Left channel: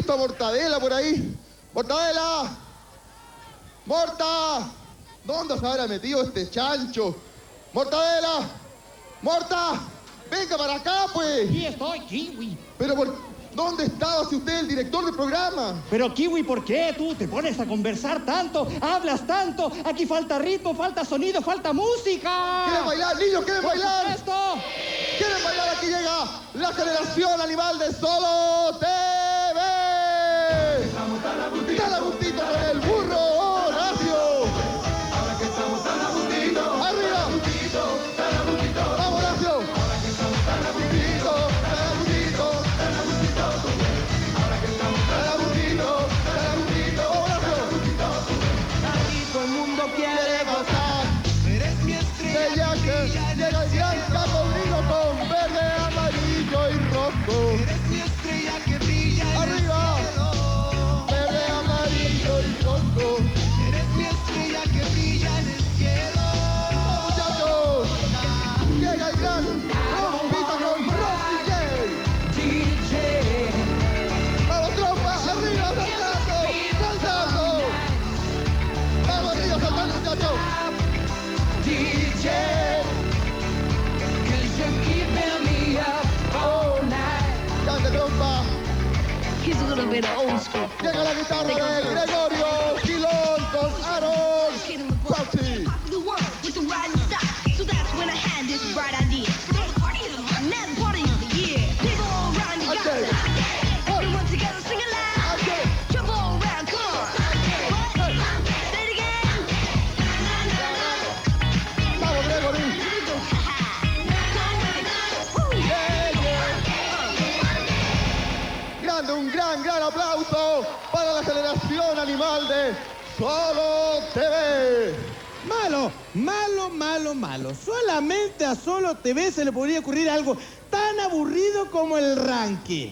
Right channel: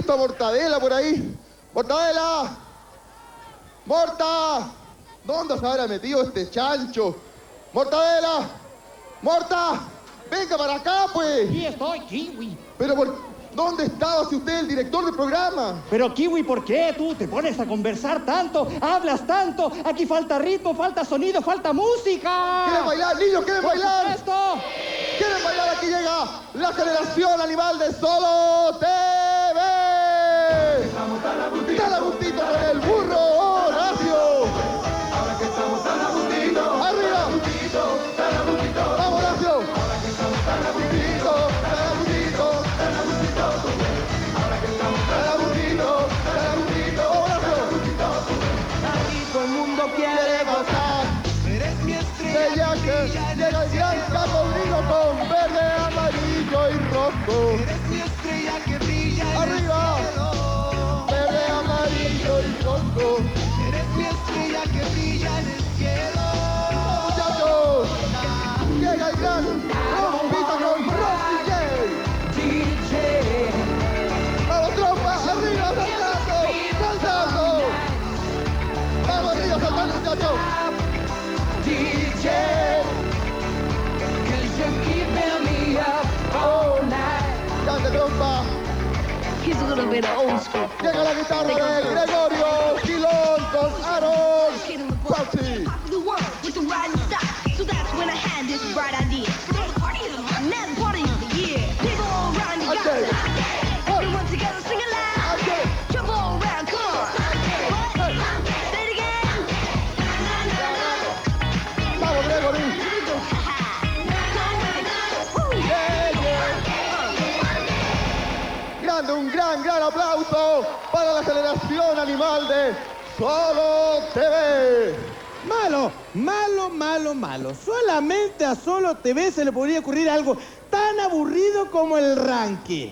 visto a Mortadela por ahí? ¡Mortadela! ¡Morta! ¿Dónde se habrá metido este chancho? ¡Mortadela! ¡Morta! ¡Venga para acá, pues! Aquí estoy, Kiwi. Pero ¿dónde estaba si usted es el director del programa? Pero Kiwi, ¿por qué tú te pones a conversar tanto? Hablas tanto. Aquí falta ritmo, falta sonido, falta música. ¿Quieren bailar, niños? ¿Quieren bailar? ¡Por supuesto! ¿Quieren bailar? Aquí llega la generación animal de Solo TV. Está la gustito con el burro, Horacio. Ahora que estamos tan a gustito. Arriba. Tan a gustito. Vamos, Horacio. Ahora que estamos tan a gustito. Tan a gustito. Tan a gustito. Ahora que estamos tan a gustito. Tan a gustito. Horacio. Aquí todo el mundo quiere gozar. Eres mi estrella. De Yaque llega el gran cacodrilo con verde, amarillo y rojo. Eres mi estrella que brilla en el Arriba. cielo. Verde, amarillo y rojo. Eres mi estrella que brilla en el cielo. Muchachos, llega el gran trompita con Rocky J. DJ. Vamos, trompa, arriba, saltando. Vamos, arriba, saltando, muchachos. DJ. Cause you're keeping me up all night. Cante, trompa. He's a little bit old school. Llega la guitarra de Gregorio Gilón con Aaron Fauci. The world with the riding style. So that's when I had this bright idea. The party of the month, now the party of the year. People all around you Okay. got everyone together sing it loud. Okay. Jump all around, come on. What? Say it again. Vamos, Gregory. Grande, un gran aplauso para la generación animal de Solo TV. Malo. Solamente a Solo TV se le podría ocurrir algo tan aburrido como el ranking.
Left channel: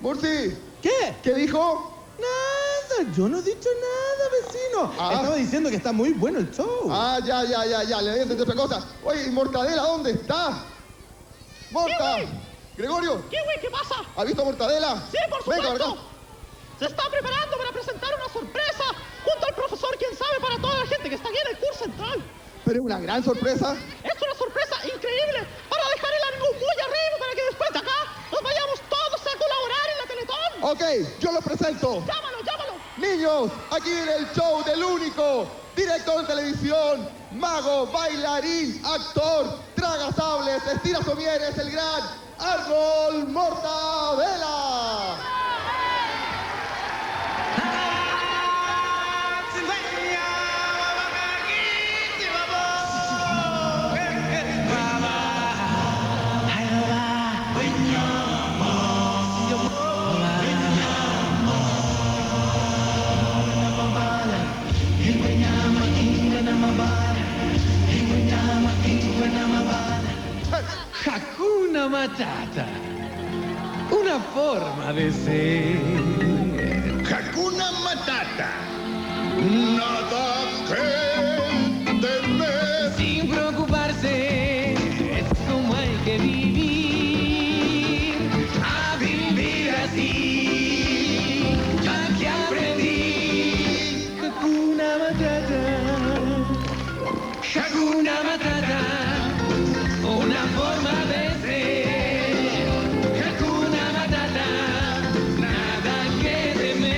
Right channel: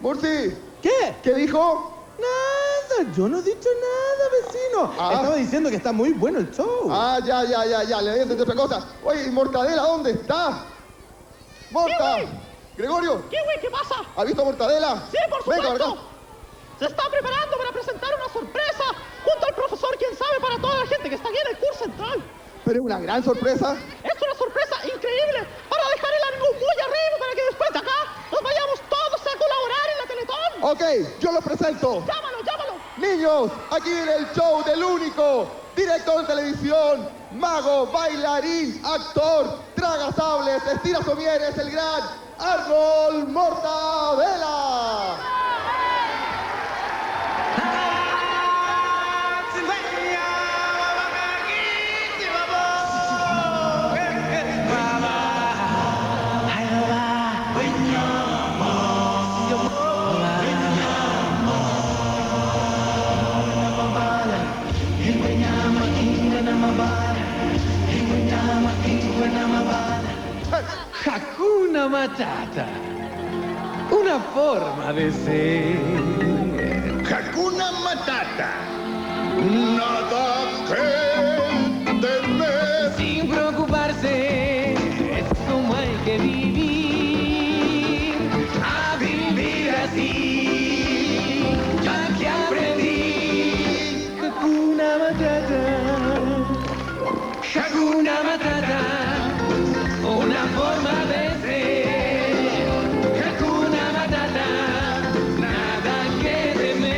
Murti, ¿Qué? ¿qué dijo? Nada, yo no he dicho nada, vecino. Ah. Estaba diciendo que está muy bueno el show. Ah, ya, le entendí otra cosa. Oye, ¿y Mortadela dónde está? ¡Morta! ¡Gregorio! Kiwi, ¿qué pasa? ¿Ha visto a Mortadela? Sí, por Venga, supuesto. acá. Se está preparando para presentar una sorpresa junto al profesor, quién sabe, para toda la gente que está aquí en el curso central. Pero es una gran sorpresa. Es una sorpresa increíble para dejar el ánimo muy arriba para que después de acá nos vayamos todos a colaborar en la Teletón. Ok, yo los presento. Llámalo. Niños, aquí viene el show del único director de televisión, mago, bailarín, actor, traga sables, estira somieres, el gran Arnold Mortadela. Hakuna Matata. Una forma de ser. Hakuna Matata. Nada que temer. Sin preocuparse, es como hay que vivir. A vivir así, ya que aprendí. Hakuna Matata. Hakuna Matata. Una forma de ser. Hakuna Matata. Nada que temer.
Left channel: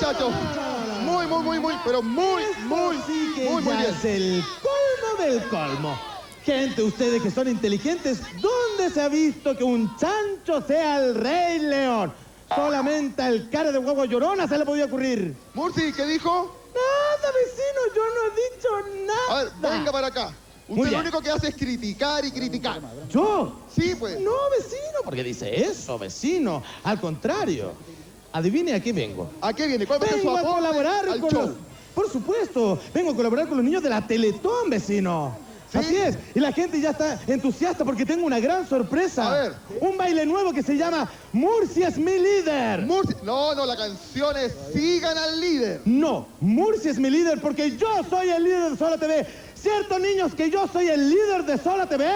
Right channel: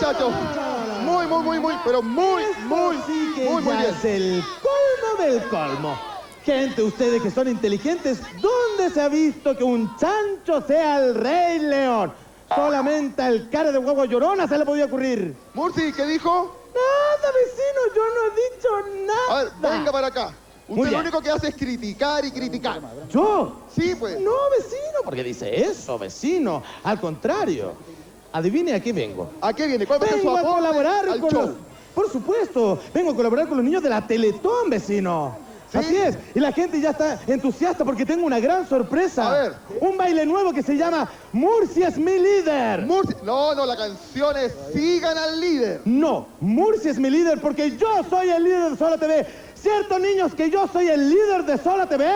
muchachos. Muy, pero muy Sí que muy ya bien. es el colmo del colmo. Gente, ustedes que son inteligentes, ¿dónde se ha visto que un chancho sea el rey león? Solamente al cara de guagua llorona se le podía ocurrir. Murci, ¿qué dijo? Nada, vecino, yo no he dicho A nada. ver, venga para acá. Muy Usted lo bien. único que hace es criticar y criticar. ¿Yo? Sí, pues. No, vecino, porque dice eso, vecino. Al contrario. Adivine a qué vengo. ¿A qué viene? ¿Cuál va a ser su Vengo a aporte colaborar al con show? los... Por supuesto, vengo a colaborar con los niños de la Teletón, vecino. ¿Sí? Así es, y la gente ya está entusiasta porque tengo una gran sorpresa. A ver. Un baile nuevo que se llama Murcia es mi líder. Murci. No, la canción es Sigan al líder. No, Murcia es mi líder porque yo soy el líder de Sola TV. ¿Cierto, niños, que yo soy el líder de Sola TV?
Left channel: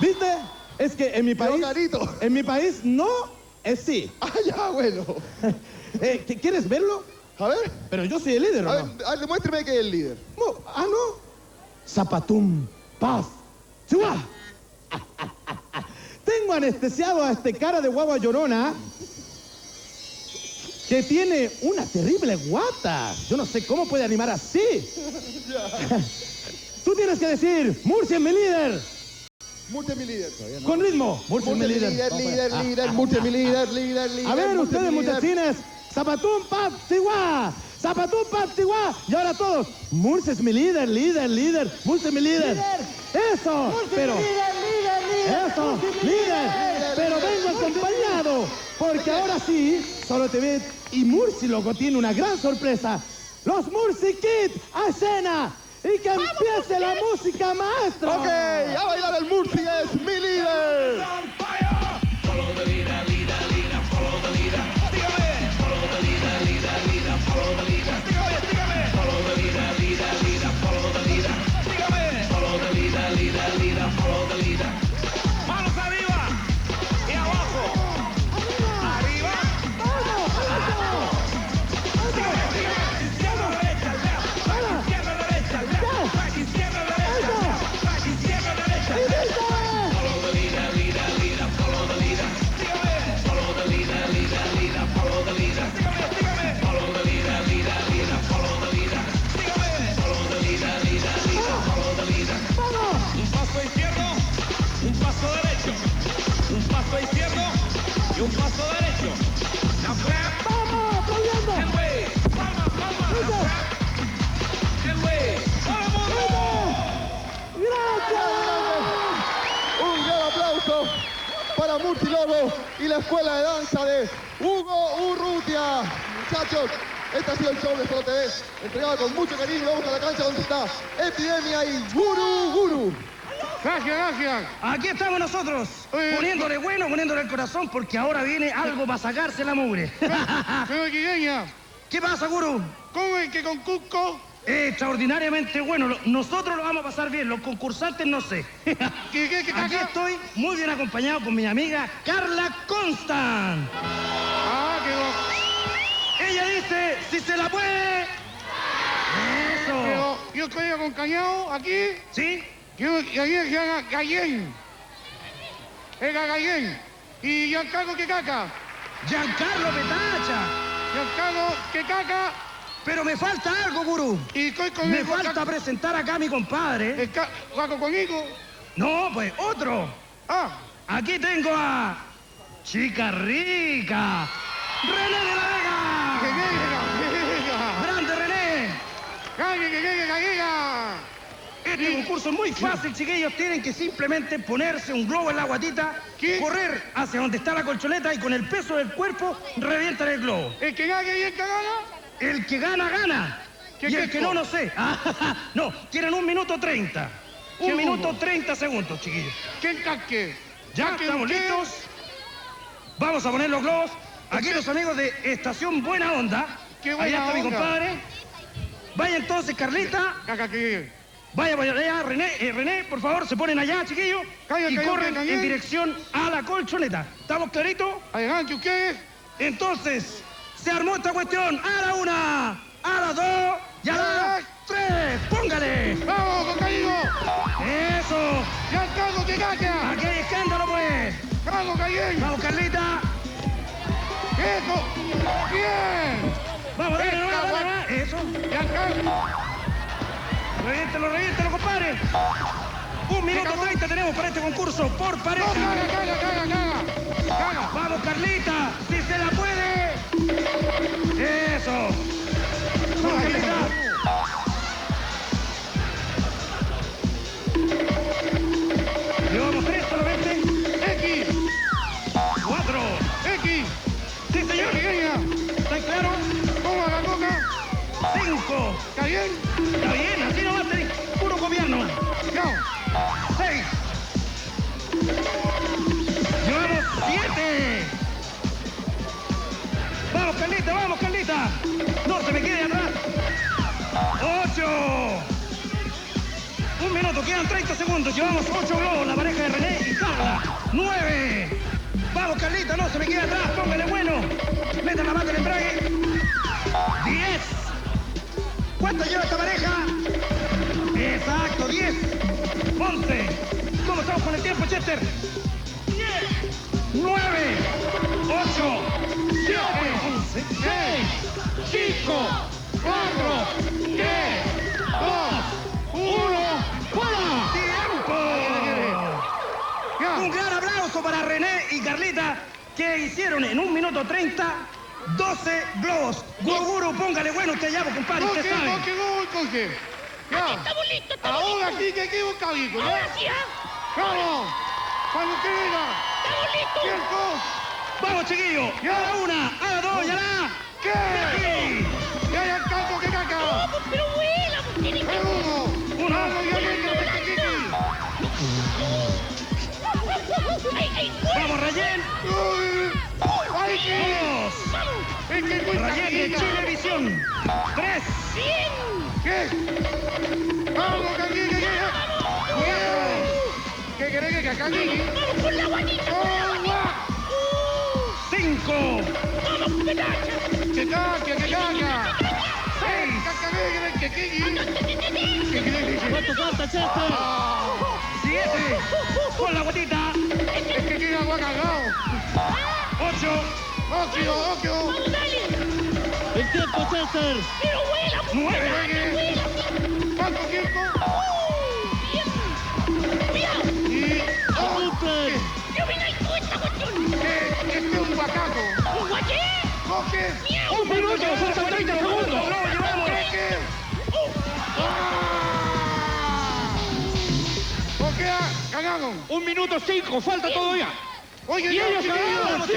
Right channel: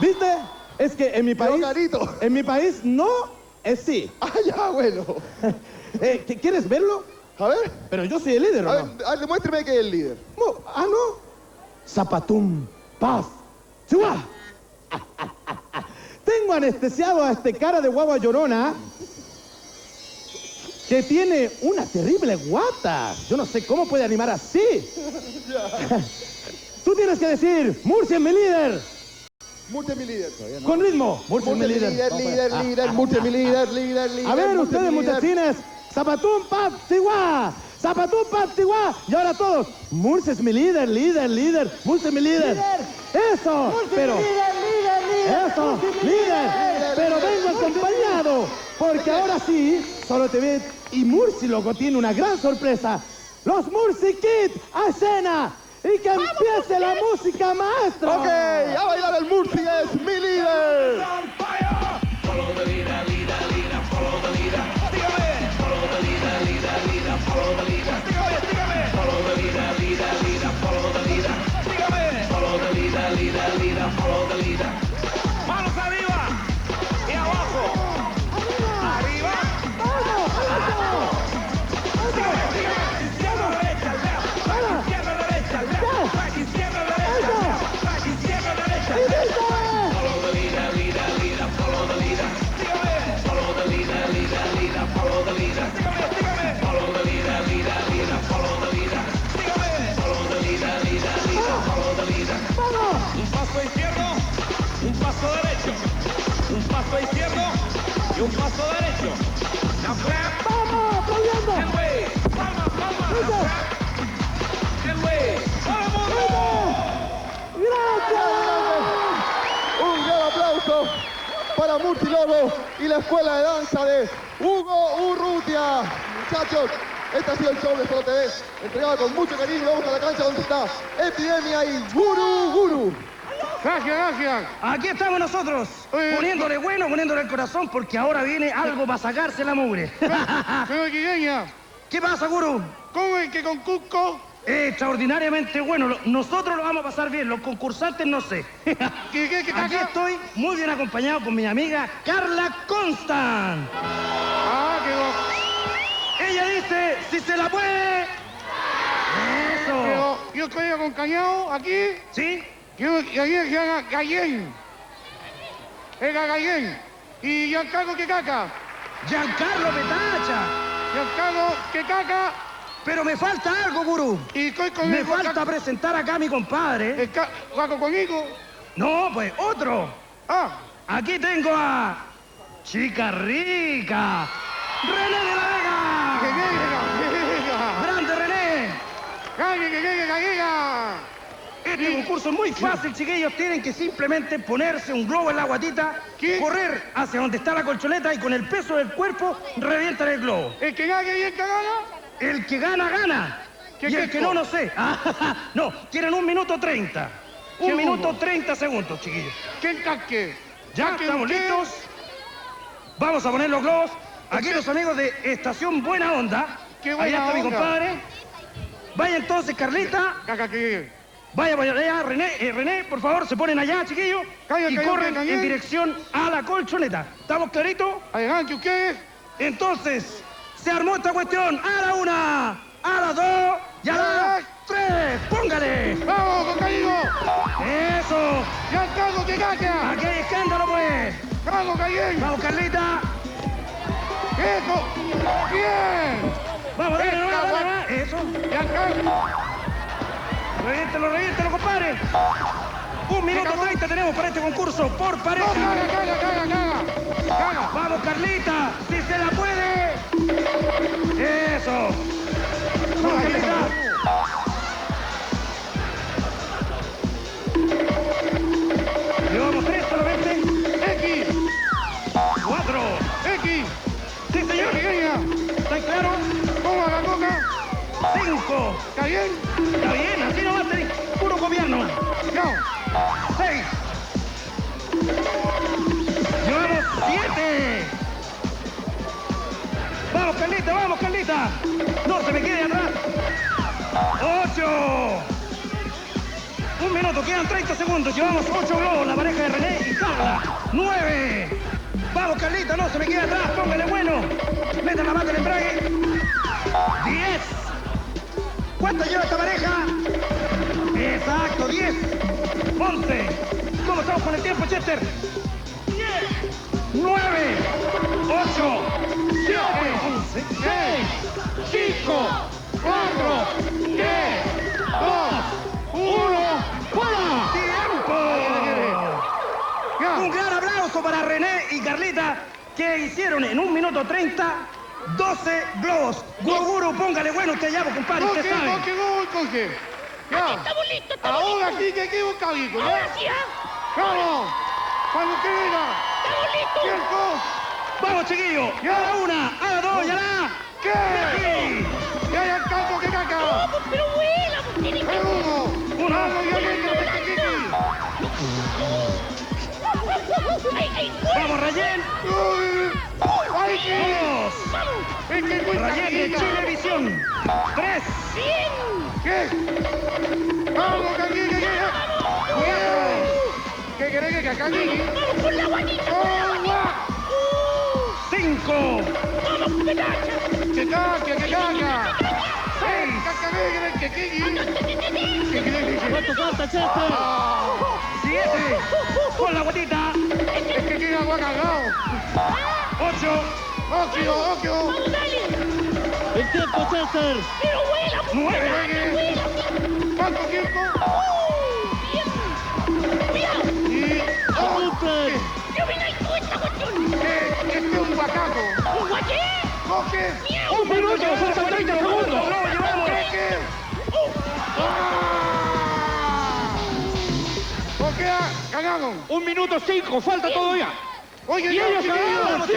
¿Viste? Es que en mi Pero, país... Carito. En mi país no es sí. Ah, ya, bueno. ¿Quieres verlo? A ver. Pero yo soy el líder, ¿o A ver, no? demuéstreme que es el líder. No, no. Zapatum, paz, ¡Chua! Tengo anestesiado a este cara de guagua llorona que tiene una terrible guata. Yo no sé cómo puede animar así. Tú tienes que decir, Murcia es mi líder. Murcia es mi líder. Con ritmo, Murcia es mi líder. Líder, Murcia es mi líder. A ver, Murcia es ustedes, mi líder. muchachines, Zapatum, paz, Chihuahua. Zapatum, paz, Chihuahua. Y ahora todos, Murcia es mi líder, líder. Murcia es mi líder. Eso, pero... Eso, líder. Pero vengo acompañado, porque ahora sí, Solo TV y Murci, loco, tiene una gran sorpresa. Los Murci Kids a escena y que empiece la música, maestro. Ok, a bailar el Murci es mi líder. Manos arriba y abajo. Arriba. Izquierda, derecha, left. Izquierda, derecha, left. Izquierda, derecha, left. Izquierda, derecha, left. Follow the leader, leader, leader. Follow the leader. Sígame. Follow the leader, leader, leader. Follow the leader. Sígame. Follow the leader, leader, leader. Follow the leader. Sígame. Follow the leader, leader, leader. Follow the leader. Un paso izquierdo, un paso derecho. Un paso izquierdo y un paso derecho. La frap. ¡Vamos, aplaudiendo! El way. Palma, palma. La frap. El way. ¡Vamos! ¡Gracias! Un gran aplauso para Murci Lobo y la escuela de danza de Hugo Urrutia. Muchachos, este ha sido el show de Solo TV, entregado con mucho cariño. Vamos a la cancha donde está Epidemia y Guru. Gracias. Aquí estamos nosotros, poniéndole bueno, poniéndole el corazón, porque ahora viene algo para sacarse la mugre. Pero Guilleña, ¿Qué pasa, Guru? ¿cómo es que con Cusco? Extraordinariamente bueno. Nosotros lo vamos a pasar bien, los concursantes no sé. ¿Qué Aquí estoy muy bien acompañado con mi amiga Carla Constant. Ah, quedó. Ella dice, si se la puede... Eso. Pero yo estoy acompañado aquí. ¿Sí? Yo, y ayer se llama Gallén. Era Gallén. Y Giancarlo que caca. Giancarlo Petacha. Giancarlo que caca. Pero me falta algo, Guru. Y estoy con Me el falta presentar acá a mi compadre. Caco conmigo. No, pues otro. Ah, Aquí tengo a Chica Rica. René de la que Vega. llega. Grande René. Que llega. Este concurso es muy fácil, chiquillos. Tienen que simplemente ponerse un globo en la guatita, ¿Qué? correr hacia donde está la colchoneta y con el peso del cuerpo revientan el globo. El que gane y el que gana. El que gana, gana. ¿Qué Y es el que esto? no sé. No, tienen 1 minuto 30. Un Segundo. minuto 30 segundos, chiquillos. ¿Quién casque? Ya estamos listos. Vamos a poner los globos. Aquí los amigos de Estación Buena Onda. Qué buena Allá está mi onda. compadre. Vaya entonces, Carlita. Caca que llegue. Vaya allá, René, por favor, se ponen allá, chiquillos. Calla, Y calla, corren calla. en dirección a la colchoneta. ¿Estamos claritos? Adelante ustedes. Entonces, se armó esta cuestión. A la 1, a la 2 y a la 3. ¡Póngale! ¡Vamos, compañero! ¡Eso! ¡Giancarlo que caca! ¡Aquí hay escándalo, pues! ¡Vamos, Gallén! ¡Vamos, Carlita! ¡Eso! Eso. Bien. Vamos, dale, dale. Eso. Reviéntelo, compadre. 1 minuto 30 tenemos para este concurso por pareja. Caga. Vamos, Carlita, si se la puede. Eso. Vamos, Carlita. Llevamos 3 solamente. X. 4. X. Sí, señor. ¿Está claro? ¿Cómo la coca? 5. ¿Está bien? Está bien, así nomás, puro gobierno. No. 6. Llevamos 7. Vamos, Carlita. No se me quede atrás. 8. 1 minuto, quedan 30 segundos. Llevamos 8 globos, la pareja de René y Carla. 9. Vamos, Carlita, no se me quede atrás. Póngale bueno. Meta la mata del embrague. 10. ¿Cuánto lleva esta pareja? Exacto, 10. 11. ¿Cómo estamos con el tiempo, Chester? 10. 9. 8. 7. 6. 5. 4. 3. 2. 1. ¡Fuera! ¡Tiempo! Un gran aplauso para René y Carlita, que hicieron en 1 minuto 30 12 globos. Goguru, póngale bueno usted ya, compadre, usted sabe. Coge. Ya. Estamos listos, Ahora sí que aquí busca hijo, Ahora ¿ya? sí, ¿ah? Vamos. Cuando quiera. Estamos listos. Tiempo. Vamos, chiquillos. Ya. A la 1, a la 2 y a la... ¿Qué? Sí. Ya hay el campo que caca. Vamos, pero vuela, pues tiene que... Uno. Vamos, ya ¡Ay! Vamos, Rayén. ¡Ay, sí! 2. Es que es muy Rayén de tranquila. Chilevisión. 3. ¡Bien! ¿Qué? Vamos, Caquini, cuidado. ¿Qué querés que Caquini? ¡Vamos con la guanita! ¡Oh, guau! 5. ¡Vamos, pedacha! ¡Que caca, que caca! 6. ¡Caca, que Kiki! ¿Qué querés que ¿Cuánto falta, Chester? 7. Con la guatita. Es que tiene agua cagado. 8. ¡Ocio! ¡Vamos, dale! El tiempo, Chester. ¡Pero vuela! 9. ¿Cuánto tiempo? ¡Bien! ¡Cuidado! Y... Super. ¡Yo vine ahí con esta cuestión! Este es un guacaco. ¿Un guaché? ¿Coge? ¡Miau! 1 minuto, faltan 30 segundos. Lo llevamos. ¿Qué? ¿Coge? ¡Cagaron! 1 minuto 5, falta todavía. Oye, Y ellos cagaron! vamos,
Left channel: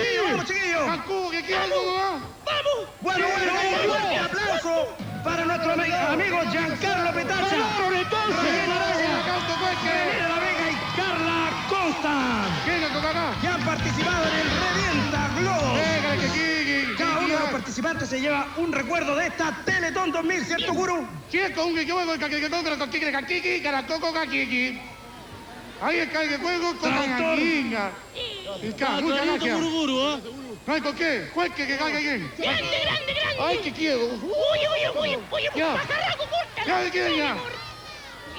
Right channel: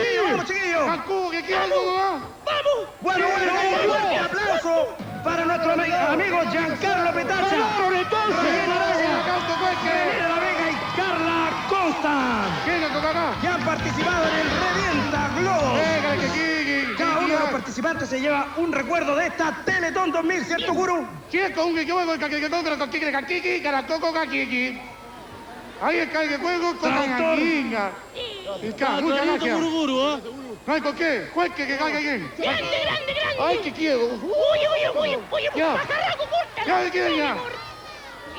chiquillos. ¡Cancún, que quiere algo más! ¡Vamos! Bueno, fuerte aplauso para nuestro amigo Giancarlo Petacha. Rayén Araya, ¡Canto, René La Vega y Carla Constant, ¿Quién es acá? que han participado en el Revienta Globo. Venga, que Kiki. Cada uno de los participantes se lleva un recuerdo de esta Teletón 2000, ¿cierto, Guru? Cierto, un que yo voy con el que la toco Kiki. Ahí está el que juego con la Traductor. gallina. Muchas gracias. Buruburu, ¿eh? ¿Con qué? Juegue que caiga bien. ¡Grande, grande, grande! Ay, que quiero. ¡Uy! Ya. ¡Pasará, compórtalo! Ya, ¿qué ya?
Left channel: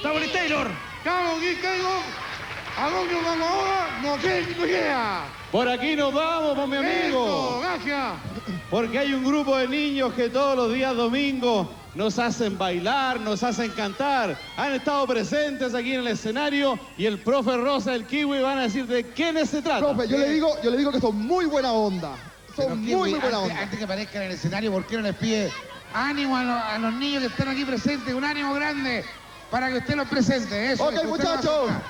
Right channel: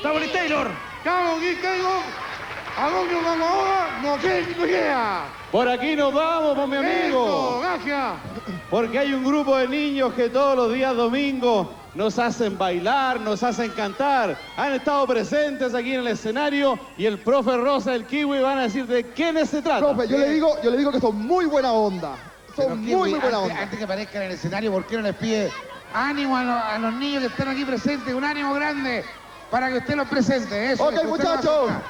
Tony Taylor. Chao, aquí caigo. ¿A dónde vamos ahora? No tengo idea. Por aquí nos vamos, mi Eso, amigo. gracias. Porque hay un grupo de niños que todos los días domingos nos hacen bailar, nos hacen cantar. Han estado presentes aquí en el escenario y el profe Rosa, el Kiwi, van a decir de quiénes se trata. Profe, yo le digo que son muy buena onda. Son muy buena onda. Antes que aparezcan en el escenario, ¿por qué no les pide ánimo a los niños que están aquí presentes? Un ánimo grande para que usted los presente. Eso, Ok, que usted muchachos. lo haga.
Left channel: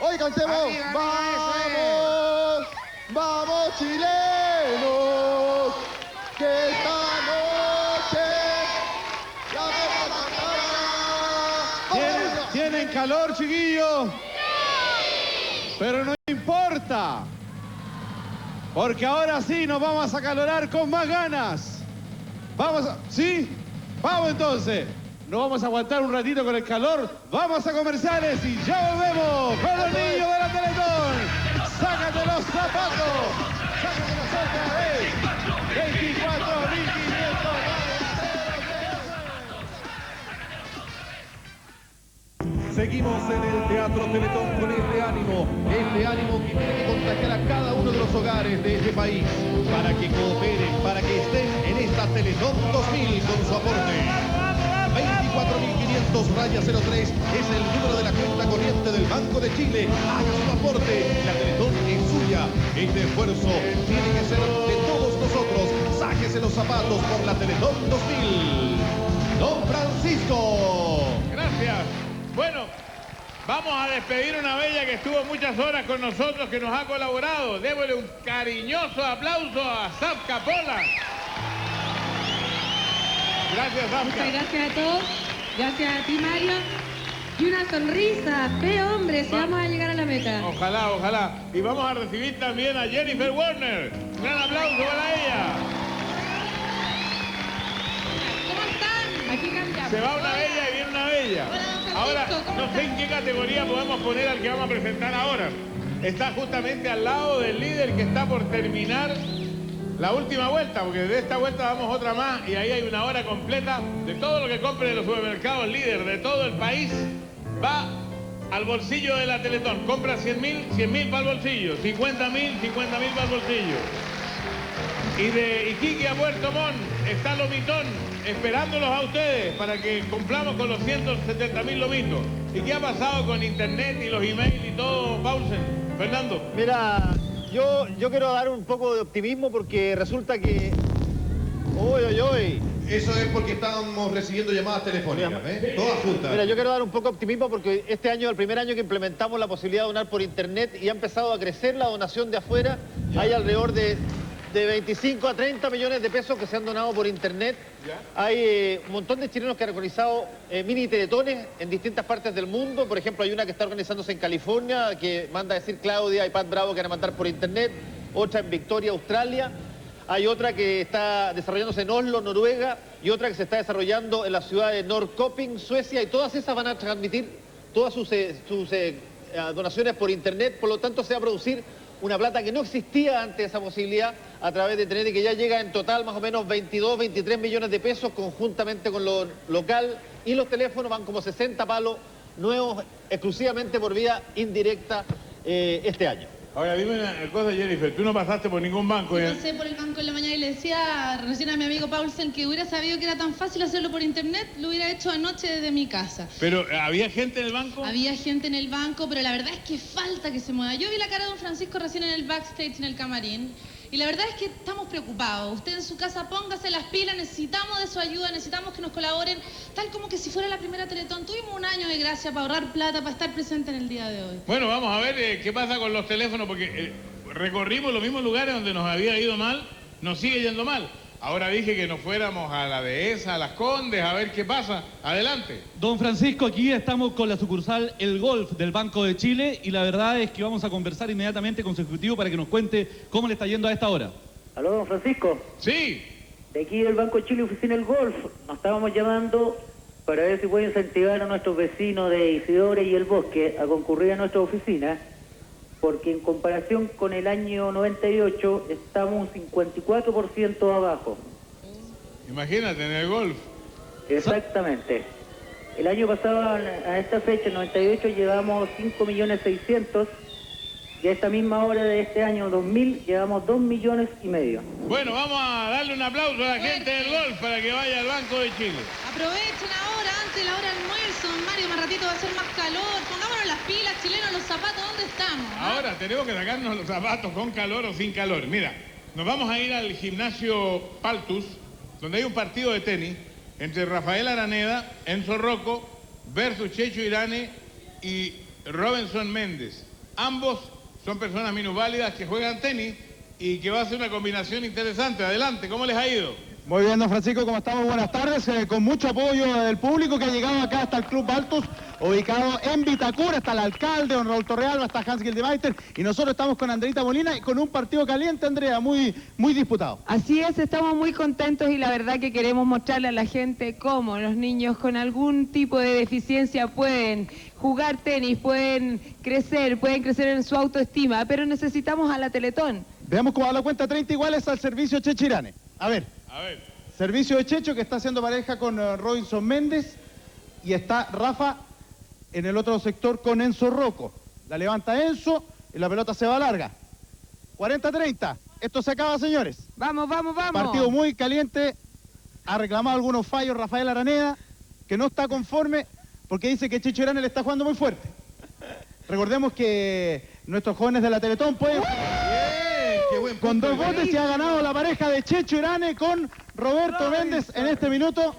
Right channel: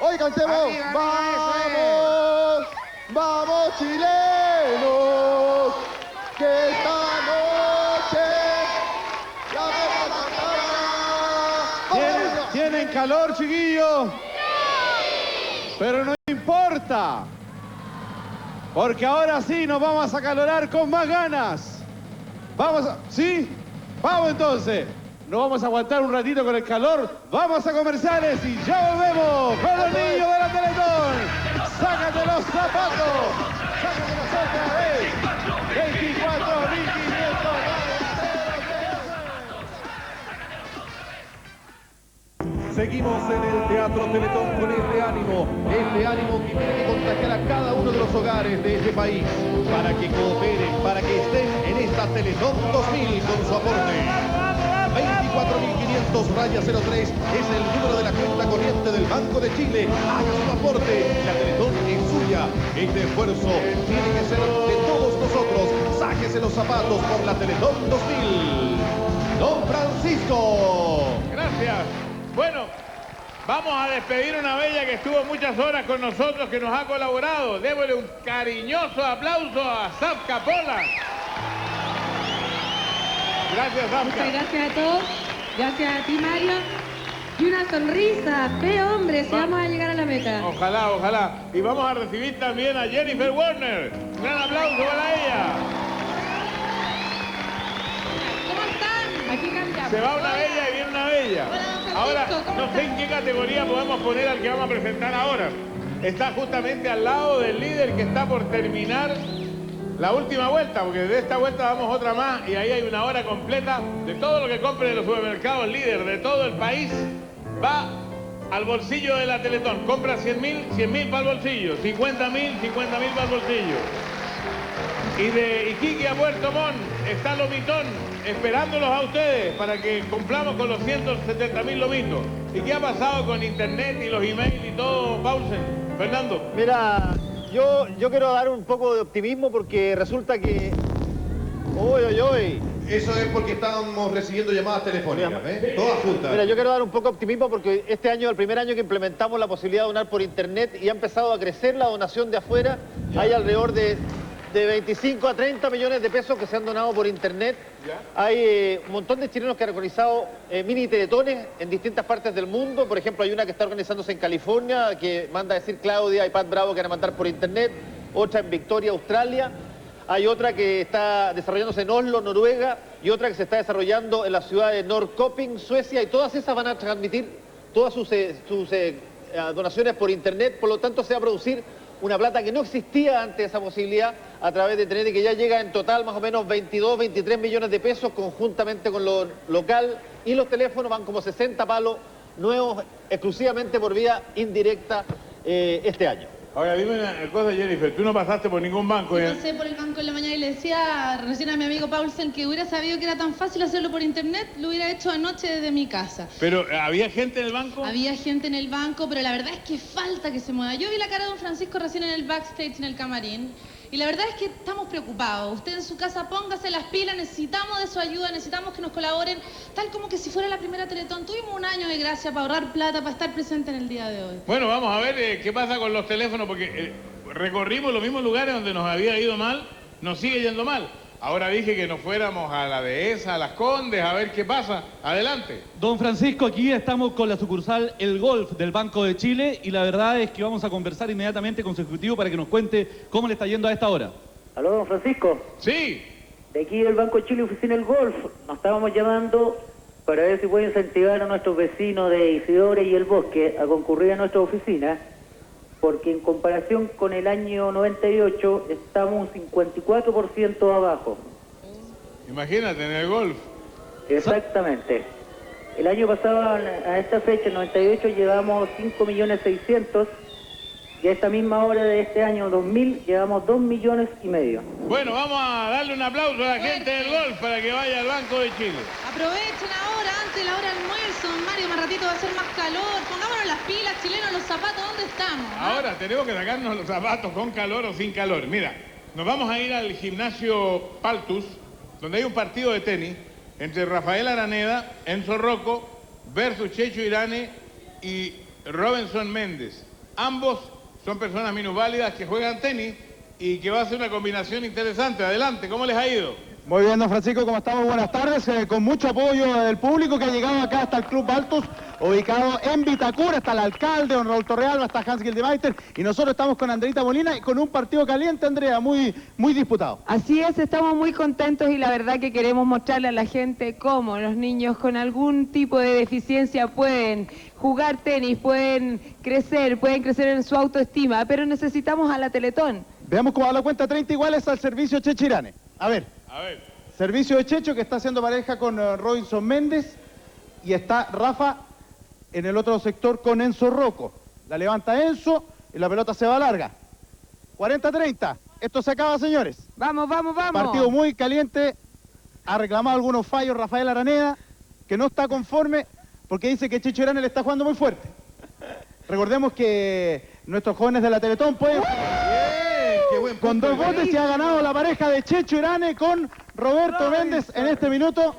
Hoy cantemos. Arriba, ¡Vamos! ¡Vamos, chilenos! Que esta noche la vamos a cantar. ¿Tienen calor, chiquillos? Pero no importa. Porque ahora sí nos vamos a acalorar con más ganas. ¿Sí? Vamos entonces. Nos vamos a aguantar un ratito con el calor. Vamos a comerciales y ya volvemos con los niños de la Teletón. ¡Sácate los zapatos! ¡Sácate los otra vez! 24.500. Seguimos en el Teatro Teletón con este ánimo que tiene que contagiar a cada uno de los hogares. de este país, para que cooperen, para que estén en esta Teletón 2000 con su aporte. 24.500-03 es el número de la cuenta corriente del Banco de Chile. Haga su aporte, la Teletón es suya. Este esfuerzo tiene que ser de todos nosotros. Sáquese los zapatos por la Teletón 2000. Don Francisco. Gracias. Bueno, vamos a despedir a una bella que estuvo muchas horas con nosotros, que nos ha colaborado. Démosle un cariñoso aplauso a Zafka Pola. Gracias, Zafka. Muchas gracias a todos. Gracias a ti, Mario. Y una sonrisa. ¡Qué hombre! Si vamos a llegar a la meta. Ojalá, ojalá. Y vamos a recibir también a Jennifer Warner. Un gran aplauso para ella. ¿Cómo están? Aquí cantamos. Se va una bella y viene una bella. Ahora, no sé en qué categoría podemos poner al que vamos a presentar ahora. Está justamente al lado del líder que está por terminar la última vuelta, porque de esta vuelta damos otra más y ahí hay una hora completa de todo lo que compre en los supermercados líder de todo el país. Va al bolsillo de la Teletón. Compra 100.000 para el bolsillo. 50.000 para el bolsillo. Y de Iquique a Puerto Montt está Lomitón, esperándolos a ustedes para que cumplamos con los 170.000 lomitos. ¿Y qué ha pasado con internet y los emails y todo, Paulsen? Fernando. Mira, yo quiero dar un poco de optimismo porque resulta que... ¡Uy! Eso es porque estamos recibiendo llamadas telefónicas, ¿eh? Todas juntas. Mira, yo quiero dar un poco de optimismo porque este año es el primer año que implementamos la posibilidad de donar por internet y ha empezado a crecer la donación de afuera. Hay alrededor de 25 a 30 millones de pesos que se han donado por internet. Hay un montón de chilenos que han organizado mini teletones en distintas partes del mundo. Por ejemplo, hay una que está organizándose en California, que manda a decir Claudia y Pat Bravo, que van a mandar por internet. Otra en Victoria, Australia. Hay otra que está desarrollándose en Oslo, Noruega, y otra que se está desarrollando en la ciudad de Norrköping, Suecia, y todas esas van a transmitir todas sus donaciones por internet. Por lo tanto, se va a producir una plata que no existía antes, esa posibilidad, a través de internet, y que ya llega en total más o menos 22, 23 millones de pesos conjuntamente con lo local, y los teléfonos van como 60 palos nuevos exclusivamente por vía indirecta este año. Ahora, dime una cosa, Jennifer, tú no pasaste por ningún banco. Yo pasé por el banco en la mañana y le decía recién a mi amigo Paulsen que hubiera sabido que era tan fácil hacerlo por internet, lo hubiera hecho anoche desde mi casa. Pero, ¿había gente en el banco? Había gente en el banco, pero la verdad es que falta que se mueva. Yo vi la cara de don Francisco recién en el backstage, en el camarín, y la verdad es que estamos preocupados. Usted en su casa póngase las pilas, necesitamos de su ayuda, necesitamos que nos colaboren, tal como que si fuera la primera Teletón. Tuvimos un año de gracia para ahorrar plata, para estar presente en el día de hoy. Bueno, vamos a ver qué pasa con los teléfonos, porque recorrimos los mismos lugares donde nos había ido mal, nos sigue yendo mal. Ahora dije que nos fuéramos a la Dehesa, a Las Condes, a ver qué pasa. Adelante. Don Francisco, aquí estamos con la sucursal El Golf del Banco de Chile y la verdad es que vamos a conversar inmediatamente con su ejecutivo para que nos cuente cómo le está yendo a esta hora. ¿Aló, don Francisco? Sí. De aquí del Banco de Chile, oficina El Golf. Nos estábamos llamando para ver si puede incentivar a nuestros vecinos de Isidore y El Bosque a concurrir a nuestra oficina, porque en comparación con el año 98 estamos un 54% abajo. Imagínate, en el golf. Exactamente. El año pasado, a esta fecha, el 98, llevamos 5.600.000 y a esta misma hora de este año 2000 llevamos 2,5 millones. Bueno, vamos a darle un aplauso a la gente del golf para que vaya al Banco de Chile. Aprovechen ahora, antes de la hora de almuerzo, don Mario, más ratito va a ser más calor. Pongámonos las pilas, chilenos, los zapatos, ¿dónde estamos? Ahora tenemos que sacarnos los zapatos con calor o sin calor. Mira, nos vamos a ir al gimnasio Paltus, donde hay un partido de tenis entre Rafael Araneda, Enzo Rocco, versus Checho Irane y Robinson Méndez. Ambos son personas minusválidas que juegan tenis y que va a ser una combinación interesante. Adelante, ¿cómo les ha ido? Muy bien, don Francisco, ¿cómo estamos? Buenas tardes, con mucho apoyo del público que ha llegado acá hasta el Club Baltus, ubicado en Vitacura. Está el alcalde, don Raúl Torrealba, está Hans Gildemeister, y nosotros estamos con Andreita Molina y con un partido caliente, Andrea, muy disputado. Así es, estamos muy contentos y la verdad que queremos mostrarle a la gente cómo los niños con algún tipo de deficiencia pueden jugar tenis, pueden crecer en su autoestima, pero necesitamos a la Teletón. Veamos cómo da la cuenta, 30 iguales al servicio Checho Irane. A ver. Servicio de Checho, que está haciendo pareja con Robinson Méndez, y está Rafa en el otro sector con Enzo Rocco. La levanta Enzo y la pelota se va larga. 40-30. Esto se acaba, señores. Vamos, vamos, vamos. Partido muy caliente. Ha reclamado algunos fallos Rafael Araneda, que no está conforme porque dice que Checho Irane le está jugando muy fuerte. Recordemos que nuestros jóvenes de la Teletón pueden... Con 2 votos se ha ganado la pareja de Checho Irane con Roberto Méndez en este minuto.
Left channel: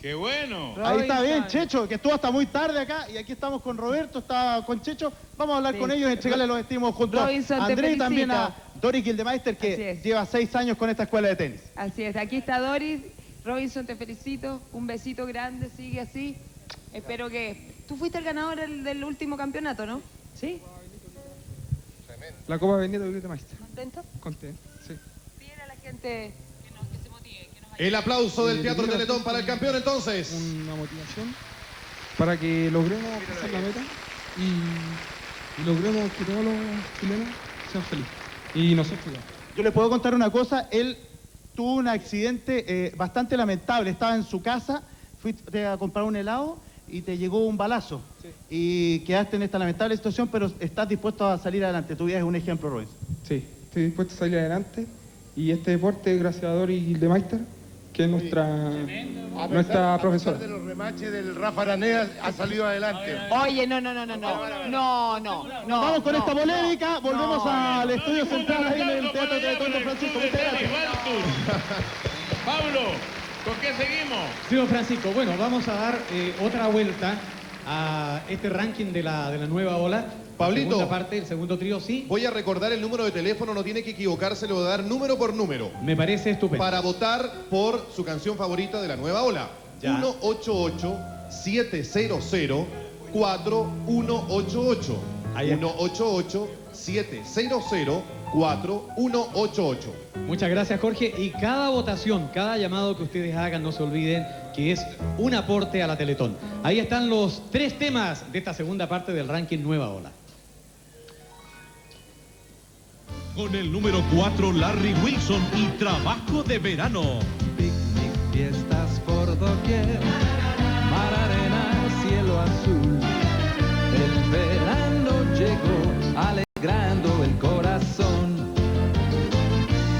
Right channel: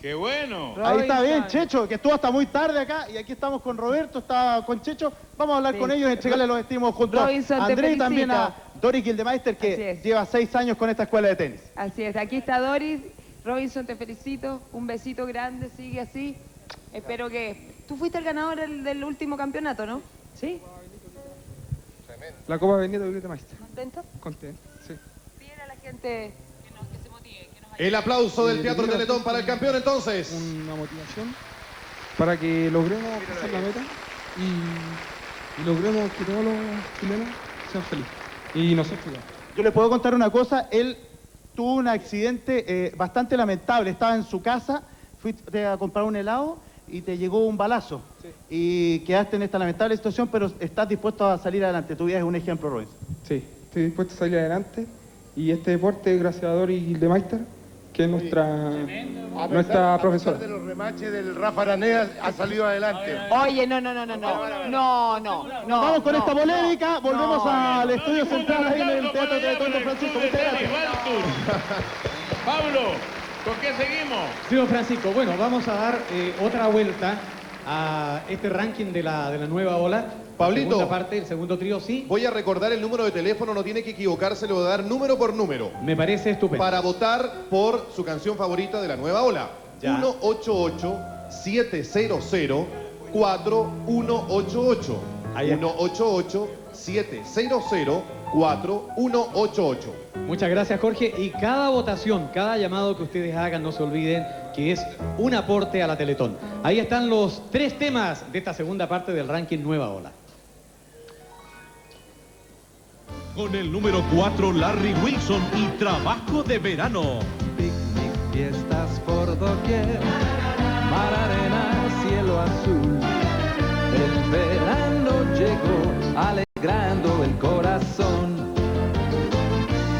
¡Qué bueno! Ahí está bien, Checho, que estuvo hasta muy tarde acá, y aquí estamos con Roberto, está con Checho. Vamos a hablar con ellos y entregarle los estímulos junto Robinson, a te André y felicito. también a Doris Gildemeister, que lleva 6 años con esta escuela de tenis. Así es, aquí está Doris. Robinson, te felicito. Un besito grande, sigue así. Espero que... Tú fuiste el ganador del último campeonato, ¿no? ¿Sí? La Copa Benito Gildemeister. ¿Contento? Contento, sí. Dile a la gente que se motive. El aplauso del Teatro Teletón para el campeón, entonces. Una motivación para que logremos pasar la meta y logremos que todos los chilenos sean felices. Y nosotros igual. Yo les puedo contar una cosa, él tuvo un accidente bastante lamentable, estaba en su casa, fuiste a comprar un helado y te llegó un balazo. Sí. Y quedaste en esta lamentable situación, pero estás dispuesto a salir adelante. Tu vida es un ejemplo, Robin. Sí, estoy dispuesto a salir adelante y este deporte, gracias a Doris Gildemeister, que es nuestra profesora. A pesar de los remaches del Rafa Araneda, ha salido adelante. Oye, no. Vamos con esta polémica, volvemos al estudio central ahí en el Teatro Teletón de Francisco. Muchas gracias. Pablo, ¿con qué seguimos? Sí, don Francisco, bueno, vamos a dar otra vuelta a este ranking de la nueva ola. Pablito, segunda parte, el segundo trío, sí. Voy a recordar el número de teléfono, no tiene que equivocarse, le voy a dar número por número. Me parece estupendo. Para votar por su canción favorita de la nueva ola. Ya. 188-700-4188. 188-700-4188. Muchas gracias, Jorge. Y cada votación, cada llamado que ustedes hagan, no se olviden que es un aporte a la Teletón. Ahí están los 3 temas de esta segunda parte del ranking Nueva Ola. Con el número 4, Larry Wilson y Trabajo de Verano. Picnic, fiestas por doquier, mar, arena, cielo azul. El verano llegó alegrando el corazón.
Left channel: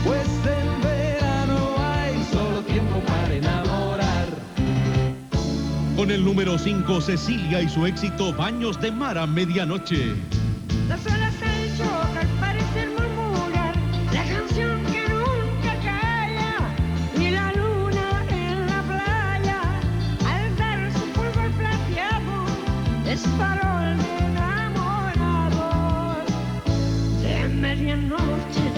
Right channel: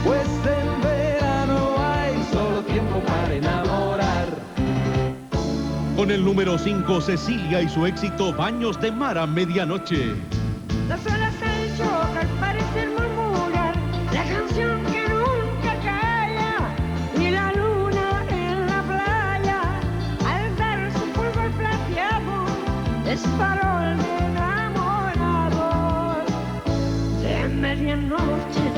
Pues en verano hay solo tiempo para enamorar. Con el número 5, Cecilia y su éxito Baños de Mar a Medianoche. Las olas se chocan, parecen murmurar la canción que nunca calla. Y la luna en la playa, al dar su fulgor plateado, es farol de enamorados de medianoche.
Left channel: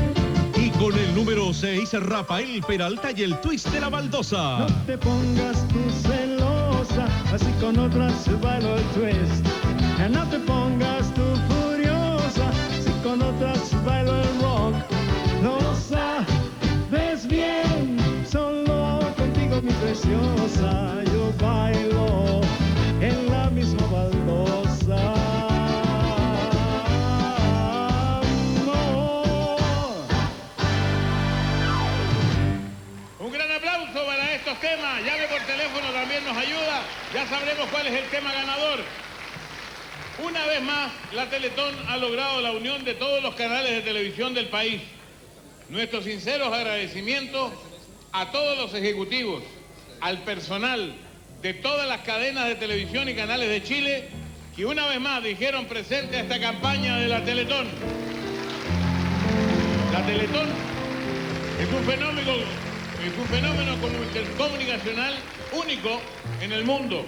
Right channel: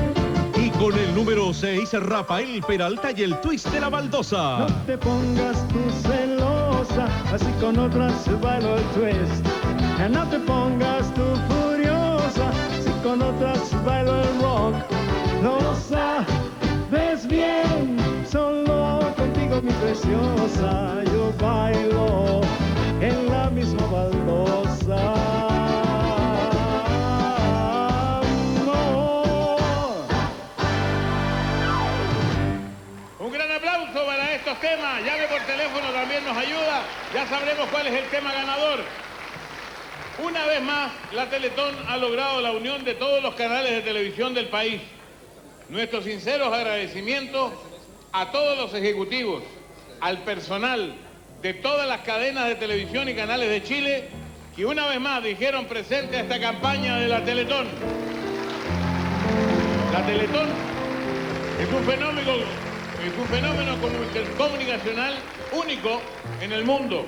Y con el número 6, Rafael Peralta y el twist de la baldosa. No te pongas tú celosa, así con otras bailo el twist. No te pongas tú furiosa, así con otras bailo el rock. No sabes bien, solo contigo mi preciosa, yo bailo en la misma baldosa. Un gran aplauso para estos temas. Llame por teléfono, también nos ayuda. Ya sabremos cuál es el tema ganador. Una vez más, la Teletón ha logrado la unión de todos los canales de televisión del país. Nuestros sinceros agradecimientos a todos los ejecutivos, al personal de todas las cadenas de televisión y canales de Chile, que una vez más dijeron presente a esta campaña de la Teletón. La Teletón es un fenómeno comunicacional único en el mundo.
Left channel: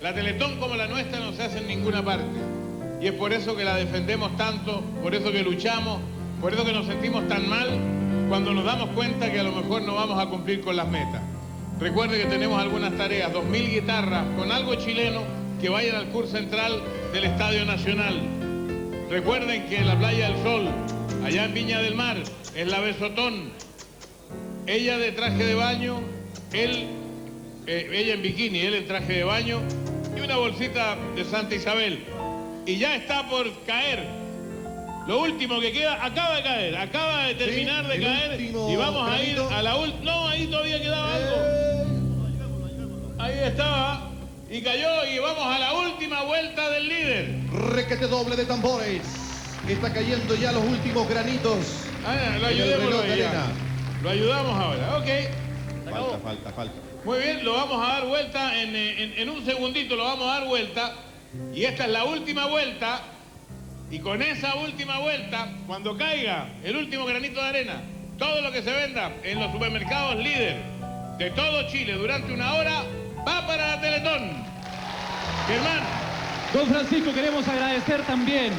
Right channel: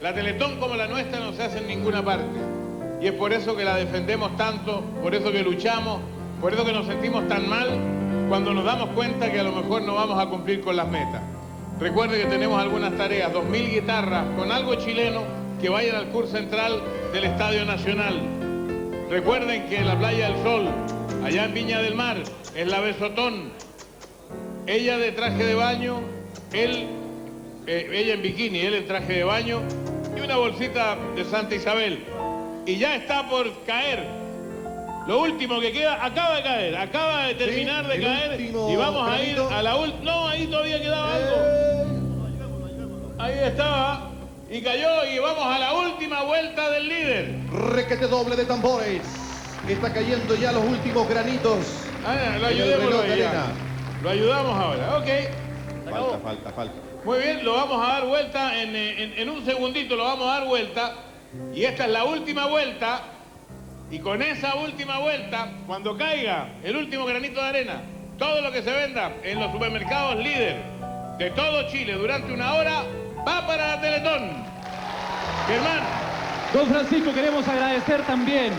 La Teletón como la nuestra no se hace en ninguna parte. Y es por eso que la defendemos tanto, por eso que luchamos, por eso que nos sentimos tan mal cuando nos damos cuenta que a lo mejor no vamos a cumplir con las metas. Recuerde que tenemos algunas tareas, 2.000 guitarras con algo chileno que vayan al curso central del Estadio Nacional. Recuerden que la Playa del Sol, allá en Viña del Mar, es la Besotón. Ella de traje de baño, ella en bikini, él en traje de baño y una bolsita de Santa Isabel. Y ya está por caer. Lo último que queda, acaba de terminar de caer y vamos a ir a la última. No, ahí todavía quedaba algo. Ahí estaba y cayó y vamos a la última vuelta del líder. Requete doble de tambores. Está cayendo ya los últimos granitos. Lo ayudemos reloj de arena. Lo ayudamos ahora, ok. Falta. Muy bien, lo vamos a dar vuelta en un segundito, lo vamos a dar vuelta. Y esta es la última vuelta. Y con esa última vuelta, cuando caiga el último granito de arena, todo lo que se venda en los supermercados líder de todo Chile durante una hora va para la Teletón. Germán. Don Francisco, queremos agradecer también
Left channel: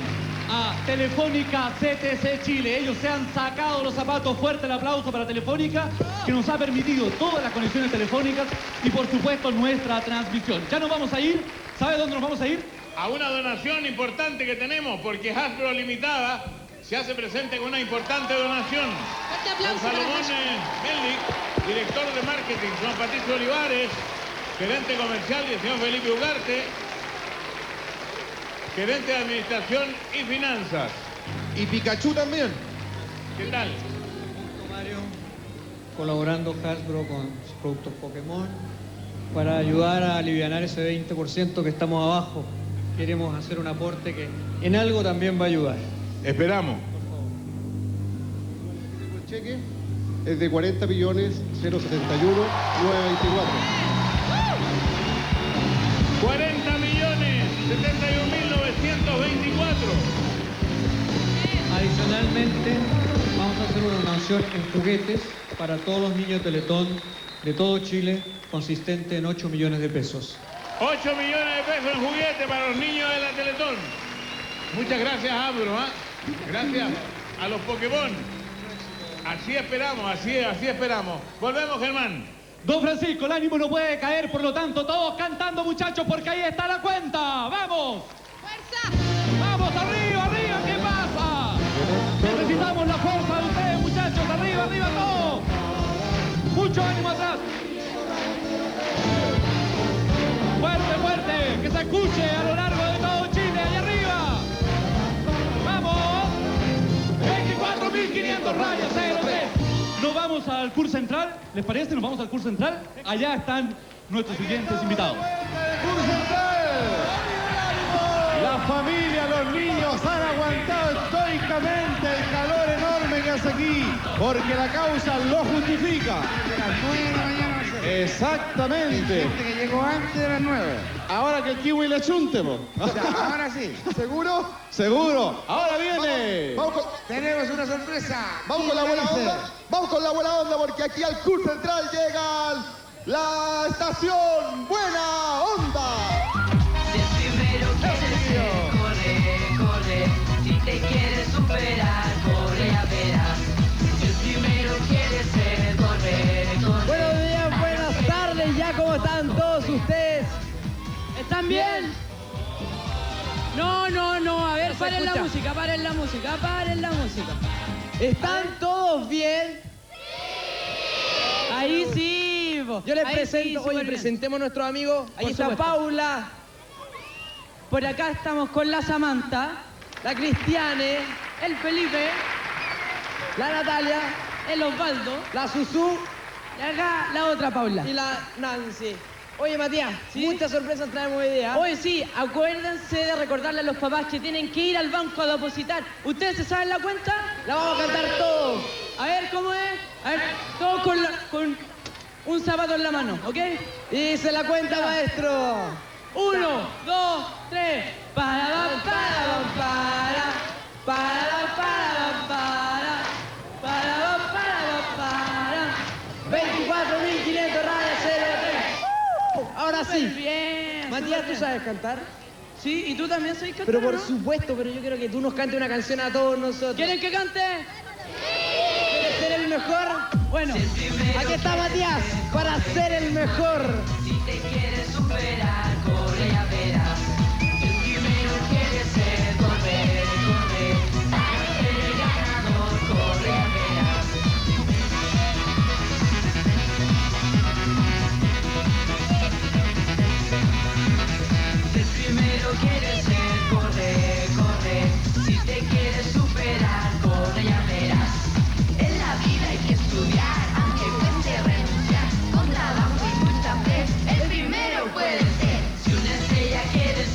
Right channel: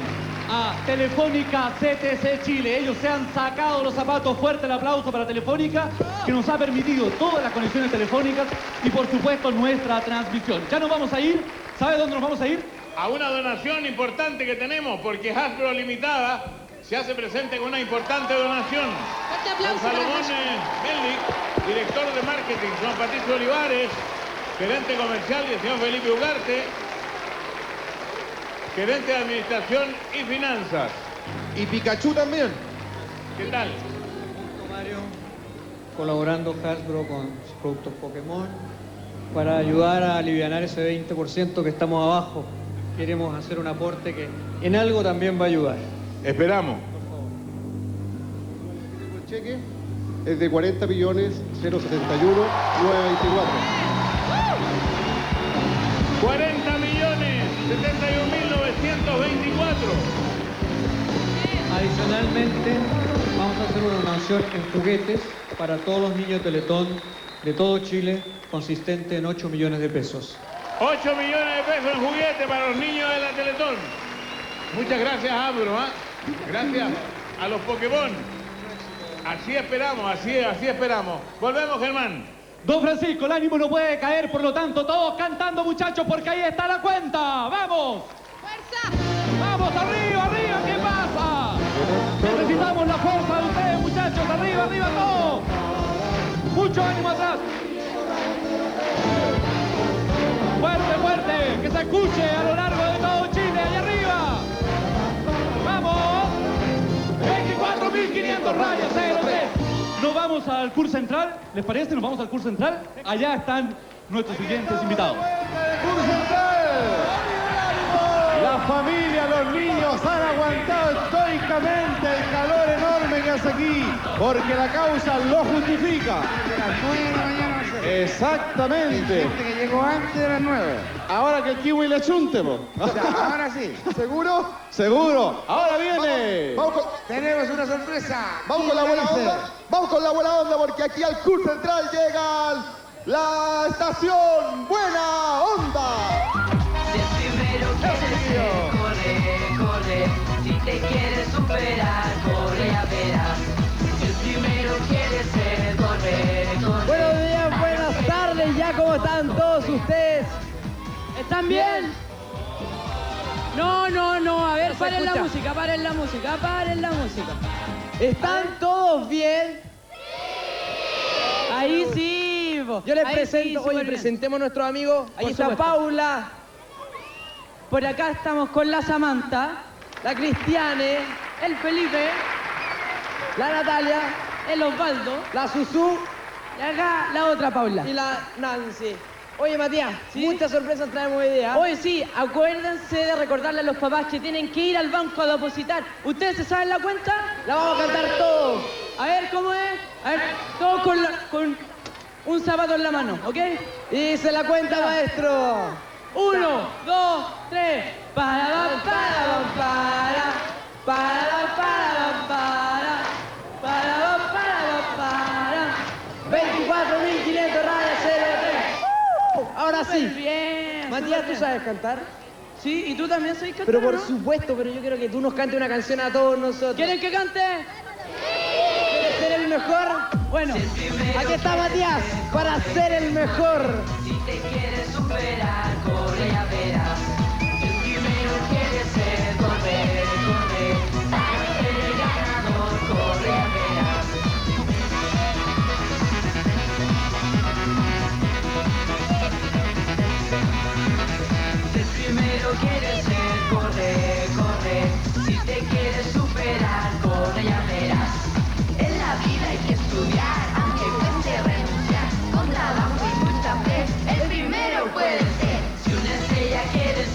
a Telefónica CTC Chile. Ellos se han sacado los zapatos. Fuerte el aplauso para Telefónica, que nos ha permitido todas las conexiones telefónicas y por supuesto nuestra transmisión. Ya nos vamos a ir. ¿Sabe dónde nos vamos a ir? A una donación importante que tenemos, porque Hasbro Limitada se hace presente con una importante donación. Don Salomón Melnik, director de marketing, Juan Patricio Olivares, gerente comercial y el señor Felipe Ugarte, gerente de administración y finanzas. Y Pikachu también. ¿Qué tal? Mario, colaborando Hasbro con sus productos Pokémon para ayudar a aliviar ese 20% que estamos abajo. Queremos hacer un aporte que en algo también va a ayudar. Esperamos. El cheque es de 40.071.924. 40.071.924. Adicionalmente, vamos a hacer una donación en juguetes para todos los niños de Teletón de todo Chile, consistente en 8 millones de pesos. 8 millones de pesos en juguete para los niños de la Teletón. Muchas gracias, Abro. Gracias a los Pokémon. Así esperamos, así esperamos. Volvemos, Germán. Don Francisco, el ánimo no puede caer, por lo tanto, todos cantando, muchachos, porque ahí está la cuenta. ¡Vamos! ¡Fuerza! ¡Vamos, arriba, arriba! ¿Qué pasa? Necesitamos la fuerza de ustedes, muchachos. ¡Arriba, arriba, todos! ¡Mucho ánimo atrás! ¡Fuerte, fuerte! ¡Que se escuche a lo largo de todo Chile! ¡Allá arriba! ¡Vamos! 24.500 rayas, 03. Nos vamos al CUR Central, ¿les parece? Nos vamos al CUR Central. Allá están nuestros siguientes invitados. La familia, los niños han aguantado estoicamente el calor enorme que hace aquí, porque la causa lo justifica. Las 9 de la mañana. Exactamente. Gente que llegó antes de las 9. Ahora que el kiwi le chunte, po. Ahora sí. ¿Seguro? Seguro. Ahora viene. Tenemos una sorpresa. Vamos con la buena onda. Vamos con la buena onda porque aquí al CUR Central llegan la estación Buena Onda. Si el primero quieres ser, corre, corre. Si te quieres superar, corre, ya verás. Si el primero quieres ser, corre, corre. Buenos días, buenas tardes, ya cómo están todos ustedes. ¿Están bien? No, a ver, paren la música, paren la música, paren la música. ¿Están todos bien? Ahí sí. Yo les presento, oye, presentemos a nuestros amigos. Ahí está Paula. Por acá estamos con la Samantha, la Cristiane, el Felipe, la Natalia, el Osvaldo, la Susu, y acá la otra Paula. Y la Nancy. Oye, Matías, muchas sorpresas traemos hoy día. Hoy sí, acuérdense de recordarle a los papás que tienen que ir al banco a depositar. ¿Ustedes se saben la cuenta? La vamos a cantar todos. A ver, ¿cómo es? A ver, todos con un zapato en la mano, ¿ok? Y dice la cuenta, maestro. 1, 2, 3. Para. 24.500 rayas, 03. Ahora sí. Bien. Matías, ¿tú sabes cantar? Sí, ¿y tú también sabes cantar? Pero por supuesto, pero yo quiero que tú nos cantes una canción a todos nosotros. ¿Quieren que cante? ¿Quieres ser el mejor? Bueno, aquí está Matías para ser el mejor. Si te quieres superar, corre, ya verás. Si el primero quieres ser, corre, corre. Ser el ganador, corre, ya verás. Si el primero quieres ser, corre, corre. Si te quieres superar, corre, ya verás. En la vida hay que estudiar, aunque cueste renunciar. Con trabajo y mucha fe, el primero puede ser. Si una estrella quieres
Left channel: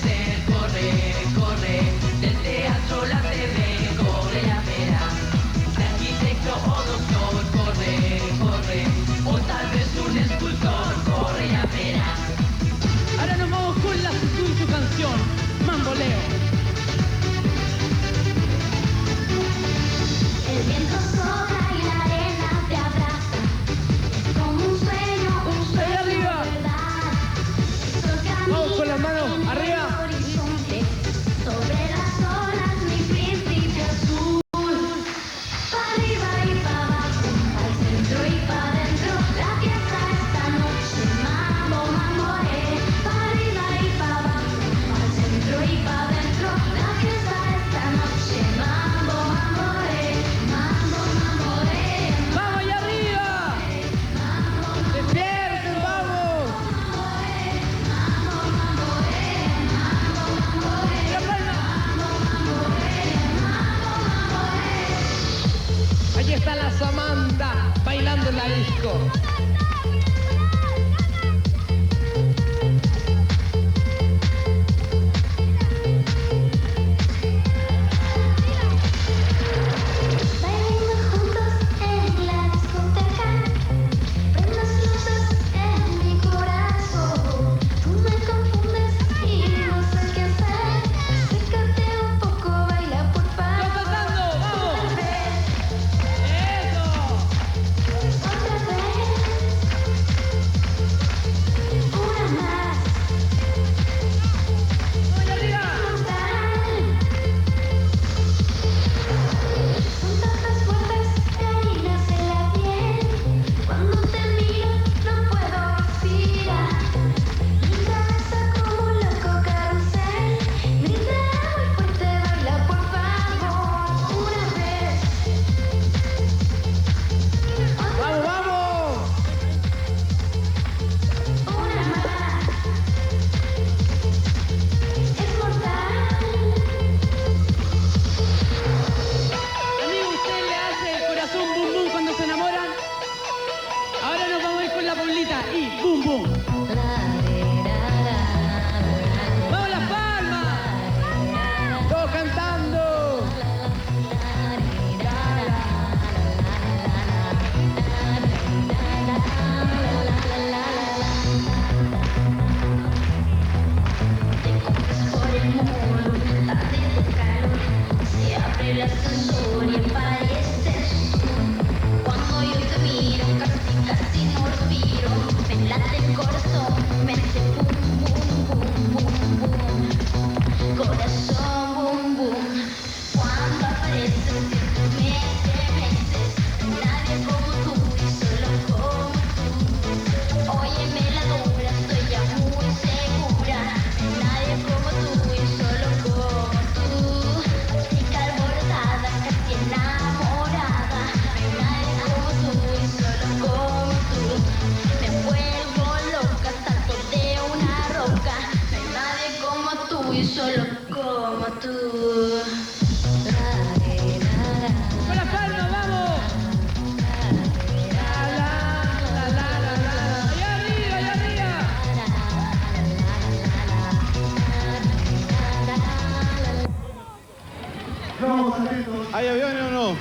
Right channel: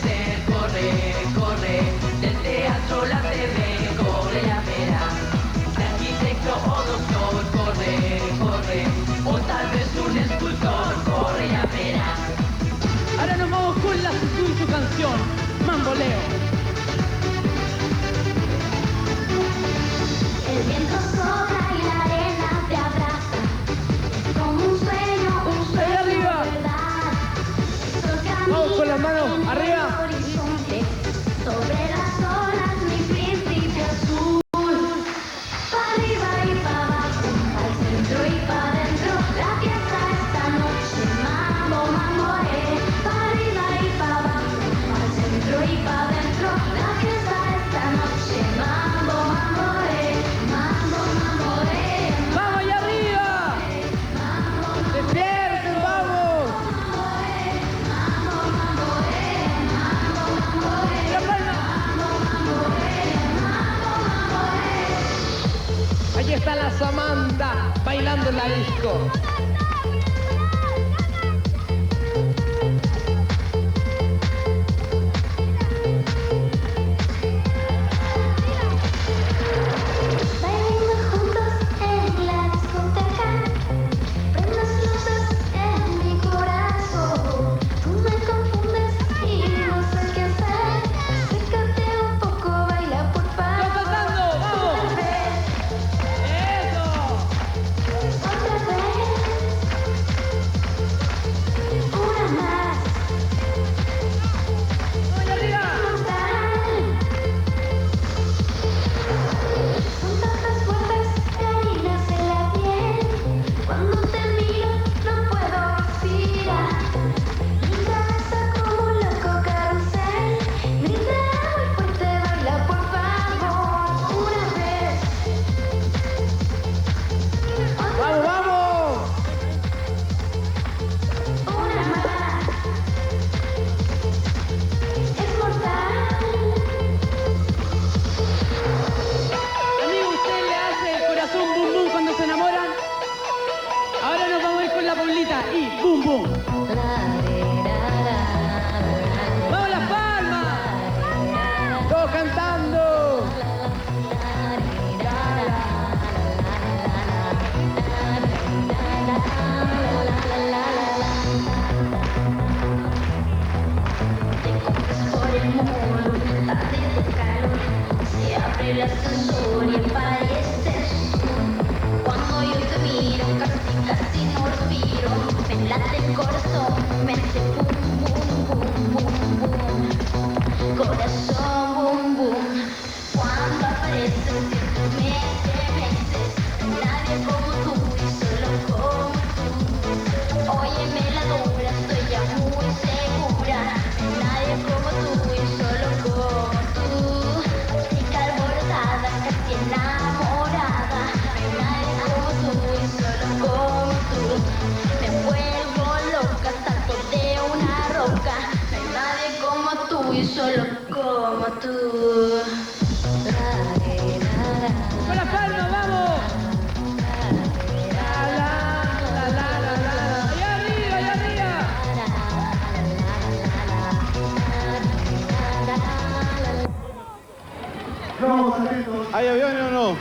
¿Hay aviones o no?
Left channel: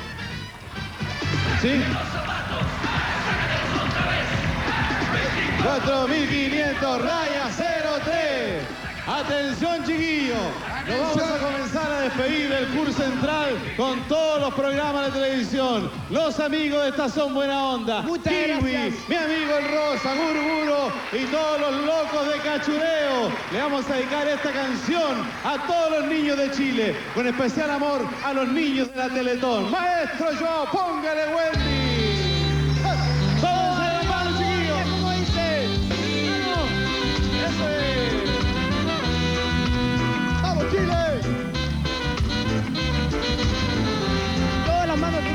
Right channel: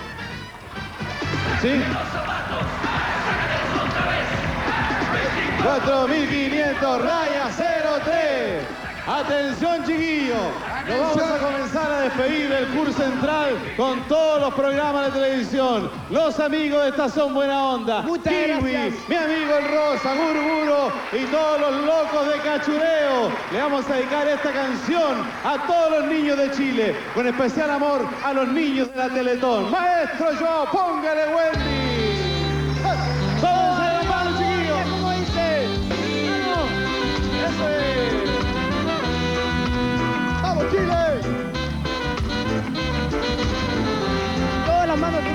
¿Sí? 4.500, raya 03. Atención, chiquillos. Nos vamos a comenzar a despedir del curso central con todos los programas de televisión. Los amigos de Estación Buena Onda. Kiwi, mi amigo el Rosa, Murmuro y todos los locos de cachureo. Le vamos a dedicar esta canción a todos los niños de Chile, con especial amor a los niños de la Teletón. Maestro Joao, póngale Wendy. Todos a la mano, chiquillos. ¿Cómo dice? ¡Vamos! ¡Eso es! ¡Vamos, Chile! Todas las manos arriba.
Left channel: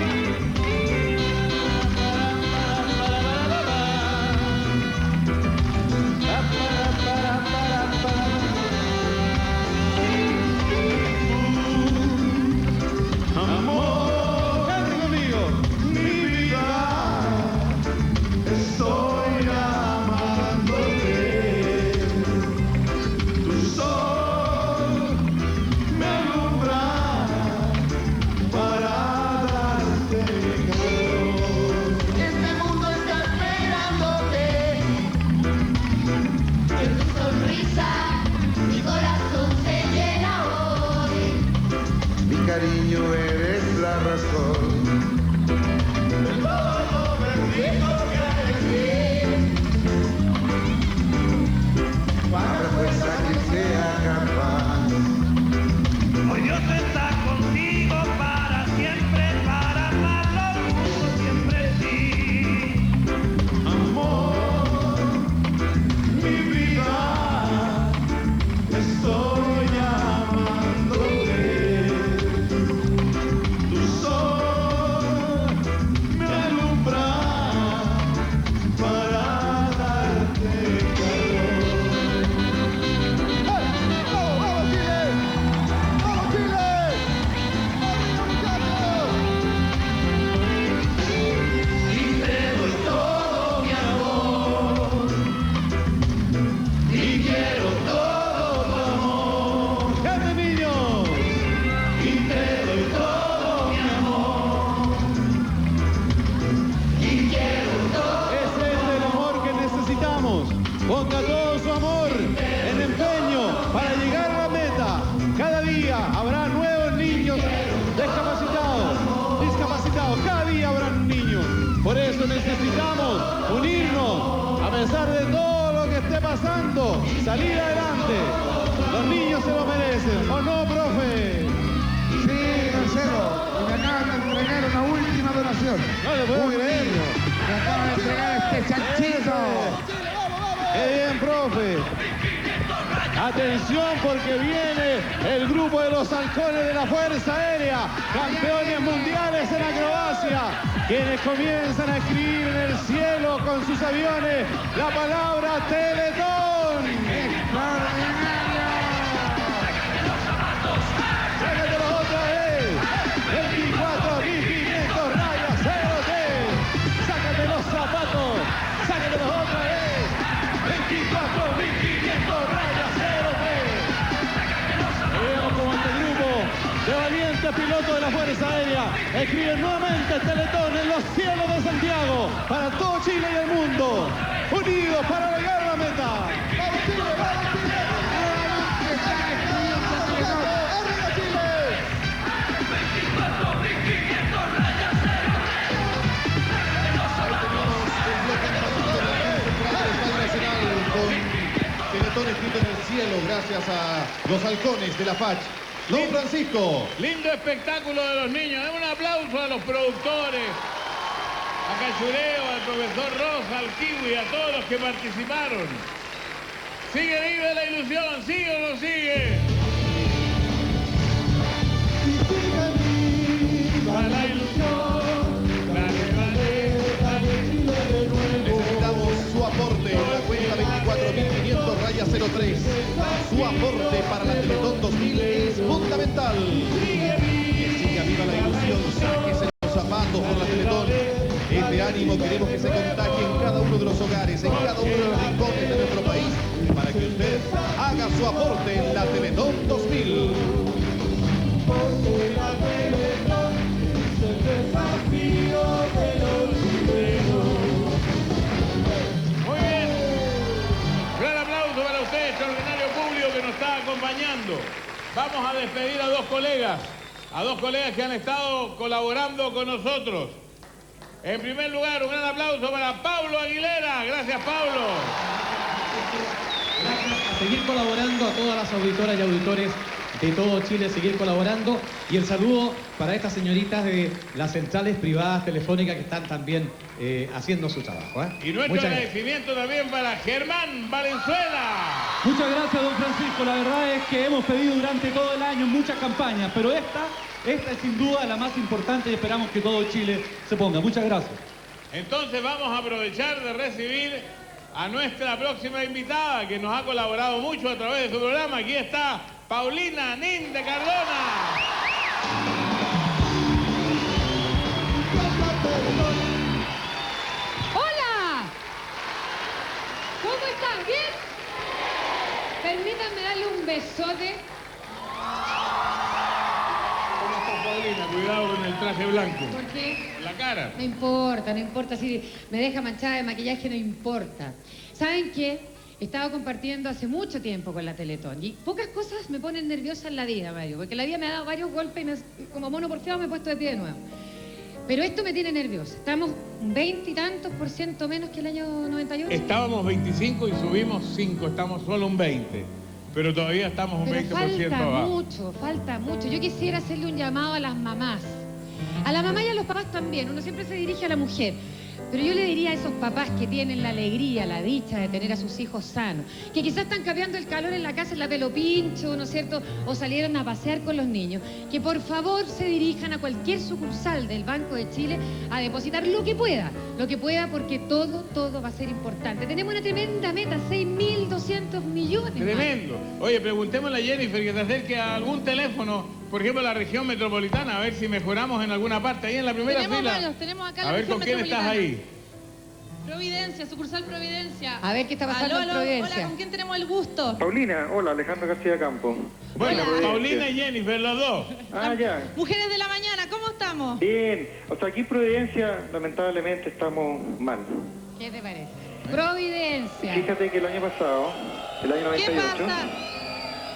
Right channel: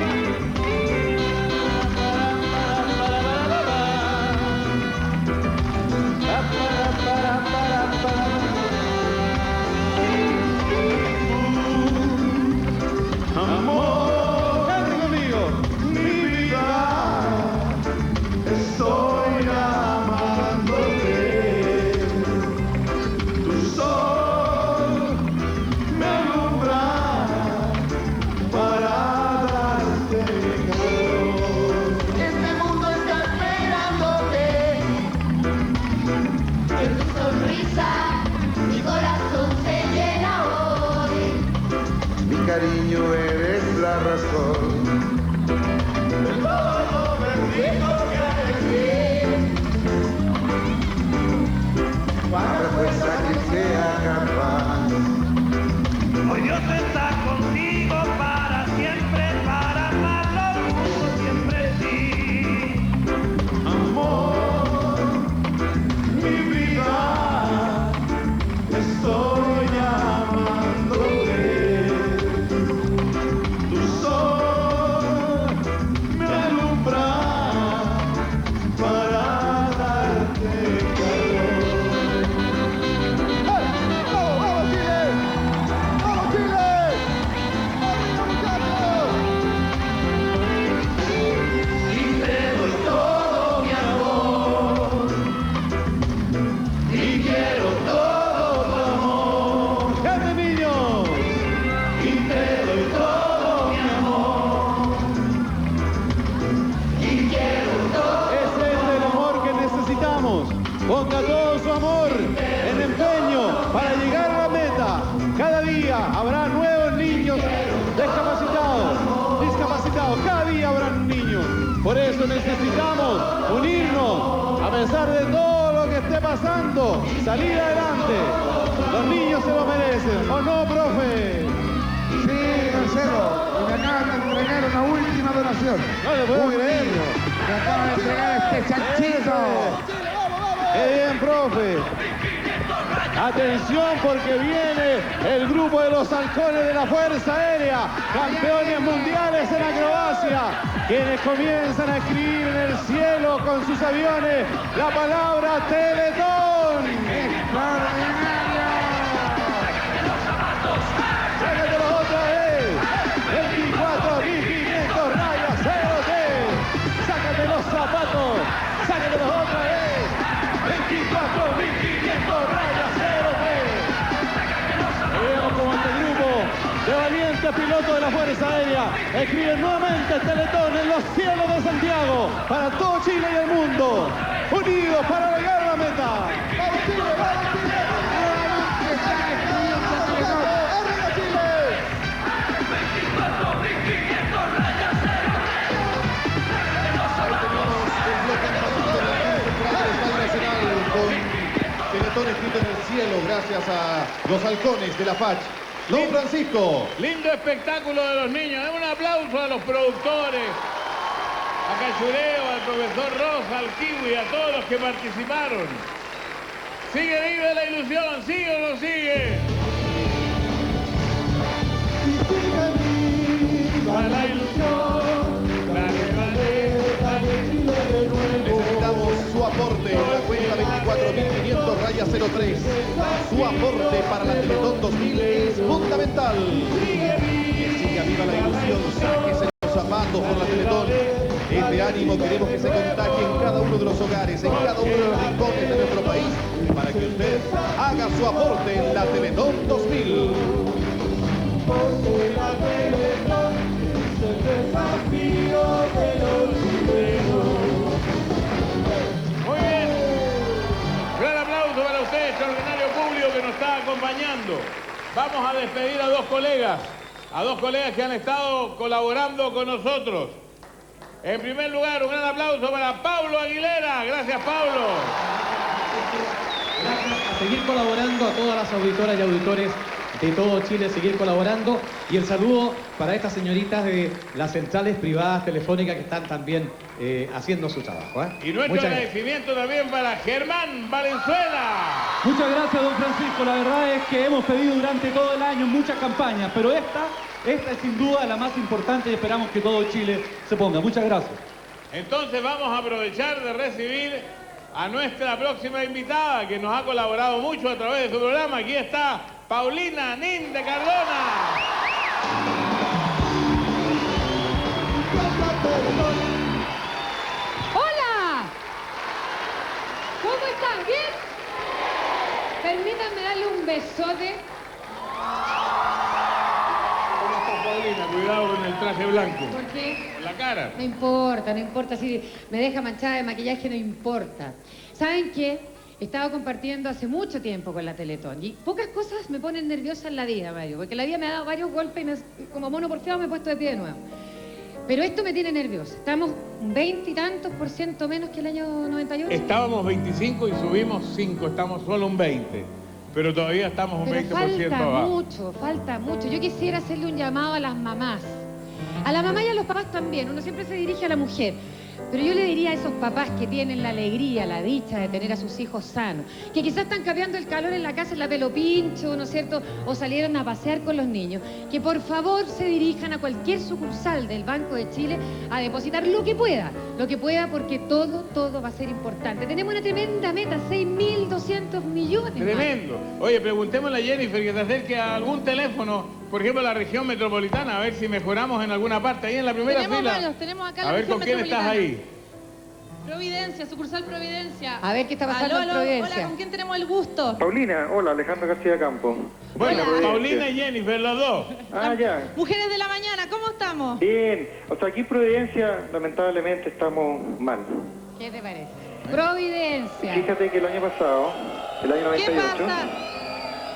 Amor, cante conmigo. Mi vida, estoy amándote. Tu sol me alumbra para darte calor. Este mundo está esperándote. En tu sonrisa, mi corazón se llena hoy. Mi cariño, eres la razón de todo lo perdido que hay en mí. Para fuerza que sea capaz. Hoy Dios está contigo para siempre, para amarlo siempre sí. Amor, mi vida, estoy amándote. Tu sol me alumbra para darte calor. ¡Vamos, Chile! ¡Vamos, Chile! Y te doy todo mi amor. Y quiero todo tu amor. ¡Cante, niños! Y te doy todo mi amor. Y quiero todo. Ese es el amor que necesitamos. Ponga todo su amor en empeño para llegar a la meta. Cada día habrá nuevos niños discapacitados. Cada día habrá niños. Por eso necesitamos unirnos a pesar de todo lo que esté pasando. Salir adelante. Los niños se lo merecen. ¿O no, profe? Sí, Marcelo, y me acaban de entregar una última donación. No le puedo creer. Me acaban de entregar este chanchito. ¡Qué bien, profe! Atención porque viene el grupo de los halcones de la Fuerza Aérea, campeones mundiales en acrobacia, quienes comienzan a escribir en el cielo con sus aviones la palabra Teletón. ¡Sácatelos otra vez! 24.500 rayas 03. ¡Sácate los zapatos! ¡Sácatelos otra vez! 24.500 rayas 03. Y vemos como este grupo de valientes pilotos de la Fuerza Aérea escriben nuevamente Teletón en los cielos de Santiago para todo Chile y el mundo, unidos para llegar a la meta. ¡Vamos, Chile! ¡Vamos, Chile! ¡Arriba, Chile! los halcones de la FACH. Don Francisco. Lindo espectáculo de los niños. Un aplauso a los productores, a Cachureo, al profesor Rosa, al Kiwi, a todos los que participaron. Sigue vive la ilusión, sigue o no sigue. Viva la ilusión, Necesitamos su aporte en la cuenta 24.500-03. Su aporte para la Teletón 2000 es fundamental. Que siga viva la ilusión, sáquese los zapatos por la Teletón. Este ánimo queremos que se contagie en cada uno de los hogares, en cada uno de los rincones de nuestro país, para que usted haga su aporte en la Teletón 2000. porque la Teletón es el desafío de los chilenos. Muy bien. Gran aplauso para usted, extraordinario público que nos está acompañando. Vamos a despedir a dos colegas que han estado colaborando con nosotros. En primer lugar, un gran aplauso para Pablo Aguilera. Gracias, Pablo. A seguir colaborando a todas las auditoras y auditores de todo Chile, seguir colaborando. Y el saludo para estas señoritas de las centrales privadas telefónicas que están también haciendo su trabajo. Y nuestro agradecimiento también para Germán Valenzuela. Muchas gracias, don Francisco. La verdad es que hemos pedido durante todo el año muchas campañas, pero esta es sin duda la más importante y esperamos que todo Chile se ponga. Muchas gracias. Entonces vamos a aprovechar de recibir a nuestra próxima invitada que nos ha colaborado mucho a través de su programa. Aquí está Paulina Nin de Cardona. ¡Hola! ¿Cómo están? ¿Bien? Permítanme darle un besote. ¿Cómo está Paulina? Cuidado con el traje blanco. ¿Por qué? En la cara. No importa. Si me deja manchada de maquillaje, no importa. ¿Saben qué? He estado compartiendo hace mucho tiempo con la Teletón y pocas cosas me ponen nerviosa en la vida, Mario, porque la vida me ha dado varios golpes y como mono porfiado me he puesto de pie de nuevo. Pero esto me tiene nerviosa. Estamos un 20 y tantos % menos que el año 98. Estábamos 25 y subimos 5, estamos solo un 20. Pero todavía estamos un 20% abajo. Falta mucho. Yo quisiera hacerle un llamado a las mamás. A la mamá y a los papás también. Uno siempre se dirige a la mujer. Pero yo le diría a esos papás que tienen la alegría, la dicha de tener a sus hijos sanos, que quizás están cambiando el calor en la casa en la pelo pincho, ¿no es cierto? O salieron a pasear con los niños, que por favor se dirijan a cualquier sucursal del Banco de Chile a depositar lo que pueda porque todo va a ser importante. Tenemos una tremenda meta, 6.200 millones. Tremendo. Oye, preguntémosle a Jennifer que se acerque a algún teléfono, por ejemplo, la región metropolitana, a ver si mejoramos en alguna parte. Ahí en la primera fila. Tenemos acá a ver con quién estás ahí. Providencia, sucursal Providencia. A ver qué está pasando en Providencia. Hola, ¿con quién tenemos el gusto? Paulina, hola, Alejandro García Campo. Bueno, Paulina y Jennifer, los dos. Ah, ya. Mujeres de la mañana, ¿cómo estamos? Bien, o sea, aquí en Providencia, lamentablemente, estamos mal. ¿Qué te parece? Providencia. Fíjate que el año pasado, el año 98...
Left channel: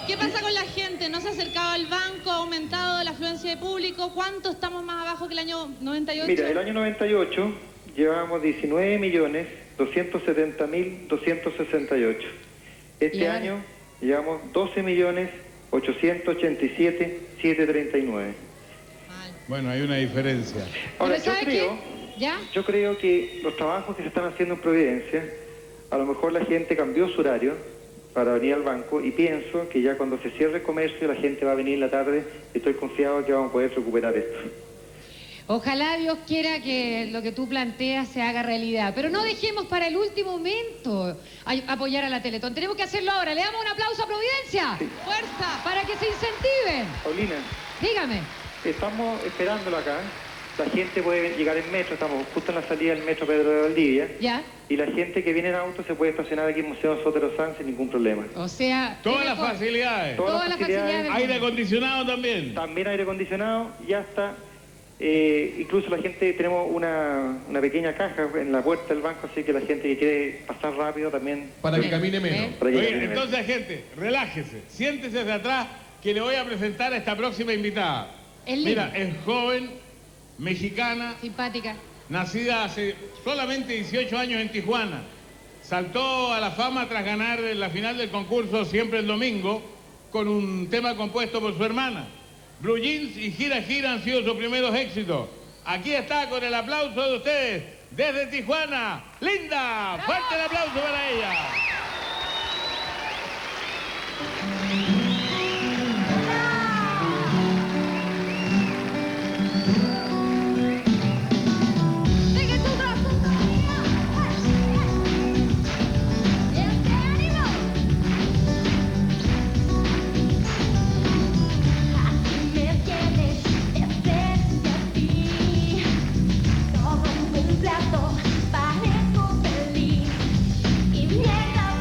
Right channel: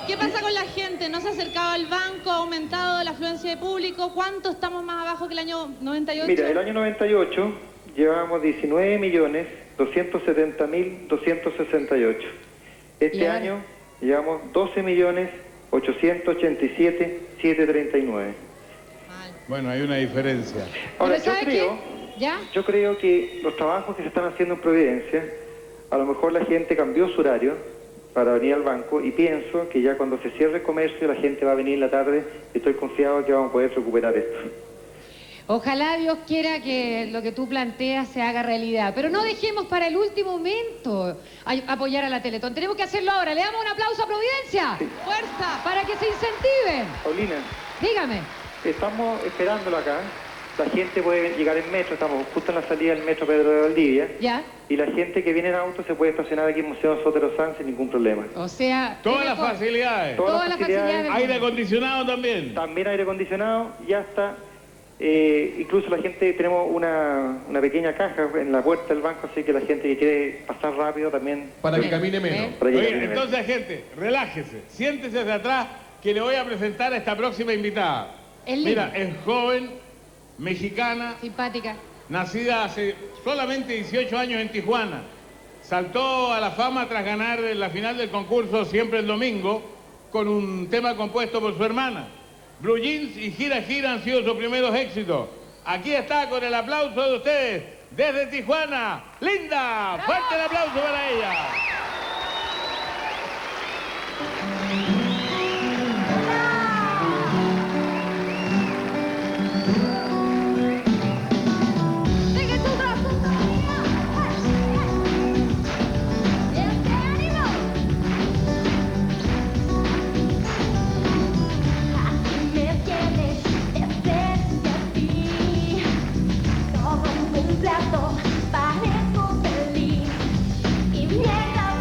¿Qué pasa con la gente? ¿No se ha acercado al banco? ¿Ha aumentado la afluencia de público? ¿Cuánto estamos más abajo que el año 98? Mira, el año 98 llevábamos 19.270.268. Este año llevamos 12.887.739. Bueno, hay una diferencia. Ahora, yo creo que los trabajos que se están haciendo en Providencia, a lo mejor la gente cambió su horario para venir al banco y pienso que ya cuando se cierre el comercio la gente va a venir en la tarde y estoy confiado que vamos a poder recuperar esto. Ojalá Dios quiera que lo que tú planteas se haga realidad, pero no dejemos para el último momento apoyar a la Teletón. Tenemos que hacerlo ahora. Le damos un aplauso a Providencia. ¡Fuerza! Para que se incentiven. Paulina. Dígame. Estamos esperándolo acá. La gente puede llegar en metro, estamos justo en la salida del metro Pedro de Valdivia. ¿Ya? Y la gente que viene en auto se puede estacionar aquí en Museo Sotero San sin ningún problema. O sea... Todas las facilidades. Todas las facilidades. Aire acondicionado también. También aire acondicionado, ya está. Incluso la gente, tenemos una pequeña caja en la puerta del banco, así que la gente que quiere pasar rápido también... Para que camine menos. Oye, entonces, gente, relájese, siéntese hacia atrás, que le voy a presentar a esta próxima invitada. Mira, es joven, mexicana, simpática, nacida hace solamente 18 años en Tijuana. Saltó a la fama tras ganar la final del concurso Siempre el Domingo con un tema compuesto por su hermana. Blue Jeans y Gira Gira han sido sus primeros éxitos. Aquí está con el aplauso de ustedes, desde Tijuana, Linda. Fuerte el aplauso para ella. Parezco feliz y mientras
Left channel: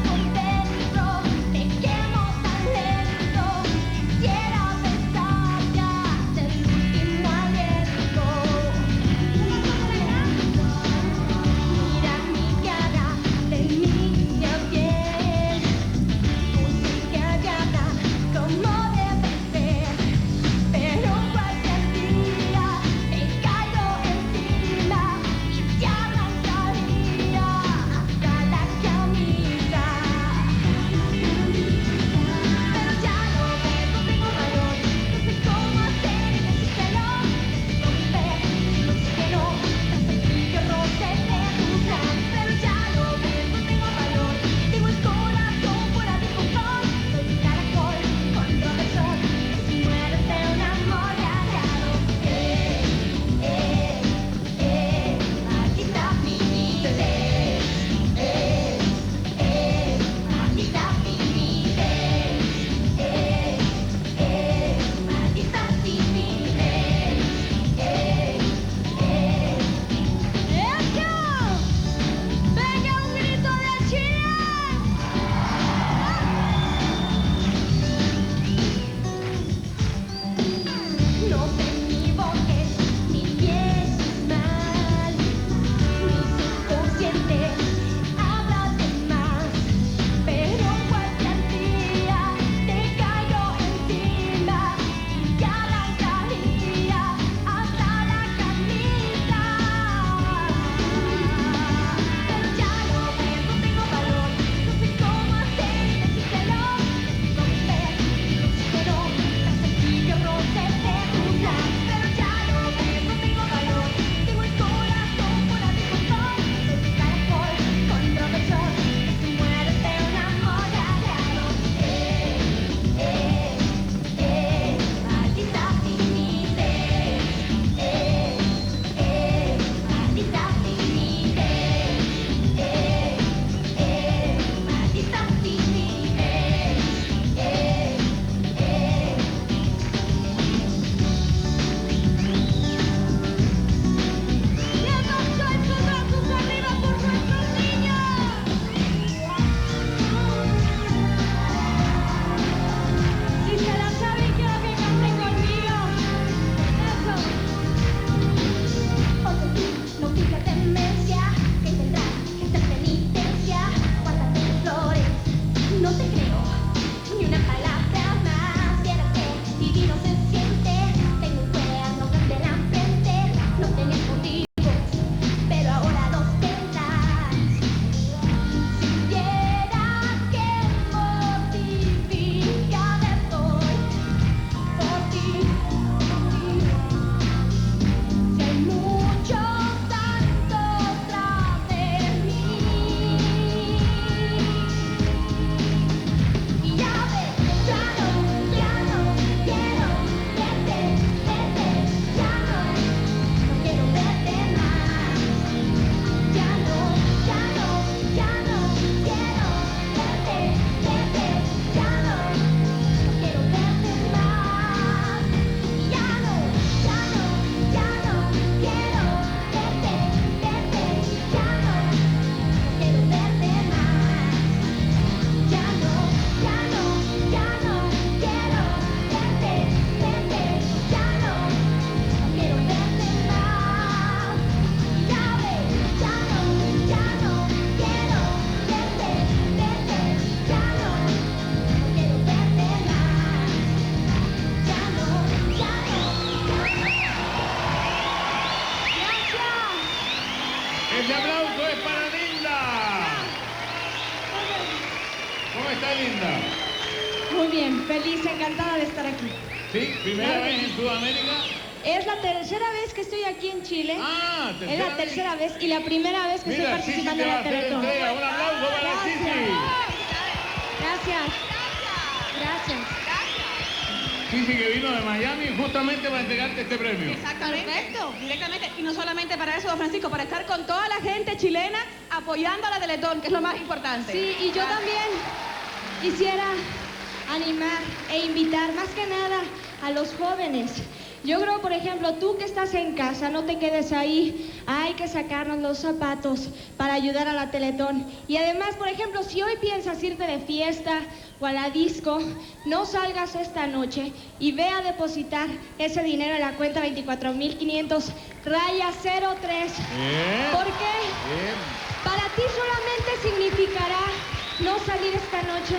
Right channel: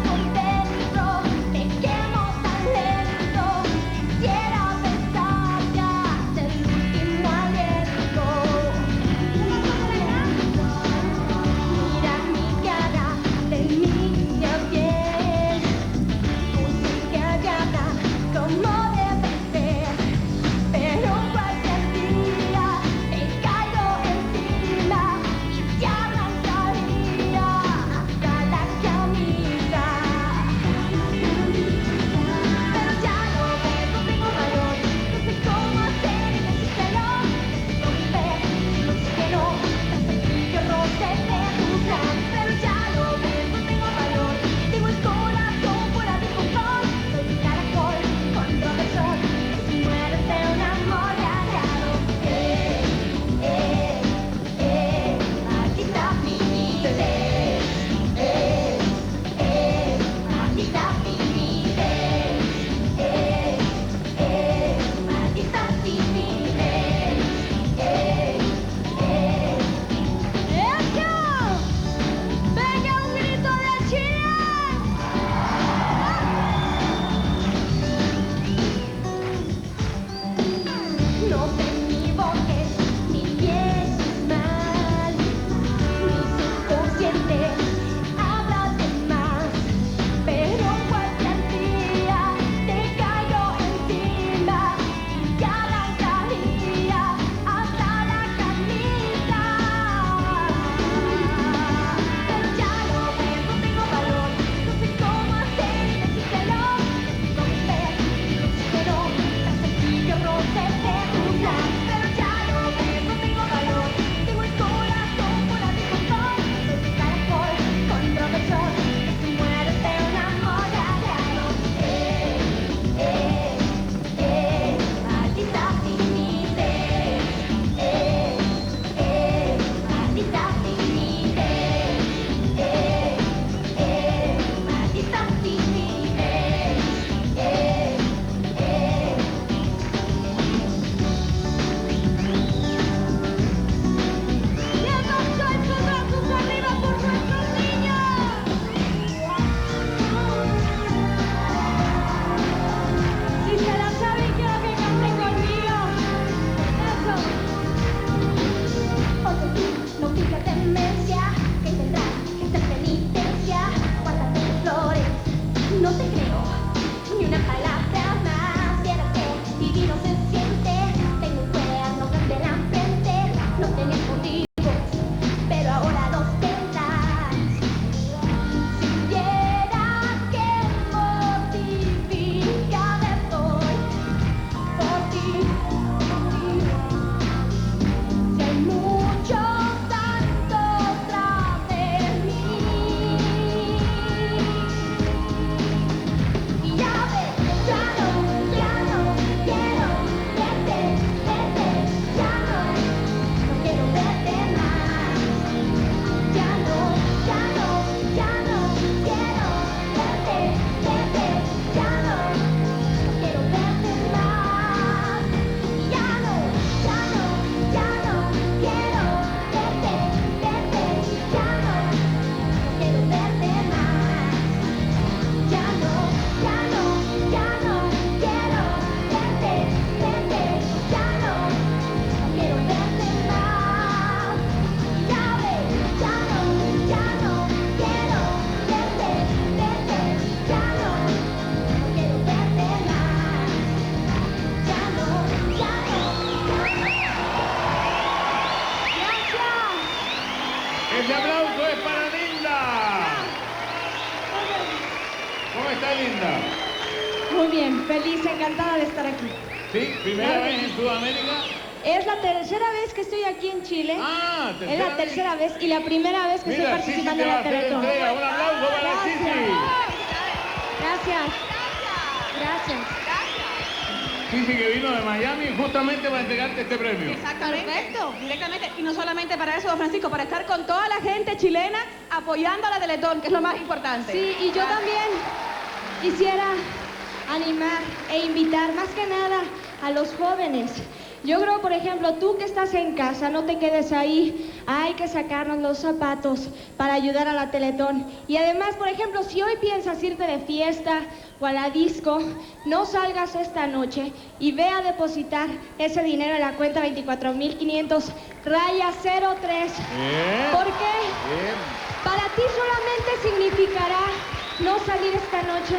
feliz, encantada de estar aquí. ¿Sí? ¿Primera vez en Sudamérica? Es la tercera vez que estoy aquí en Chile. Ah, es la tercera vez y la primera vez que estoy participando en la Teletón. Un aplauso para Sisi. Gracias. Gracias. Sisi, que vino de Miami justamente para entregarte este premio. Perfecto, directamente. Y no solamente para eso, don Francisco, para estar con toda la gente chilena apoyando a la Teletón, que es lo más importante. Sí, y yo también quisiera animar e invitar más que nada a los jóvenes. Yo creo, por ejemplo, tú que estás en casa, no te quedes ahí. Hay que sacarnos los zapatos para ayudar a la Teletón. Y además, por ejemplo, si hoy piensas irte de fiesta o a la disco, no salgas esta noche y ve a depositar ese dinero en la cuenta 24.500 raya 03. Porque para ti solamente significará no salir esta noche,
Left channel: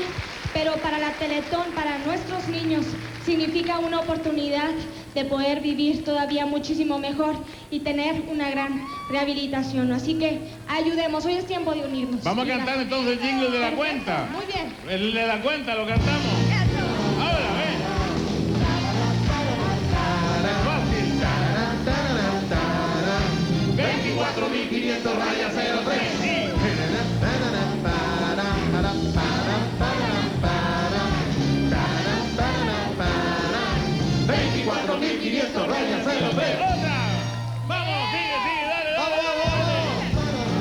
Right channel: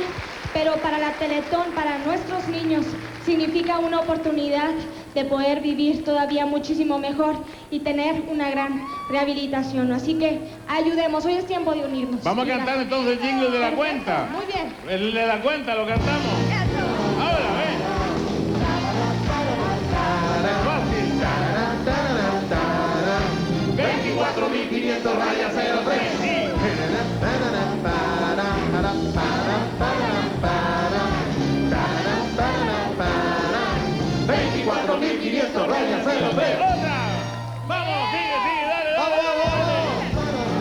pero para la Teletón, para nuestros niños, significa una oportunidad de poder vivir todavía muchísimo mejor y tener una gran rehabilitación. Así que ayudemos, hoy es tiempo de unirnos. Vamos a cantar entonces el jingle de la cuenta. Muy bien. El de la cuenta, lo cantamos. Ahora, ven. Fácil. 24.500 raya 03. 24.500 rayas 03. ¡Vamos, sigue, dale! ¡Vamos!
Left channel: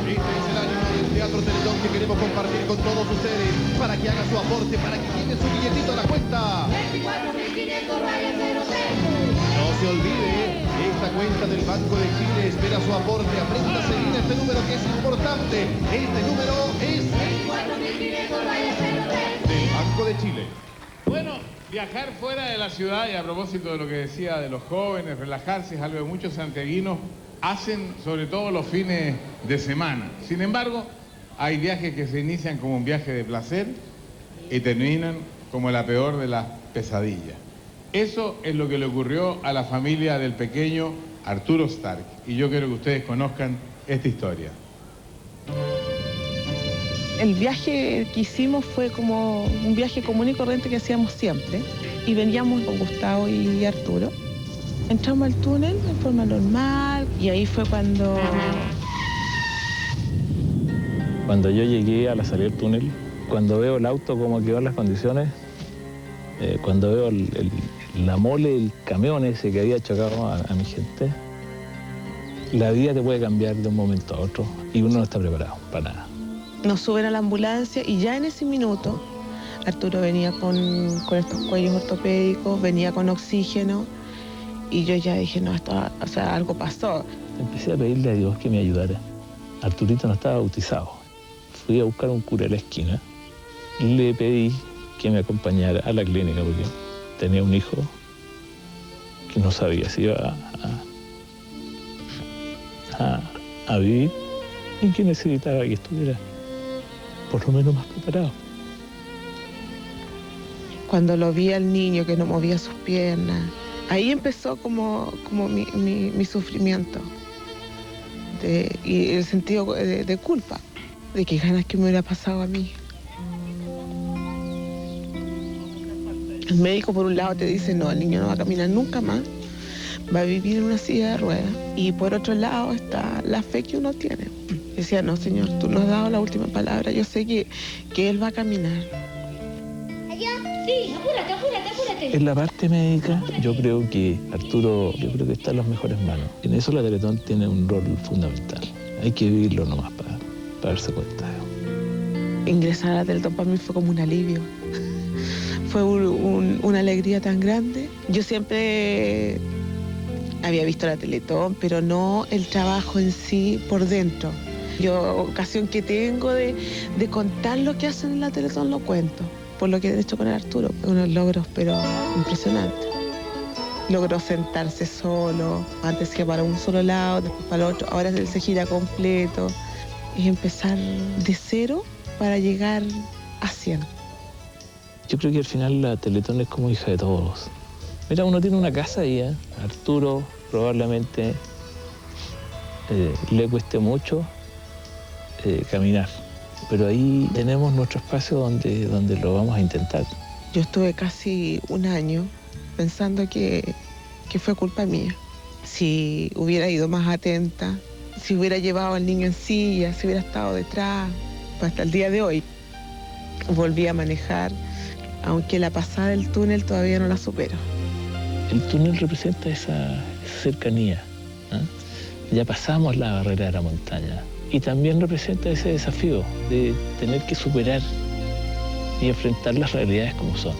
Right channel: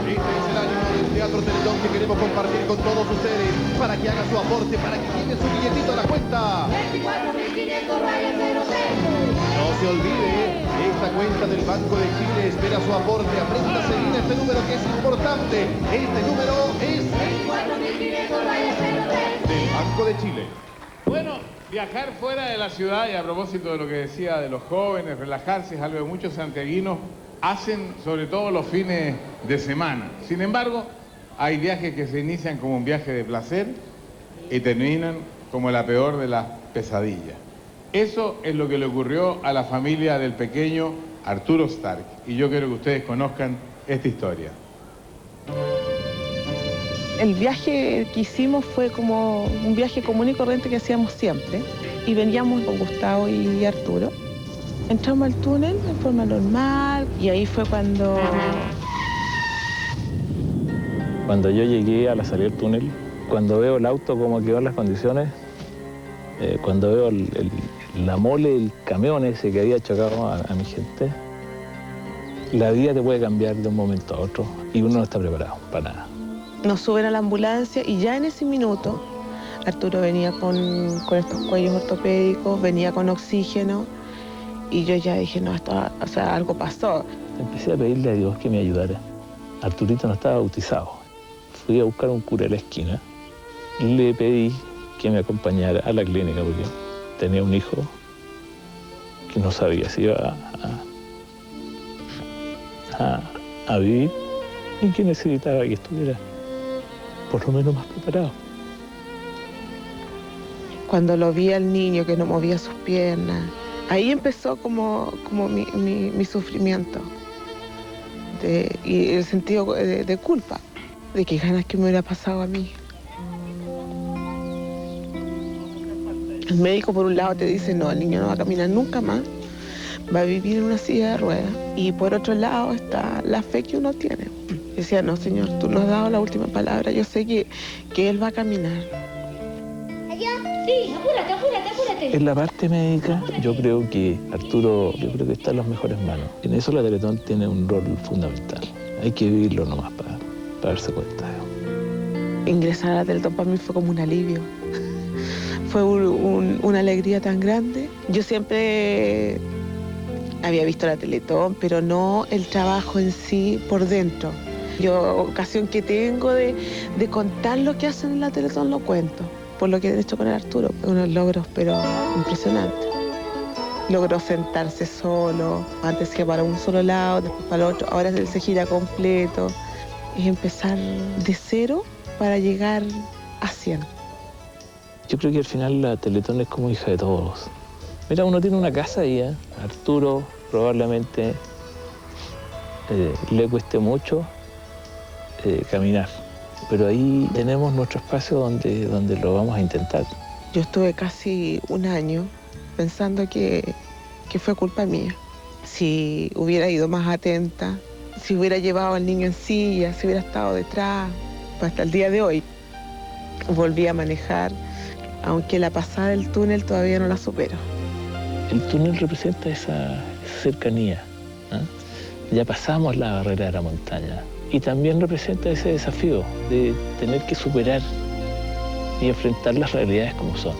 Este es el ánimo del Teatro Teletón que queremos compartir con todos ustedes para que haga su aporte, para que llegue su billetito a la cuenta. 24.500 rayas 03. No se olvide, esta cuenta del Banco de Chile espera su aporte. Aprenda a seguir este número que es importante. Este número es 24.500 rayas 03. del Banco de Chile. Bueno, viajar fuera de la ciudad, y a propósito de lo que decía de los jóvenes, relajarse es algo que muchos santiaguinos hacen, sobre todo los fines de semana. Sin embargo, hay viajes que se inician como un viaje de placer y terminan como la peor de las pesadillas. Eso es lo que le ocurrió a la familia del pequeño Arturo Stark, y yo quiero que ustedes conozcan esta historia. El viaje que hicimos fue como un viaje común y corriente que hacíamos siempre. Y veníamos con Gustavo y Arturo. Entramos al túnel de forma normal y ahí fue cuando yo llegué a la salida del túnel, cuando veo el auto como quedó en las condiciones, cuando veo la mole, el camión ese que había chocado a mi gente, la vida te puede cambiar de un momento a otro y uno no está preparado para nada. nos suben a la ambulancia y ya en ese minuto Arturo venía con estos cuellos ortopédicos, venía con oxígeno y yo ya dije, no, esto, o sea, algo pasó. Empecé a pedirle a Dios que me ayudara. Arturito no estaba bautizado. Fui a buscar un cura a la esquina y le pedí que me acompañara a la clínica porque tenía un hijo que no sabía si iba a vivir y que necesitaba que estuviera por lo menos más preparado. Cuando lo vi al niño que no movía sus piernas, ahí empezó como mi sufrimiento y el sentido de culpa, de que ganas que me hubiera pasado a mí. El médico por un lado te dice, no, el niño no va a caminar nunca más, va a vivir en una silla de ruedas. Y por otro lado está la fe que uno tiene. Decía, no, Señor, tú nos has dado la última palabra, yo sé que él va a caminar. Sí, apúrate. En la parte médica, yo creo que Arturo, está en las mejores manos. En eso la Teletón tiene un rol fundamental. Hay que vivirlo nomás para darse cuenta. Ingresar a la Teletón para mí fue como un alivio. Fue una alegría tan grande. Yo siempre había visto la Teletón, pero no el trabajo en sí por dentro. Yo, ocasión que tengo de contar lo que hacen en la Teletón, lo cuento. Por lo que he hecho con el Arturo, unos logros, pero impresionantes. Logró sentarse solo, antes que para un solo lado, después para el otro, ahora él se gira completo. Es empezar de cero para llegar a 100. Yo creo que al final la Teletón es como hija de todos. Mira, uno tiene una casa ahí, ¿eh? Arturo probablemente le cueste mucho caminar. Pero ahí tenemos nuestro espacio donde lo vamos a intentar. Yo estuve casi un año pensando que fue culpa mía. Si hubiera ido más atenta, si hubiera llevado al niño en silla, si hubiera estado detrás, pues hasta el día de hoy volví a manejar, aunque la pasada del túnel todavía no la supero. El túnel representa esa cercanía, ¿eh? Ya pasamos la barrera de la montaña y también representa ese desafío de tener que superar y enfrentar las realidades como son.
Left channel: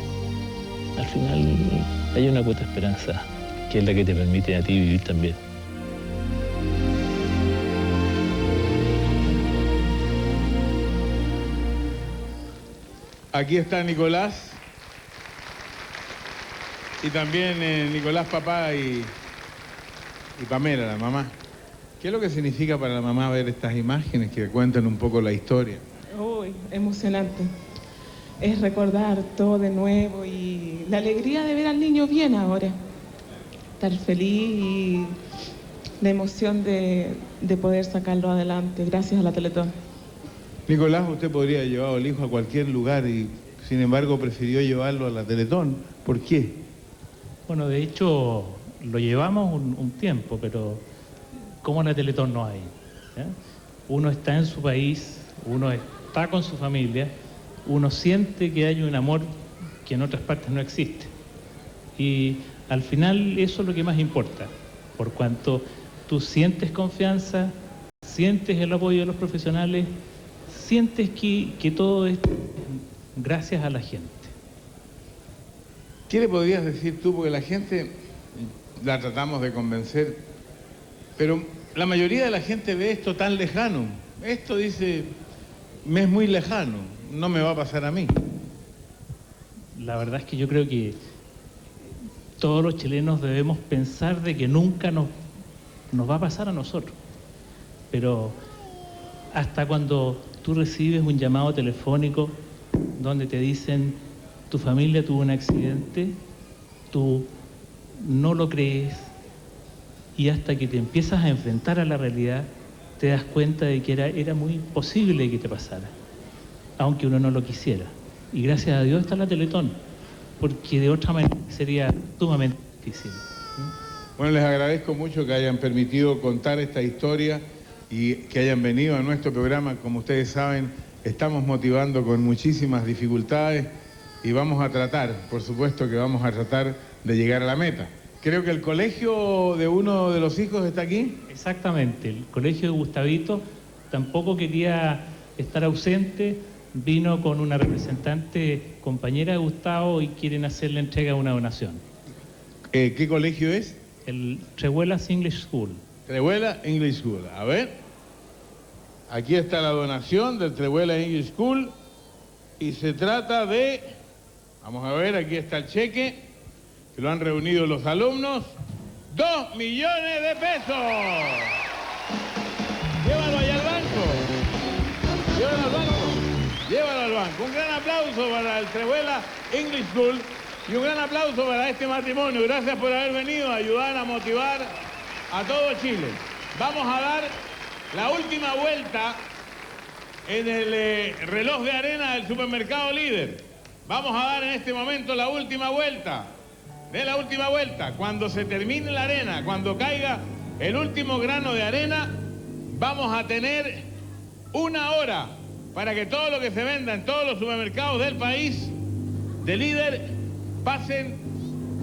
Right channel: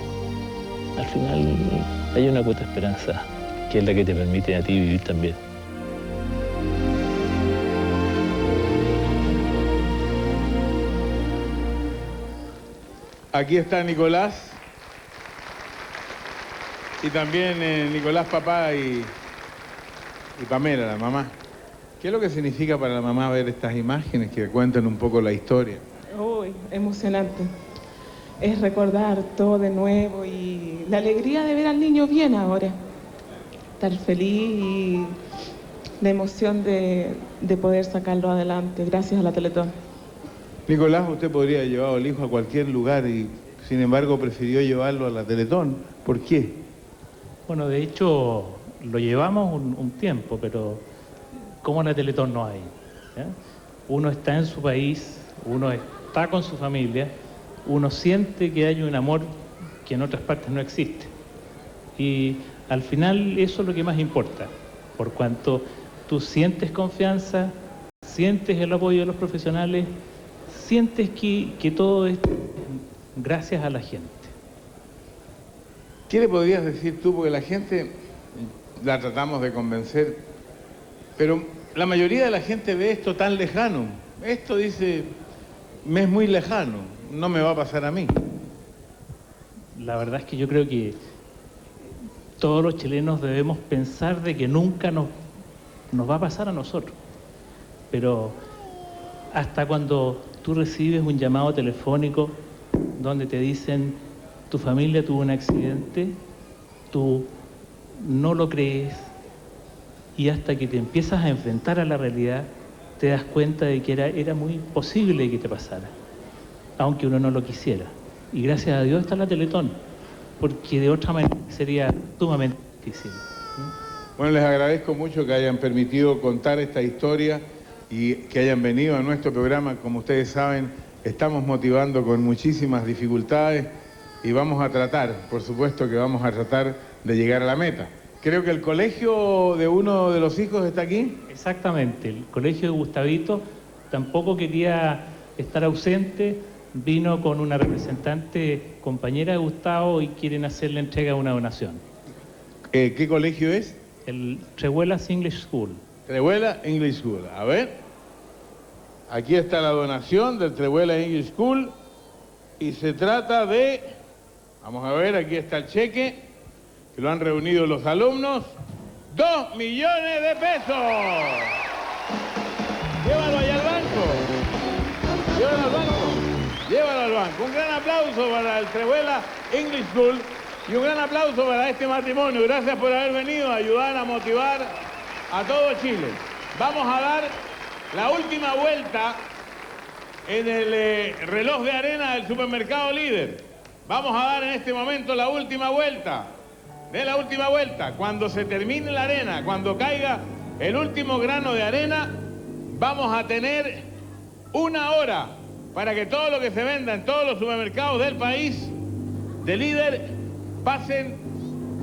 Al final hay una cuota de esperanza que es la que te permite a ti vivir también. Aquí está Nicolás y también Nicolás papá y Pamela, la mamá. ¿Qué es lo que significa para la mamá ver estas imágenes que cuentan un poco la historia? Uy, emocionante. Es recordar todo de nuevo y la alegría de ver al niño bien ahora. Estar feliz y la emoción de poder sacarlo adelante gracias a la Teletón. Nicolás, usted podría haber llevado al hijo a cualquier lugar y sin embargo prefirió llevarlo a la Teletón. ¿Por qué? Bueno, de hecho lo llevamos un tiempo, pero como en la Teletón no hay. ¿Ya? Uno está en su país, uno está con su familia, uno siente que hay un amor que en otras partes no existe. Y al final eso es lo que más importa, por cuanto tú sientes confianza, sientes el apoyo de los profesionales, sientes que todo es gracias a la gente. ¿Qué le podrías decir tú? Porque la gente la tratamos de convencer, pero la mayoría de la gente ve esto tan lejano. Esto dice, me es muy lejano, no me va a pasar a mí. La verdad es que yo creo que todos los chilenos debemos pensar de que nunca nos va a pasar a nosotros. Pero hasta cuando tú recibes un llamado telefónico donde te dicen tu familia tuvo un accidente, tú no lo crees y hasta que te empiezas a enfrentar a la realidad te das cuenta de que era muy posible que te pasara, aunque uno no lo quisiera. Y gracias a Dios está la Teletón, porque de otra manera sería sumamente difícil. Bueno, les agradezco mucho que hayan permitido contar esta historia y que hayan venido a nuestro programa. Como ustedes saben, estamos motivando con muchísimas dificultades y vamos a tratar, por supuesto que vamos a tratar de llegar a la meta. Creo que el colegio de uno de los hijos está aquí. Exactamente, el colegio de Gustavito tampoco quería estar ausente, vino con una representante compañera de Gustavo y quieren hacerle entrega de una donación. ¿Qué colegio es? El Trehuelas English School. Trehuelas English School, a ver. Aquí está la donación del Trehuelas English School y se trata de, vamos a ver, aquí está el cheque, que lo han reunido los alumnos, 2 millones de pesos. Llévalo allá al banco. Llévalo al banco. Llévalo al banco. Un gran aplauso para el Trehuelas English School y un gran aplauso para este matrimonio. Gracias por haber venido a ayudar a motivar a todo Chile. Vamos a dar la última vuelta en el reloj de arena del supermercado Líder. Vamos a dar en este momento la última vuelta. De la última vuelta, cuando se termine la arena, cuando caiga el último grano de arena, vamos a tener 1 hora para que todo lo que se venda en todos los supermercados del país de Líder pasen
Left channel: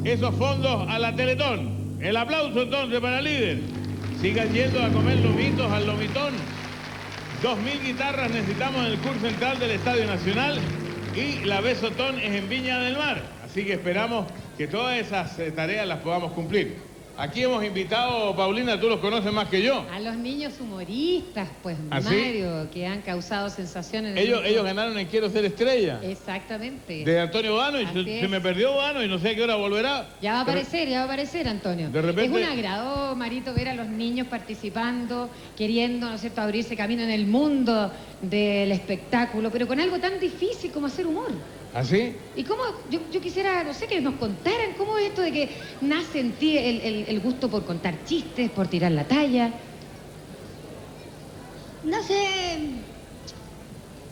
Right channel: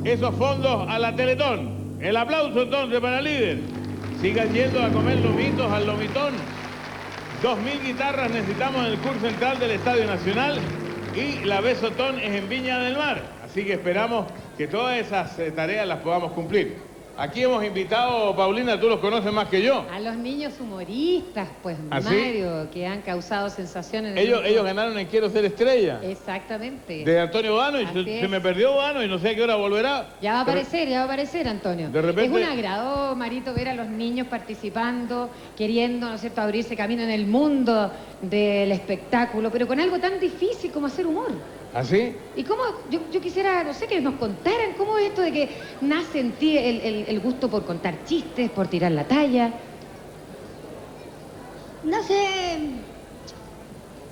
esos fondos a la Teletón. El aplauso entonces para Líder. Sigan yendo a comer lomitos al lomitón. 2.000 guitarras necesitamos en el curso central del Estadio Nacional y la Besotón es en Viña del Mar. Así que esperamos que todas esas tareas las podamos cumplir. Aquí hemos invitado, Paulina, tú los conoces más que yo. A los niños humoristas, pues, ¿Ah, sí? Mario, que han causado sensación en el Ellos mundo. ganaron en Quiero Ser Estrella. Exactamente. De Antonio Bano, y Así se es. me perdió Bano y no sé a qué hora volverá. Ya va a aparecer, Antonio. De repente- Es un agrado, Marito, ver a los niños participando, queriendo, ¿no es cierto?, abrirse camino en el mundo del espectáculo, pero con algo tan difícil como hacer humor. ¿Así? ¿Y cómo? Yo quisiera, no sé, que nos contaran cómo es esto de que nace en ti el gusto por contar chistes, por tirar la talla. Nace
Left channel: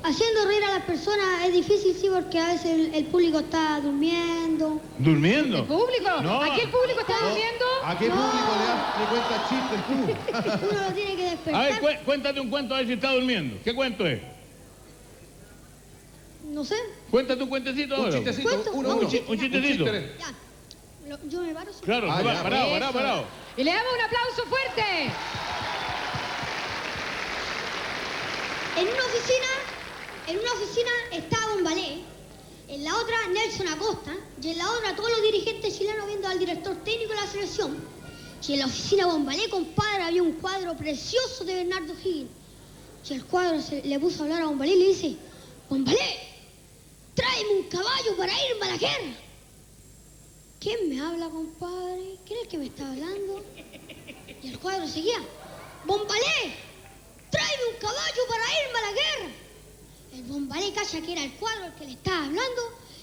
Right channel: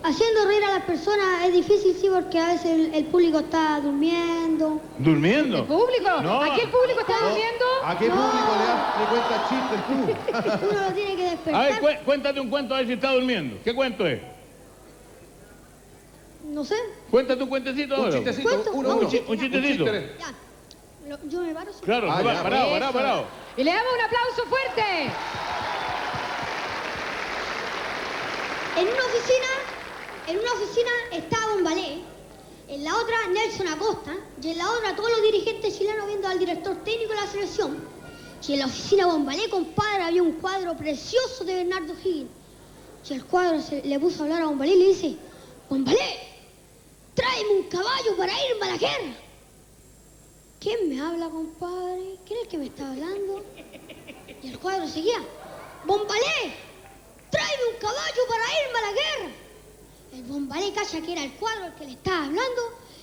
haciendo reír a las personas es difícil, sí, porque a veces el público está durmiendo. ¿Durmiendo? ¿El público? No. ¿Aquí el público está durmiendo? ¿A qué público le cuentas chistes tú? Uno lo tiene que despertar. A ver, cuéntate un cuento a ver si está durmiendo. ¿Qué cuento es? No sé. Cuéntate un cuentecito ahora. Un chistecito, ¿Cuento? uno. Un chistecito. Ya. Yo me paro. Sí. Claro, ya. parado. Y le damos un aplauso fuerte. En una oficina estaba Bombalé, en la otra Nelson Acosta, y en la otra todos los dirigentes chilenos viendo al director técnico de la selección. Y en la oficina Bombalé, compadre, había un cuadro precioso de Bernardo Higgins. Y el cuadro le puso a hablar a Bombalé y le dice: Bombalé, tráeme un caballo para irme a la guerra. ¿Quién me habla, compadre? ¿Quién es el que me está hablando? Y el cuadro seguía: Bombalé, tráeme un caballo para irme a la guerra. El Bombalé calla que era el cuadro el que le estaba hablando,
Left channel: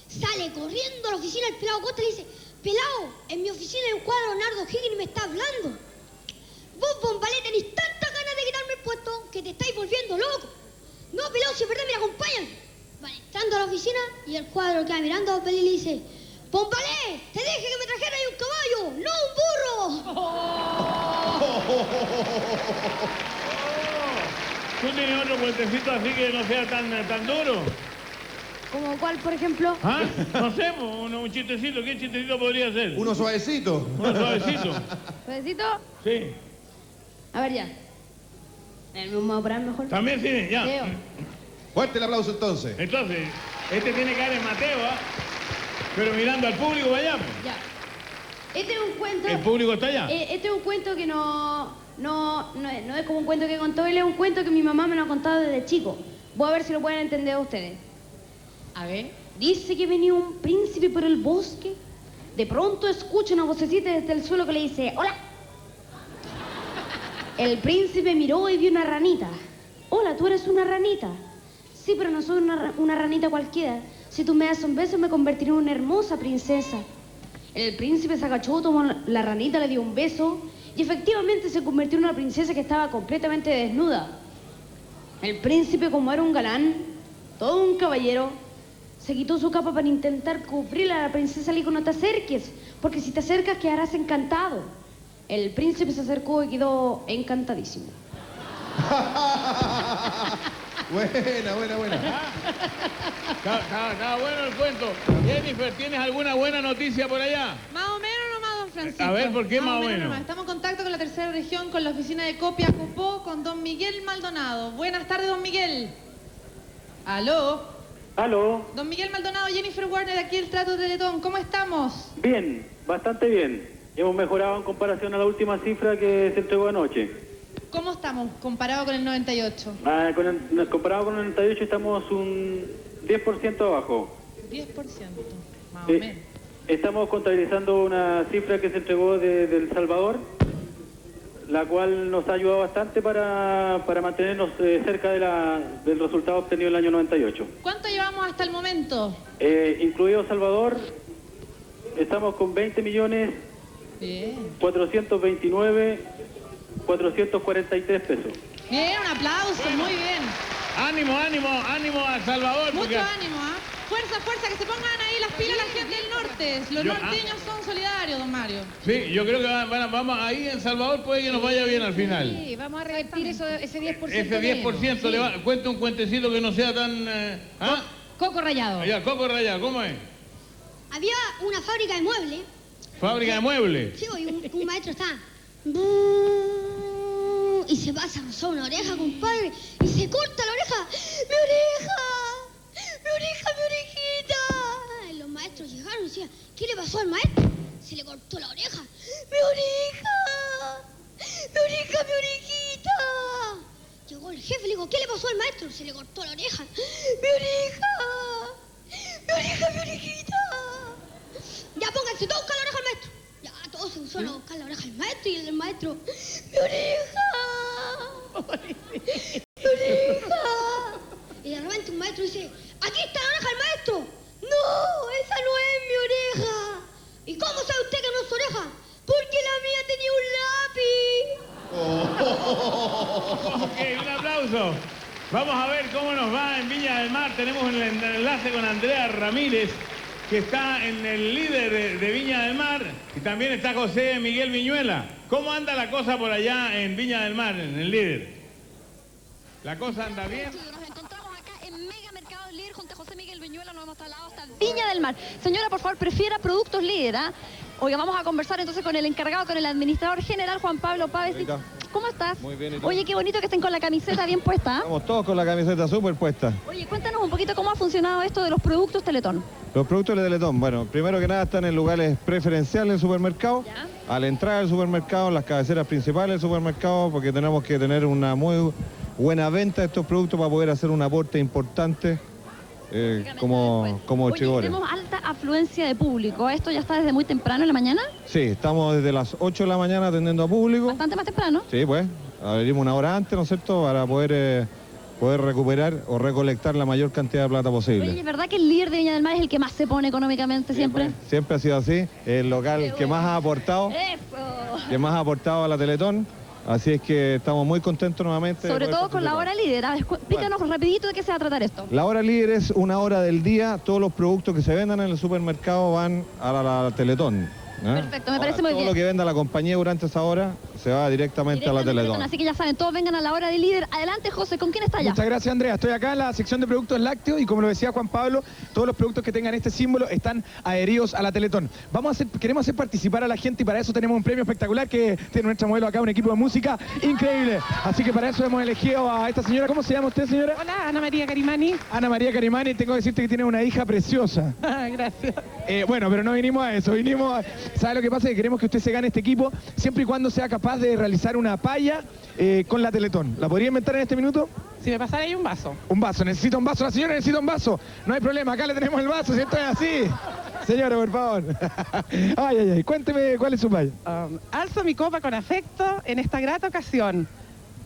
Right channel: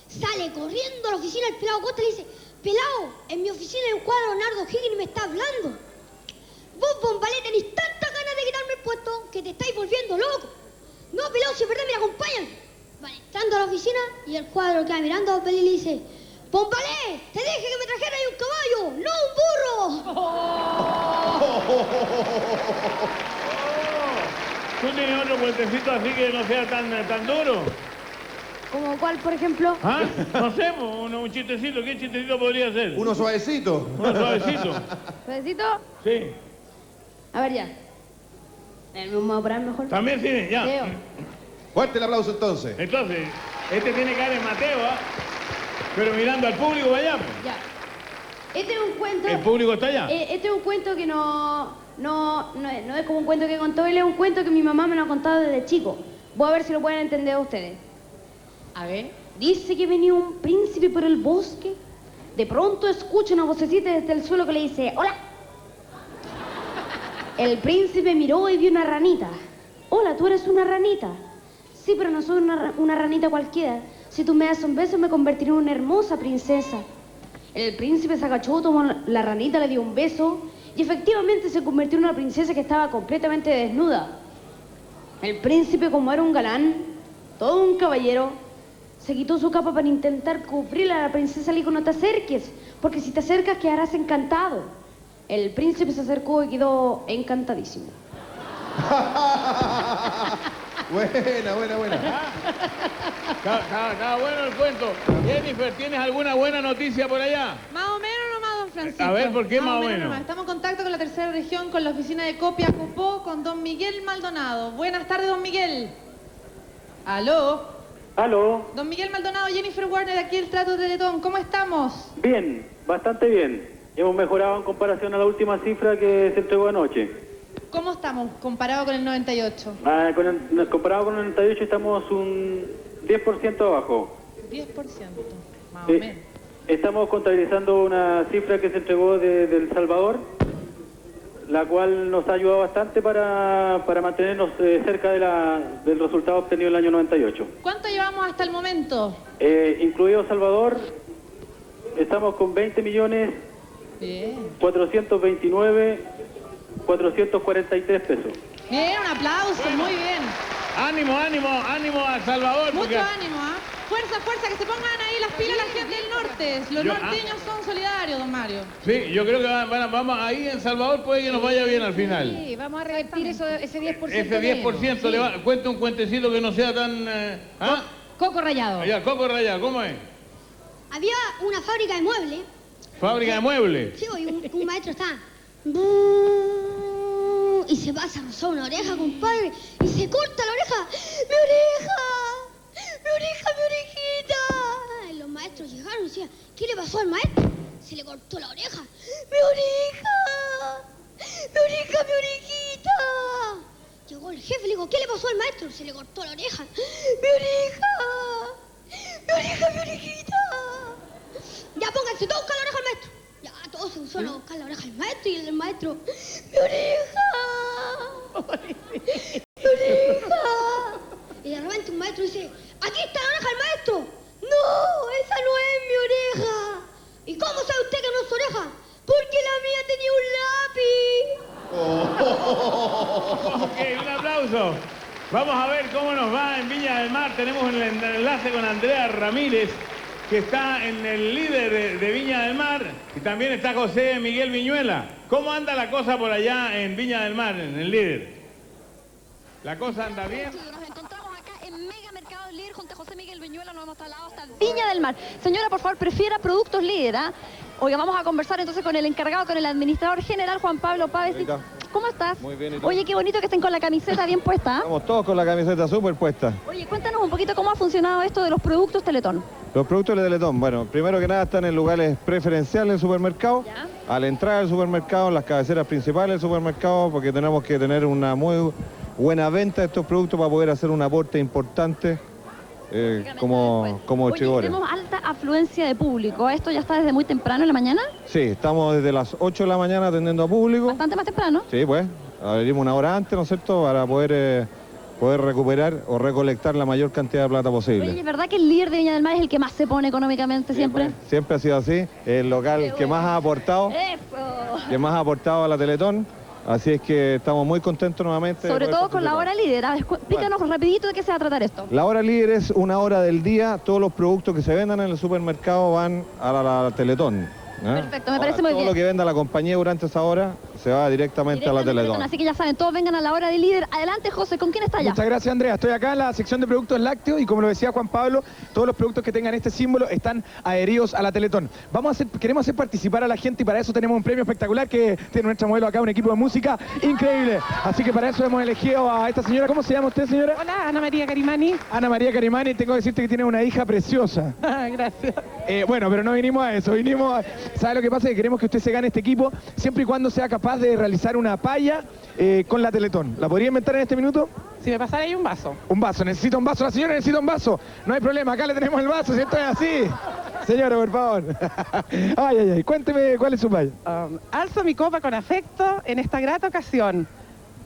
sale corriendo a la oficina del pelado Costa y le dice: Pelado, en mi oficina hay un cuadro de Bernardo Higgins y me está hablando. Vos, Bombalé, tenés tantas ganas de quitarme el puesto que te estáis volviendo loco. No, pelado, si es verdad, me acompañan. Vale, entrando a la oficina y el cuadro queda mirando a Bombalé y le dice: Bombalé, te dije que me trajera ahí un caballo, no un burro. ¿Tú tienes otro cuentecito así que no sea tan duro? ¿Como cuál, por ejemplo? ¿Ah? No sé, un chistecito. ¿Qué chistecito podría ser? Uno suavecito. Uno suavecito. ¿Suavecito? Sí. A ver, ya. ¿Me vamos a parar mejor? También sí, ya. Leo. Fuerte el aplauso entonces. Entonces, este tiene cara de Mateo, ¿ah? Pero mirando al público allá. Ya. Este es un cuento... ¿El público está allá? Este es un cuento que no es como un cuento que contó él, es un cuento que mi mamá me lo ha contado desde chico. Voy a ver si lo pueden entender ustedes. A ver. Dice que venía un príncipe por el bosque. De pronto escucha una vocecita desde el suelo que le dice: ¡Hola! El príncipe miró y vio una ranita. ¡Hola, tú eres una ranita! Sí, pero no soy una ranita cualquiera. Si tú me das un beso me convertiré en una hermosa princesa. El príncipe se agachó, tomó la ranita, le dio un beso y efectivamente se convirtió en una princesa que estaba completamente desnuda. El príncipe, como era un galán, todo un caballero, se quitó su capa para intentar cubrir a la princesa. Le dijo: no te acerques, porque si te acercas quedarás encantado. El príncipe se acercó y quedó encantadísimo. Buena. Está bueno el cuento. Jennifer, ¿tienes alguna buena noticia por allá? Más o menos nomás, don Francisco. A ver, ¿por qué más o menos? Nomás. Estamos en contacto con la tercera región, con la oficina de Copiapó, con don Miguel Maldonado. Buenas tardes, don Miguel. ¿Aló? Aló. Don Miguel Maldonado, Jennifer Warner, aquí el Trato Teletón. ¿Cómo estamos? Bien, bastante bien. Hemos mejorado en comparación a la última cifra que se entregó anoche. ¿Cómo estamos comparado con el 98? Comparado con el 98 estamos un 10% abajo. 10%, más o menos. Estamos contabilizando una cifra que se entregó de El Salvador, la cual nos ha ayudado bastante para mantenernos cerca del resultado obtenido en el año 98. ¿Cuánto llevamos hasta el momento? Incluido Salvador, estamos con 20.429.443 pesos. Bien, un aplauso, muy bien. Ánimo a Salvador. Mucho ánimo, ¿ah? Fuerza, que se pongan ahí las pilas la gente del norte. Los norteños son solidarios, don Mario. Sí, yo creo que vamos ahí en Salvador, puede que nos vaya bien al final. Sí, vamos a revertir ese 10%. Ese 10%, cuenta un cuentecito que no sea tan... Coco rallado. Ya, coco rallado, ¿cómo es? Había una fábrica de muebles. ¿Fábrica de muebles? Sí, y un maestro está... Y se pasa a rozar una oreja, compadre, y se corta la oreja. ¡Mi oreja! ¡Mi oreja, mi orejita! Y los maestros llegaron y decían: ¿qué le pasó al maestro? Se le cortó la oreja. ¡Mi oreja! ¡Mi oreja, mi orejita! Llegó el jefe y le dijo: ¿qué le pasó al maestro? Se le cortó la oreja. ¡Mi oreja! ¡Mi oreja, mi orejita! Ya pónganse todos a buscar la oreja al maestro. Ya todos se pusieron a buscar la oreja al maestro y el maestro: ¡mi oreja! ¡Mi oreja! Y de repente un maestro dice: ¡aquí está la oreja del maestro! ¡No! ¡Esa no es mi oreja! ¿Y cómo sabe usted que no es su oreja? ¡Porque la mía tenía un lápiz! Ok, un aplauso. Vamos a ver cómo nos va en Viña del Mar. Tenemos el enlace con Andrea Ramírez, que está en el líder de Viña del Mar, y también está José Miguel Viñuela. ¿Cómo anda la cosa por allá en Viña del Mar, en el líder? ¿La cosa anda bien? Nos encontramos acá en Mega Mercados Líder junto a José Miguel Viñuela, nos hemos trasladado hasta Viña del Mar. Señora, por favor, prefiera productos Líder, ¿ah? Oiga, vamos a conversar entonces con el encargado, con el administrador general, Juan Pablo Páez. ¿Cómo estás? Muy bien, ¿y tú? Oye, qué bonito que estén con la camiseta bien puesta, ¿ah? Estamos todos con la camiseta súper puesta. Oye, cuéntanos un poquito cómo ha funcionado esto de los productos Teletón. Los productos de Teletón, bueno, primero que nada están en lugares preferenciales del supermercado. ¿Ya? A la entrada del supermercado, en las cabeceras principales del supermercado, porque tenemos que tener una muy buena venta de estos productos para poder hacer un aporte importante como Chigores. Tenemos alta afluencia de público. ¿Esto ya está desde muy temprano en la mañana? Sí, estamos desde las 8 de la mañana atendiendo a público. Bastante más temprano. Sí, pues, abrimos una hora antes, ¿no es cierto?, para poder recuperar o recolectar la mayor cantidad de plata posible. Oye, ¿es verdad que el líder de Viña del Mar es el que más se pone económicamente siempre? Pues, siempre ha sido así, el local que más ha aportado, a la Teletón. Así es que estamos muy contentos nuevamente. Sobre todo con la hora líder. A ver, explícanos rapidito de qué se va a tratar esto. La hora líder es una hora del día. Todos los productos que se vendan en el supermercado van a la Teletón. Perfecto, me parece muy bien. Todo lo que venda la compañía durante esa hora se va directamente a la Teletón. Así que ya saben, todos vengan a la hora de líder. Adelante, José, ¿con quién está allá? Muchas gracias, Andrea. Estoy acá en la sección de productos lácteos y como lo decía Juan Pablo, todos los productos que tengan este símbolo están adheridos a la Teletón. Queremos hacer participar a la gente y para eso tenemos un premio espectacular que tiene nuestra modelo acá, un equipo de música increíble. Así que para eso hemos elegido a esta señora. ¿Cómo se llama usted, señora? Hola, Ana María Carimani. Ana María Carimani, tengo que decirte que tiene una hija preciosa. Gracias. Bueno, pero no vinimos a eso, ¿sabe lo que pasa? Que queremos que usted se gane este equipo siempre y cuando sea capaz de realizar una palla con la Teletón. ¿La podría inventar en este minuto? Si me pasara ahí un vaso. Un vaso, necesita un vaso, la señora necesita un vaso. No hay problema, acá le tenemos el vaso, si esto es así. Señora, por favor. Ay, cuénteme cuál es su palla. Alzo mi copa con afecto en esta grata ocasión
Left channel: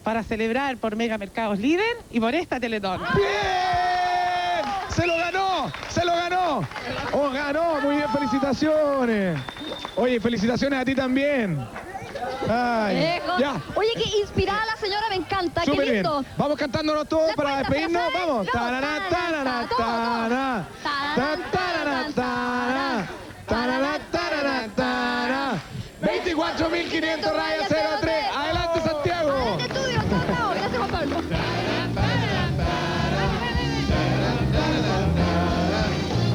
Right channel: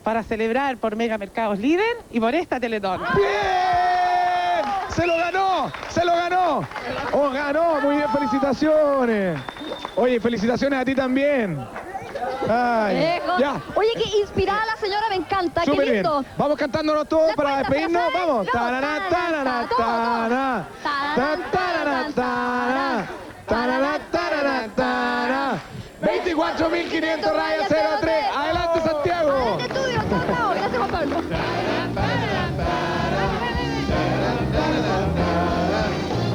para celebrar por Mega Mercados Líder y por esta Teletón. ¡Bien! ¡Se lo ganó! ¡Se lo ganó! ¡Oh, ganó! Muy bien, felicitaciones. Oye, felicitaciones a ti también. Ay, ya. Oye, que inspirada la señora, me encanta. Súper qué lindo. bien. Vamos cantándonos todos para despedirnos. Vamos. Tarará, tarará, tarará. Tarará, tarará. Tarará, tarará, tarará. 24.500 rayas 03. Adelante, Santiago. Adelante, estudio. Gracias, Juan Pablo.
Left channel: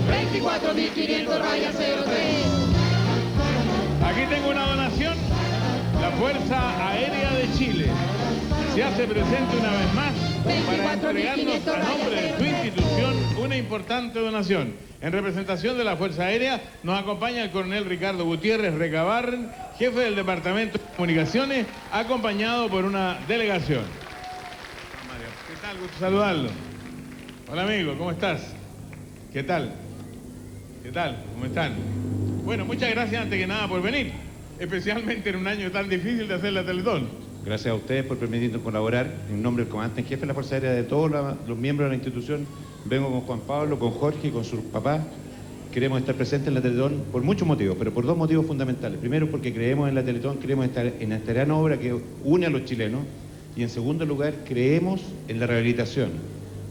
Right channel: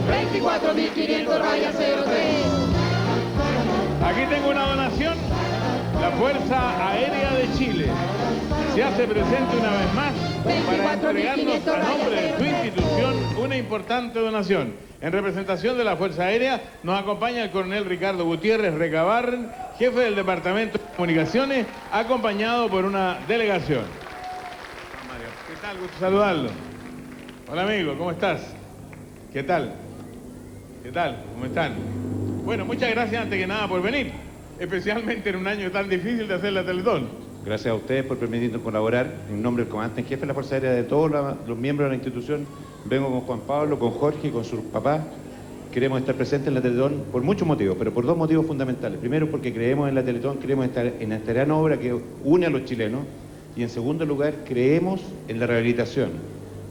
24.500 rayas 03. Aquí tengo una donación. La Fuerza Aérea de Chile se hace presente una vez más para entregarnos a nombre de su institución una importante donación. En representación de la Fuerza Aérea nos acompaña el coronel Ricardo Gutiérrez Recabarren, jefe del Departamento de Comunicaciones, acompañado por una delegación. ¿Qué tal? Gusto saludarlo. Hola amigo, ¿cómo estás? ¿Qué tal? ¿Qué tal? ¿Cómo están? Bueno, muchas gracias antes que nada por venir, especialmente en un año tan difícil de hacer la Teletón. Gracias a ustedes por permitirnos colaborar. En nombre del comandante en jefe de la Fuerza Aérea, de todos los miembros de la institución, vengo con Juan Pablo, con Jorge y con su papá. Queremos estar presentes en la Teletón por muchos motivos, pero por dos motivos fundamentales. Primero, porque creemos en la Teletón, queremos estar en esta gran obra que une a los chilenos. Y en segundo lugar, creemos en la rehabilitación.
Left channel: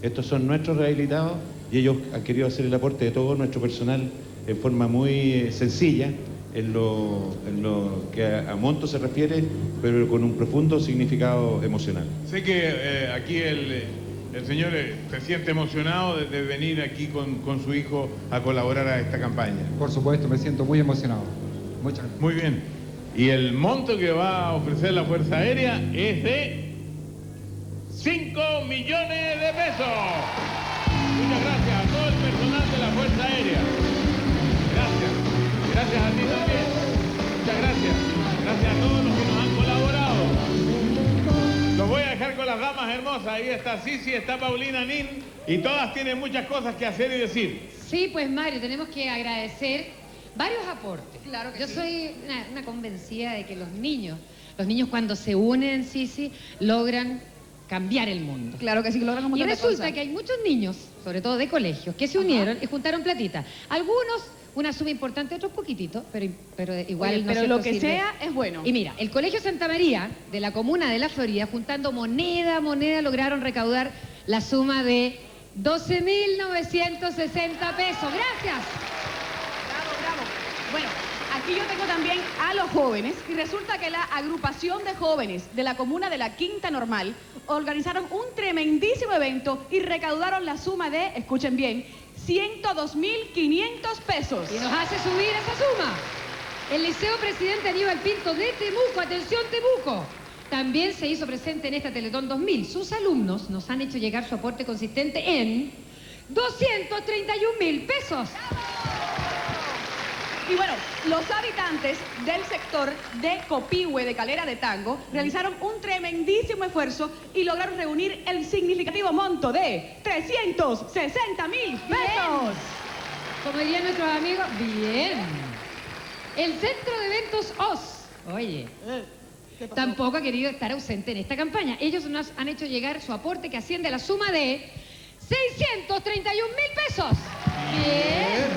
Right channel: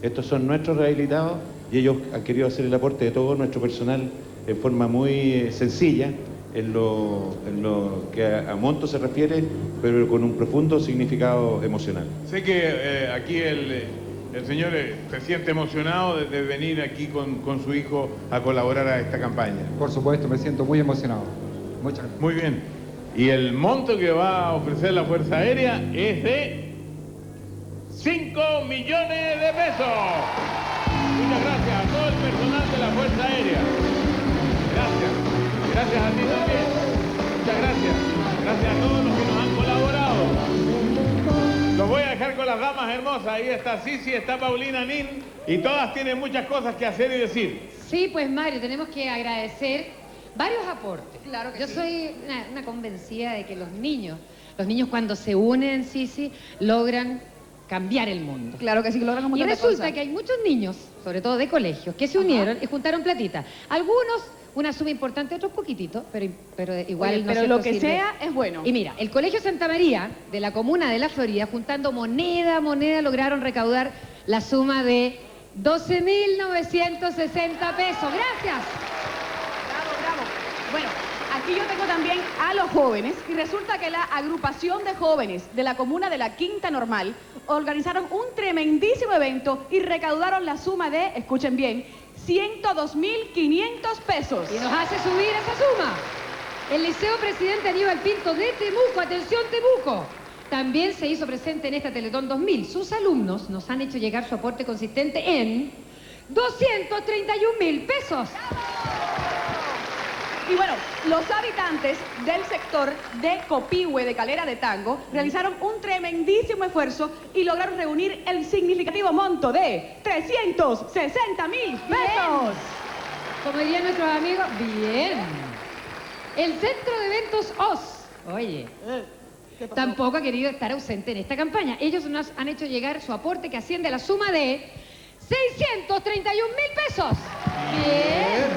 Estos son nuestros rehabilitados y ellos han querido hacer el aporte de todo nuestro personal en forma muy sencilla, en lo que a monto se refiere, pero con un profundo significado emocional. Sé que aquí el señor se siente emocionado de venir aquí con su hijo a colaborar a esta campaña. Por supuesto, me siento muy emocionado. Muchas gracias. Muy bien. Y el monto que va a ofrecer la Fuerza Aérea es de 5 millones de pesos. Muchas gracias a todo el personal de la Fuerza Aérea. Gracias. Gracias a ti también. Muchas gracias. Gracias a todos los que nos han colaborado. Los voy a dejar con las damas hermosas. Ahí está Sisi, está Paulina Nin y todas tienen muchas cosas que hacer y decir. Sí, pues Mario, tenemos que agradecer varios aportes. Claro que yo soy una convencida de que los niños cuando se unen, Sisi, logran cambiar el mundo. Claro que sí, logran un montón de Y resulta cosas. que hay muchos niños, sobre todo de colegios, que se unieron y juntaron platita. Algunos, una suma importante, otros poquititos, pero igual... Oye, ¿no pero es lo cierto? que Sirve. sea es bueno. Y mira, el Colegio Santa María, de la comuna de La Florida, juntando moneda, lograron recaudar la suma de 12.960 pesos. Gracias. Bravo. Bueno, aquí yo tengo también a los jóvenes y resulta que la agrupación de jóvenes de la comuna de La Quinta Normal organizaron un tremendísimo evento y recaudaron la suma de, escuchen bien, 102.500 pesos. Y nos hace subir esa suma el Liceo Presidente Aníbal Pinto de Temuco. Atención, Temuco. También se hizo presente en esta Teletón 2000. Sus alumnos nos han hecho llegar su aporte consistente en 231.000 pesos. Y bueno, los habitantes del sector de Copihue, de Calera de Tango, realizaron un tremendísimo esfuerzo y lograron reunir el significativo monto de 360.000 pesos. Como dirían nuestros amigos, bien. El Centro de Eventos OS, oye, tampoco ha querido estar ausente en esta campaña. Ellos nos han hecho llegar su aporte que asciende a la suma de 631.000 pesos. Bien.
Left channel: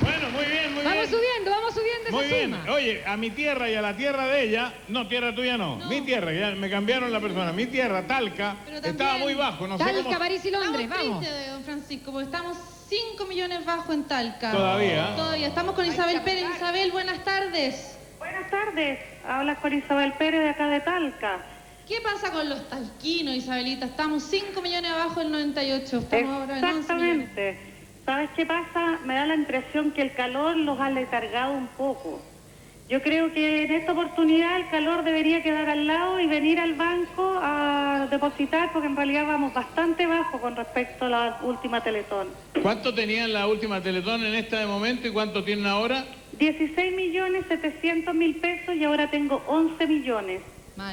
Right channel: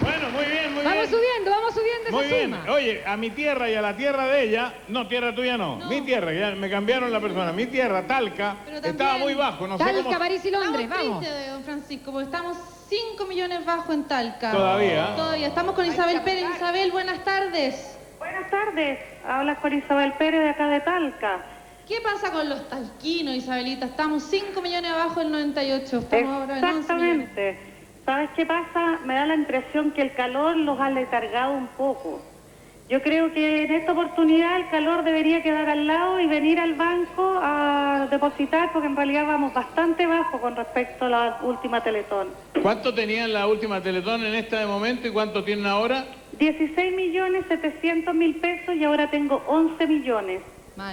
Bueno, muy bien, muy Vamos bien. subiendo Muy esa bien. suma. Oye, a mi tierra y a la tierra de ella, no, tierra tuya no. Mi tierra, ya me cambiaron la persona. Mi tierra, Talca, estaba muy bajo. No sé Talca, cómo... París y Londres, Estamos vamos. tristes, don Francisco, porque estamos 5 millones bajo en Talca. Todavía. Todavía. Estamos con Isabel Pérez. Isabel, buenas tardes. Buenas tardes, hablas con Isabel Pérez de acá de Talca. ¿Qué pasa con los talquinos, Isabelita? Estamos 5 millones abajo del 98. Estamos ahora en 11 millones. Exactamente. ¿Sabes qué pasa? Me da la impresión que el calor los ha letargado un poco. Yo creo que en esta oportunidad el calor debería quedar al lado y venir al banco a depositar, porque en realidad vamos bastante bajo con respecto a la última Teletón. ¿Cuánto tenían la última Teletón en este momento y cuánto tienen ahora? 16.700.000 pesos y ahora tengo 11 millones.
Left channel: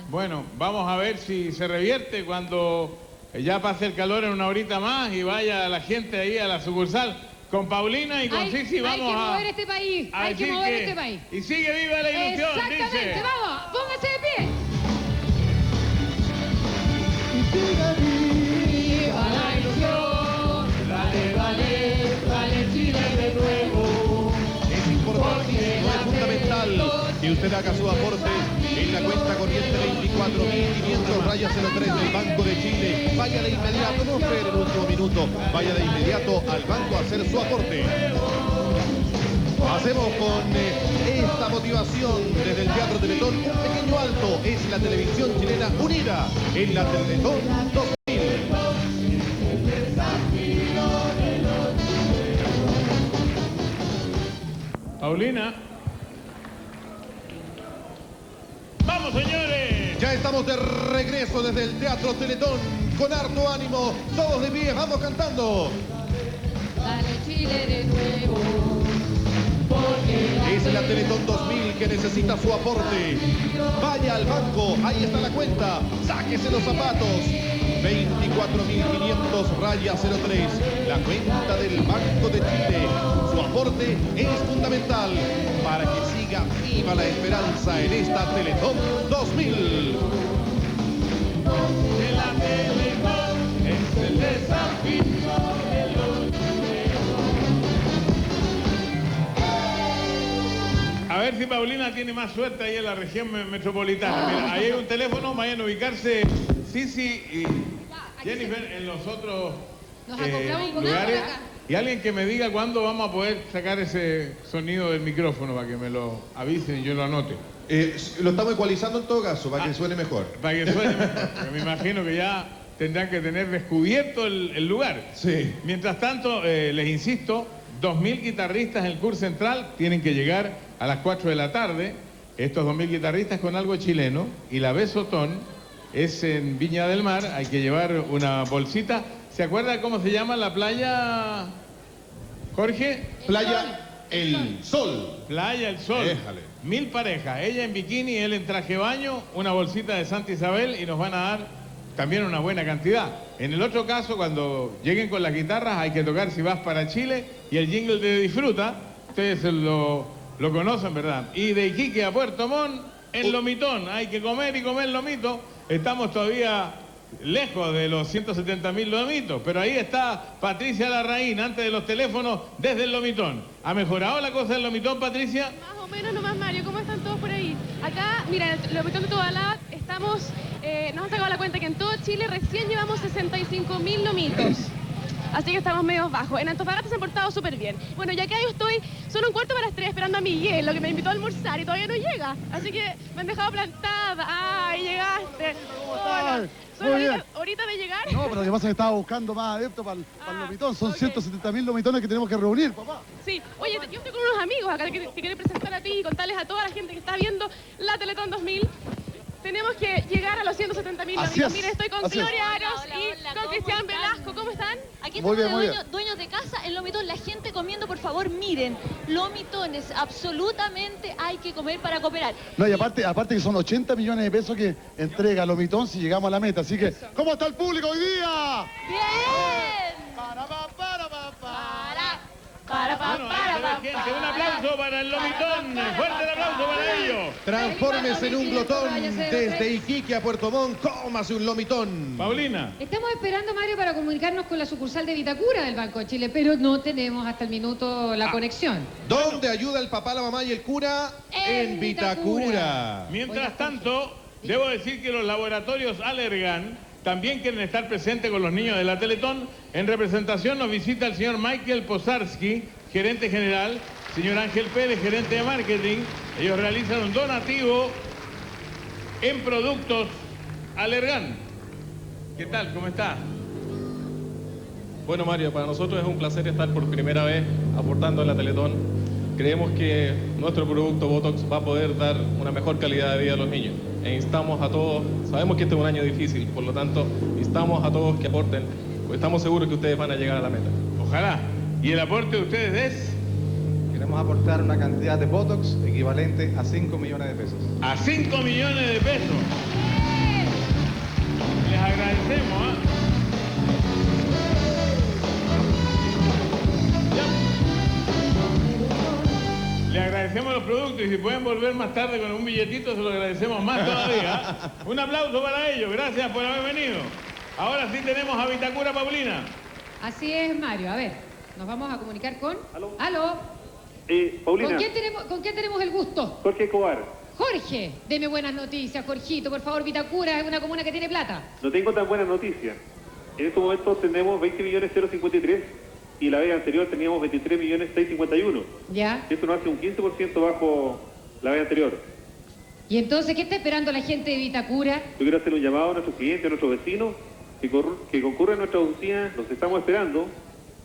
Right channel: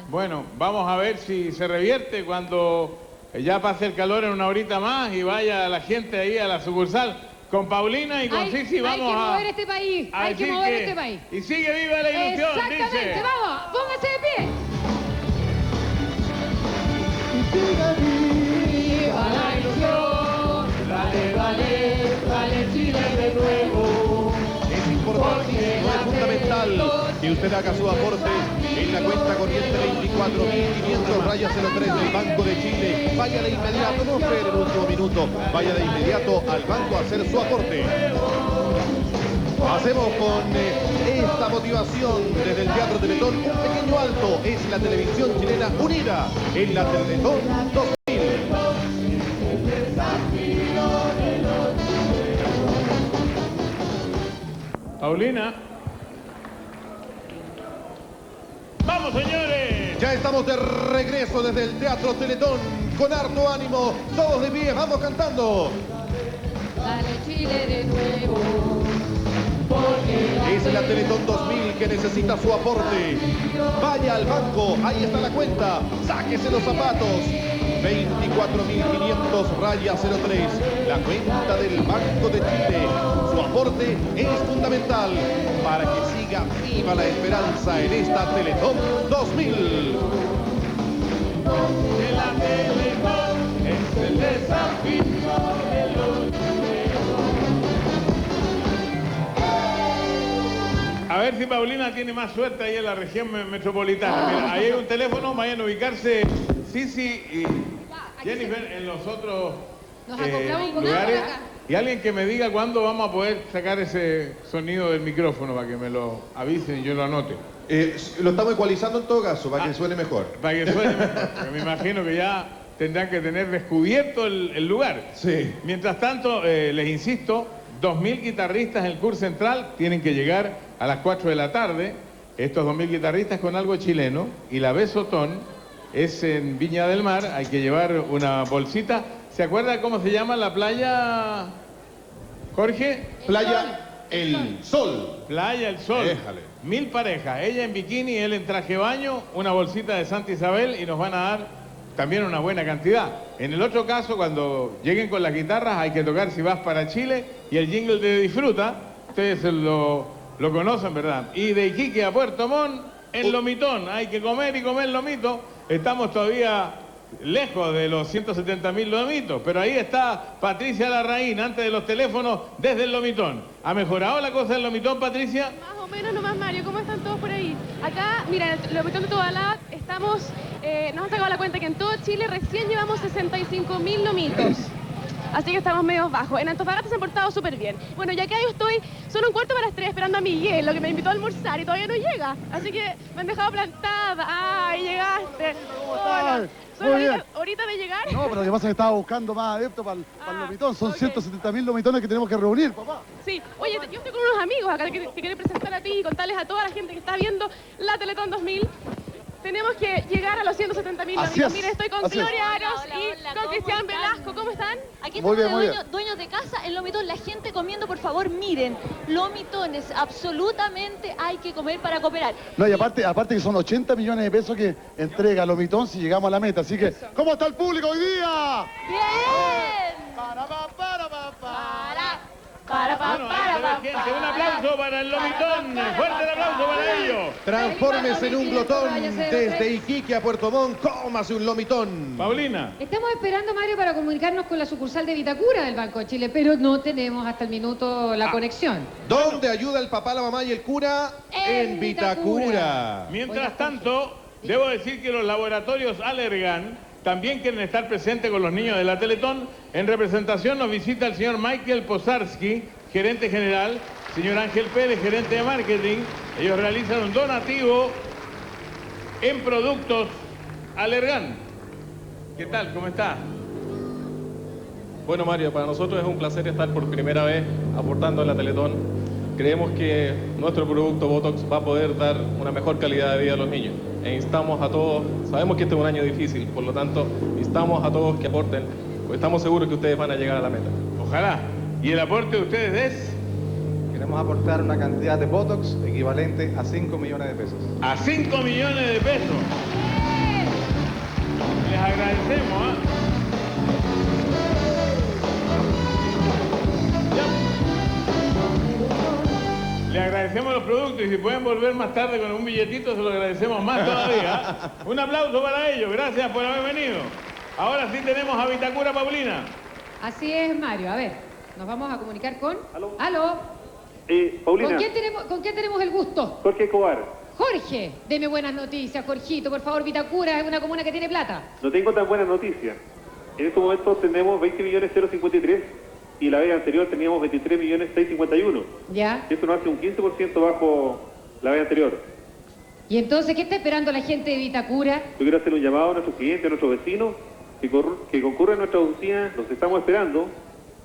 Bueno, vamos a ver si se revierte cuando ya pase el calor en una horita más y vaya la gente ahí a la sucursal. Con Paulina y con Sisi vamos a... Hay que mover este país, a hay que decir mover que- este país. Y sigue viva la ilusión, Exactamente, dice. vamos, póngase de pie. Viva la ilusión, dale Chile de nuevo. Es importante, no es fundamental que usted haga su aporte en la cuenta corriente 24.500 rayas 03 del Banco de Chile. Vaya de inmediato, no espere el último minuto, vaya de inmediato al banco a hacer su aporte. Hacemos con esta motivación desde el Teatro Teletón un pequeño alto. Es la televisión chilena unida en la Teletón 2000. Paulina. ¡Vamos, señores! Ya estamos de regreso desde el Teatro Teletón con harto ánimo. Todos de pie, vamos cantando. Dale Chile de nuevo. Es la Teletón 2000 que necesita su aporte. Vaya al banco, ahí está la cuenta. Sáquese los zapatos. 24.500 rayas 03. La cuenta del Banco de Chile. Su aporte es fundamental para que siga viva la esperanza en esta Teletón 2000. La Teletón es el desafío de los A ver si Paulina tiene más suerte ahí en la región metropolitana. Mira, ahí hay un teléfono, vayan a ubicarse Sisi y Jennifer en los otros lugares. Y alguien que me diga cuándo vamos a poder sacar ese sonido del micrófono para que me lo avisen y yo lo anote. Lo estamos ecualizando en todo caso, para que suene mejor. Para que suene mejor, porque me imagino que ya tendrán que tener descubierto el lugar. Sí. Mientras tanto, les insisto, 2.000 guitarristas en el curso central tienen que llegar a las 4 de la tarde. Estos 2.000 guitarristas con algo chileno. Y la Besotón es en Viña del Mar. Hay que llevar una bolsita. ¿Se acuerda cómo se llama la playa, Jorge? Playa El Sol. Playa El Sol. Déjale. 1000 parejas, ella en bikini, él en traje de baño, una bolsita de Santa Isabel y nos van a dar también una buena cantidad. En el otro caso, cuando lleguen con las guitarras, hay que tocar Si Vas para Chile y el jingle de Disfruta, ustedes lo conocen, ¿verdad? Y de Iquique a Puerto Montt, en Lomitón, hay que comer y comer lomito. Estamos todavía lejos de los 170.000 lomitos, pero ahí está Patricia Larraín, antes de los teléfonos, desde el Lomitón. ¿Ha mejorado la cosa del Lomitón, Patricia? Más o menos nomás, Mario. ¿Cómo están todos por ahí? Acá, mira, lo metemos de Tobalá, estamos nos han sacado la cuenta que en todo Chile recién llevamos 65.000 lomitos. Así que estamos medio bajos. En Antofagasta se han portado súper bien. Bueno, ya que yo estoy, son 2:45 esperando a Miguel, lo que me invitó a almorzar y todavía no llega. Así que me han dejado plantada. ¡Ay, llegaste! Hola. Muy bien. Ahorita de llegar. No, pero lo que pasa es que estaba buscando más adeptos para el lomitón. Son 170.000 lomitones que tenemos que reunir, papá. Sí, oye, yo estoy con unos amigos acá que te quiero presentar a ti y contarles a toda la gente que está viendo la Teletón 2000. Tenemos que llegar a los 170.000 lomitos. Mire, estoy con Gloria Aros y con Cristian Velasco. ¿Cómo están? Aquí estamos dueños de casa, el lomitón, la gente comiendo, por favor, miren, lomitones, absolutamente hay que comer para cooperar. No, y aparte que son 80 millones de pesos que entrega Lomitón si llegamos a la meta, así que, ¿cómo está el público hoy día? ¡Bien! Un aplauso para el lomitón, fuerte el aplauso para ellos. Transfórmese en un glotón desde Iquique a Puerto Montt, cómase un lomitón. Paulina. Estamos esperando, Mario, para comunicarnos con la sucursal de Vitacura del Banco de Chile, pero no tenemos hasta el minuto la conexión. ¿Dónde ayuda el papá, la mamá y el cura? En Vitacura. Mientras tanto, debo decir que los laboratorios Allergan también quieren estar presentes con los niños de la Teletón. En representación nos visita el señor Michael Posarski, gerente general, señor Ángel Pérez, gerente de marketing. Ellos realizan un donativo en productos Allergan. ¿Qué tal? ¿Cómo está? Bueno, Mario, para nosotros es un placer estar por primera vez aportando a la Teletón. Creemos que nuestro producto Botox va a poder dar una mejor calidad de vida a los niños. E instamos a todos, sabemos que este es un año difícil, por lo tanto, instamos a todos que aporten, pues estamos seguros que ustedes van a llegar a la meta. Ojalá. ¿Y el aporte de ustedes es? Queremos aportar una cantidad de Botox equivalente a 5 millones de pesos. A 5 millones de pesos. Les agradecemos, ¿eh? Le agradecemos los productos y si pueden volver más tarde con un billetito se lo agradecemos más todavía. Un aplauso para ellos, gracias por haber venido. Ahora sí tenemos a Vitacura, Paulina. Así es, Mario. A ver, nos vamos a comunicar con... ¿Aló? Paulina. ¿Con quién tenemos el gusto? Jorge Escobar. Jorge, deme buenas noticias, Jorgito. Por favor, Vitacura es una comuna que tiene plata. No tengo tan buenas noticias. En este momento tenemos 20.053 y la vez anterior teníamos 23.651. ¿Ya? Esto nos hace un 15% bajo la vez anterior. ¿Y entonces qué está esperando la gente de Vitacura? Yo quiero hacer un llamado a nuestros clientes, a nuestros vecinos, que concurran a nuestra oficina, los estamos esperando.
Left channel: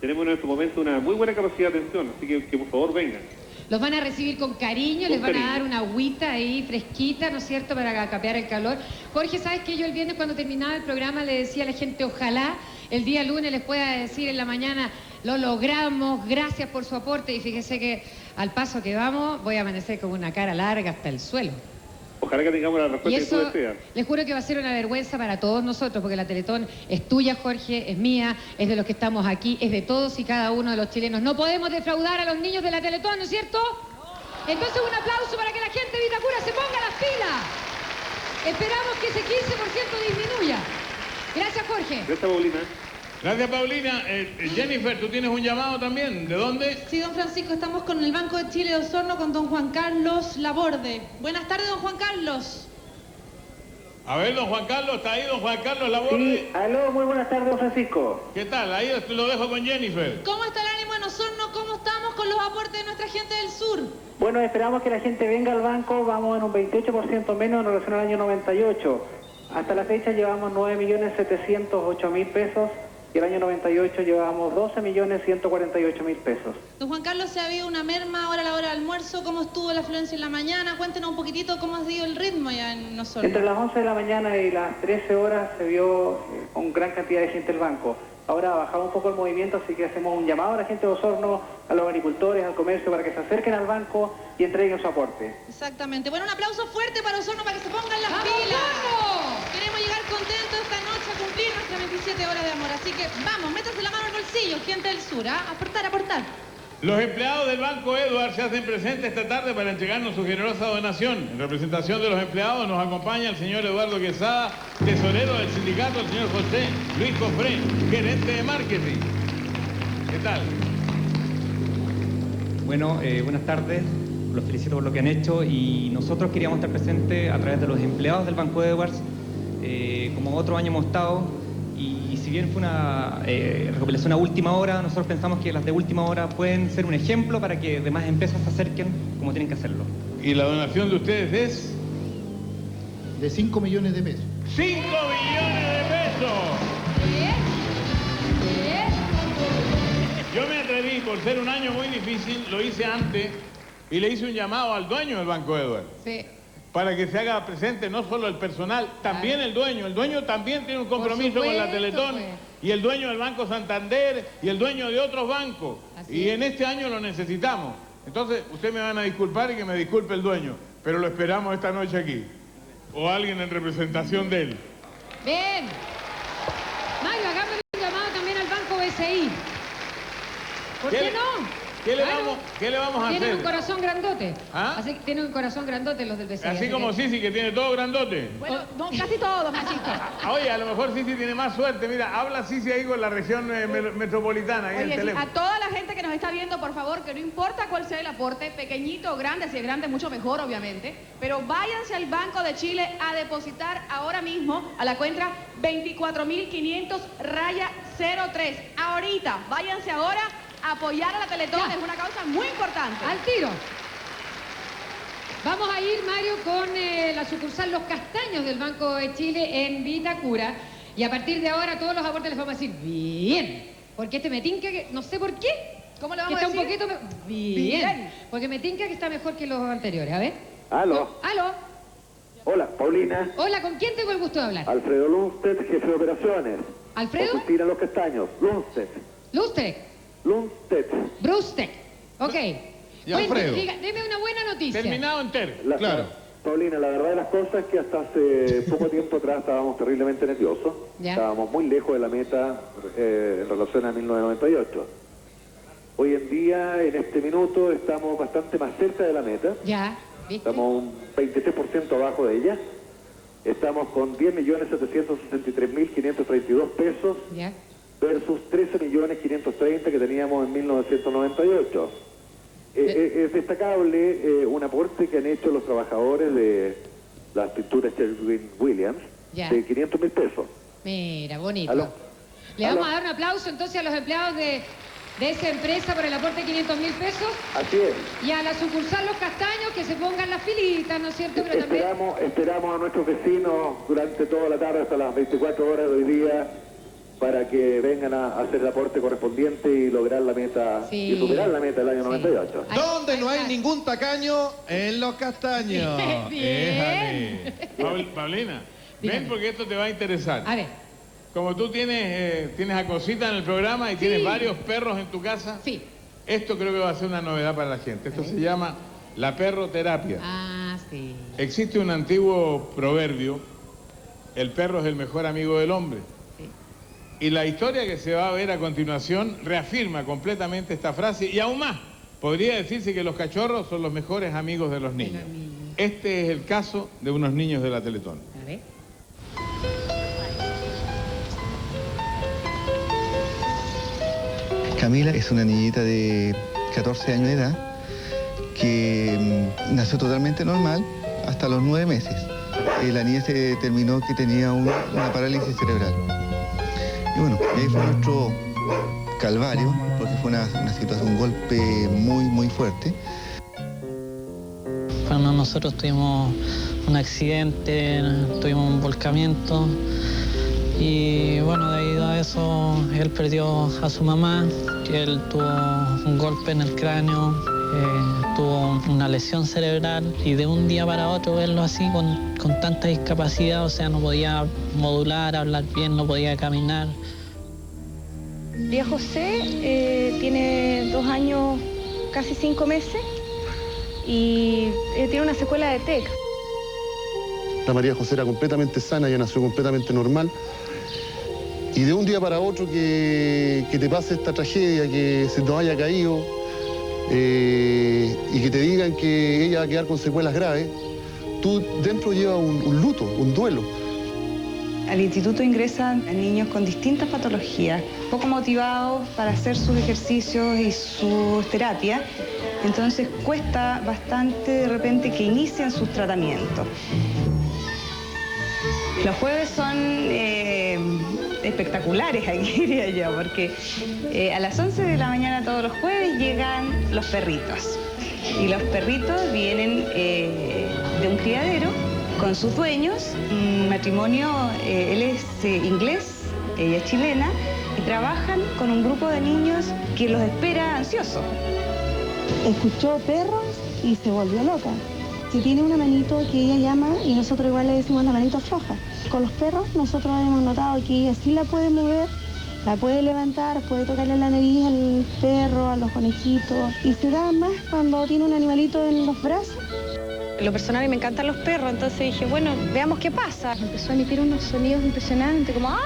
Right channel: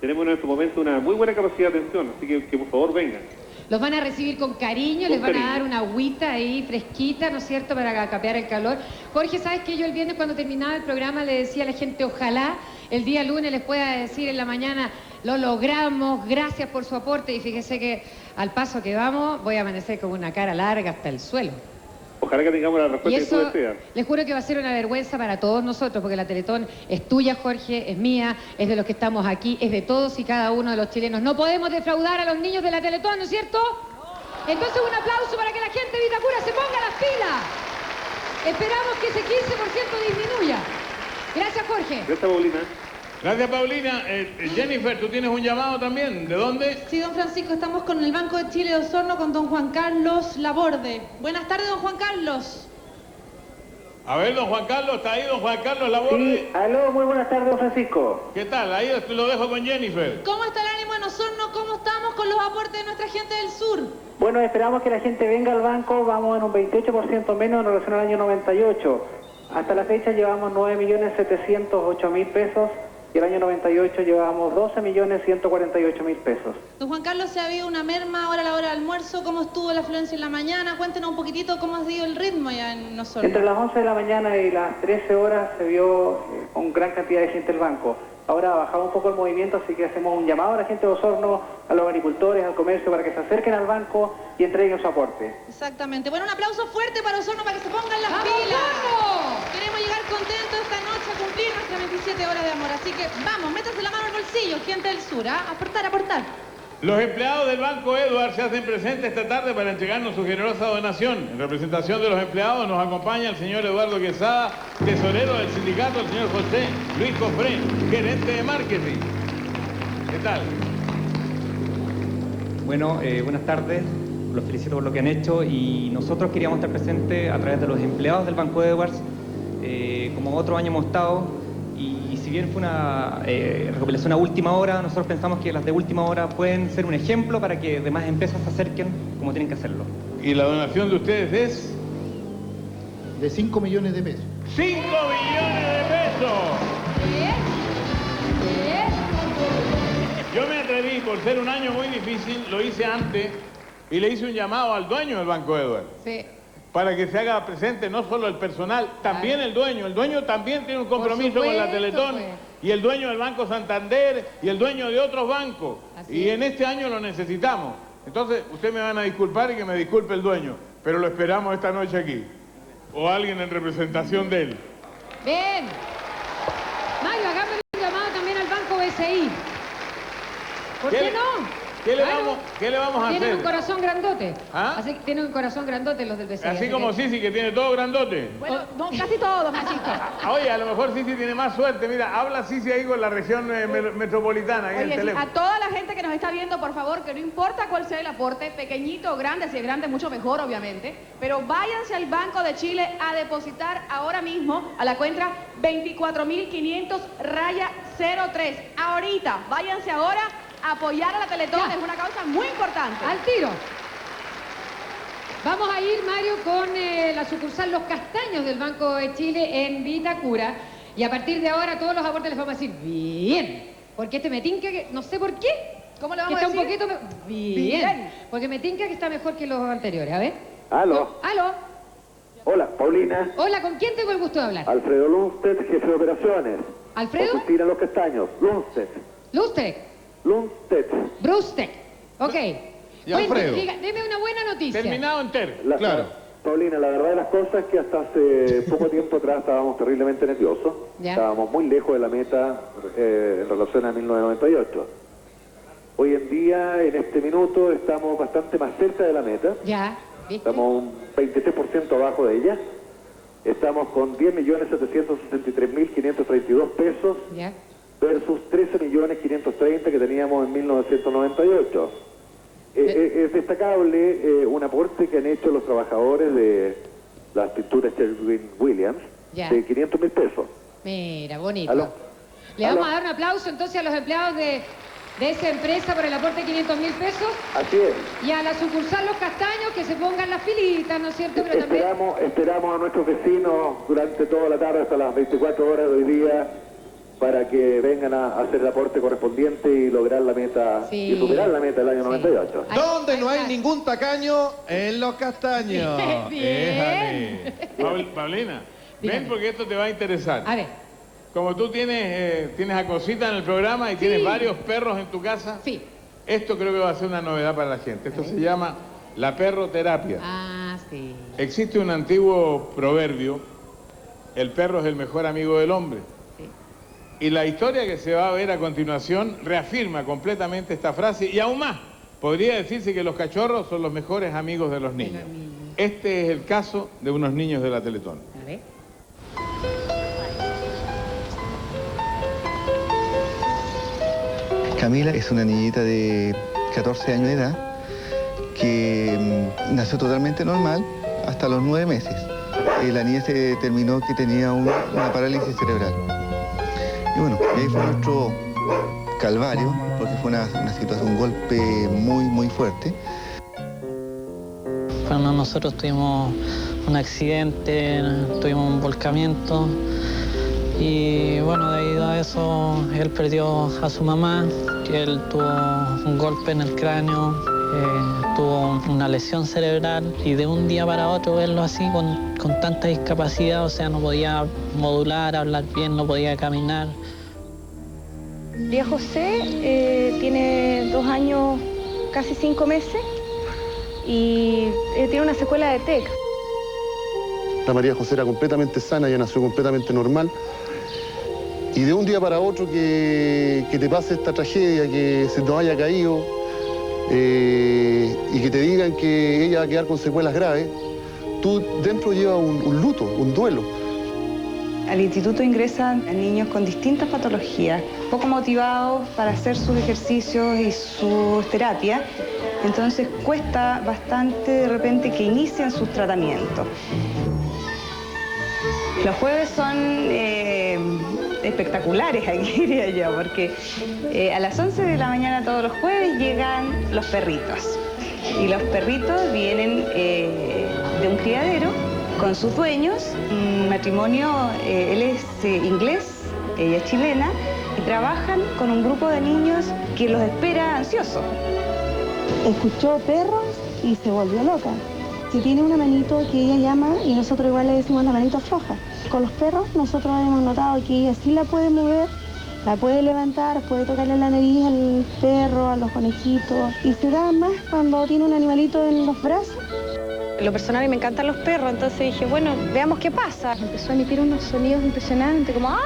Tenemos en este momento una muy buena capacidad de atención, así que por favor vengan. Los van a recibir con cariño, les van a dar una agüita ahí fresquita, ¿no es cierto?, para capear el calor. Jorge, ¿sabes qué? Yo el viernes cuando terminaba el programa le decía a la gente, ojalá el día lunes les pueda decir en la mañana, lo logramos, gracias por su aporte, y fíjese que al paso que vamos voy a amanecer con una cara larga hasta el suelo. Ojalá que tengamos la Y respuesta que eso, tú deseas. les juro que va a ser una vergüenza para todos nosotros, porque la Teletón es tuya, Jorge, es mía, es de los que estamos aquí, es de todos y cada uno de los chilenos. No podemos defraudar a los niños de la Teletón, ¿no es cierto? Entonces un aplauso para que la gente de Vitacura se ponga las pilas. Esperamos que ese 15% disminuya. Gracias, Jorge. Gracias, Paulina. Gracias, Paulina. Jennifer, ¿tú tienes un llamado también? ¿De dónde? Sí, don Francisco, estamos con el Banco de Chile de Osorno con don Juan Carlos Laborde. Buenas tardes, don Juan Carlos. A ver, don Juan Carlos, ¿está ahí don Juan Carlos Laborde? Sí, aló, muy buenas tardes, don Francisco. ¿Qué tal? Ahí lo dejo con Jennifer. ¿Cómo está el ánimo en Osorno? ¿Cómo estamos con los aportes de nuestra gente del sur? Bueno, esperamos que la gente venga al banco, vamos en un 28% menos en relación al año 98. Hasta la fecha llevamos 9.708.000 pesos y el año 98 llevamos 12.148.000 pesos. Don Juan Carlos, ¿se ha habido una merma ahora a la hora del almuerzo? ¿Cómo estuvo la afluencia en la mañana? Cuéntenos un poquitito cómo ha sido el ritmo ya en Osorno. Entre las 11 de la mañana y las 13 horas se vio con gran cantidad de gente el banco. Ahora ha bajado un poco el movimiento, así que hacemos un llamado a la gente de Osorno, a los agricultores, al comercio, para que se acerquen al banco y entreguen su aporte. Exactamente. Bueno, un aplauso fuerte para Osorno para que se pongan las pilas. ¡Vamos! Queremos llegar contentos esta noche a cumplir nuestras 27 horas de amor. Así que vamos, métanse la mano al bolsillo, gente del sur, ¿ah? Aportar, aportar. Los empleados del Banco Edward se hacen presentes esta tarde para entregarnos su generosa donación. En representación de los empleados nos acompaña el señor Eduardo Quesada, tesorero del sindicato, el señor José Luis Cofré, gerente de marketing. ¿Qué tal? Bueno, buenas tardes, los felicito por lo que han hecho y nosotros queríamos estar presentes a través de los empleados del Banco Edwards como otro año hemos estado, y si bien fue una recopilación a última hora, nosotros pensamos que las de última hora pueden ser un ejemplo para que demás empresas se acerquen como tienen que hacerlo. ¿Y la donación de ustedes es? De 5 millones de pesos. ¡5 millones de pesos! Yo me atreví, por ser un año muy difícil, lo hice antes y le hice un llamado al dueño del Banco Edward. Sí. Para que se haga presente no solo el personal, también el dueño. El dueño también tiene un compromiso con la Teletón. Y el dueño del Banco Santander y el dueño de otros bancos. Y en este año lo necesitamos. Entonces, ustedes me van a disculpar y que me disculpe el dueño. Pero lo esperamos esta noche aquí. O alguien en representación de él. Bien. Mario, hagámosle un llamado también al Banco BCI. ¿Por qué no? ¿Qué le vamos a hacer? Tienen un corazón grandote. ¿Ah? Así que tienen un corazón grandote los del BCI. Así como Sisi, que tiene todo grandote. Bueno, no, casi todos, machito. Oye, a lo mejor Sisi tiene más suerte. Mira, habla Sisi ahí con la región metropolitana, ahí en el Oye, teléfono. a toda la gente que nos está viendo, por favor, que no importa cuál sea el aporte, pequeñito o grande, si es grande mucho mejor, obviamente, pero váyanse al Banco de Chile a depositar ahora mismo a la cuenta 24.500-03. Ahorita, váyanse ahora a apoyar a la Teletón, es una causa muy importante. Al tiro. Vamos a ir, Mario, con la sucursal Los Castaños del Banco de Chile en Vitacura. Y a partir de ahora todos los aportes les vamos a decir bien. Porque este me tinca que, no sé por qué. ¿Cómo le vamos que a está decir? un poquito bien. Porque me tinca que está mejor que los anteriores. A ver. Aló. Aló. Hola, Paulina. Hola, ¿con quién tengo el gusto de hablar? Alfredo Lundstedt, jefe de operaciones. ¿Alfredo? Oficina Los Castaños. Lundstedt. Lundstedt. Lundstedt. Brustek. Ok. Y Alfredo. Deme una buena noticia. Terminado entero. Claro. Paulina, la verdad de las cosas es que hasta hace poco tiempo atrás estábamos terriblemente nerviosos. Ya. Estábamos muy lejos de la meta en relación a 1998. Hoy en día, en este minuto, estamos bastante más cerca de la meta. Ya. Estamos un 23% abajo de ella. Estamos con 10.763.532 pesos Ya. versus 13.530.000 que teníamos en 1998. Es destacable un aporte que han hecho los trabajadores de las pinturas Sherwin-Williams Ya. de 500.000 pesos. Mira, bonito. ¿Aló? Le ¿Aló? vamos a dar un aplauso entonces a los empleados de esa empresa por el aporte de 500.000 pesos Así es. y a la sucursal Los Castaños que se pongan las filitas, ¿no es cierto? Pero también... Esperamos a nuestros vecinos durante toda la tarde hasta las 24 horas de hoy día para que vengan a hacer el aporte correspondiente y lograr la meta y superar la meta del año 98. Donde no hay ningún tacaño, en Los Castaños. Éjale. Paulina, ven porque esto te va a interesar. A ver. Como tú tienes a Cosita en el programa y tienes varios perros en tu casa, esto creo que va a ser una novedad para la gente. Esto se llama la perroterapia. Ah, sí. Existe un antiguo proverbio, el perro es el mejor amigo del hombre. Y la historia que se va a ver a continuación reafirma completamente esta frase y aún más, podría decirse que los cachorros son los mejores amigos de los niños. Este es el caso de unos niños de la Teletón. A ver. Camila es una niñita de 14 años de edad que nació totalmente normal hasta los 9 meses. La niña se determinó que tenía una parálisis cerebral. Y bueno, ahí fue nuestro calvario, porque fue una situación, un golpe muy fuerte. Bueno, nosotros tuvimos un accidente, tuvimos un volcamiento y bueno, debido a eso él perdió a su mamá, que él tuvo un golpe en el cráneo, tuvo una lesión cerebral y de un día para otro verlo así con tanta discapacidad, o sea, no podía modular, hablar bien, no podía caminar. María José tiene 2 años, casi 5 meses y tiene una secuela de TEC. La María José era completamente sana, ella nació completamente normal. Y de un día para otro que te pase esta tragedia, que se nos haya caído y que te digan que ella va a quedar con secuelas graves, tú dentro llevas un luto, un duelo. Al instituto ingresan niños con distintas patologías, poco motivados para hacer sus ejercicios y sus terapias, entonces cuesta bastante de repente que inicien sus tratamientos. Los jueves son espectaculares aquí, diría yo, porque a las 11 de la mañana todos los jueves llegan los perritos. Y los perritos vienen de un criadero con sus dueños, un matrimonio, él es inglés, ella es chilena, y trabajan con un grupo de niños que los espera ansiosos. Escuchó perros y se volvió loca. Si tiene una manito que ella llama y nosotros igual le decimos la manito floja. Con los perros nosotros hemos notado que ella sí la puede mover, la puede levantar, puede tocarle la nariz al perro, a los conejitos, y se da más cuando tiene un animalito en los brazos. En lo personal me encantan los perros, entonces dije, bueno, veamos qué pasa. Empezó a emitir unos sonidos impresionantes, como ¡ah!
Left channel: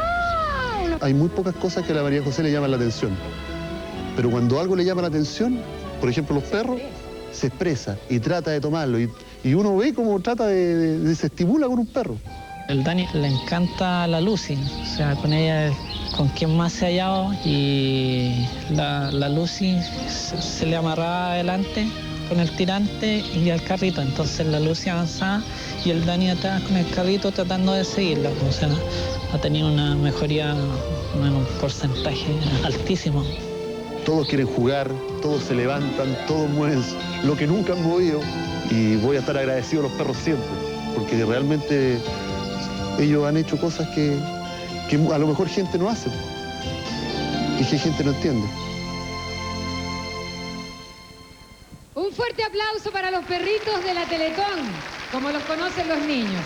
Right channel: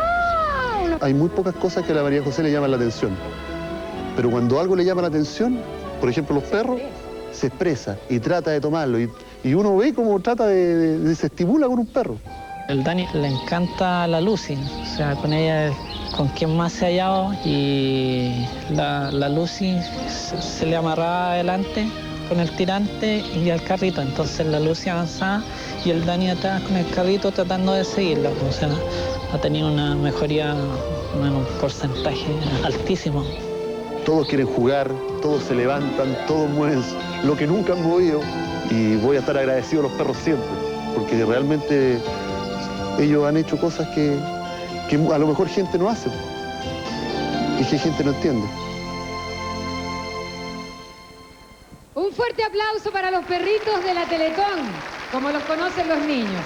Hay muy pocas cosas que a la María José le llaman la atención. Pero cuando algo le llama la atención, por ejemplo los perros, se expresa y trata de tomarlo. Y uno ve cómo trata de se estimula con un perro. El Dani le encanta la Lucy, o sea, con ella es con quien más se ha hallado, y la Lucy se le amarraba adelante con el tirante y al carrito, entonces la Lucy avanzaba y el Dani atrás con el carrito tratando de seguirla, o sea, ha tenido una mejoría, un porcentaje altísimo. Todos quieren jugar, todos se levantan, todos mueven lo que nunca han movido, y voy a estar agradecido a los perros siempre, porque realmente ellos han hecho cosas que a lo mejor gente no hace y que gente no entiende. Un fuerte aplauso para los perritos de la Teletón, como los conocen los niños.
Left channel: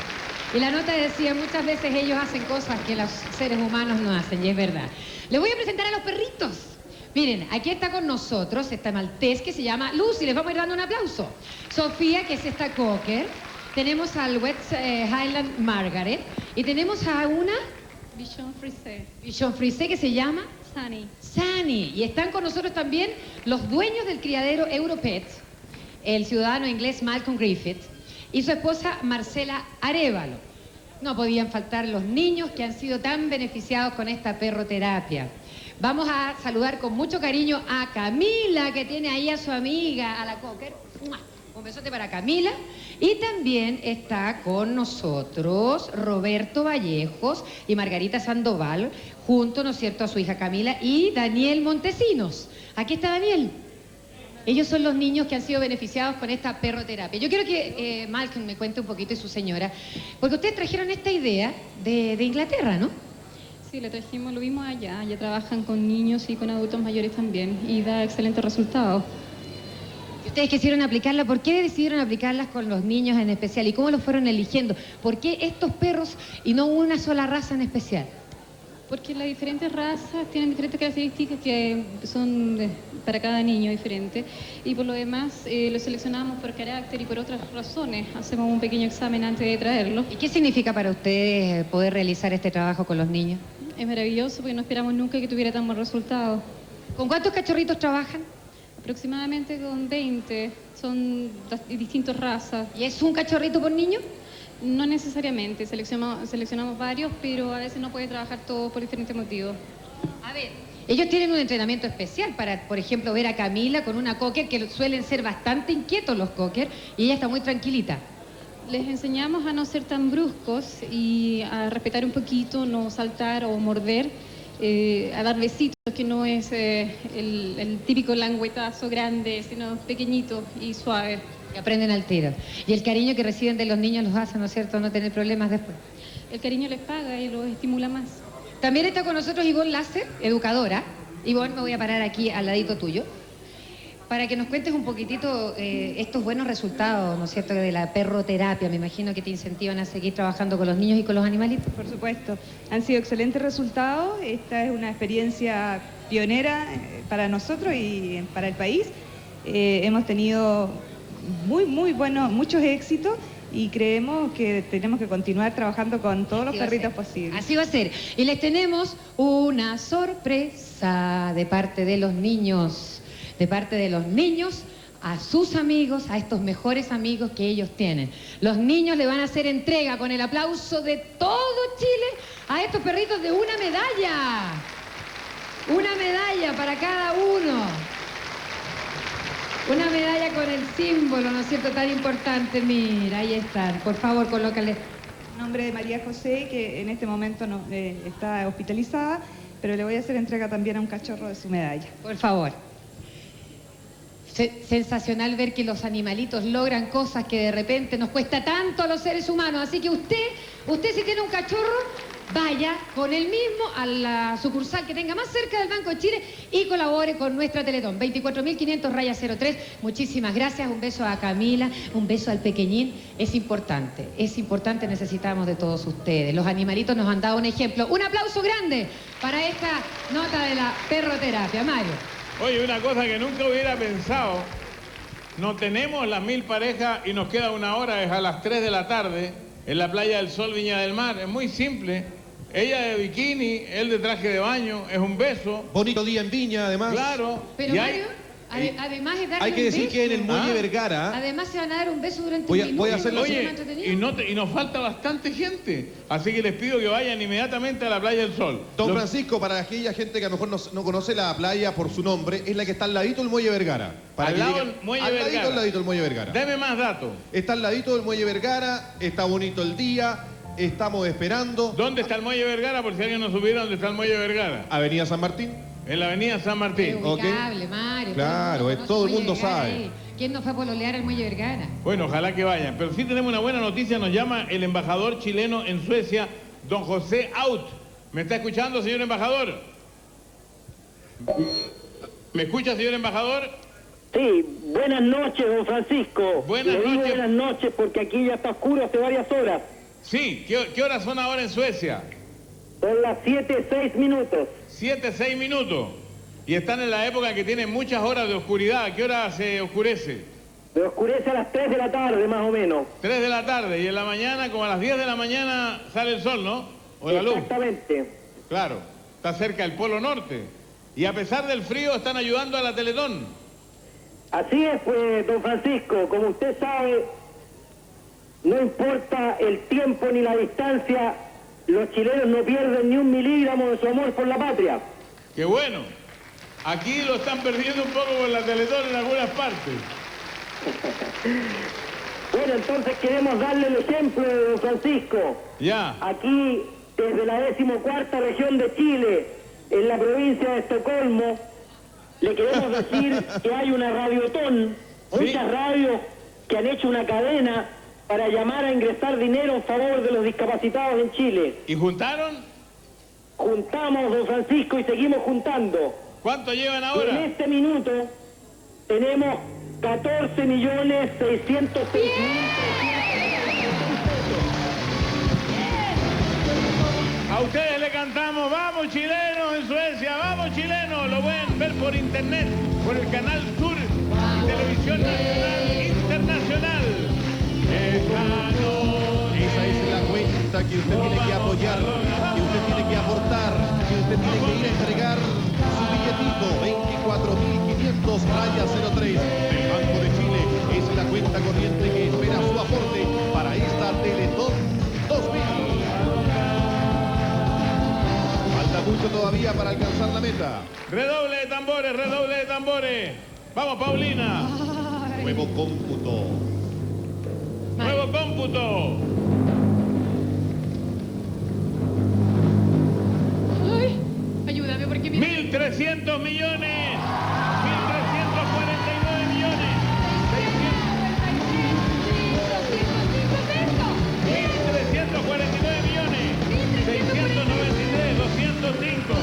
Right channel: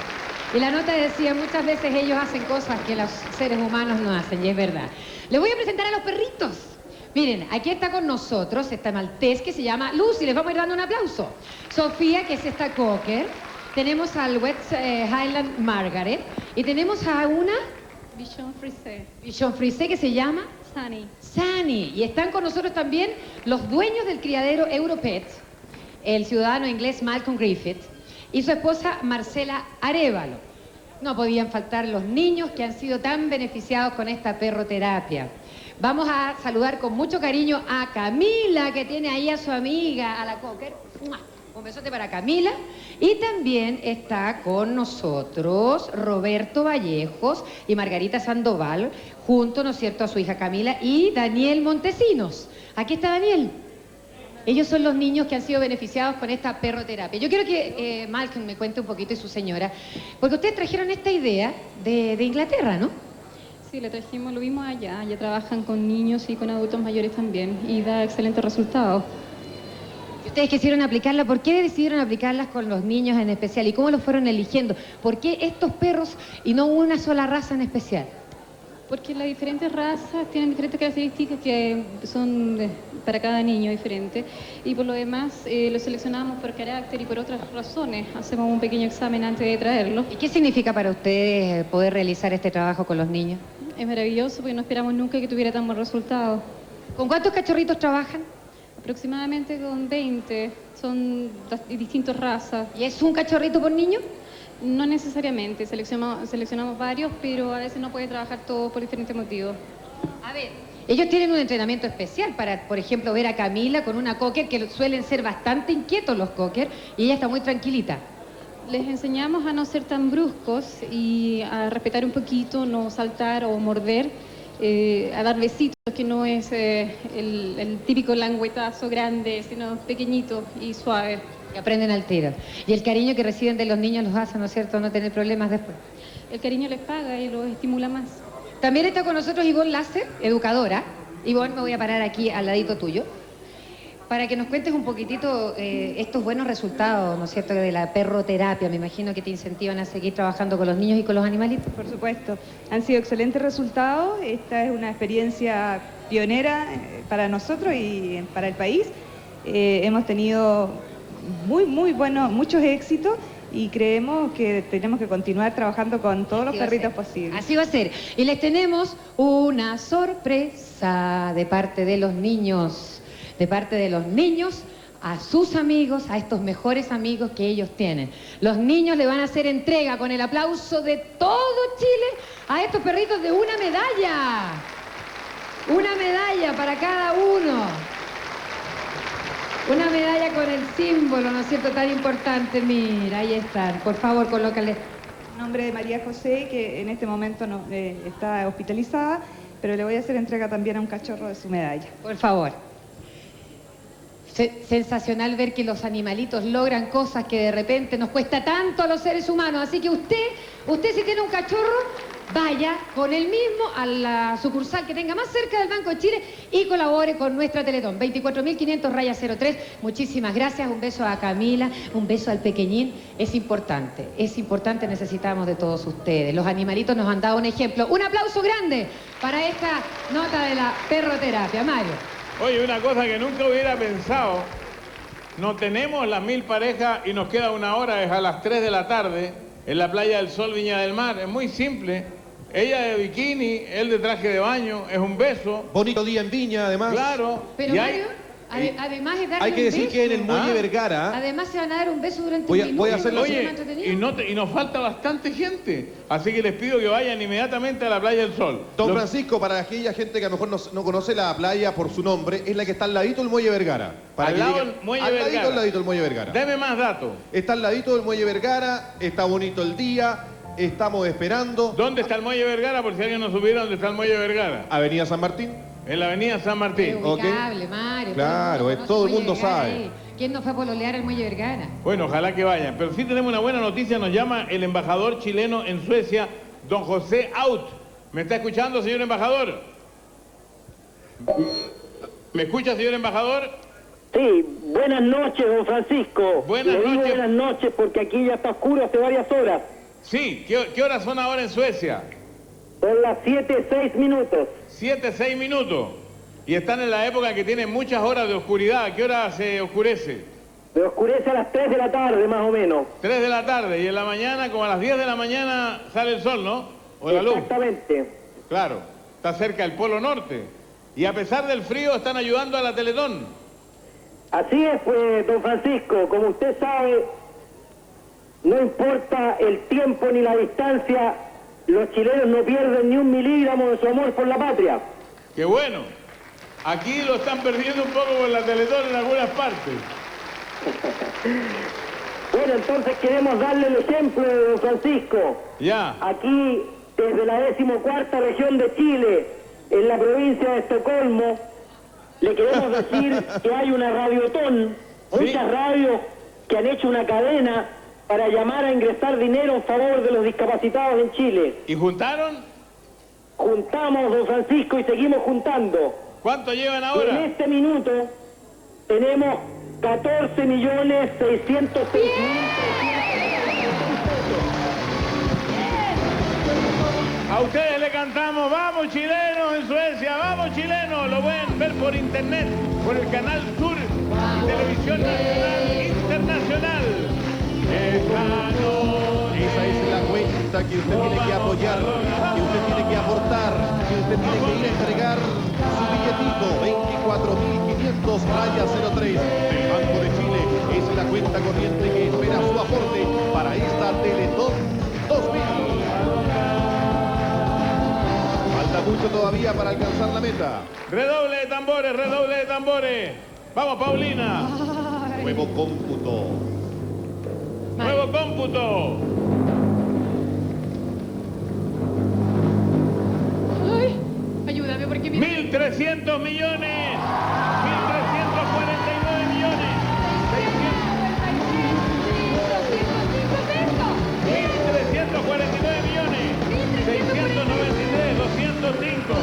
Y la nota decía, muchas veces ellos hacen cosas que los seres humanos no hacen, y es verdad. Les voy a presentar a los perritos. Miren, aquí está con nosotros esta maltés que se llama Lucy. Les vamos a ir dando un aplauso. Sofía, que es esta cocker. Tenemos al West Highland Margaret. Y tenemos a una Bichon Frisé. Bichon Frisé, que se llama Sunny. Sunny. Y están con nosotros también los dueños del criadero Europet, el ciudadano inglés Malcolm Griffith y su esposa Marcela Arévalo. No podían faltar los niños que han sido tan beneficiados con esta perroterapia. Vamos a saludar con mucho cariño a Camila, que tiene ahí a su amiga, a la cocker. Un besote para Camila. Y también está con nosotros Roberto Vallejos y Margarita Sandoval, junto, ¿no es cierto?, a su hija Camila y Daniel Montesinos. Aquí está Daniel. Ellos son los niños que han sido beneficiados con esta perroterapia. Yo quiero que Malcolm me cuente un poquito, y su señora, porque ustedes trajeron esta idea de Inglaterra, ¿no? Sí, lo trajimos, lo vimos allá. Ya trabajan con niños y con adultos mayores también, y da excelentes resultados. Ustedes quisieron aplicarla, ¿por qué decidieron aplicarlas con los niños en especial? ¿Y cómo los fueron eligiendo? ¿Por qué estos perros y no una sola raza en especial? Porque las diferentes razas tienen diferentes características que son para cada niño diferente, y por lo demás los seleccionamos por carácter y por otras razones. Hacemos un pequeño examen antes de traerlos. ¿Y qué significa para ustedes poder realizar este trabajo con los niños? Es maravilloso, porque no esperamos nunca que tuviera tan buen resultado. ¿Con cuántos cachorritos trabajan? Aproximadamente con 20, son distintas razas. ¿Y es un cachorrito por niño? No necesariamente, seleccionamos varios, pero a veces no puede trabajar todos por diferentes motivos. A ver, ellos tienen un entrenamiento especial para, por ejemplo, ver a Camila con una cocker, que suelen ser bastante inquietos los cocker, y ella está muy tranquilita. Les enseñamos a no ser tan bruscos y a respetar un poquito, no saltar o morder, a dar besitos, que no es el típico languetazo grande, sino pequeñito y suave. Que aprenden al tiro. Y el cariño que reciben de los niños los hace, ¿no es cierto?, no tener problemas después. El cariño les paga y los estimula más. También está con nosotros Ivonne Lace, educadora. Ivonne, me voy a parar aquí al ladito tuyo, para que nos cuentes un poquitito estos buenos resultados, ¿no es cierto?, de la perroterapia. Me imagino que te incentivan a seguir trabajando con los niños y con los animalitos. Por supuesto. Han sido excelentes resultados. Esta es una experiencia pionera para nosotros y para el país. Hemos tenido muchos éxitos, y creemos que tenemos que continuar trabajando con todos los perritos posibles. Así va a ser. Y les tenemos una sorpresa de parte de los niños. De parte de los niños a sus amigos, a estos mejores amigos que ellos tienen. Los niños le van a hacer entrega, con el aplauso de todo Chile, a estos perritos de una medalla. Una medalla para cada uno. Una medalla con el símbolo, ¿no es cierto?, tan importante. Mira, ahí están. Por favor, colócale. nombre de María José, que en este momento no, está hospitalizada, pero le voy a hacer entrega también a un cachorro de su medalla. Por favor. Sensacional ver que los animalitos logran cosas que de repente nos cuesta tanto a los seres humanos. Así que usted si tiene un cachorro, vaya con él mismo a la sucursal que tenga más cerca del Banco de Chile y colabore con nuestra Teletón. 24.500-03. Muchísimas gracias. Un beso a Camila, un beso al pequeñín. Es importante, necesitamos de todos ustedes. Los animalitos nos han dado un ejemplo. Un aplauso grande para esta nota de la perroterapia. Mario. Oye, una cosa que nunca hubiera pensado, no tenemos las 1000 parejas y nos queda 1 hora, es a las 3 de la tarde, en la Playa del Sol, Viña del Mar. Es muy simple. Ella de bikini, él de traje de baño, es un beso. Bonito día en Viña, además. Claro. Pero Y Mario, además de darle hay que un decir beso, que en el Muelle Vergara... además se van a dar un beso durante Voy un a minuto. hacerlo Oye, más entretenido. y nos falta bastante gente, así que les pido que vayan inmediatamente a la Playa del Sol. Don Francisco, para aquella gente que a lo mejor no conoce la playa por su nombre, es la que está al ladito del Muelle Vergara. Al lado del Muelle Vergara. Al ladito del Muelle Vergara. Deme más datos. Está al ladito del Muelle Vergara, está bonito el día, estamos esperando. ¿Dónde está el Muelle Vergara? Por si alguien no supiera dónde está el Muelle Vergara. Avenida San Martín. En la Avenida San Martín. Es ubicable, Mario. Claro, todo el mundo sabe. Ahí. ¿Quién no fue a pololear al Muelle Vergara? Bueno, ojalá que vayan. Pero sí tenemos una buena noticia. Nos llama el embajador chileno en Suecia, don José Out. ¿Me está escuchando, señor embajador? ¿Me escucha, señor embajador? Sí, buenas noches, don Francisco. Buenas Le digo noches. buenas noches porque aquí ya está oscuro hace varias horas. Sí, ¿qué horas son ahora en Suecia? Son las 7:06 minutos. 7:06 minutos. Y están en la época que tienen muchas horas de oscuridad. ¿A qué hora se oscurece? Se oscurece a las 3 de la tarde, más o menos. 3 de la tarde. Y en la mañana, como a las 10 de la mañana, sale el sol, ¿no? O la luz. Exactamente. Claro. Está cerca del Polo Norte. Y a pesar del frío, están ayudando a la Teletón. Así es, pues, don Francisco. Como usted sabe, no importa el tiempo ni la distancia, los chilenos no pierden ni 1 milígramo de su amor por la patria. ¡Qué bueno! Aquí lo están perdiendo un poco por la Teletón en algunas partes. Bueno, entonces queremos darle el ejemplo de don Francisco. Ya. Aquí, desde la 14ª región de Chile, en la provincia de Estocolmo, le queremos decir que hay una radiotón, muchas radios que han hecho una cadena para llamar a ingresar dinero en favor de los discapacitados en Chile. ¿Y juntaron? Juntamos, don Francisco, y seguimos juntando. ¿Cuánto llevan Y ahora? en este minuto tenemos 14.600.000. A ustedes le cantamos, vamos chilenos en Suecia, vamos chilenos. Lo pueden ver por internet, por el canal Sur, Televisión Nacional Internacional. Esa es la cuenta que usted tiene que apoyar, que usted tiene que aportar, que usted tiene que ir a entregar su billetito, 24.500-03 del Banco de Chile. Es la cuenta corriente que espera su aporte para esta Teletón 2000. Falta mucho todavía para alcanzar la meta. Redoble de tambores, redoble de tambores. Vamos, Paulina. Nuevo cómputo. Nuevo cómputo. Ay, ayúdame porque mira. 1.300 millones. 1.349 millones. 1.349 millones. 693, 205.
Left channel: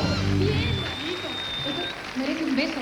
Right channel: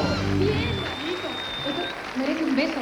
Merece un beso.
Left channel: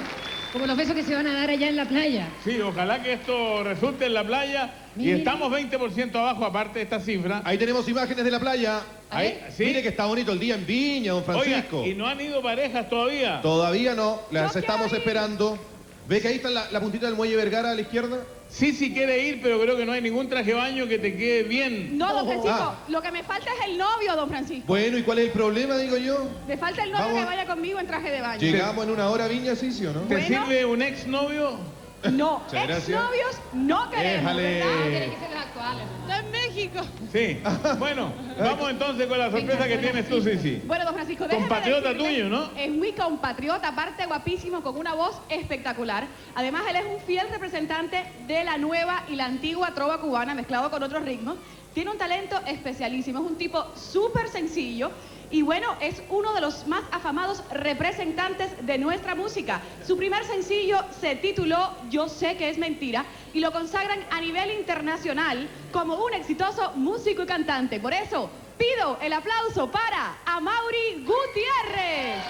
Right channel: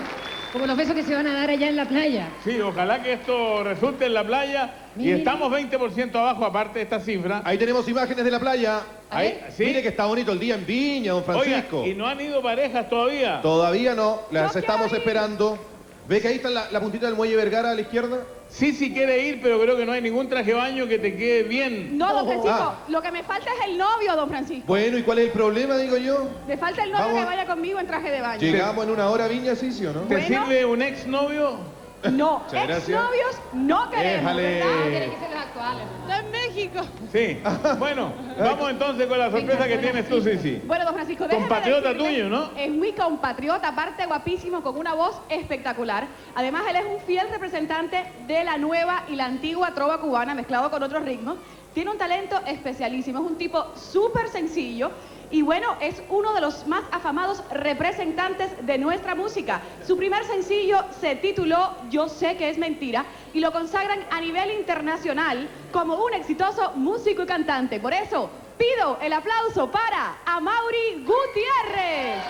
Como los besos que se van a dar allá en la playa. Sí, ojalá que esto resulte en la playa. Y Mire. estamos 20% abajo, aparte de esta cifra. Ahí tenemos imágenes de la playa. Ahí, ¿sí? Mire que está bonito el día en Viña, don Francisco. Oiga, ¿y no han ido parejas todavía? Todavía no, las estamos esperando. ¿Ve que ahí está la puntita del Muelle Vergara a la izquierda? Sí, quiere ir, pero creo que no hay ningún traje de baño que te quede bien. No, don Francisco, Ah. lo que me falta es el novio, don Francisco. Bueno, ¿y cuál es el problema, digo yo? Me falta el novio Vamos. que vaya conmigo en traje de baño. Llegamos en 1 hora a Viña, sí, ¿sí o no? ¿Te sirve un exnovio? No, Muchas gracias. exnovios no queremos. Déjale. Tienen que ser los actuales. Está en México. Sí. Bueno, vamos entonces con la sorpresa que tienes tú, Sisi. Bueno, don Francisco, déjeme Compatriota decirle, tuyo, ¿no? Es muy compatriota, aparte guapísimo, con una voz espectacular. Además, él es un fiel representante de la nueva y la antigua trova cubana, mezclado con otros ritmos. tiene un talento especialísimo, es un tipo súper sencillo y bueno, es uno de los más afamados representantes de nuestra música. Su primer sencillo se tituló Yo sé que es mentira y lo consagran a nivel internacional como un exitoso músico y cantante. Por eso pido el aplauso para Amaury Gutiérrez.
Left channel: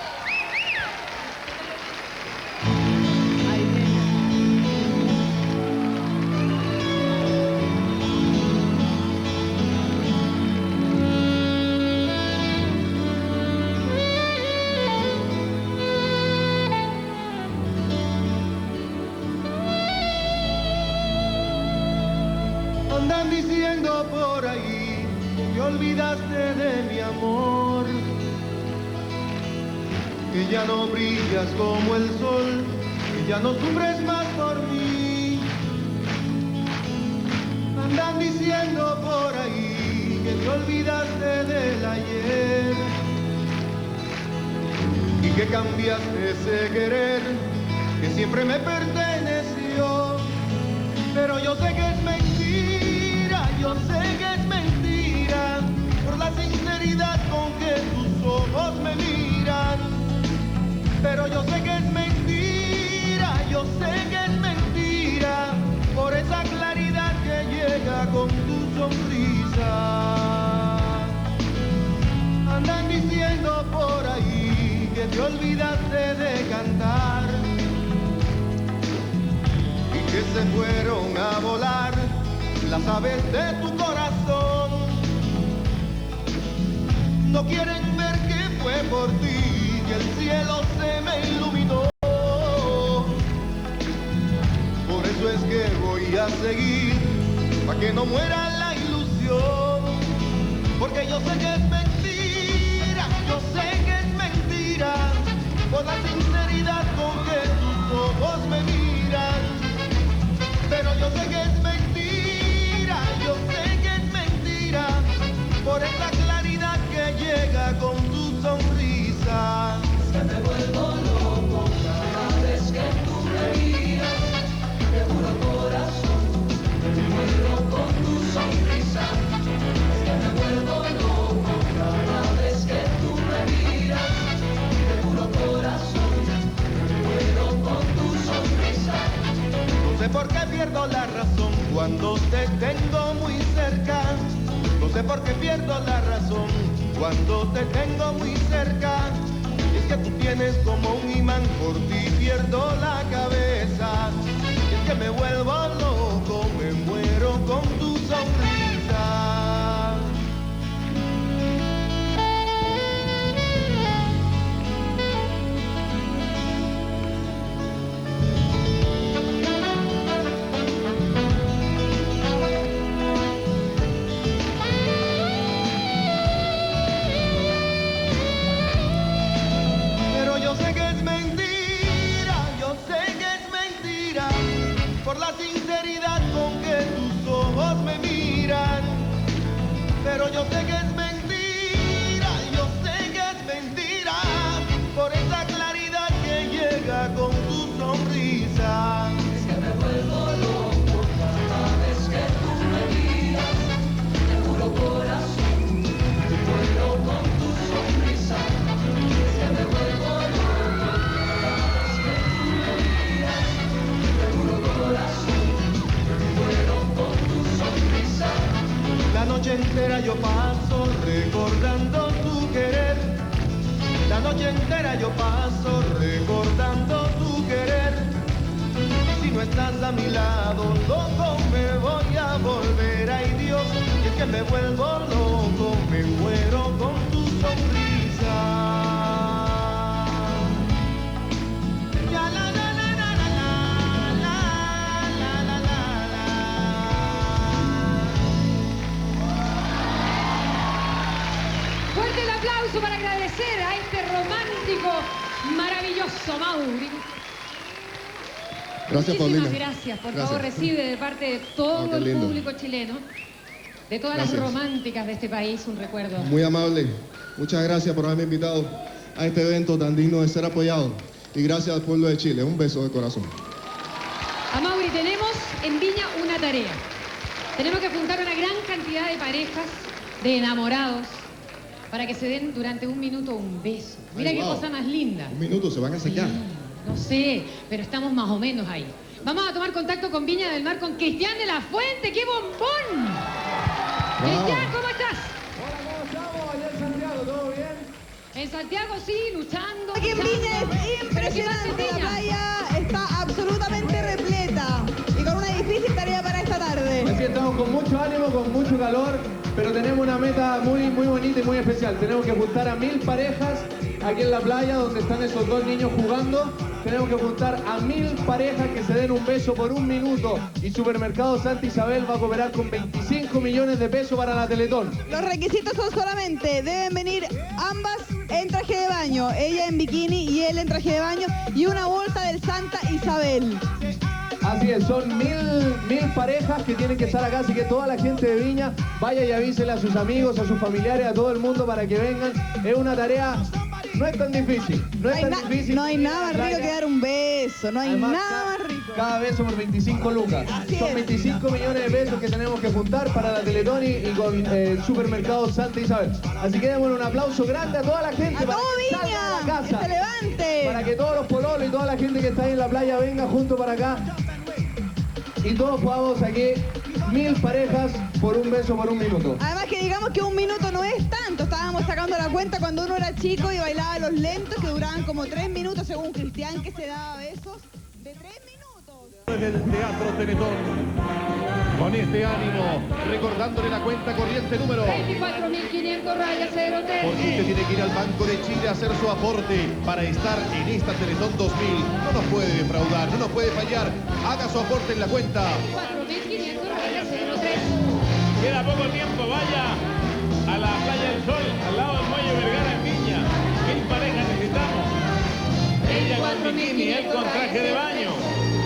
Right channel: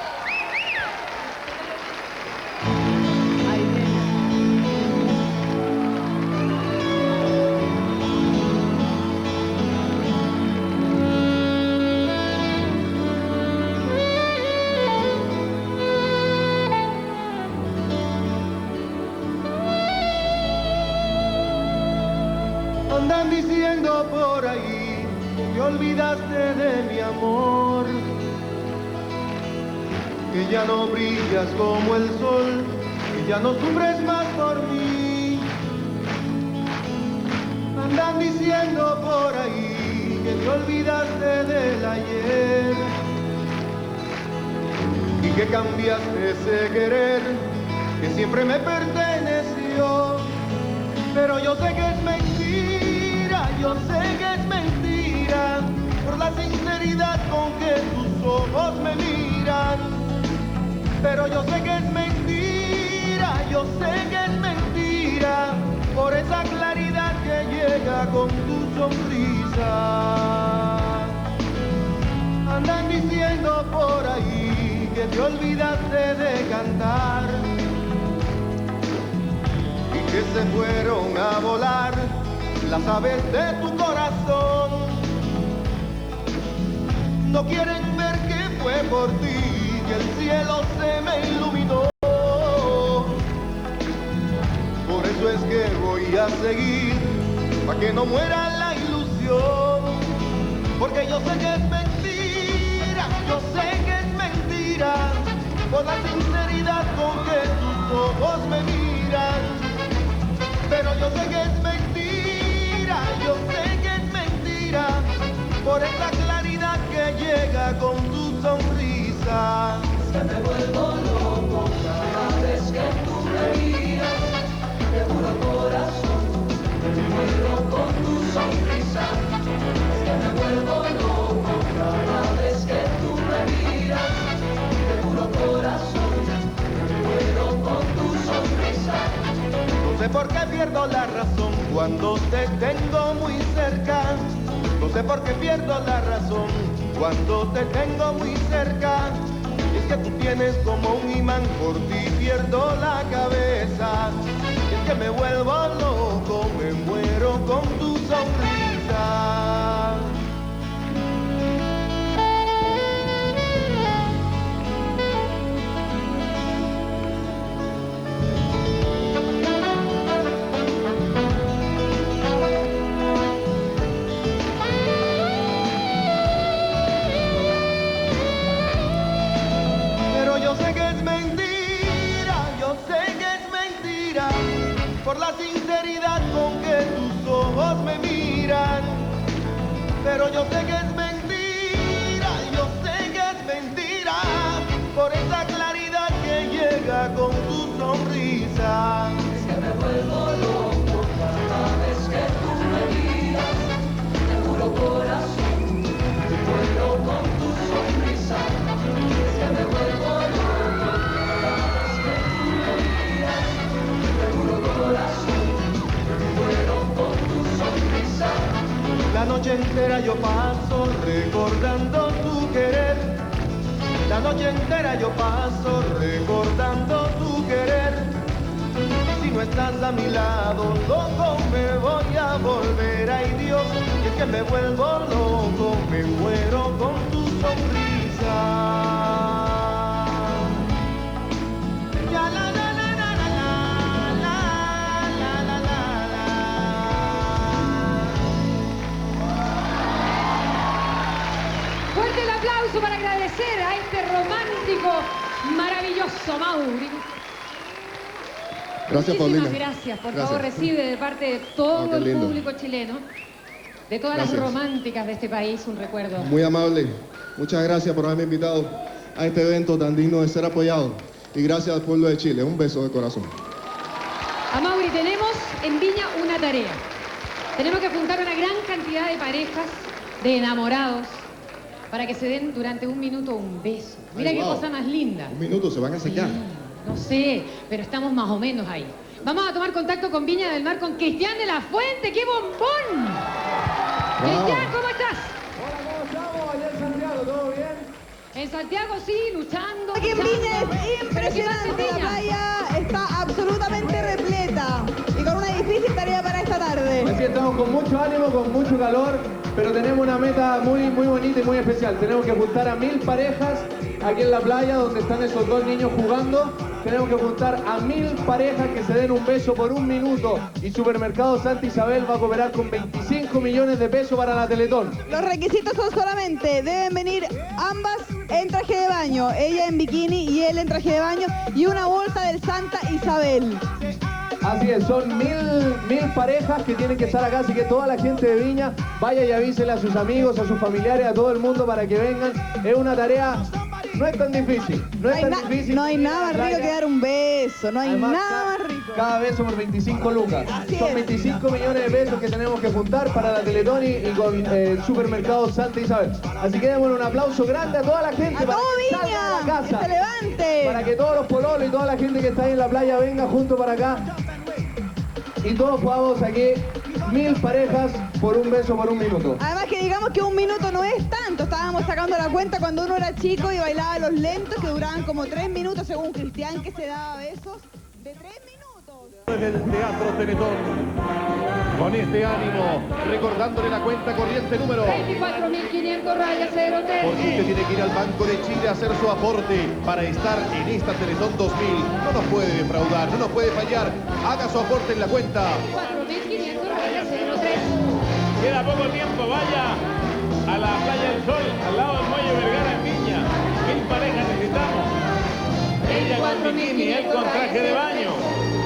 Andan diciendo por ahí que te olvidaste de mi amor, que ya no brillas como el sol, que ya no sufres más por mí. Andan diciendo por ahí que te olvidaste del ayer y que cambiaste ese querer que siempre me perteneció, pero yo sé que es mentira, yo sé que es mentira, por la sinceridad con que tus ojos me miran. Pero yo sé que es mentira, yo sé que es mentira, por esa claridad que llega con tu sonrisa. Andan diciendo por ahí que te olvidaste de cantar y que se fueron a volar las aves de tu corazón. No quieren ver que fue por ti que el cielo se me iluminó. Por eso es que voy a seguir, para que no muera la ilusión. Porque yo sé que es mentira, yo sé que es mentira, por la sinceridad con que tus ojos me miran. Pero yo sé que es mentira, yo sé que es mentira, por esa claridad que llega con tu sonrisa. Es que me vuelvo loco cada vez que tú me miras, te juro corazón, me muero con tu sonrisa. Es que me vuelvo loco cada vez que tú me miras, te juro corazón, me muero con tu sonrisa. No sé por qué pierdo la razón cuando te tengo muy cerca. No sé por qué pierdo la razón cuando te tengo muy cerca. Es que tú tienes como un imán, por ti pierdo la cabeza. Es que me vuelvo loco, me muero con tu sonrisa. Pero yo sé que es mentira, yo sé que es mentira, por la sinceridad con que tus ojos me miran. Pero yo sé que es mentira, yo sé que es mentira, por esa claridad que llega con tu sonrisa. Es que me vuelvo loco cada vez que tú me miras, te juro corazón, me muero con tu sonrisa. Es que me vuelvo loco cada vez que tú me miras, te juro corazón, me muero con tu sonrisa. La noche entera yo paso recordando tu querer. La noche entera yo paso recordando tu querer. Y si no estás a mi lado, loco me voy a volver. Ay Dios, y es que me vuelvo loco, me muero con tu sonrisa. Ya la la la la la la la la la la. Fuerte el aplauso para agradecer a este romántico, maravilloso Amaury. Gracias, Muchísimas Paulina. gracias. Por Gracias. favor, recibe de parte de todo qué el lindo. público chileno, de todas Gracias. las románticas de este país, un recuerdo. Muy amable. Muchas gracias por haberme invitado a este evento tan digno de ser apoyado. Y gracias al pueblo de Chile. Un beso de corazón. Amaury, tenemos en Viña una tarea. Tenemos que juntar una gran cantidad de parejas, de enamorados, para que se den durante un minuto un beso. Mira qué cosa más linda. Un minuto, se van a sacar. No sé, pero estamos más o menos ahí. Vamos a tomar contacto con Viña del Mar, con Cristian de la Fuente. ¡Qué bombón! Cristian, ¿cómo estás? Hola, ¿cómo estamos? Allá en Santiago, ¿todo bien? En Santiago sí, luchando. Aquí en Viña es impresionante, la playa está absolutamente repleta y con una difícil tarea para esta tarde. Aquí estamos con mucho ánimo, con mucho calor, pero tenemos una meta muy bonita y muy especial. Tenemos que juntar a 1000 parejas aquí en la playa donde están esos dos niños jugando. Tenemos que juntar a 1000 parejas que se den un beso por un minuto y Supermercado Santa Isabel va a cooperar con 25 millones de pesos para la Teletón. Los requisitos son solamente, deben venir ambas en traje de baño, ella en bikini y él en traje de baño, y una bolsa del Santa Isabel. Así es, son 1000 parejas que tienen que estar acá, así que toda la gente de Viña vaya y avísele a sus amigos, a sus familiares, a todo el mundo para que vengan. Es una tarea, no es tan difícil, no hay nada más rico que dar un beso, no hay nada más rico. Cada beso por 25 lucas. Son 25 millones de pesos que tenemos que juntar para la Teletón y con el Supermercado Santa Isabel. Así que démosle un aplauso grande a toda la gente para que salga de la casa, que se levante, para que todos los pololos y toda la gente que está ahí en la playa venga junto para acá y todos podamos aquí 1000 parejas por un beso por un minuto. Además que digamos que un minuto no es tanto, estábamos sacando la cuenta cuando uno era chico y bailaba los lentos que duraban como 3 minutos según Cristian, que se daba besos de 3 minutos. Desde el Teatro Teletón, con este ánimo, recordándole la cuenta corriente número 24.500 rayas 03. porque usted tiene que ir al Banco de Chile a hacer su aporte para estar en esta Teletón 2000. No nos puede defraudar, no nos puede fallar. Haga su aporte en la cuenta. 4.500 rayas 03. Queda poco tiempo, vaya a la Playa del Sol, al lado del Muelle Vergara en Viña. 1000 parejas necesitamos. Ella con bikini, él con traje de baño.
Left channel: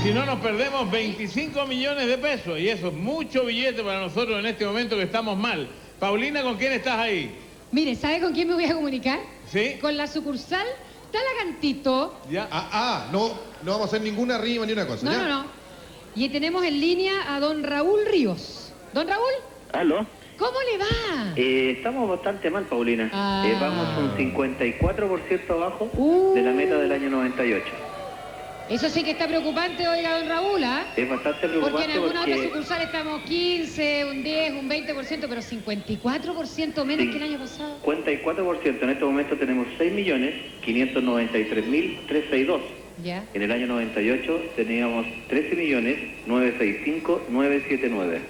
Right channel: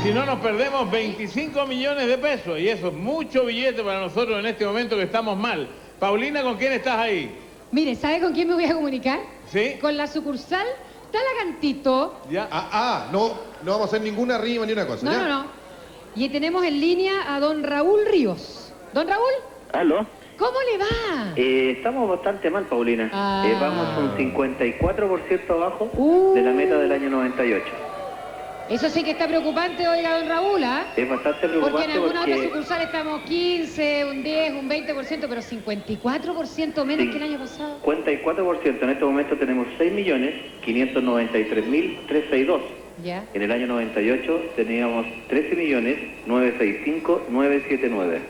Si no nos perdemos 25 millones de pesos y eso es mucho billete para nosotros en este momento que estamos mal. Paulina, ¿con quién estás ahí? Mire, ¿sabe con quién me voy a comunicar? ¿Sí? Con la sucursal Talagantito. Ya. No vamos a hacer ninguna rima ni una cosa. ¿ya? No. Y tenemos en línea a don Raúl Ríos. ¿Don Raúl? ¿Aló? ¿Cómo le va? Estamos bastante mal, Paulina. Ah. Vamos un 54% abajo de la meta del año 98. Eso sí que está preocupante, oiga, don Raúl, ¿ah? Es bastante Porque preocupante en algunas otras porque sucursales estamos 15, un 10, un 20%, pero 54% menos que el año pasado. 54%. En este momento tenemos 6.593.362. Ya. En el año 98 teníamos 13.965.979.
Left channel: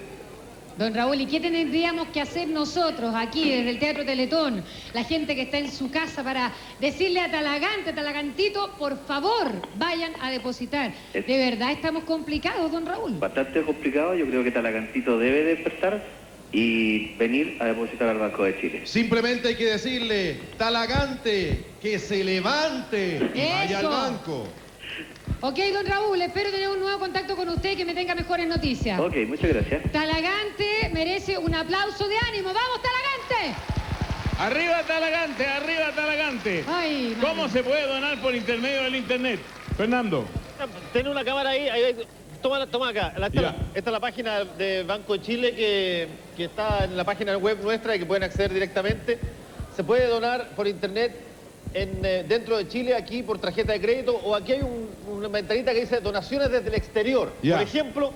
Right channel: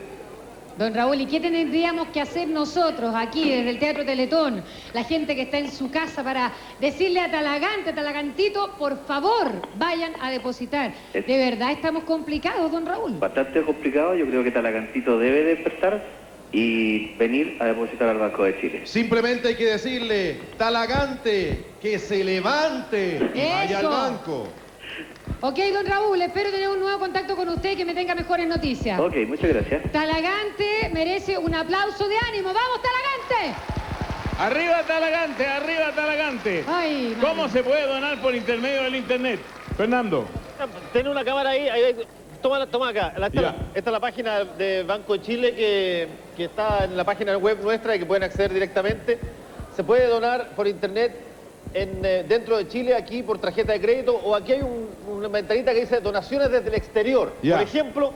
Don Raúl, ¿y qué tendríamos que hacer nosotros aquí desde el Teatro Teletón? La gente que está en su casa para decirle a Talagantito, por favor, vayan a depositar. De verdad estamos complicados, don Raúl. Bastante complicado. Yo creo que Talagantito debe despertar y venir a depositar al Banco de Chile. Simplemente hay que decirle, Talagante, que se levante y vaya al Eso. banco. Ok, don Raúl, espero tener un nuevo contacto con usted y que me tenga mejores noticias. Ok, muchas gracias. Talagante merece un aplauso de ánimo. ¡Vamos, Talagante! Arriba Talagante, arriba Talagante. Ay, ¿Cómo se puede donar por intermedio del internet? Fernando. Tiene una cámara ahí, toma acá. Esta es la página de Banco de Chile que está en la página web nuestra y que pueden acceder directamente. Se puede donar por internet dentro de Chile, aquí por tarjeta de crédito, o aquí hay una ventanita que dice donaciones desde el exterior. Ya. Por ejemplo,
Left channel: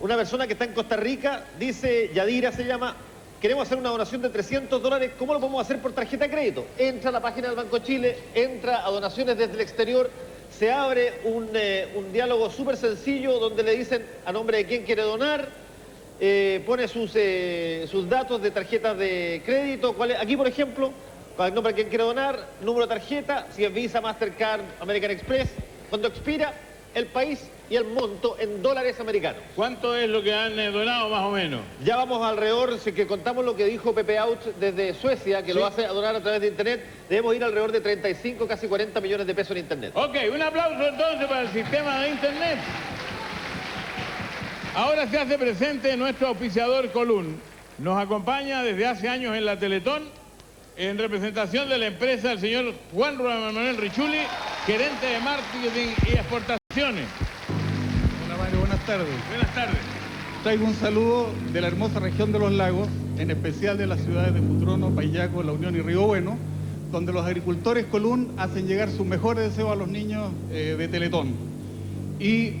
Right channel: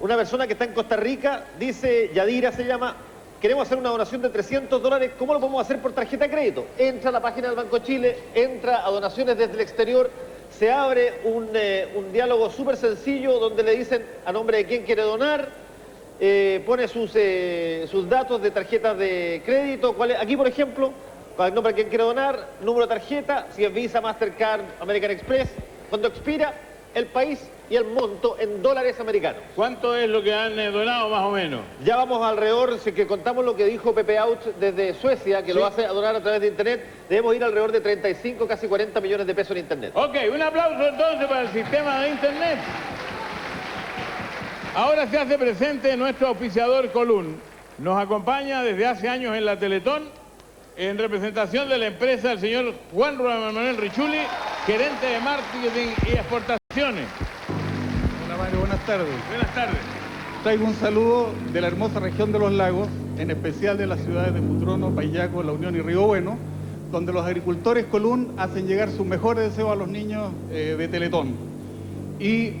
una persona que está en Costa Rica, dice, Yadira se llama, queremos hacer una donación de $300, ¿cómo lo podemos hacer por tarjeta de crédito? Entra a la página del Banco de Chile, entra a donaciones desde el exterior, se abre un diálogo súper sencillo donde le dicen a nombre de quién quiere donar, pone sus datos de tarjetas de crédito, aquí por ejemplo, para el nombre de quien quiere donar, número de tarjeta, si es Visa, Mastercard, American Express, cuando expira, el país y el monto en dólares americanos. ¿Cuánto es lo que han donado más o menos? Ya vamos alrededor, si que contamos lo que dijo Pepe Out desde Suecia, que lo hace a donar a través de internet, debemos ir alrededor de 35, casi 40 millones de pesos en internet. Ok, un aplauso entonces para el sistema de internet. Ahora se hace presente nuestro auspiciador Colún. Nos acompaña desde hace años en la Teletón, en representación de la empresa, el señor Juan Román Manuel Richuli, gerente de marketing y exportaciones. Hola Mario, buenas tardes. Buenas tardes. traigo un saludo de la hermosa región de los lagos, en especial de las ciudades de Futrono, Payaco, La Unión y Río Bueno, donde los agricultores Colún hacen llegar sus mejores deseos a los niños de Teletón. Y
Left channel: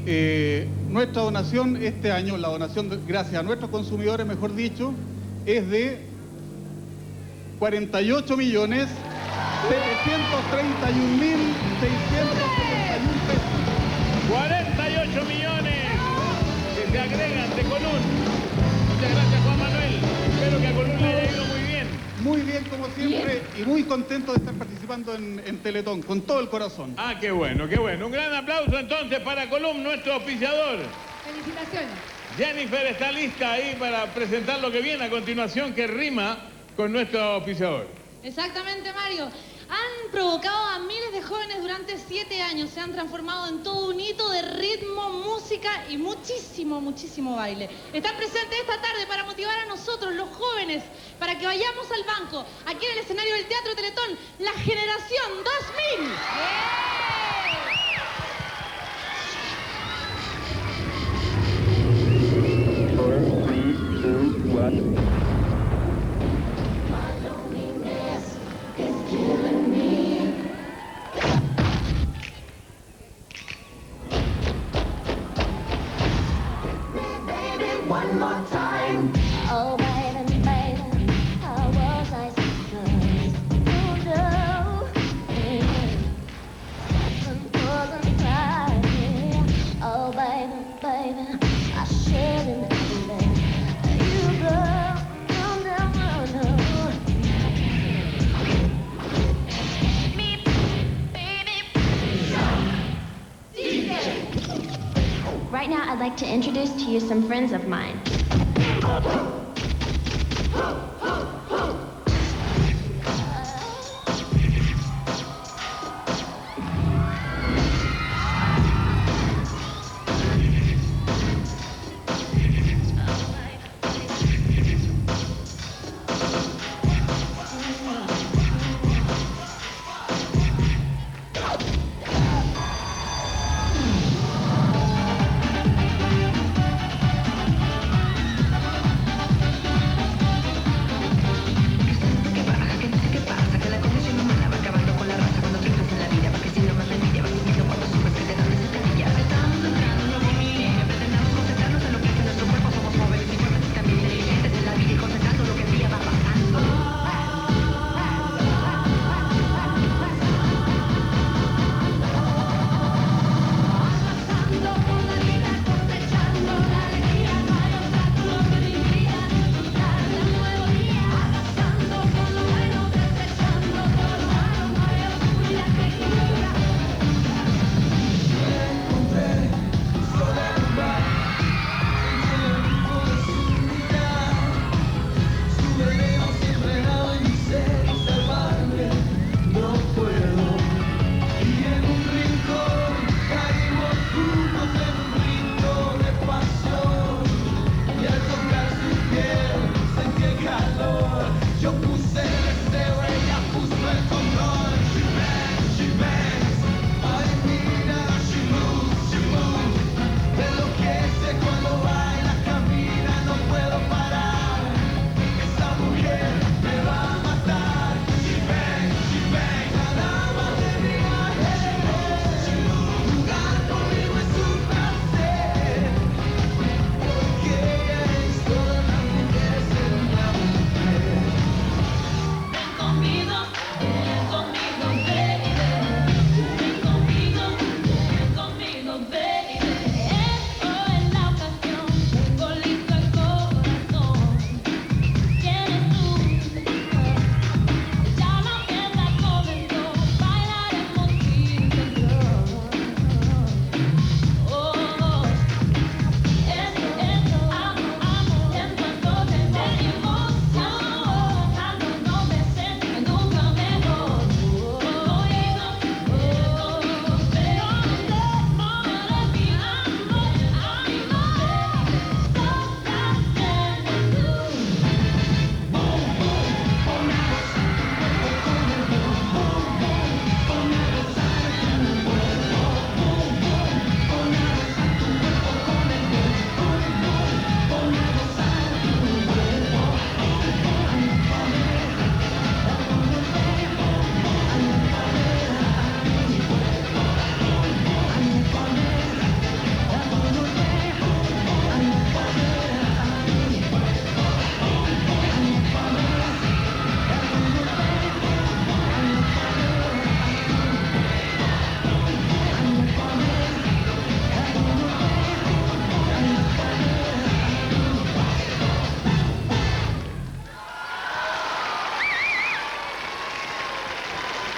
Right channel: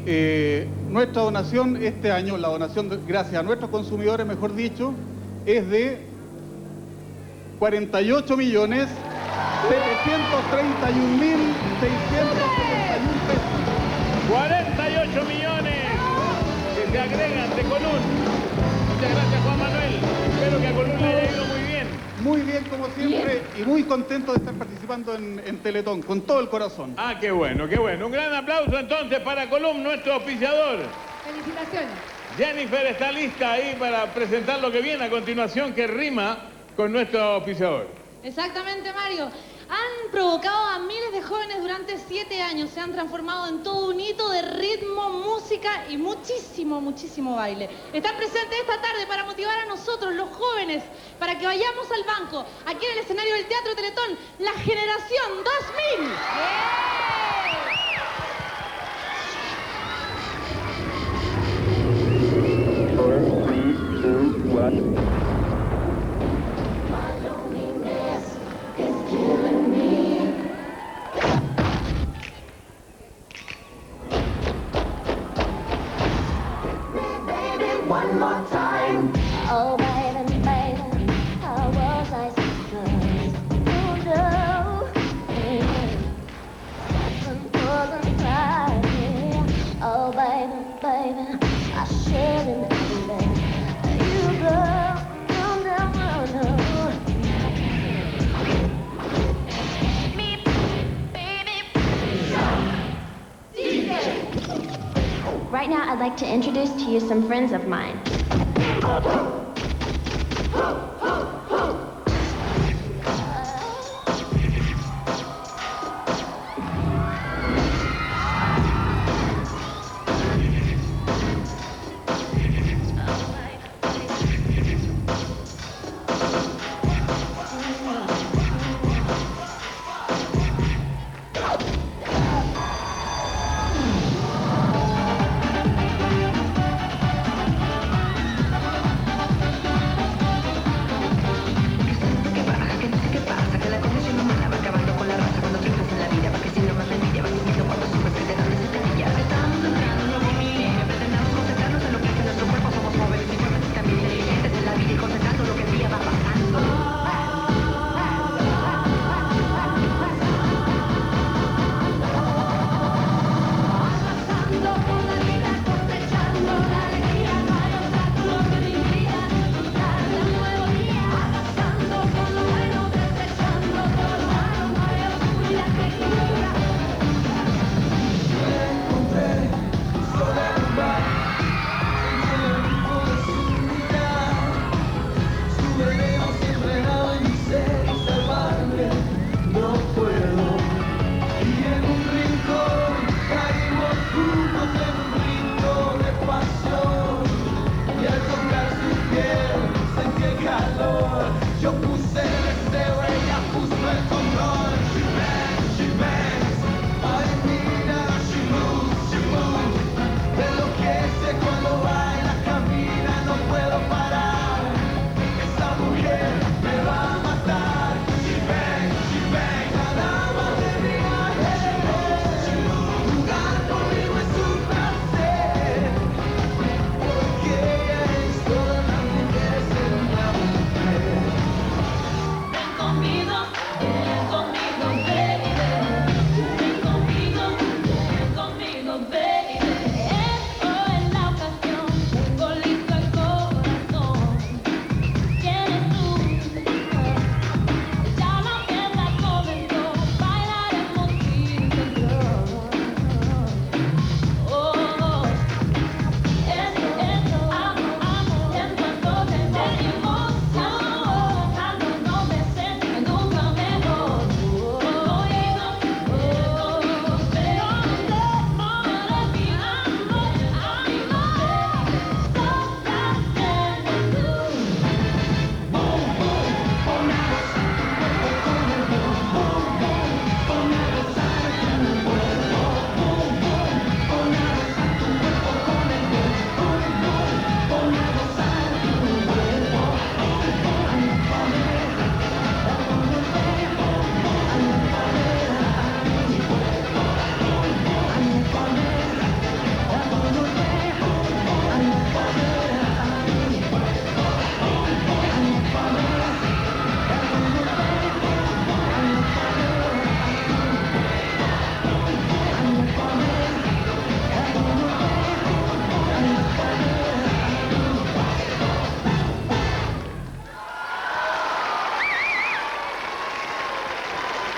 nuestra donación este año, la donación gracias a nuestros consumidores, mejor dicho, es de 48.731.671 pesos. 48 millones que se agregan de Colún. Muchas gracias, Juan Manuel. Espero que a Colún le haya ido muy bien. Muy bien, como siempre, y muy contento de estar participando en Teletón, con todo el corazón. Ah, qué bueno, qué bueno. Un gran aplauso entonces para Colún, nuestro auspiciador. Felicitaciones. Jennifer está lista ahí para presentar lo que viene a continuación, que rima con nuestro auspiciador. Exactamente, Mario. Han provocado a miles de jóvenes durante 7 años. Se han transformado en todo un hito de ritmo, música y muchísimo, muchísimo baile. Están presentes esta tarde para motivar a nosotros, los jóvenes, para que vayamos al banco, aquí en el escenario del Teatro Teletón, la generación 2000. One more time. Oh, baby, baby, how was I supposed to know? Wasn't right. Oh, baby, baby, I shouldn't have let you go. No, no, no, no. Me, baby, DJ. Right now, I'd like to introduce to you some friends of mine.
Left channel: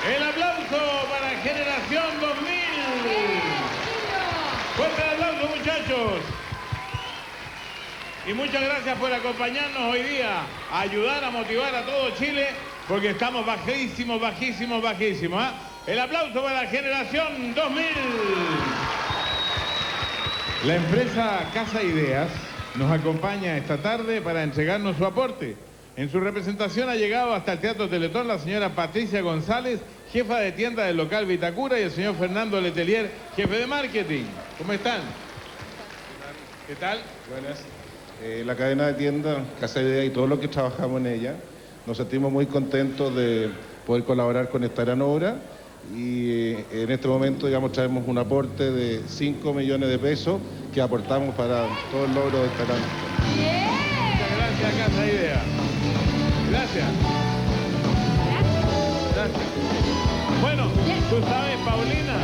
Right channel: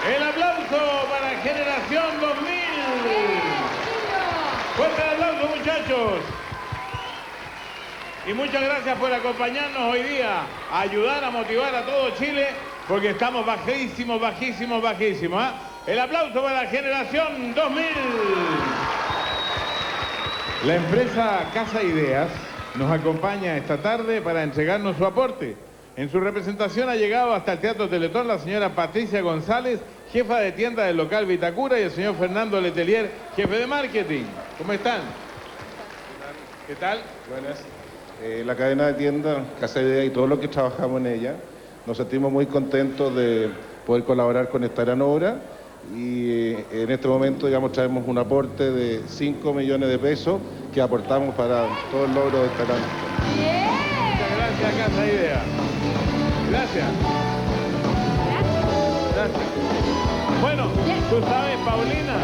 El aplauso para Generación 2000. Fuerte el aplauso, muchachos. Y muchas gracias por acompañarnos hoy día, a ayudar a motivar a todo Chile, porque estamos bajísimos, bajísimos, bajísimos. ¿Eh? El aplauso para Generación 2000. La empresa Casa Ideas nos acompaña esta tarde para entregarnos su aporte. En su representación ha llegado hasta el Teatro Teletón la señora Patricia González, jefa de tienda del local Vitacura, y el señor Fernando Letelier, jefe de marketing. ¿Cómo están? ¿Qué tal? Buenas. La cadena de tiendas Casa Ideas y todos los que trabajamos en ella, nos sentimos muy contentos de poder colaborar con esta gran obra y en este momento, digamos, traemos un aporte de 5 millones de pesos que aportamos para todo el logro de esta gran obra. Muchas gracias, Casa Ideas. Gracias. Gracias. Bueno, tú sabes, Paulina,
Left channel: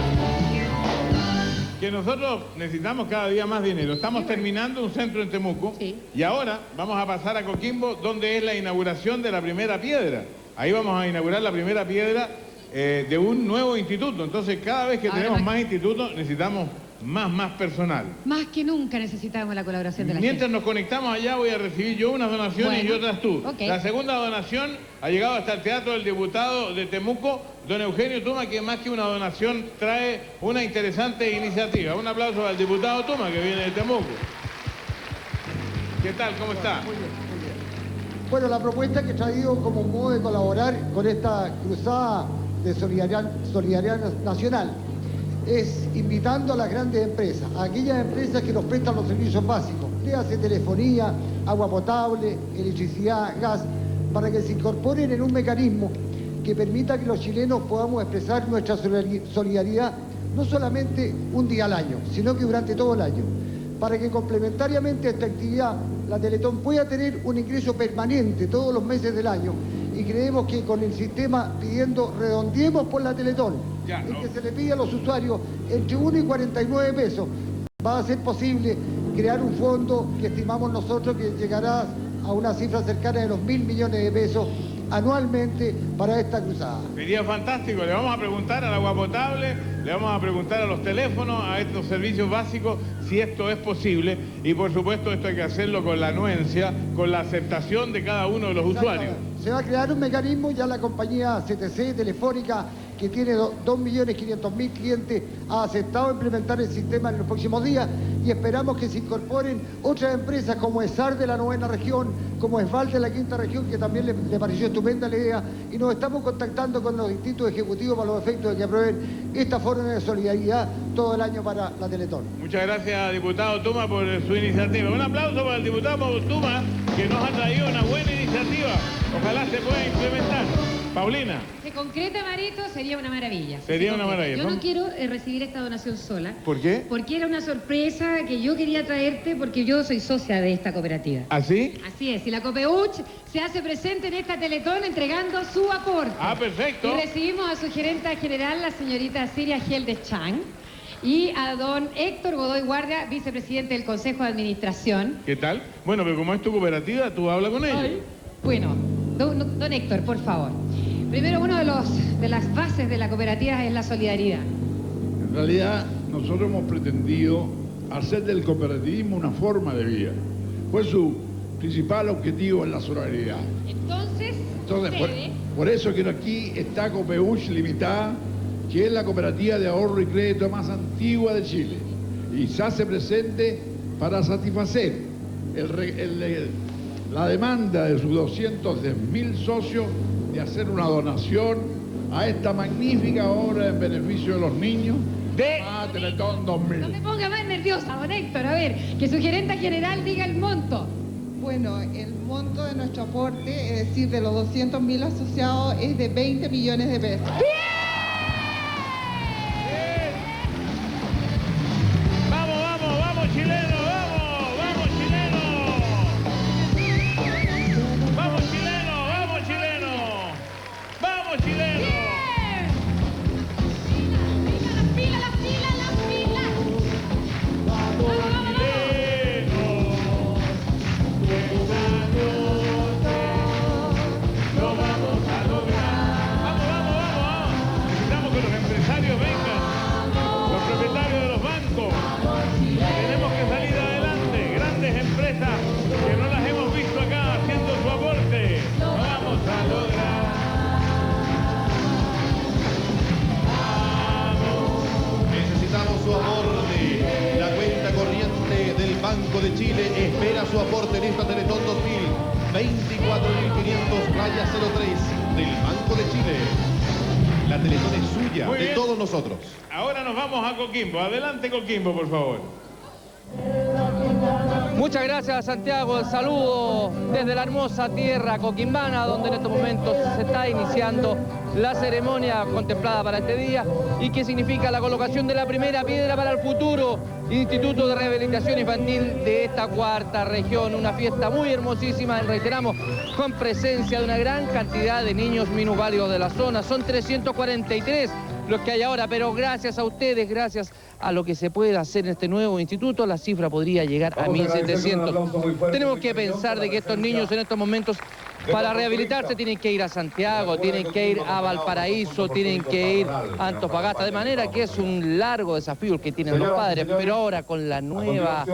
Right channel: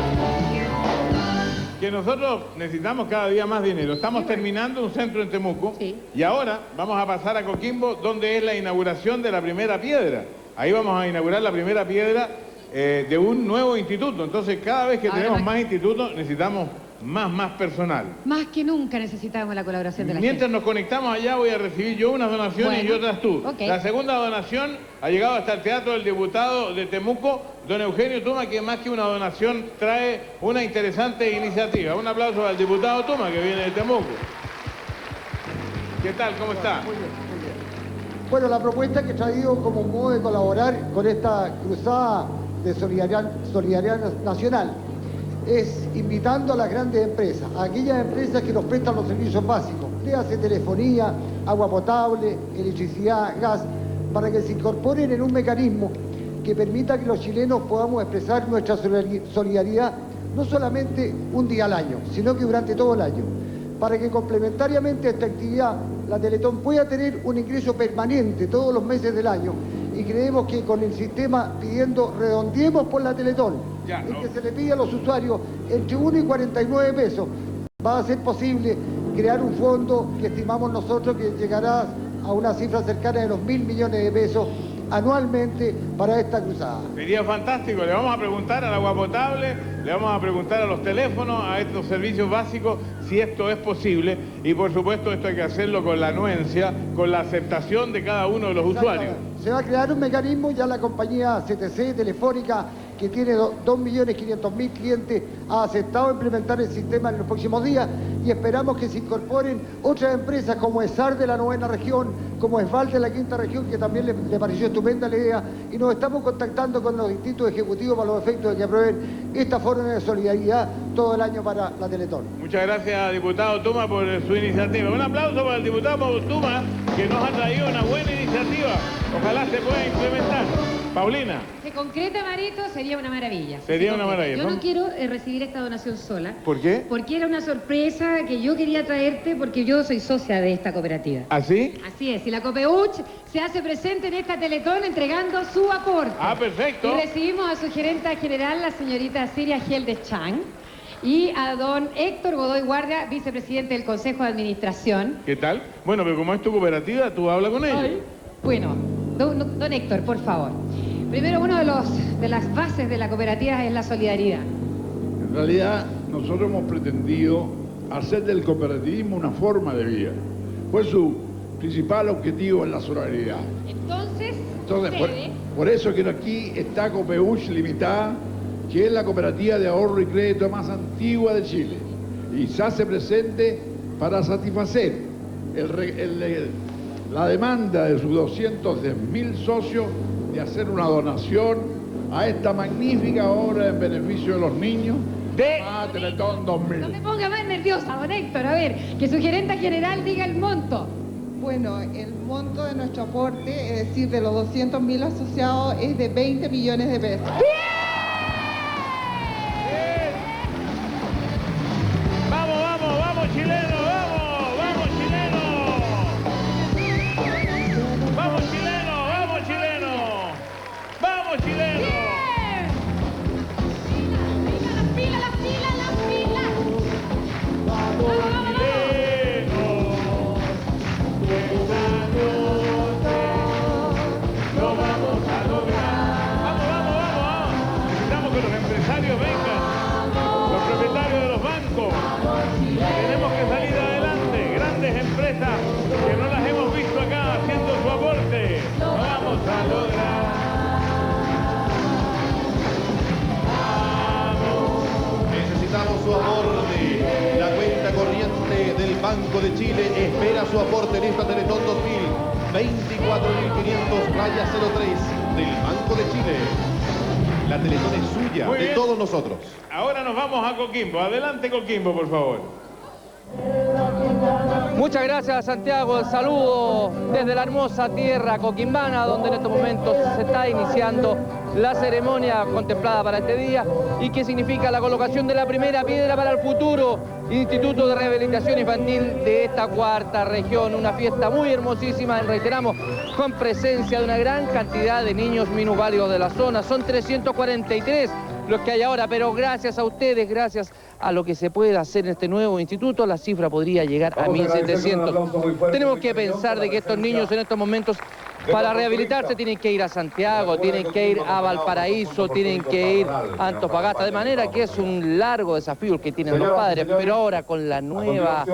que nosotros necesitamos cada día más dinero. Estamos terminando un centro en Temuco y ahora vamos a pasar a Coquimbo, donde es la inauguración de la primera piedra. Ahí vamos a inaugurar la primera piedra de un nuevo instituto. Entonces, cada vez que tenemos más institutos, necesitamos más personal. Más que nunca necesitamos la colaboración de la Mientras gente. nos conectamos allá, voy a recibir yo unas donaciones y otras tú. Ok. La segunda donación ha llegado hasta el Teatro del Diputado de Temuco, don Eugenio Tuma, que más que una donación trae una interesante iniciativa. Un aplauso al diputado Tuma, que viene de Temuco. ¿Qué tal? ¿Cómo está? Muy bien. Bueno, la propuesta que he traído como modo de colaborar con esta cruzada de solidaridad nacional es invitando a las grandes empresas, a aquellas empresas que nos prestan los servicios básicos, léase telefonía, agua potable, electricidad, gas, para que se incorporen en un mecanismo que permita que los chilenos podamos expresar nuestra solidaridad no solamente un día al año, sino que durante todo el año, para que complementariamente a esta actividad la Teletón pueda tener un ingreso permanente todos los meses del año, y creemos que con el sistema pidiendo redondeemos por la Teletón, en que se le pide a los usuarios entre 1 y 49 pesos, va a ser posible crear un fondo que estimamos nosotros que llegará a una cifra cercana de los 1.000 millones de pesos anualmente para esta cruzada. Sería fantástico. Le vamos a preguntar al agua potable, le vamos a preguntar a los teléfonos, a estos servicios básicos, si esto es posible. Y por supuesto esto hay que hacerlo con la anuencia, con la aceptación de cada uno de los usuarios. Se va a crear un mecanismo, ya la compañía CTC Telefónica, que tiene 2.500.000 clientes, ha aceptado implementar el sistema en los próximos días, y esperamos que se incorporen otras empresas como ESAR de la 9ª región, como ESVAL de la 5ª región, que también le pareció estupenda la idea, y nos estamos contactando con los distintos ejecutivos para los efectos de que aprueben esta forma de solidaridad todo el año para la Teletón. Muchas gracias, diputado Tuma, por su iniciativa. Un aplauso para el diputado Tuma, que nos ha traído una buena iniciativa. Ojalá se pueda implementar. Paulina. Se concreta, Marito, sería una maravilla. Sería una maravilla. Yo no quiero recibir esta donación sola. ¿Por qué? Porque era una sorpresa que yo quería traerte, porque yo soy socia de esta cooperativa. ¿Así? Así es, y la COPEUCH se hace presente en esta Teletón entregando su aporte. Ah, perfecto. Y recibimos a su gerenta general, la señorita Siria Geldes Chang, y a don Héctor Godoy Guardia, vicepresidente del Consejo de Administración. ¿Qué tal? Bueno, pero como es tu cooperativa, tú hablas con ellos. Bueno, don Héctor, por favor. Primero, uno de las bases de la cooperativa es la solidaridad. En realidad, nosotros hemos pretendido hacer del cooperativismo una forma de vida. Pues su principal objetivo es la solidaridad. Entonces por eso que aquí está Copeuch Limitada, que es la cooperativa de ahorro y crédito más antigua de Chile, y se hace presente para satisfacer la demanda de sus 210.000 socios de hacer una donación a esta magnífica obra en beneficio de los niños de Teletón 2000. No me ponga más nerviosa, don Héctor. A ver, que su gerenta general diga el monto. Bueno, el monto de nuestro aporte, es decir, de los 200.000 asociados, es de 20 millones de pesos. ¡Vamos, chileno! ¡Vamos, chileno! ¡Vamos, chileno! ¡Vamos, chileno! ¡Vamos, chileno! de Chile espera su aporte en esta Teletón 2024.500-03 del Banco de Chile. La Teletón es suya, Muy de bien. todos nosotros. Ahora nos vamos a Coquimbo. Adelante, Coquimbo, por favor. Muchas gracias, Santiago. El saludo desde la hermosa tierra coquimbana, donde en estos momentos se está iniciando la ceremonia contemplada para este día y que significa la colocación de la primera piedra para el futuro Instituto de Rehabilitación Infantil de esta cuarta región. Una fiesta muy hermosísima, reiteramos, con presencia de una gran cantidad de niños minusválidos de la zona. Son 343 los que hay ahora, pero gracias a ustedes, gracias a lo que se puede hacer en este nuevo instituto, la cifra podría llegar a 1.700. Tenemos que pensar de que estos niños en estos momentos, para rehabilitarse, tienen que ir a Santiago, tienen que ir a Valparaíso, tienen que ir a Antofagasta, de manera que es un largo desafío el que tienen los padres, pero ahora con la nueva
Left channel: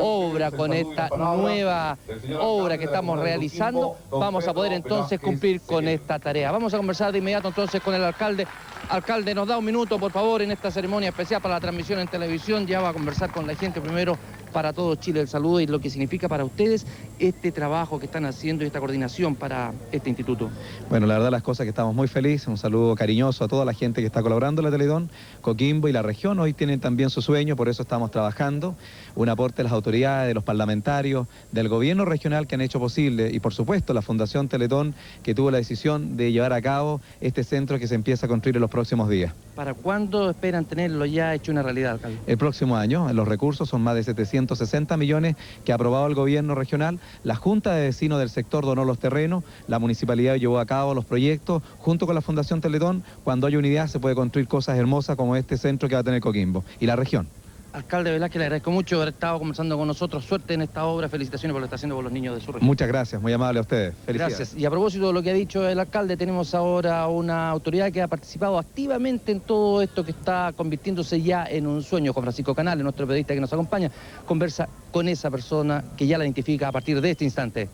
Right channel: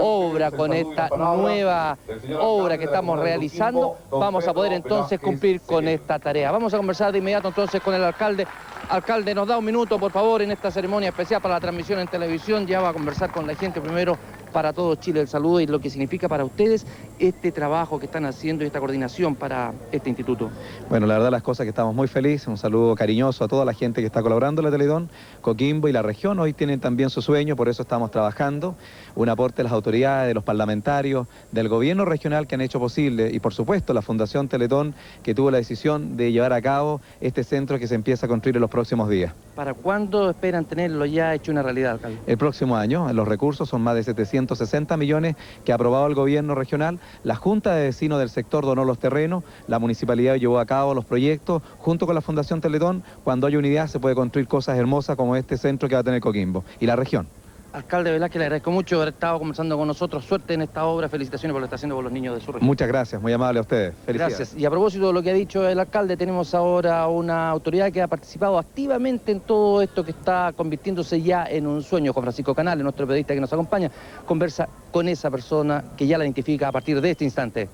obra, con esta nueva obra que estamos realizando, vamos a poder entonces cumplir con esta tarea. Vamos a conversar de inmediato entonces con el alcalde. Alcalde, nos da un minuto, por favor, en esta ceremonia especial para la transmisión en televisión. Ya va a conversar con la gente primero para todo Chile el saludo y lo que significa para ustedes este trabajo que están haciendo y esta coordinación para este instituto. Bueno, la verdad las cosas que estamos muy felices, un saludo cariñoso a toda la gente que está colaborando en la Teletón, Coquimbo y la región. Hoy tienen también su sueño, por eso estamos trabajando. Un aporte de las autoridades, de los parlamentarios, del gobierno regional que han hecho posible y por supuesto la Fundación Teletón que tuvo la decisión de llevar a cabo este centro que se empieza a construir en los próximos días. ¿Para cuándo esperan tenerlo ya hecho una realidad, alcalde? El próximo año, los recursos son más de 760 millones que ha aprobado el gobierno regional. La Junta de Vecinos del sector donó los terrenos, la municipalidad llevó a cabo los proyectos junto con la Fundación Teletón. Cuando hay unidad se puede construir cosas hermosas como este centro que va a tener Coquimbo y la región. Alcalde, verdad que le agradezco mucho haber estado conversando con nosotros. Suerte en esta obra, felicitaciones por lo que está haciendo por los niños de su región. Muchas gracias, muy amable a ustedes. Felicidades. Gracias. Y a propósito de lo que ha dicho el alcalde, tenemos ahora una autoridad que ha participado activamente en todo esto que está convirtiéndose ya en un sueño. Con Francisco Canales, nuestro periodista que nos acompaña, conversa con esa persona que ya la identifica a partir de este instante.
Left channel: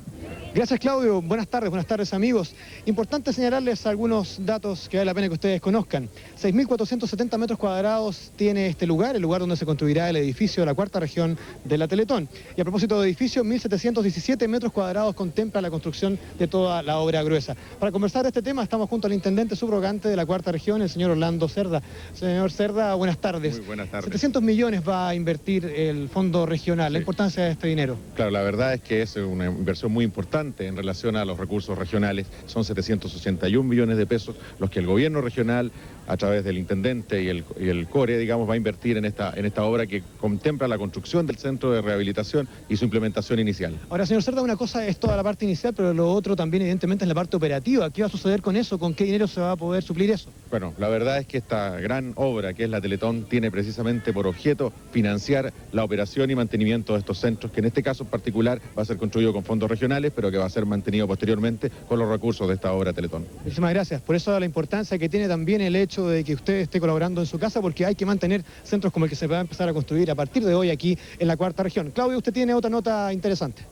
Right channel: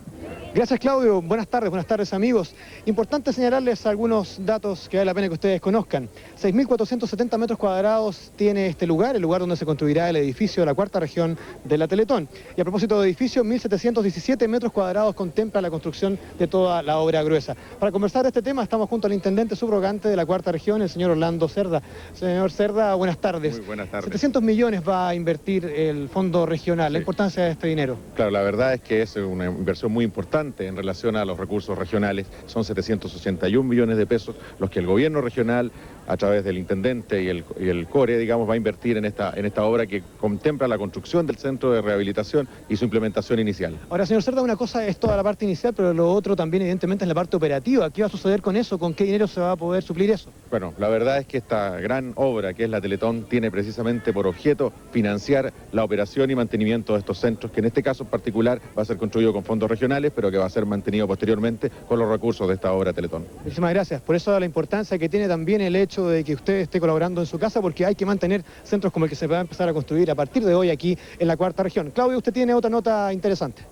Gracias, Claudio. Buenas tardes amigos. Importante señalarles algunos datos que vale la pena que ustedes conozcan. 6.470 metros cuadrados tiene este lugar, el lugar donde se construirá el edificio de la cuarta región de la Teletón. Y a propósito de edificio, 1.717 metros cuadrados contempla la construcción de toda la obra gruesa. Para conversar de este tema estamos junto al intendente subrogante de la cuarta región, el señor Orlando Cerda. Señor Cerda, buenas tardes. Muy buenas tardes. 700 millones va a invertir el fondo regional. La importancia de este dinero. Claro, la verdad es que es una inversión muy importante en relación a los recursos regionales. Son 761 millones de pesos los que el gobierno regional, a través del intendente y el CORE, digamos, va a invertir en esta obra que contempla la construcción del centro de rehabilitación y su implementación inicial. Ahora, señor Cerda, una cosa es toda la parte inicial, pero lo otro también evidentemente es la parte operativa. ¿Qué va a suceder con eso? ¿Con qué dinero se va a poder suplir eso? Bueno, la verdad es que esta gran obra que es la Teletón tiene precisamente por objeto financiar la operación y mantenimiento de estos centros, que en este caso en particular va a ser construido con fondos regionales, pero que va a ser mantenido posteriormente con los recursos de esta obra Teletón. Muchísimas gracias. Por eso la importancia que tiene también el hecho de que usted esté colaborando en su casa, porque hay que mantener centros como el que se va a empezar a construir a partir de hoy aquí en la cuarta región. Claudio, usted tiene otra nota interesante.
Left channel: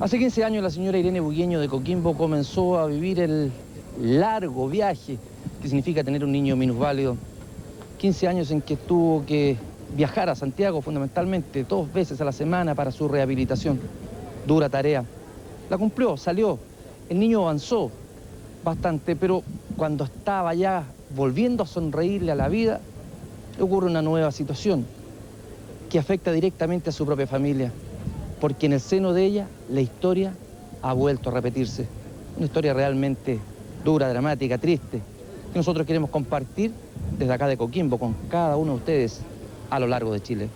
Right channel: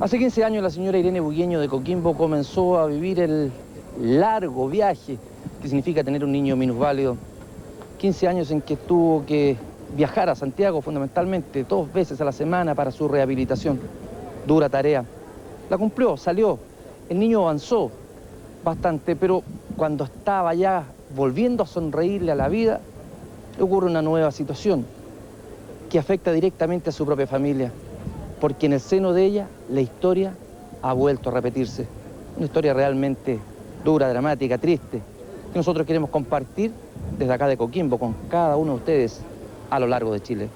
Hace 15 años la señora Irene Bugueño de Coquimbo comenzó a vivir el largo viaje que significa tener un niño minusválido. 15 años en que tuvo que viajar a Santiago fundamentalmente 2 veces a la semana para su rehabilitación. Dura tarea. La cumplió, salió. El niño avanzó bastante, pero cuando estaba ya volviendo a sonreírle a la vida, le ocurre una nueva situación que afecta directamente a su propia familia, porque en el seno de ella la historia ha vuelto a repetirse. Una historia realmente dura, dramática, triste, que nosotros queremos compartir desde acá de Coquimbo con cada uno de ustedes a lo largo de Chile.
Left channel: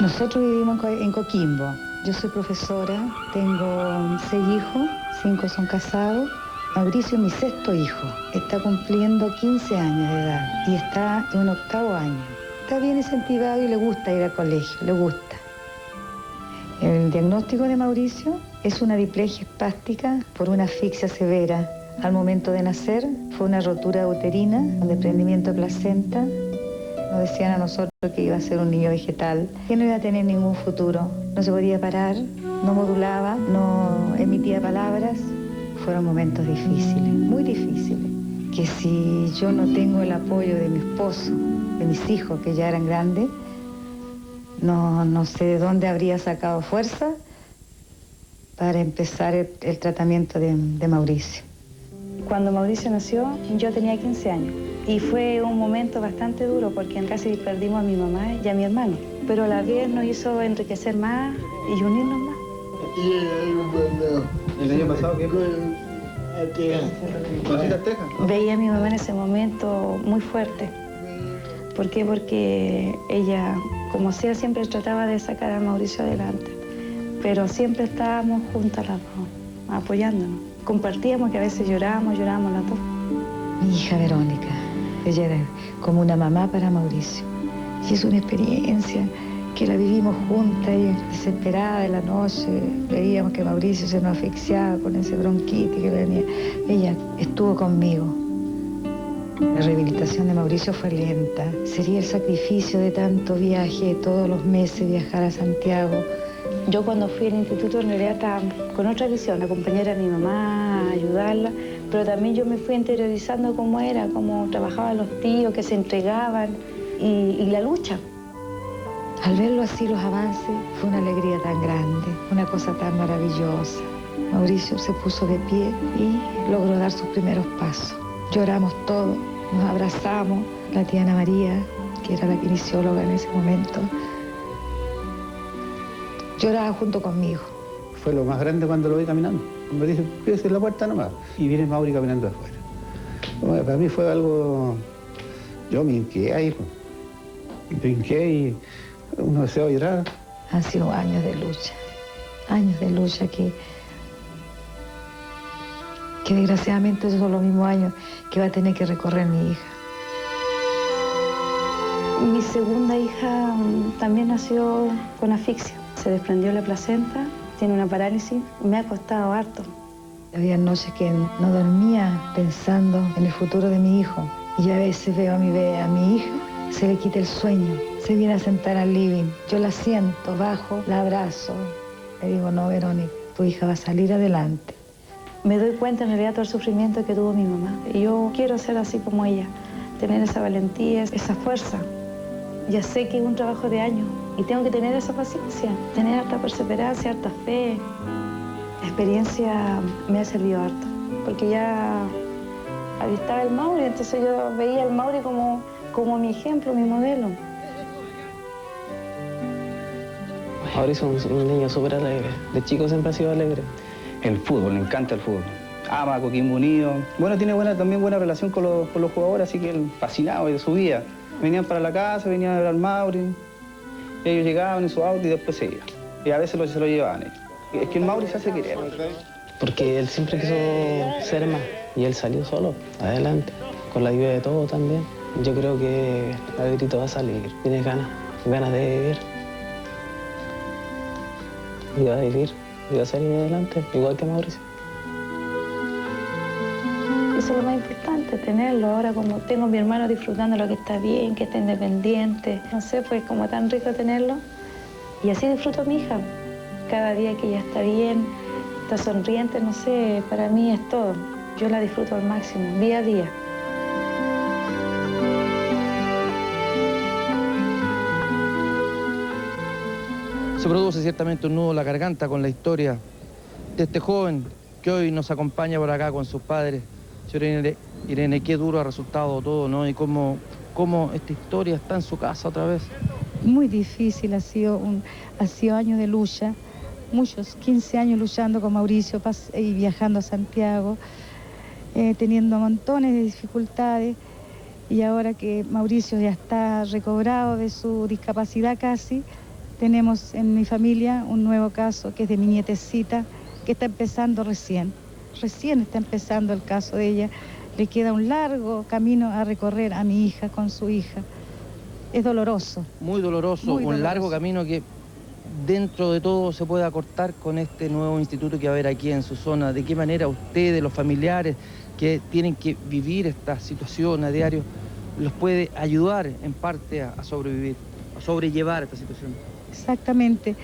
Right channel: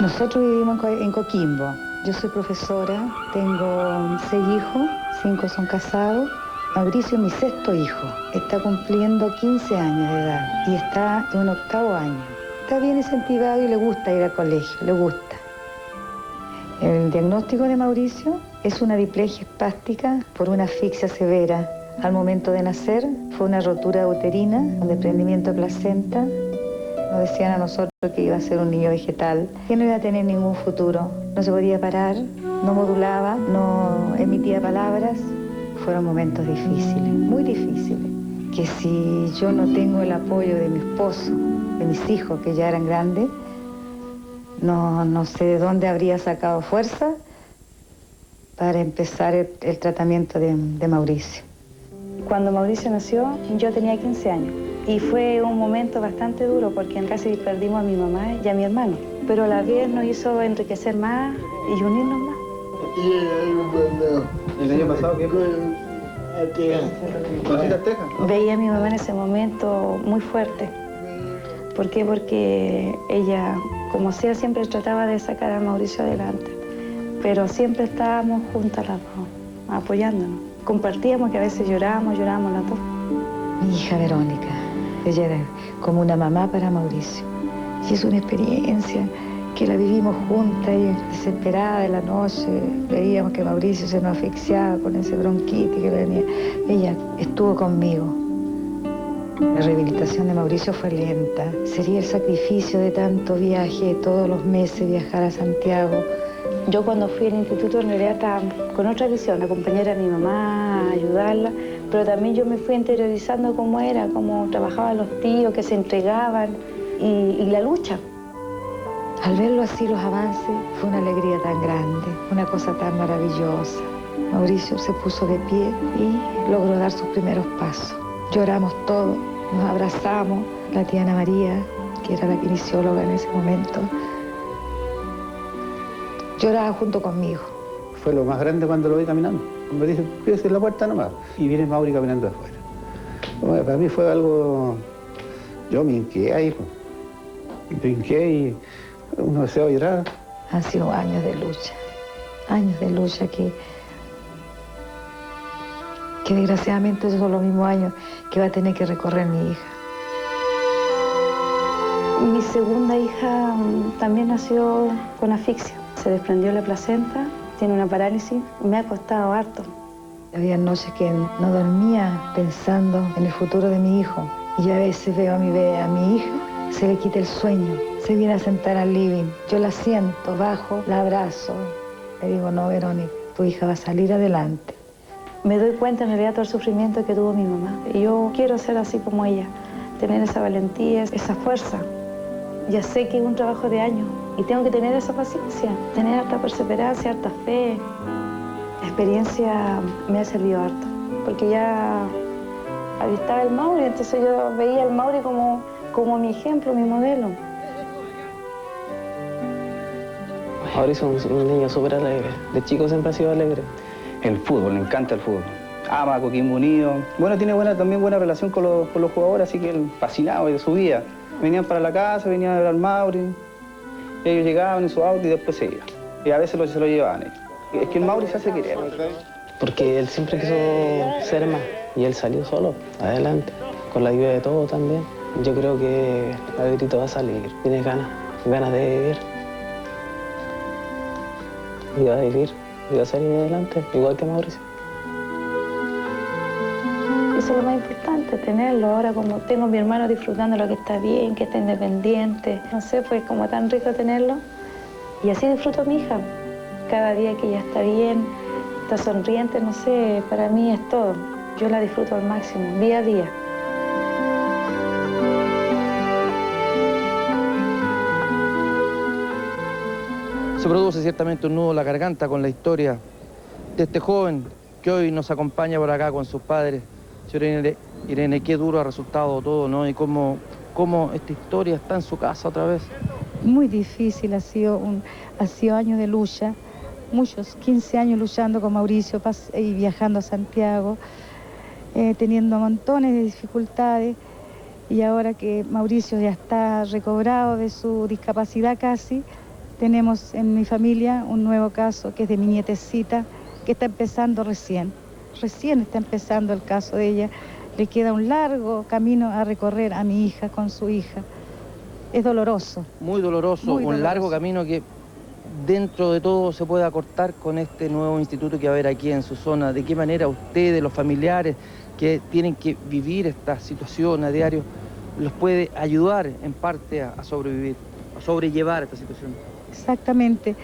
Nosotros vivimos en Coquimbo. Yo soy profesora, tengo 6 hijos, 5 son casados. Mauricio es mi 6.º hijo, está cumpliendo 15 años de edad y está en un 8º año. Está bien incentivado y le gusta ir al colegio, le gusta. El diagnóstico de Mauricio es una diplegia espástica por una asfixia severa. Al momento de nacer fue una rotura uterina, un desprendimiento de placenta Nos decían a nosotros que iba a ser un niño vegetal, que no iba a tener ningún futuro. No se podía parar, no modulaba, no emitía palabras. Fueron momentos difíciles, muy difíciles. Que si yo no tengo el apoyo de mi esposo, de mis hijos que ya eran grandes, no sé de dónde habría sacado fuerza para empezar el tratamiento de Mauricio. Cuando Mauricio nació, yo tenía 15 años y fue un momento bastante duro porque casi perdimos a mi mamá y a mi hermano, pero a la vez nos hizo enriquecer más y unirnos más. ¿El año pasado qué? Veía a mi mamá en ese momento muy fuerte. ¿Por qué? Porque ella, como sea, siempre trataba de sacar a Mauricio adelante, pero siempre estábamos juntas las dos, apoyándonos. Compartíamos, que a veces llorábamos las dos. Mi hija Verónica, ella era como una mamá para Mauricio. Y es una experiencia que la vivimos juntas, y desesperada de la noche, veíamos que Mauricio se nos asfixiaba con ese bronquitis que venía. Ella estuvo conmigo. La rehabilitación de Mauricio fue lenta. Sería el sacrificio de tanto viaje, todos los meses viajar a Santiago. Yo cuando fui al instituto en realidad estaba con otra visión, acompañar a mi mamá, ayudarla, pero también yo me fui interiorizando cómo era, cómo trabajaban los tíos, que se entregaban y la lucha. Al verlo así, los avances, fue una alegría tan grande, una cosa tan maravillosa. Mauricio se puso de pie y logró dar sus primeros pasos. Lloramos todos, nos abrazamos. La tía Ana María, que era la kinesióloga en ese momento, lloraba junto conmigo. Fue lo más grande cuando lo vi caminando. Me dice, cuídese en la puerta nomás. Y viene Mauri caminando afuera. Bueno, para mí fue algo... Yo me hinqué ahí. Me hinqué y uno deseaba llorar. Han sido años de lucha que desgraciadamente son los mismos años que va a tener que recorrer mi hija. Mi segunda hija también nació con asfixia. Se desprendió la placenta, tiene una parálisis, me ha costado harto. Había noches que no dormía pensando en el futuro de mi hijo. Y a veces veo a mi hija, se le quita el sueño, se viene a sentar al living. Yo la siento, bajo, la abrazo. Le digo, no, Verónica, tu hija va a salir adelante. Me doy cuenta en realidad todo el sufrimiento que tuvo mi mamá. Y yo quiero ser así como ella, tener esa valentía, esa fuerza. Ya sé que es un trabajo de años y tengo que tener esa paciencia, tener harta perseverancia, harta fe. La experiencia me ha servido harto, porque ya avistaba el Mauri, entonces yo veía al Mauri como mi ejemplo, mi modelo. Mauricio es un niño súper alegre, de chico siempre ha sido alegre. El fútbol, le encanta el fútbol. Ama a Coquimbo Unido. Bueno, tiene también buena relación con los jugadores, así que él fascinado de su vida. Venían para la casa, venían a ver al Mauri, ellos llegaban en su auto y después se iban. Y a veces se lo llevaban ellos. Es que el Mauri se hace querer. Porque él siempre quiso ser más y él salió solo, adelante, con la ayuda de todos también. Yo creo que Davidito va a salir, tiene ganas de vivir. Y va a vivir, y va a salir adelante, igual que Mauricio. Eso es lo más importante, tenerlo. Ahora como tengo a mi hermano disfrutando lo que está bien, que está independiente. No sé, pues como tan rico tenerlo. Y así disfruto a mi hija. Cada día que ella está bien, está sonriente, no sé, para mí es todo. Yo la disfruto al máximo, día a día. Se produce ciertamente un nudo en la garganta con la historia de este joven que hoy nos acompaña por acá con sus padres. Señora Irene, qué duro ha resultado todo, ¿no? Y cómo esta historia está en su casa otra vez. Muy difícil, ha sido años de lucha, muchos, 15 años luchando con Mauricio y viajando a Santiago, teniendo montones de dificultades, y ahora que Mauricio ya está recobrado de su discapacidad casi, tenemos en mi familia un nuevo caso que es de mi nietecita, que está empezando recién está empezando el caso de ella. Le queda un largo camino a recorrer a mi hija con su hija. Es doloroso. Muy doloroso, un largo camino que dentro de todo se puede acortar con este nuevo instituto que va a haber aquí en su zona. ¿De qué manera ustedes, los familiares que tienen que vivir esta situación a diario, los puede ayudar en parte a sobrevivir, a sobrellevar esta situación. Exactamente.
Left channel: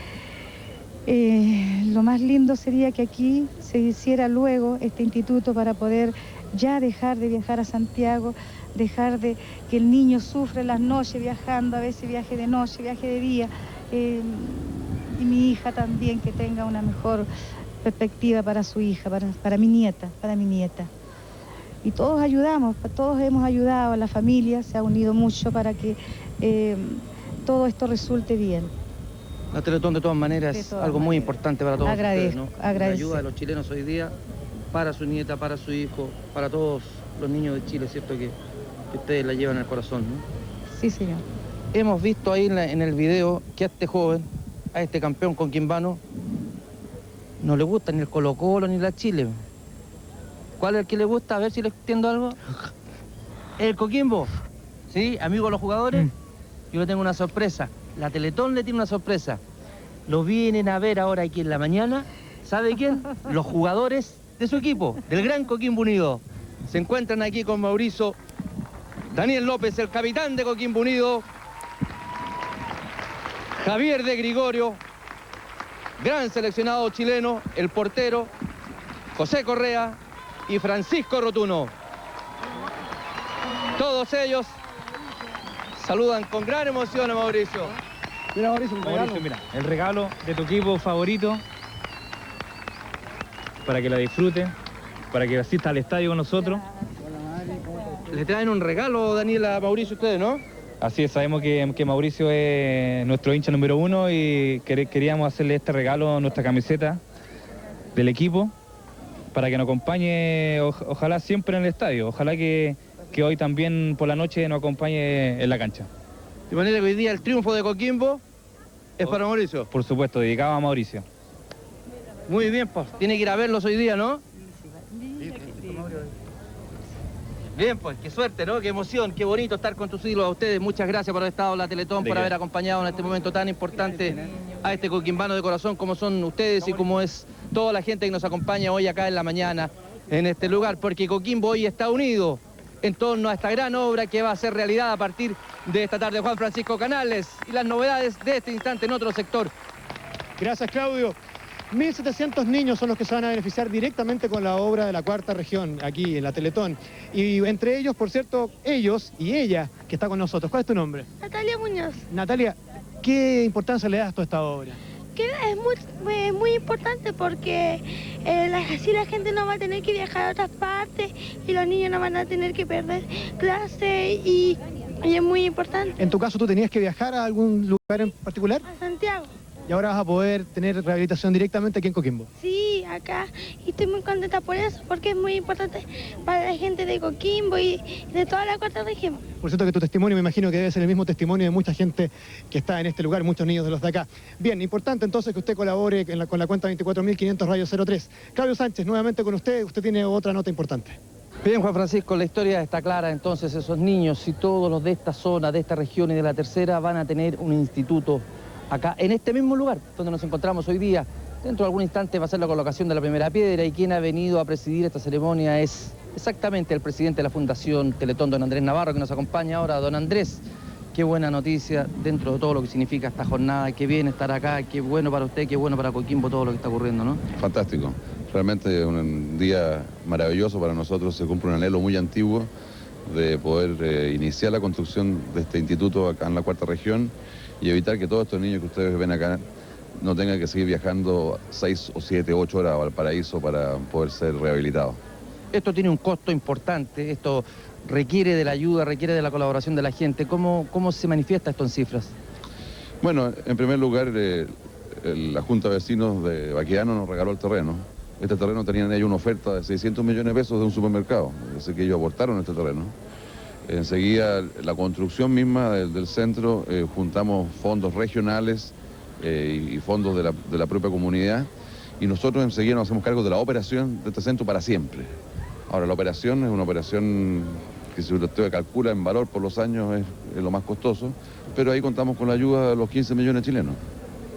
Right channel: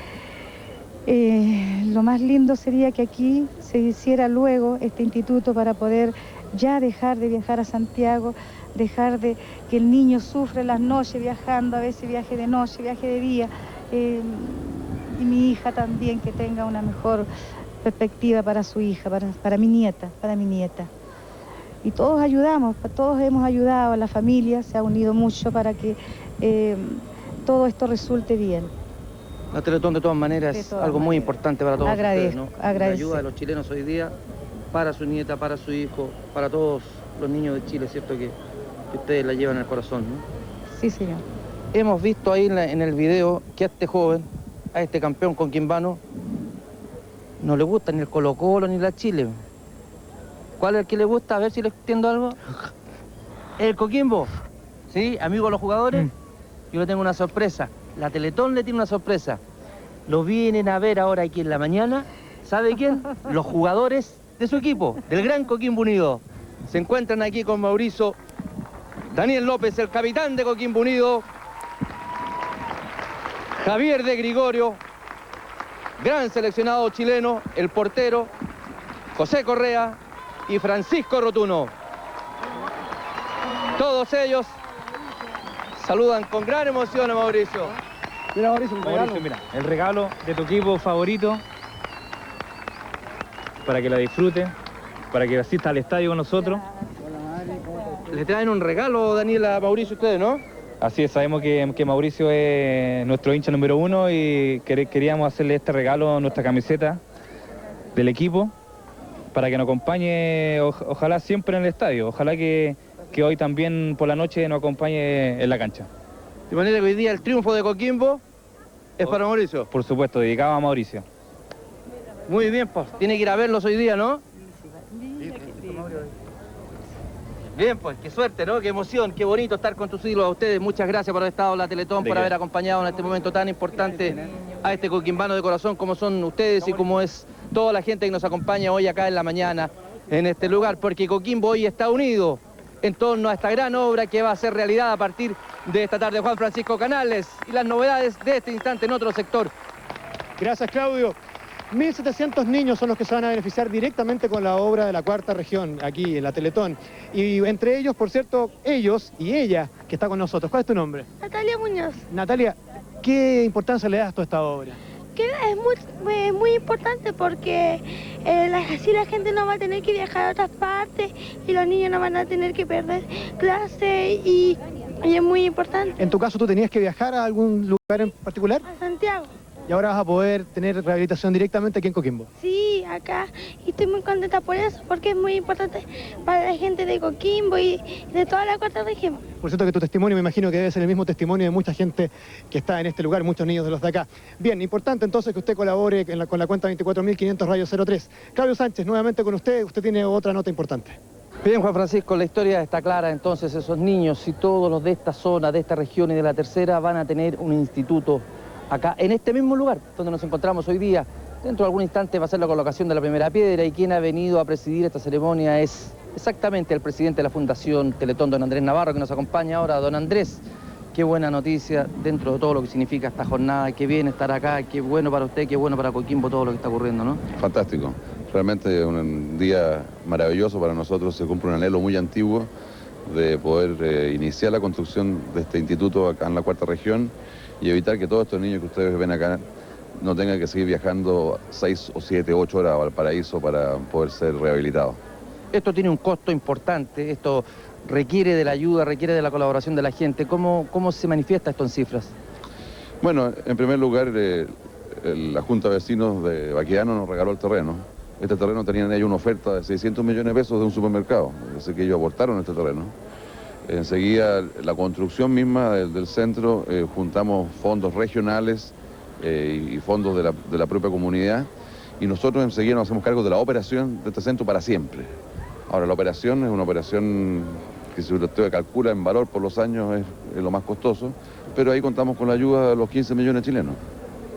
Lo más lindo sería que aquí se hiciera luego este instituto para poder ya dejar de viajar a Santiago, dejar de que el niño sufre las noches viajando, a veces viaje de noche, viaje de día, y mi hija también que tenga una mejor perspectiva para su hija, para mi nieta, Y todos ayudamos, todos hemos ayudado, la familia se ha unido mucho para que todo esto resulte bien. La Teletón de todas maneras es algo muy importante para todos ustedes, ¿no? La ayuda de los chilenos hoy día para su nieta, para su hijo, para todos los niños de Chile, ¿cierto? Que ustedes la llevan en el corazón, ¿no? Sí, señor. Hemos visto ahí en el video que a este joven, a este campeón coquimbano, no le gusta ni el Colo-Colo ni la Chile. ¿Cuál es el que le gusta? A ver si le entiendo algo. El Coquimbo, ¿sí? Amigo de los jugadores. Yo le tengo una sorpresa. La Teletón le tiene una sorpresa. Lo vienen a ver ahora aquí en la mañana. ¿Sabe quién? Los jugadores de su equipo, del Gran Coquimbo Unido. Se encuentran aquí con Mauricio Daniel López, el capitán de Coquimbo Unido. Javier de Gregorio, gran seleccionado chileno, el portero, José Correa y Francisco Rotuno. Todos ellos saludan con gran emoción a Mauricio. Mira, Mauricio, mira, el regalo de tu equipo favorito para que la disfruten, para que asista al estadio con nosotros. Le traen un regalo, Daniel, a Mauricio, ustedes, ¿no? Así es, sabemos que Mauricio es nuestro hincha número 1 y queríamos hacerle este regalo, nuestra camiseta del equipo, para que nos acompañe, ojalá siempre en el estadio, ojalá que hoy también por la noche nos acompañe en la cancha. De manera que hoy día el triunfo de Coquimbo es para Mauricio. Por supuesto, dedicado a Mauricio. Muy bien, pues, tiene que ir a verlos hoy día, ¿no? Bien, pues, qué suerte, ¿no? Qué emoción, qué bonito estar con tus ídolos. A ustedes, muchas gracias por haber estado en la Teletón, por haber acompañado en este momento tan importante a este coquimbano de corazón como son ustedes y como es toda la gente que nos acompaña hoy acá en la mañana en este lugar, porque Coquimbo hoy está unido en torno a esta gran obra que va a ser realidad a partir de esta tarde. Juan Francisco Canales y las novedades de este instante en otro sector. Gracias, Claudio. 1.700 niños son los que se van a beneficiar directamente con la obra de la Cuarta Región, aquí en la Teletón. Y entre ellos, por cierto, ellos y ella, que está con nosotros. ¿Cuál es tu nombre? Natalia Muñoz. Natalia, ¿qué importancia le das tú a esta obra? Que es muy importante porque así la gente no va a tener que viajar a otras partes y los niños no van a tener que perder clase y es muy importante. En tu caso, ¿tú tenías que viajar a algún lugar en particular? A Santiago. Y ahora vas a poder tener rehabilitación directamente aquí en Coquimbo. Sí, acá. Y estoy muy contenta por eso, porque es muy importante para la gente de Coquimbo y de toda la Cuarta Región. Por cierto que tu testimonio me imagino que debe ser el mismo testimonio de mucha gente que está en este lugar, muchos niños de los de acá. Bien, importante entonces que usted colabore con la cuenta 24.500 Radio 03. Claudio Sánchez, nuevamente con usted tiene otra nota importante. Bien, Juan Francisco, la historia está clara, entonces esos niños y todos los de esta zona, de esta región y de la tercera van a tener un instituto acá, en este mismo lugar donde nos encontramos hoy día. Dentro de algún instante va a ser la colocación de la primera piedra y quien ha venido a presidir esta ceremonia es exactamente el presidente de la Fundación Teletón, don Andrés Navarro, que nos acompaña ahora. Don Andrés, qué buena noticia dentro de todo lo que significa esta jornada, qué bien estar acá, qué bueno para usted, qué bueno para Coquimbo todo lo que está ocurriendo, ¿no? Fantástico, realmente un día maravilloso para nosotros, se cumple un anhelo muy antiguo de poder iniciar la construcción de este instituto acá en la Cuarta Región y evitar que todos estos niños que ustedes ven acá no tengan que seguir viajando 6 o 7, 8 horas a Valparaíso para poder ser rehabilitados. Esto tiene un costo importante, esto requiere de la ayuda, requiere de la colaboración de la gente. ¿Cómo se manifiesta esto en cifras? Bueno, en primer lugar, la Junta de Vecinos de Baquedano nos regaló el terreno. Este terreno tenían ellos una oferta de 600 millones de pesos de un supermercado, así que ellos aportaron este terreno. Enseguida, la construcción misma del centro, juntamos fondos regionales y fondos de la propia comunidad, y nosotros enseguida nos hacemos cargo de la operación de este centro para siempre. Ahora, la operación es una operación que, si usted calcula en valor por los años, es lo más costoso, pero ahí contamos con la ayuda de los 15 millones chilenos.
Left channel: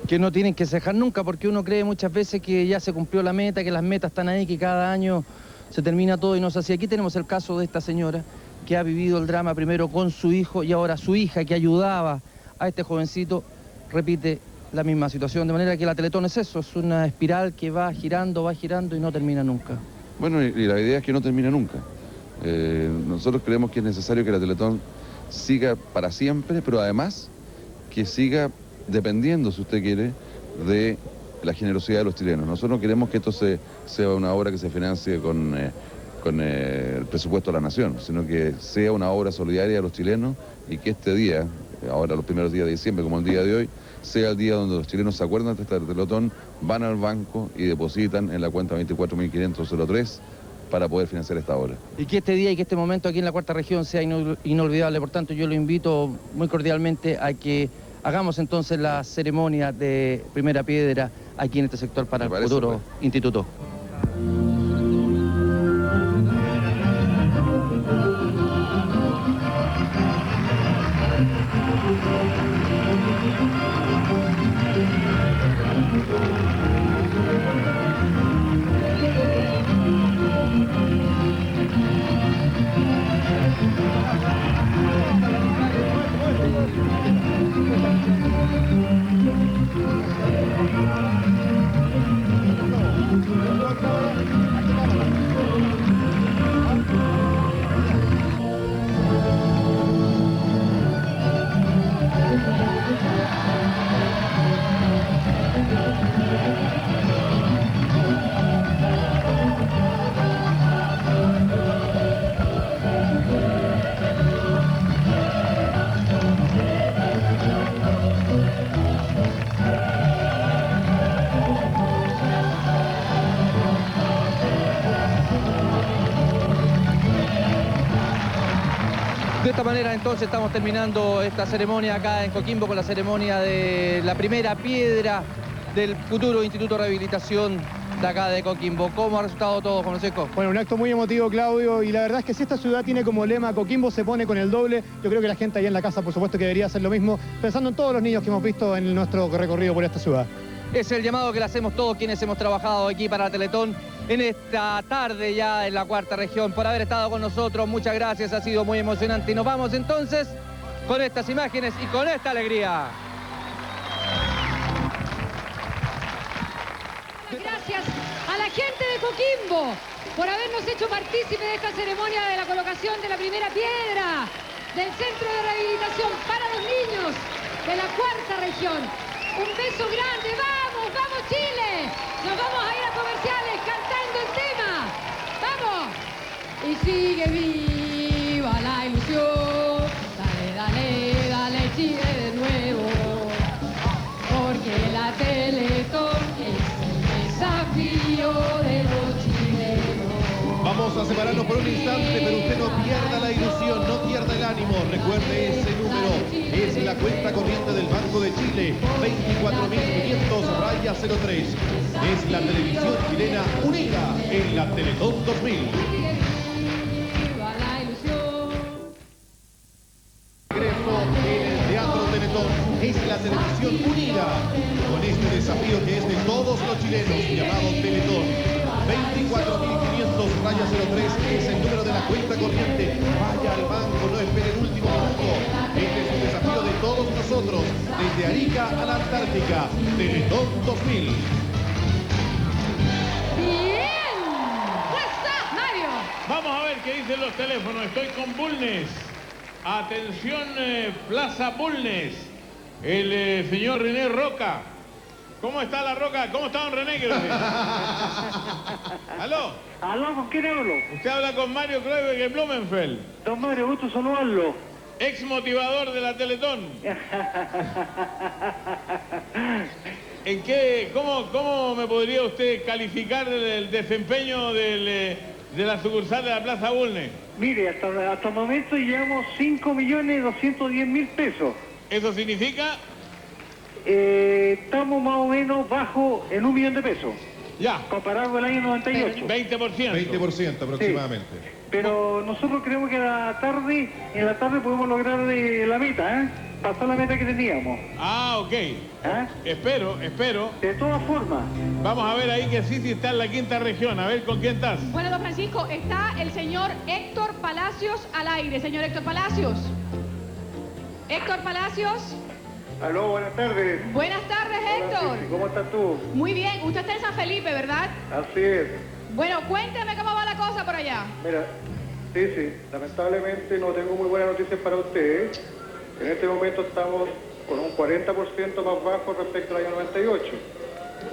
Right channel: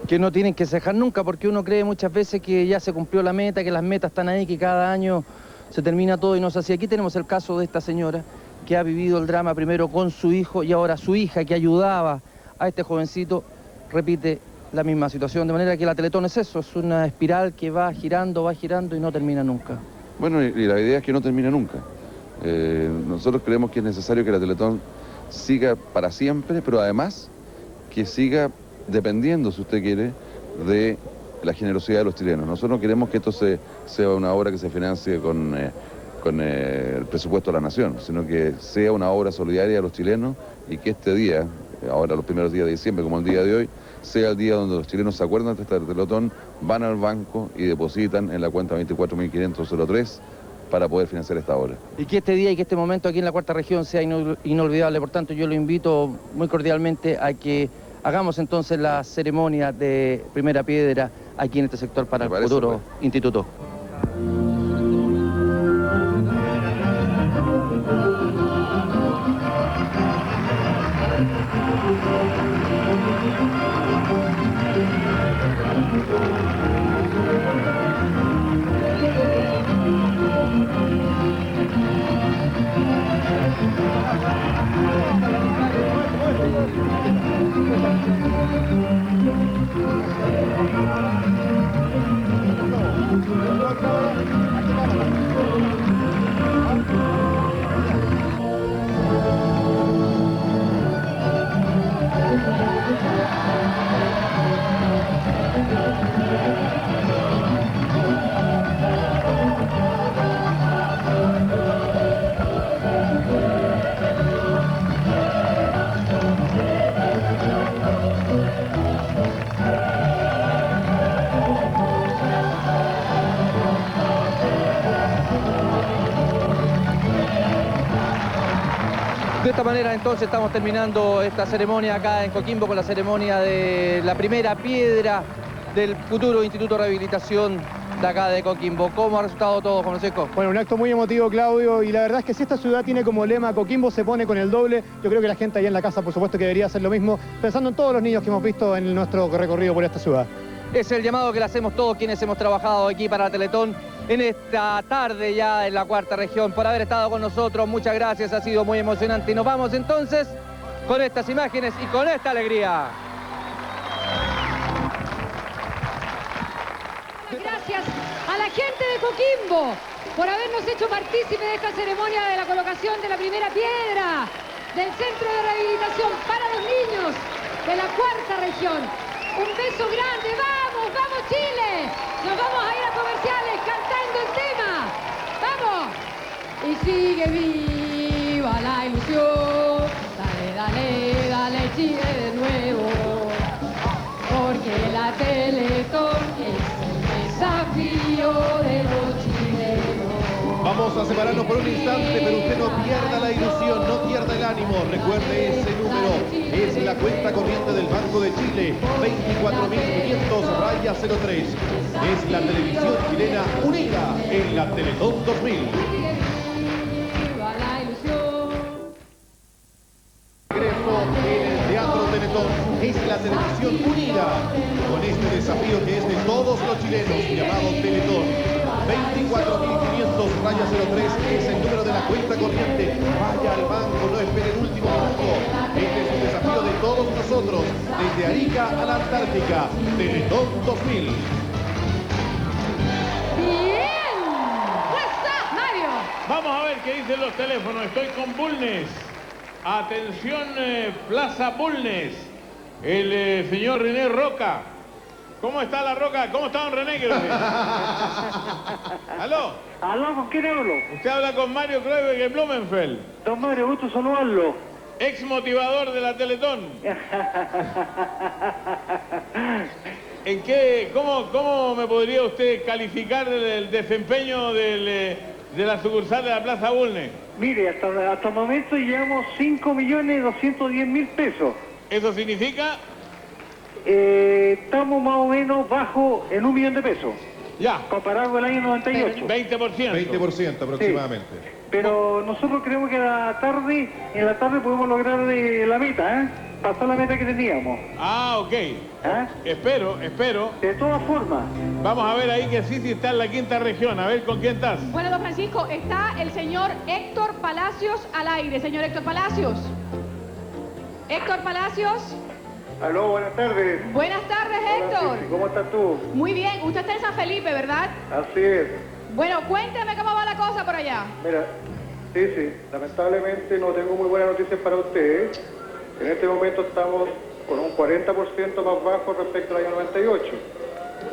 Que no tienen que cejar nunca, porque uno cree muchas veces que ya se cumplió la meta, que las metas están ahí, que cada año se termina todo y no es así. Aquí tenemos el caso de esta señora que ha vivido el drama primero con su hijo y ahora su hija que ayudaba a este jovencito repite la misma situación, de manera que la Teletón es eso, es una espiral que va girando y no termina nunca. Bueno, y la idea es que no termine nunca. Nosotros creemos que es necesario que la Teletón siga para siempre, pero además que siga dependiendo, si usted quiere, de la generosidad de los chilenos. Nosotros no queremos que esto sea una obra que se financie con el presupuesto de la nación, sino que sea una obra solidaria a los chilenos y que este día, ahora los primeros días de diciembre, como el día de hoy, sea el día donde los chilenos se acuerdan de esta Teletón, van al banco y depositan en la cuenta 24.500.03 para poder financiar esta obra. Y que este día y que este momento aquí en la Cuarta Región sea inolvidable. Por tanto, yo lo invito muy cordialmente a que hagamos entonces la ceremonia de primera piedra aquí en este sector para el futuro instituto. De esta manera entonces estamos terminando esta ceremonia acá en Coquimbo con la ceremonia de la primera piedra del futuro Instituto de Rehabilitación de acá de Coquimbo. ¿Cómo ha resultado todo, Juan Francisco? Bueno, un acto muy emotivo, Claudio, y la verdad es que si esta ciudad tiene como lema Coquimbo se pone con el doble, yo creo que la gente allá en la casa por supuesto que debería hacer lo mismo, pensando en todos los niños que hemos visto en nuestro recorrido por esta ciudad. Es el llamado que le hacemos todos quienes hemos trabajado aquí para Teletón en esta tarde ya en la Cuarta Región, por haber estado con nosotros. Muchas gracias, ha sido muy emocionante. Y nos vamos entonces con estas imágenes y con esta alegría. Gracias a la gente de Coquimbo por habernos hecho partícipe de esta ceremonia de la colocación de la primera piedra del Centro de Rehabilitación para los Niños de la Cuarta Región. Un beso grande, vamos, vamos Chile. Nos vamos a ir a comerciales cantando el tema. ¡Vamos! Y sigue viva la ilusión. Dale, dale, dale Chile de nuevo. Porque la Teletón es el desafío de los chilenos. Vamos a separarnos por un instante, pero usted no pierda la ilusión, no pierda el ánimo. Recuerde ese número, es la cuenta corriente del Banco de Chile, 24.500-03. Es la televisión chilena unida en la Teletón 2000. Ingreso en el Teatro Teletón, es la televisión unida con este desafío que es de todos los chilenos, llamado Teletón. 24.500-03 es el número de la cuenta corriente. Vaya al banco, no espere el último minuto. Este es un desafío de todos nosotros, desde Arica a la Antártica. Teletón 2000. Bien. ¡Fuerza, Mario! Vamos a ver qué dicen los teléfonos. Estoy con Bulnes. Atención, Plaza Bulnes. El señor René Roca. ¿Cómo está la Roca? ¿Cómo está don René? ¿Aló? ¿Aló? ¿Con quién hablo? Usted habla con Mario Kroeber de Blumenfeld. Don Mario, gusto saludarlo. Ex motivador de la Teletón. ¿En qué, cómo me podría usted calificar el desempeño de la sucursal de la Plaza Bulnes? Mire, hasta el momento llevamos 5.210.000 pesos. ¿Eso significa? Estamos más o menos bajo en 1 millón de pesos. Ya. Comparado con el año 98. 20%. 20% aproximadamente. Sí. pero nosotros creemos que en la tarde podemos lograr la meta, pasar la meta que teníamos. Ah, ok. Espero. De todas formas. Vamos a ver ahí que sí está en la quinta región. A ver, ¿con quién estás? Bueno, don Francisco, está el señor Héctor Palacios al aire. Señor Héctor Palacios. Héctor Palacios. Aló, buenas tardes. Buenas tardes, Héctor. Cici, ¿cómo estás tú? Muy bien. Usted está en San Felipe, ¿verdad? Así es. Bueno, cuénteme cómo va la cosa por allá. Mira, sí, lamentablemente no tengo muy buenas noticias para ustedes. En este momento estamos con un 40% más bajo respecto al año 98.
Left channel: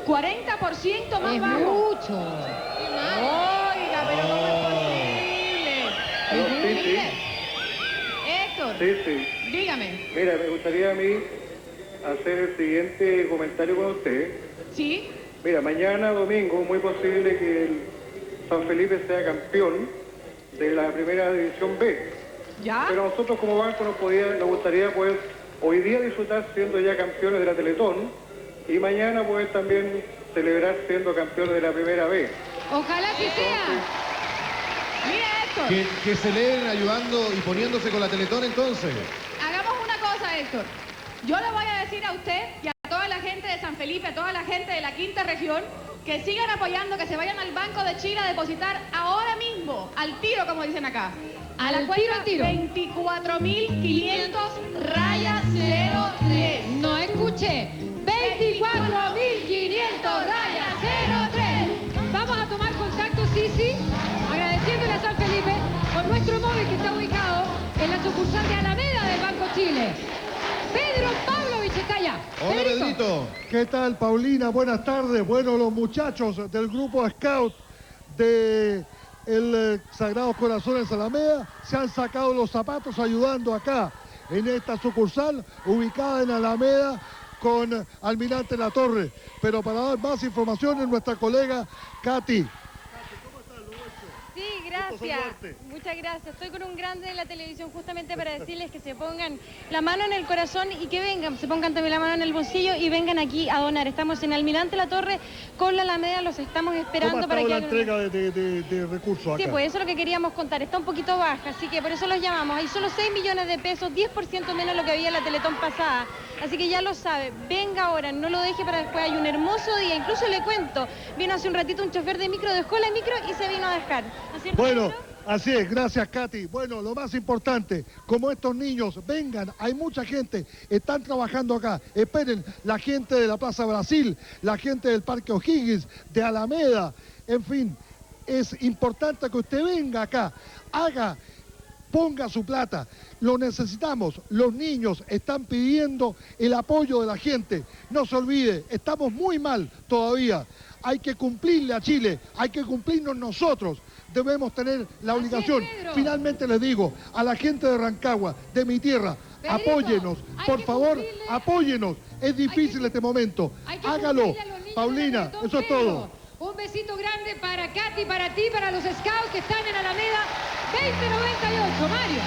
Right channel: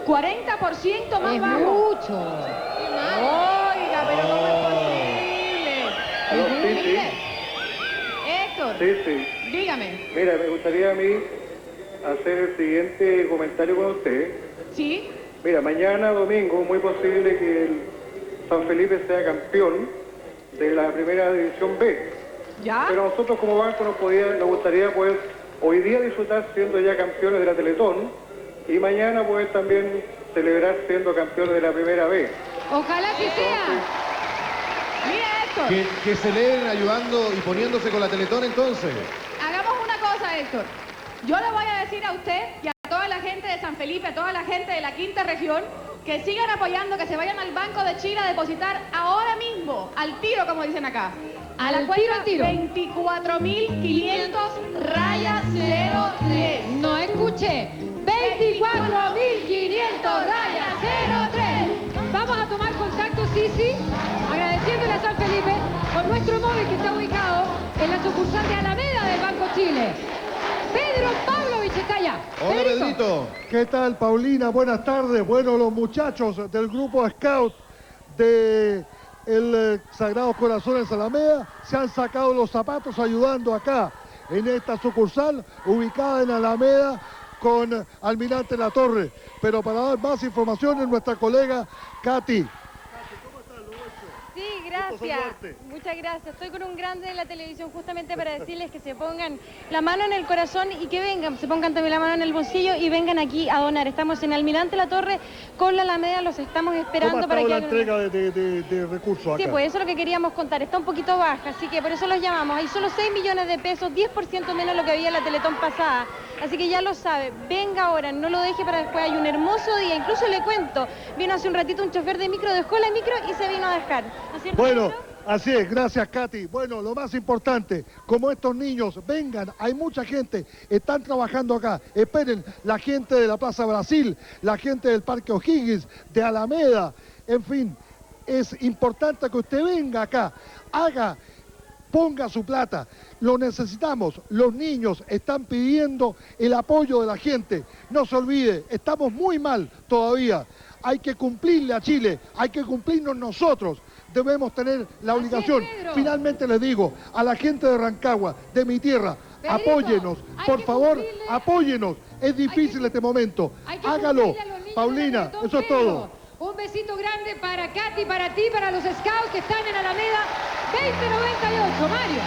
40% más Es bajo. mucho. Oiga, pero ¿cómo es posible? Aló, sí. Héctor, Sí. dígame. Mira, me gustaría a mí hacer el siguiente comentario con usted. ¿Sí? Mira, mañana domingo, muy posible que el San Felipe sea campeón de la primera división B. ¿Ya? Pero nosotros como banco nos gustaría poder hoy día disfrutar siendo ya campeones de la Teletón y mañana poder también celebrar siendo campeones de la primera B. Ojalá que sea. Mira, Héctor. Que celebren ayudando y poniéndose con la Teletón entonces. Hagamos una cosa, Héctor. Yo le voy a decir a usted y a toda la gente de San Felipe, a toda la gente de la quinta región, que sigan apoyando, que se vayan al Banco de Chile a depositar ahora mismo, al tiro, como dicen acá. A la cuenta 24.500 raya 03. No escuché. 24.500 raya 03. Vamos a tomar contacto, Sisi, agradeciéndole a San Felipe por nuestro móvil que está ubicado en la sucursal de Alameda del Banco Chile. Pedro Pavlovich está allá. Hola, Pedrito. ¿Qué tal, Paulina? Buenas tardes. Bueno, los muchachos del grupo Scout de el Sagrado Corazón en Alameda se han sacado los zapatos ayudando acá en esta sucursal ubicada en Alameda con Almirante Latorre. Pero para dar más información nuestra colega Katy. Sí, gracias. Muchas gracias. Estoy con un grande de la televisión justamente para decirles que se pongan la mano en el corazón y que vengan, se pongan también la mano en el bolsillo y vengan aquí a donar. Estamos en Almirante Latorre con la Alameda, los estamos esperando para que la hagan entrega de recursos acá? Sí, pues eso es lo que queríamos contar. Está un poquito baja, así que por eso los llamamos. Hay solo 6 millones de pesos, 10% menos de lo que había en la Teletón pasada. Así que ya lo sabe, venga ahora, no lo deje para después. Hay un hermoso día, incluso le cuento, vino hace un ratito un chofer de micro, dejó la micro y se vino a dejar. ¿No es cierto, Bueno, Pedro? así es, gracias Katy. Bueno, lo más importante, como estos niños vengan, hay mucha gente, están trabajando acá. Esperen, la gente de la Plaza Brasil, la gente del Parque O'Higgins, de Alameda, en fin, es importante que usted venga acá, ponga su plata. Lo necesitamos, los niños están pidiendo el apoyo de la gente. No se olvide, estamos muy mal todavía. Hay que cumplirle a Chile, hay que cumplirnos nosotros. Debemos tener la obligación. Finalmente les digo, a la gente de Rancagua, de mi tierra, apóyenos, por favor, apóyenos. Es difícil este momento. Hágalo. Paulina, eso es todo. Un besito grande para Katy, para ti, para los scouts que están en Alameda 2098. Mario,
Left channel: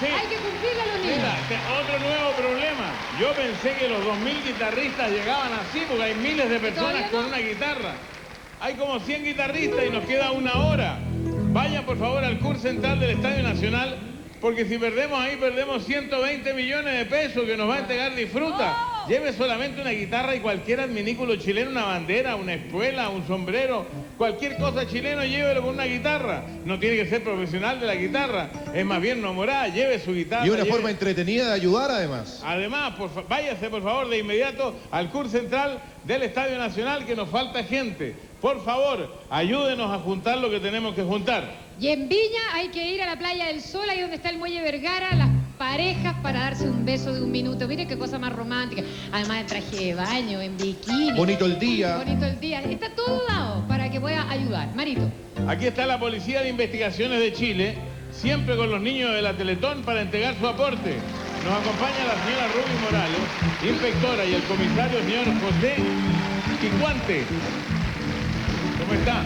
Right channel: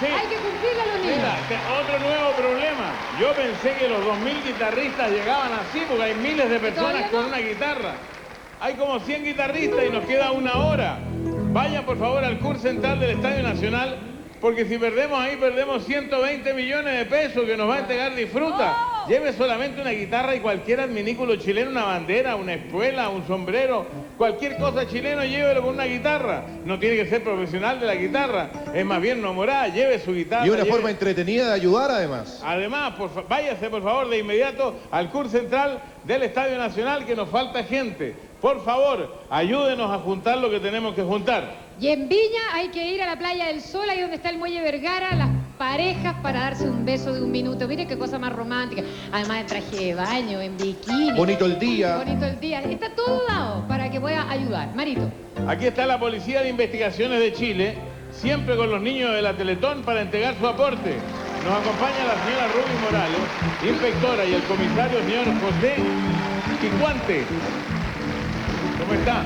Sí. hay que cumplirle a los niños. Mira, otro nuevo problema. Yo pensé que los 2.000 guitarristas llegaban así, porque hay miles de personas con una guitarra. Hay como 100 guitarristas y nos queda una hora. Vayan por favor al CUR central del Estadio Nacional, porque si perdemos ahí, perdemos 120 millones de pesos que nos va a entregar Disfruta. Lleve solamente una guitarra y cualquier adminículo chileno, una bandera, una espuela, un sombrero, cualquier cosa chileno, llévelo con una guitarra. No tiene que ser profesional de la guitarra, es más bien nomorada, lleve su guitarra. Y una forma entretenida de ayudar además. Además, váyase por favor de inmediato al CUR central del Estadio Nacional, que nos falta gente. Por favor, ayúdenos a juntar lo que tenemos que juntar. Y en Viña hay que ir a la Playa del Sol, ahí donde está el Muelle Vergara, las parejas para darse un beso de un minuto. Mire qué cosa más romántica. Además de traje de baño, en bikini. Bonito el día. Bonito el día. Está todo dado para que pueda ayudar. Marito. Aquí está la Policía de Investigaciones de Chile, siempre con los niños de la Teletón para entregar su aporte. Nos acompaña la señora Ruby Morales, inspectora, y el comisario señor José Picuante. ¿Cómo está?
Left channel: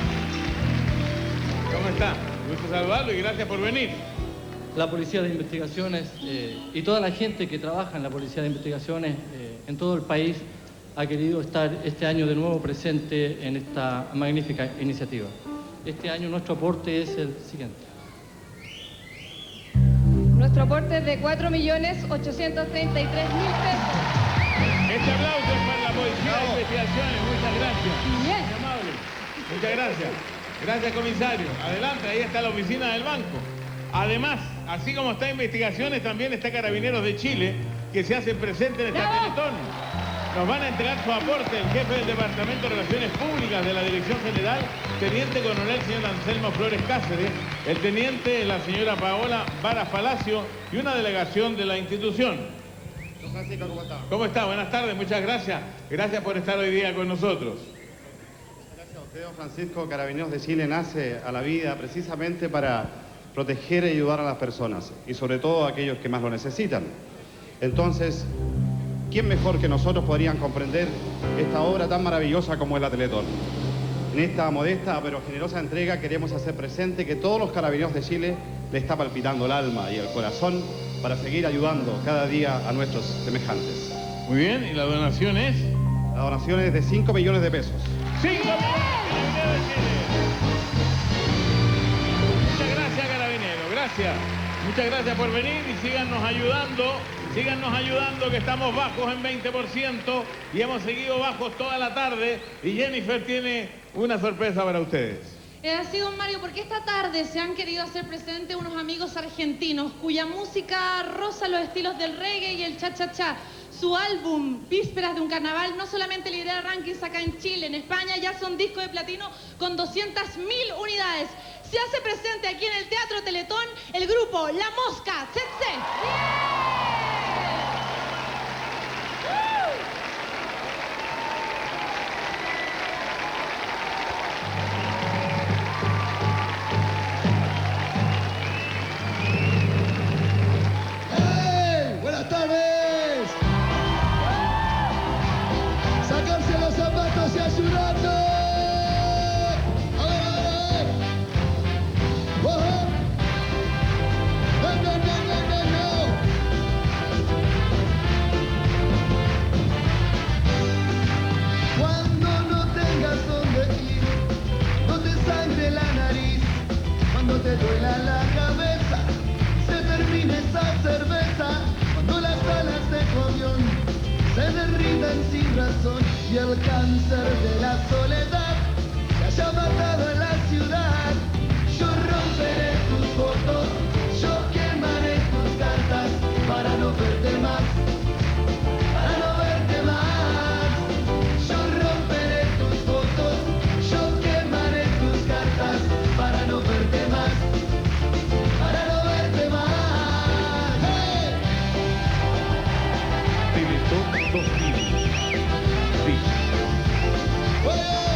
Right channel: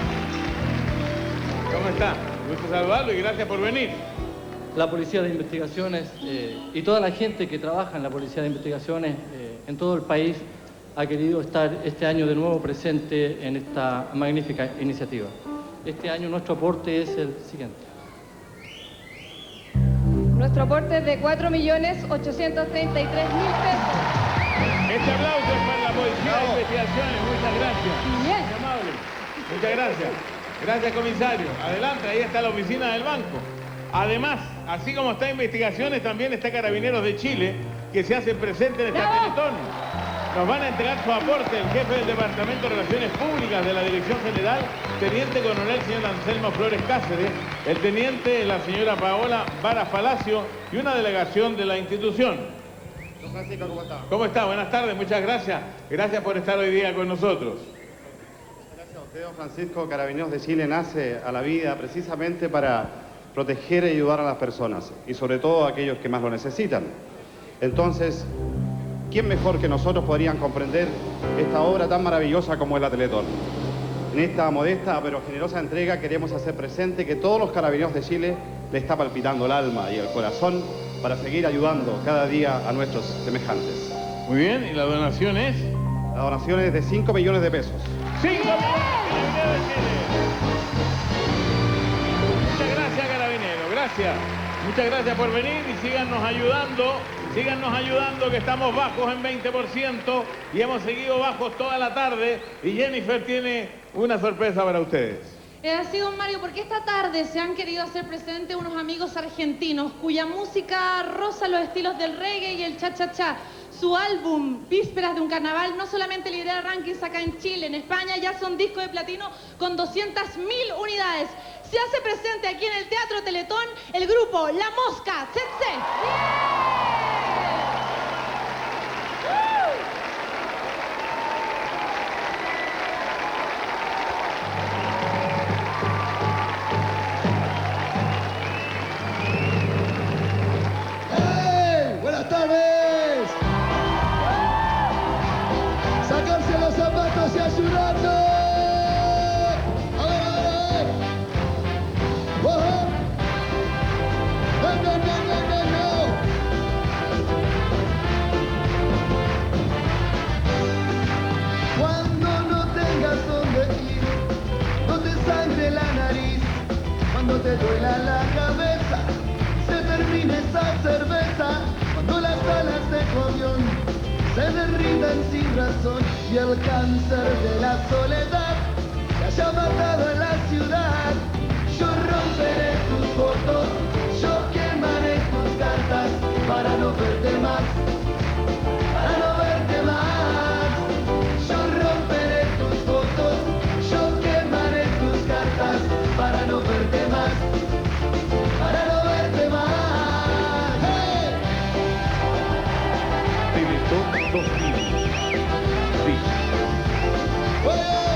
¿Cómo está? Gusto saludarlo y gracias por venir. La Policía de Investigaciones y toda la gente que trabaja en la Policía de Investigaciones en todo el país ha querido estar este año de nuevo presente en esta magnífica iniciativa. Este año nuestro aporte es el siguiente. aporte de 4.833.000 pesos. Este aplauso es para la Policía de Investigaciones. Muchas gracias. Bien. Muy amable. Muchas gracias. Gracias, comisario. Adelante, ahí está la oficina del banco. Además, así como está Investigaciones, también está Carabineros de Chile, que se hace presente en esta Teletón. Nos van a entregar su aporte el jefe del Departamento de Relaciones Públicas de la Dirección General, Teniente Coronel señor Anselmo Flores Cáceres, el Teniente la señora Paola Vara Palacio y una delegación de la institución. Don Francisco, ¿cómo está? ¿Cómo está? Buenas tardes, muchas gracias. Gracias por estar hoy día con nosotros. Gracias a usted, don Francisco. Carabineros de Chile nace a la vida precisamente para proteger y ayudar a las personas, y sobre todo a aquellos que más lo necesitan. Entonces, ¿quién mejor que nosotros podrían comprender esta obra tan maravillosa como es la Teletón? En esta modesta pero generosa entrega queremos hacer presente que todos los Carabineros de Chile le está palpitando el alma y el corazón para seguir ayudando cada día a nuestros semejantes. Muy bien, ¿y la donación es? La donación es de 5 millones de pesos. 5 millones de Chile. Muchas gracias, Carabinero, gracias. Muchas gracias por venir y síganos ayudando, que estamos bajos en 20% y hemos seguido bajos toda la tarde y Jennifer tiene una sorpresa para ustedes. Así, don Mario, porque esta tarde se han querido hacer presentes unos amigos argentinos cuya música roza los estilos del reggae y el cha-cha-cha. Su álbum, Vísperas de un Carnaval, no solamente lidera rankings acá en Chile, en España ya son discos de platino con 200.000 unidades. Se hace presente aquí en el Teatro Teletón el grupo La Mosca, Tsetse. ¡Hey! ¡Buenas tardes! ¡Sacarse los zapatos y ayudando! ¡A ver! ¡Oh! ¡No, no, no, no, no, no! Cuando no tengas dónde ir, no te sangre la nariz, cuando te duela la cabeza, se termina esa cerveza, cuando las alas de coñón se derritan sin razón y el cáncer de la soledad se haya matado en la ciudad. Yo romperé tus fotos, yo quemaré tus cartas para no verte más, para no verte más. Yo romperé tus fotos, yo quemaré tus cartas para no verte más, para no verte más. ¡Hey! Teletón 2000. Sí. ¡Hey!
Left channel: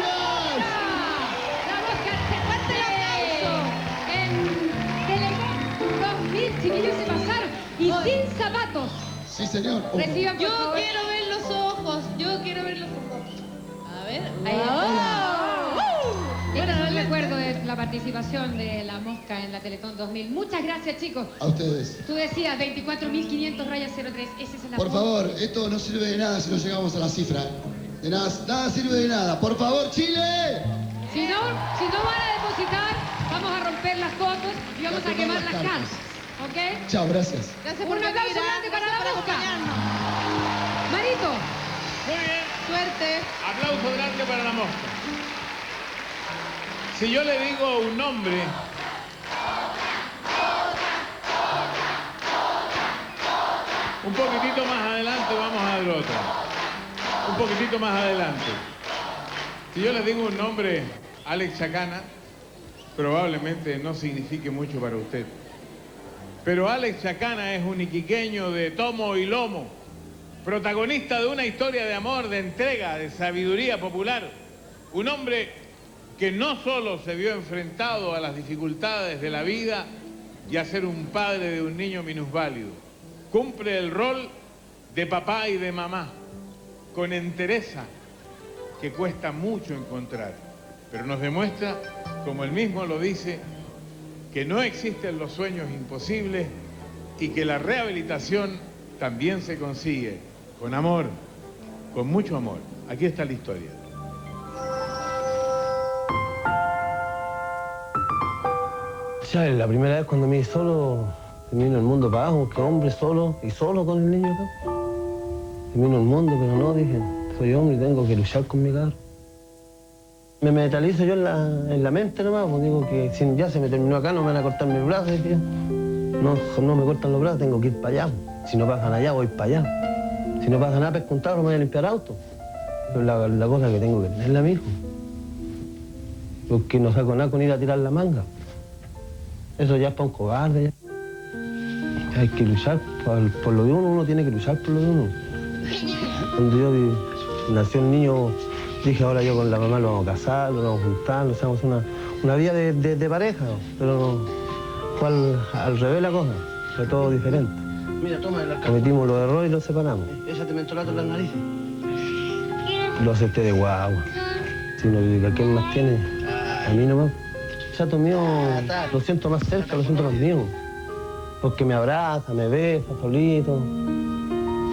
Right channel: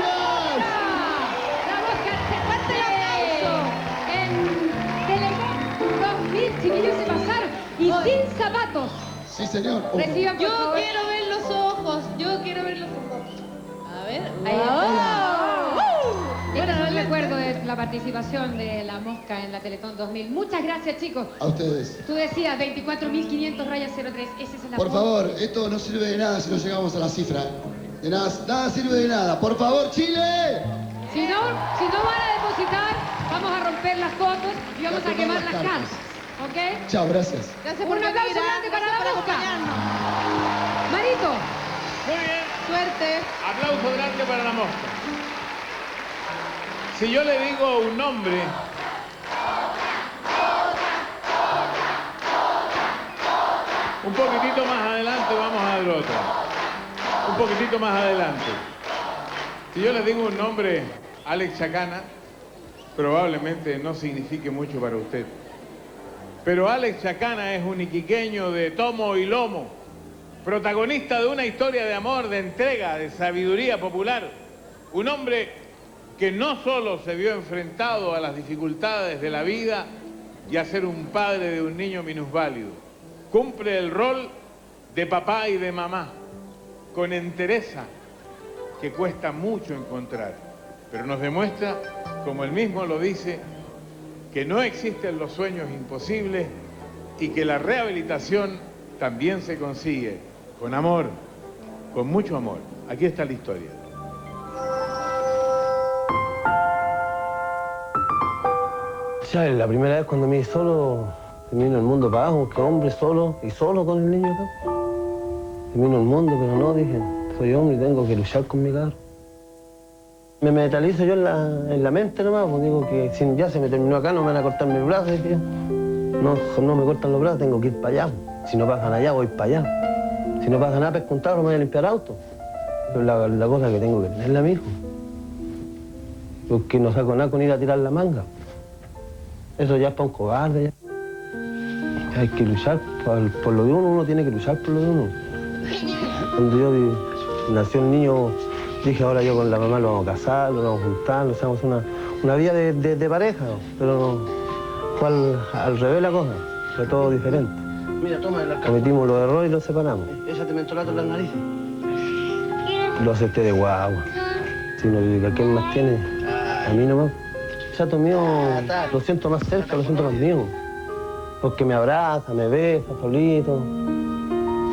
La Mosca, se parte el aplauso. En Telecom 2000, chiquillos, se pasaron. Y sin zapatos. Sí, señor. Reciban, por Yo favor. quiero ver los ojos. Yo quiero ver los ojos. A ver. Bueno, no recuerdo de la participación de La Mosca en la Teletón 2000. Muchas gracias, chicos. A ustedes. Tú decías 24.500-03. Ese es el Por favor, esto no sirve de nada si no llegamos a la cifra. De nada sirve de nada. Por favor, Chile. Si no van a depositar, vamos a romper las fotos y vamos a quemar las casas. ¿Ok? Chao, gracias. Gracias por un aplauso grande para La Mosca. Marito. Muy bien. Suerte. Aplauso grande para La Mosca. Si yo le digo un nombre, un poquitito más adelante vamos a dar otro. Un poquitito más adelante. Si yo le digo un nombre, Alex Chacana, probablemente no signifique mucho para usted. Pero Alex Chacana es un iquiqueño de tomo y lomo, protagonista de una historia de amor, de entrega, de sabiduría popular. Un hombre que no solo se vio enfrentado a las dificultades de la vida y a ser un padre de un niño minusválido. Cumple el rol de papá y de mamá, con entereza que cuesta mucho encontrar, pero nos demuestra, como él mismo lo dice, que no existen los sueños imposibles y que la rehabilitación también se consigue con amor, con mucho amor. Aquí está la historia. Ya la primera vez cuando me vi solo, me vino el mundo para abajo, que hombre solo y solo con el niño acá. Me vino el mundo, pero no, dije, soy hombre y tengo que luchar con mi carro. Me mentalizo yo en la mente nomás, pues digo que si ya se me terminó acá, no me van a cortar mis brazos. Dije, no me cortan los brazos, tengo que ir para allá. Si no pasan allá, voy para allá. Si no pasa nada, pesco un tarro, me voy a limpiar auto. Pero la cosa que tengo que tenerla, mijo. Porque no saco nada con ir a tirar la manga. Eso ya es para un cobarde. Ya. Hay que luchar por lo de uno tiene que luchar por lo de uno. Cuando nació el niño, dije, ahora yo con la mamá lo vamos a casar, lo vamos a juntar, lo hacemos una vida de pareja, pero fue al revés la cosa, fue todo diferente. Mira, toma de la cara. Cometimos los errores y los separamos. Esa te mentolato en las narices. Lo acepté de guagua. Si no, ¿quién más tiene? A mí nomás. Chato mío, lo siento más cerca, lo siento más mío. Porque me abraza, me besa solito.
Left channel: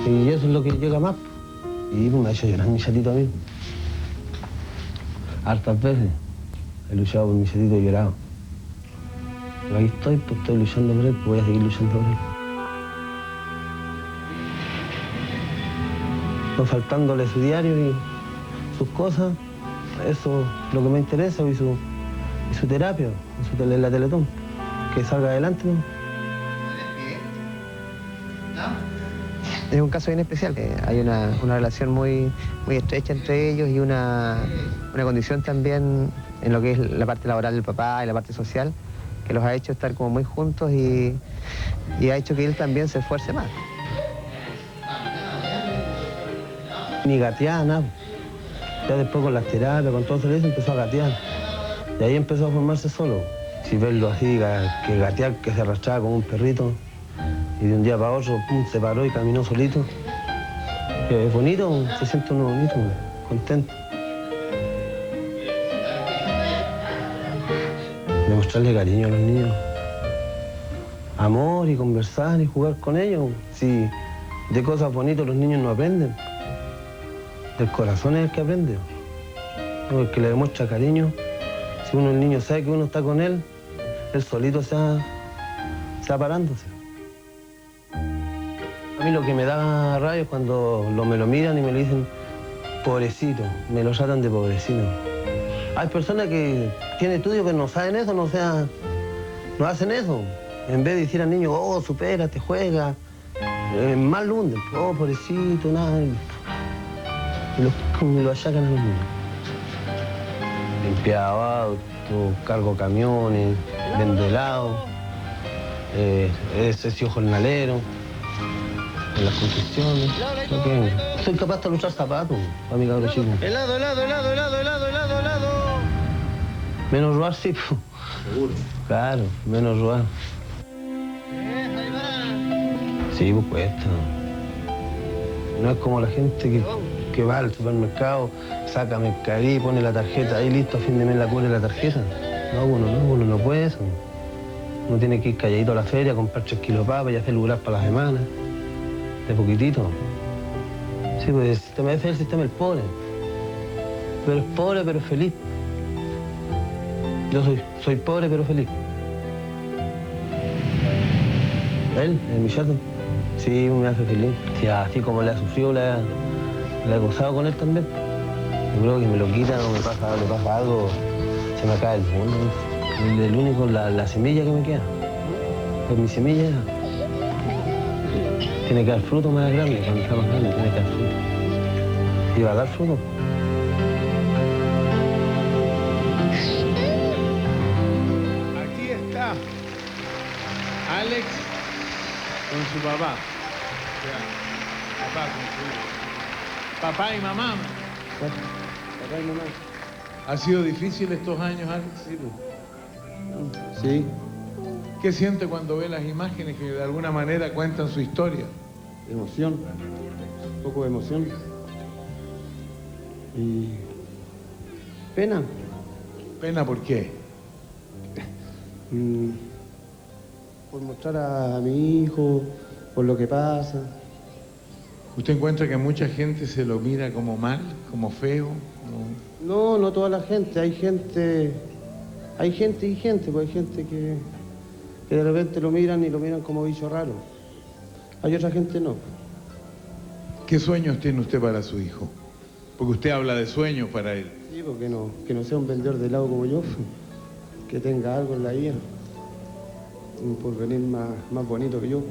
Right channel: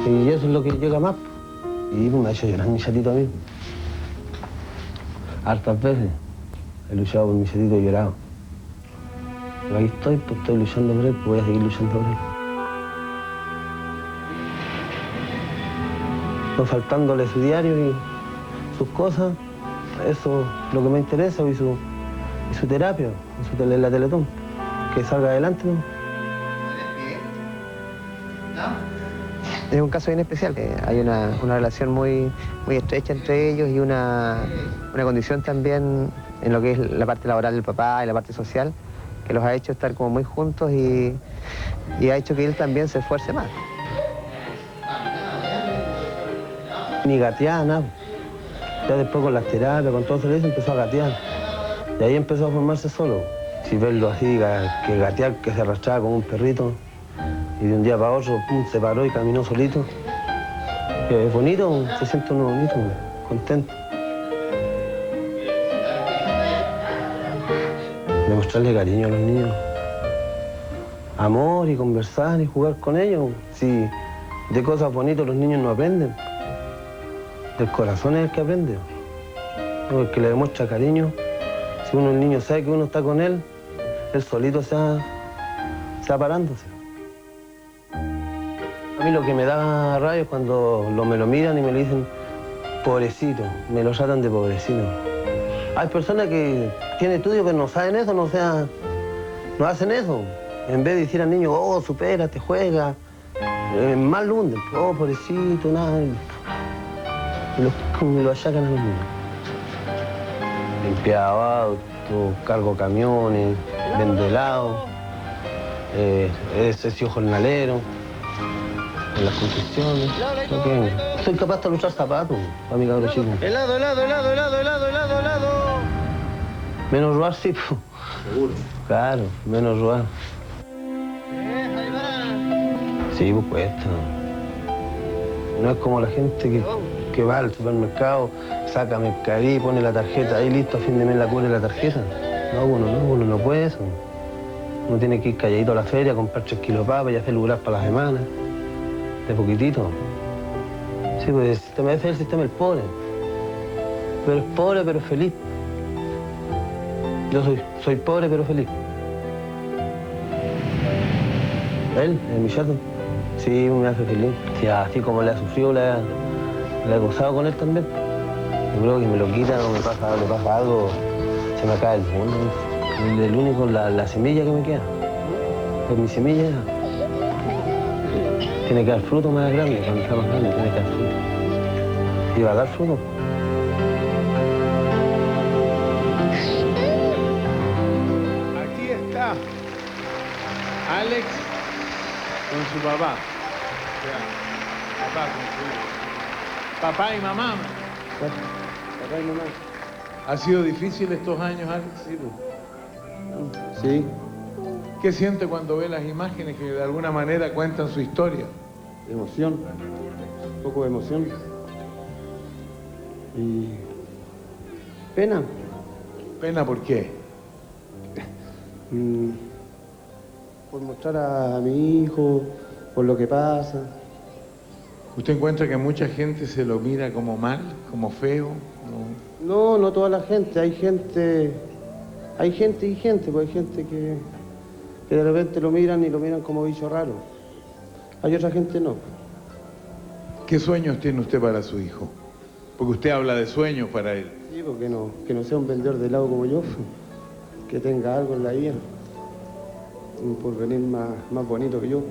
Y eso es lo que llega más. Y me ha hecho llorar mi chatito a mí. Hartas veces he luchado por mi chatito y he llorado. Pero ahí estoy, pues estoy luchando por él, pues voy a seguir luchando por él. No faltándole su diario y sus cosas, eso es lo que me interesa, y su terapia, la Teletón, que salga adelante, ¿no? Es un caso bien especial. Hay una relación muy estrecha entre ellos y una condición también en lo que es la parte laboral del papá y la parte social, que los ha hecho estar como muy juntos y ha hecho que él también se esfuerce más. Ni gateaba nada. Ya después con las terapias, con todo eso, empezó a gatear. Y ahí empezó a formarse solo. Si verlo así, que gatear, que se arrastraba como un perrito. Y de un día para otro, pum, se paró y caminó solito. Que es bonito, se siente uno bonito, contento. Demostrarle cariño a los niños. Amor y conversar y jugar con ellos. Si de cosas bonitas los niños no aprenden. Del corazón es el que aprende. El que le demuestra cariño. Si el niño sabe que uno está con él, él solito se va parándose. A mí lo que me da rabia es cuando me lo miran y me lo dicen pobrecito, me lo tratan de pobrecito. Hay personas que tienen estudios que no saben eso, no hacen eso. En vez de decir al niño, oh, supérate, juega, más lo hunden, oh, pobrecito, nada. Y lo achacan a los niños. Limpiaba autos, cargo camiones, vendo helado, he sido jornalero en las construcciones. Soy capaz de luchar zapatos para mi cabrón chico. Helado, helado, helado, helado, helado, helado. Menos robar, sí. Seguro. Claro, menos robar. Sí, pues cuesta. No es como la gente que va al supermercado, saca mercadería y pone la tarjeta ahí listo, a fin de mes la cubre la tarjeta. No, uno no puede eso. Uno tiene que ir calladito a la feria, comprar 3 kilos de papa y hacer lugar para la semana. De poquitito. Sí, pues ese es el sistema del pobre. Pero es pobre pero feliz. Yo soy pobre pero feliz. Él, mi chato, sí, me hace feliz. Sí, así como le ha sufrido, le he gozado con él también. Yo creo que me lo quita o le pasa algo, se me cae el mundo. El único, la semilla que me queda. Pues mi semilla tiene que dar fruto más grande, cuando está más grande tiene que dar fruto. Y va a dar fruto. Aquí está Alex con su papá. O sea, papá con su hijo. Papá y mamá. Papá y mamá. ¿Ha sido difícil estos años, Alex? Sí. ¿Qué siente cuando ve las imágenes que de alguna manera cuentan su historia? Emoción, un poco de emoción. Y pena. ¿Pena por qué? Por mostrar a mi hijo, por lo que pasa. ¿Usted encuentra que mucha gente se lo mira como mal, como feo? No toda la gente, hay gente y gente, pues hay gente que de repente lo miran y lo miran como bicho raro. Hay otra gente no. ¿Qué sueños tiene usted para su hijo? Porque usted habla de sueños para él. Sí, porque que no sea un vendedor de helado como yo, que tenga algo en la vida, un porvenir más bonito que yo.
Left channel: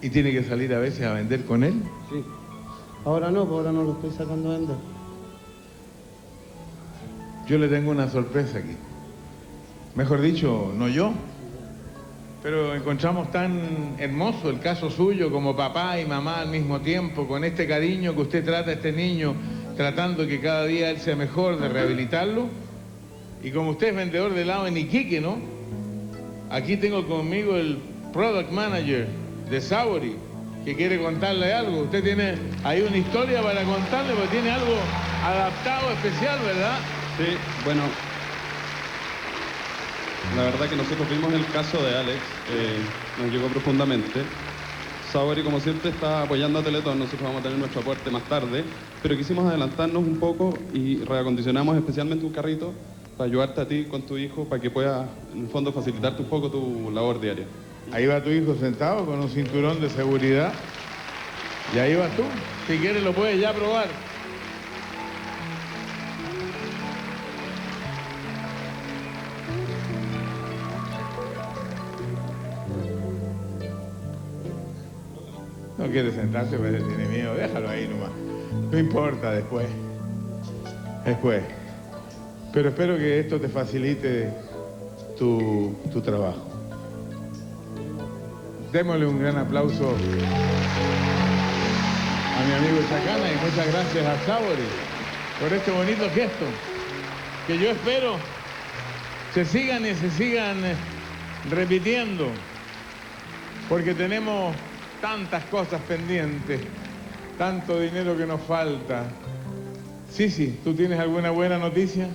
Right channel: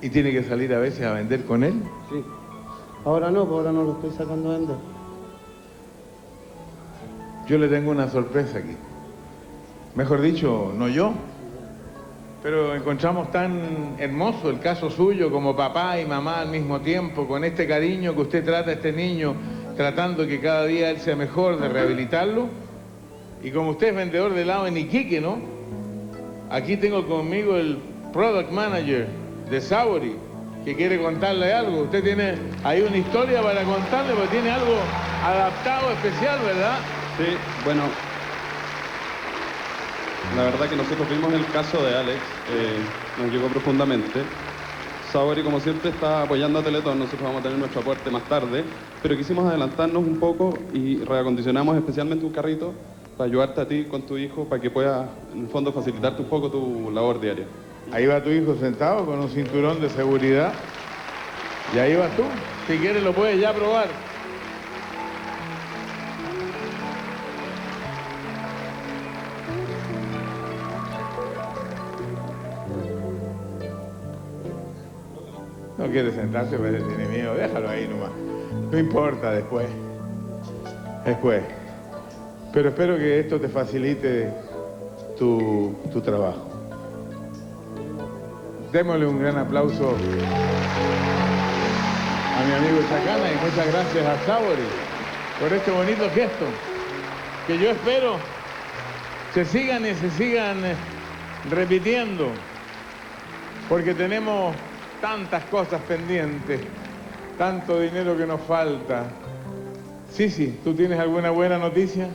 ¿Y tiene que salir a veces a vender con él? Sí. Ahora no, porque ahora no lo estoy sacando a vender. Yo le tengo una sorpresa aquí. Mejor dicho, no yo, pero encontramos tan hermoso el caso suyo como papá y mamá al mismo tiempo, con este cariño que usted trata a este niño, tratando que cada día él sea mejor, de rehabilitarlo. Y como usted es vendedor de helado en Iquique, ¿no? Aquí tengo conmigo el Product Manager de Sabori, que quiere contarle algo. Usted tiene ahí una historia para contarle, porque tiene algo adaptado especial, ¿verdad? Sí, bueno, la verdad que nosotros vimos el caso de Alex, nos llegó profundamente. Sabori, como siempre, está apoyando a Teletón, nosotros vamos a tener nuestro aporte más tarde, pero quisimos adelantarnos un poco y reacondicionamos especialmente un carrito para ayudarte a ti con tu hijo, para que pueda, en el fondo, facilitarte un poco tu labor diaria. Ahí va tu hijo sentado con un cinturón de seguridad. Y ahí vas tú. Si quieres lo puedes ya probar. No quiere sentarse, pero tiene miedo. Déjalo ahí nomás. No importa, después. Pero espero que esto te facilite tu trabajo. Démosle un gran aplauso a mi amigo Chacana y muchas gracias a Sabori por este bonito gesto que yo espero se sigan repitiendo, porque tenemos tantas cosas pendientes, tanto dinero que nos falta. Sí, ¿tú tienes alguna buena noticia?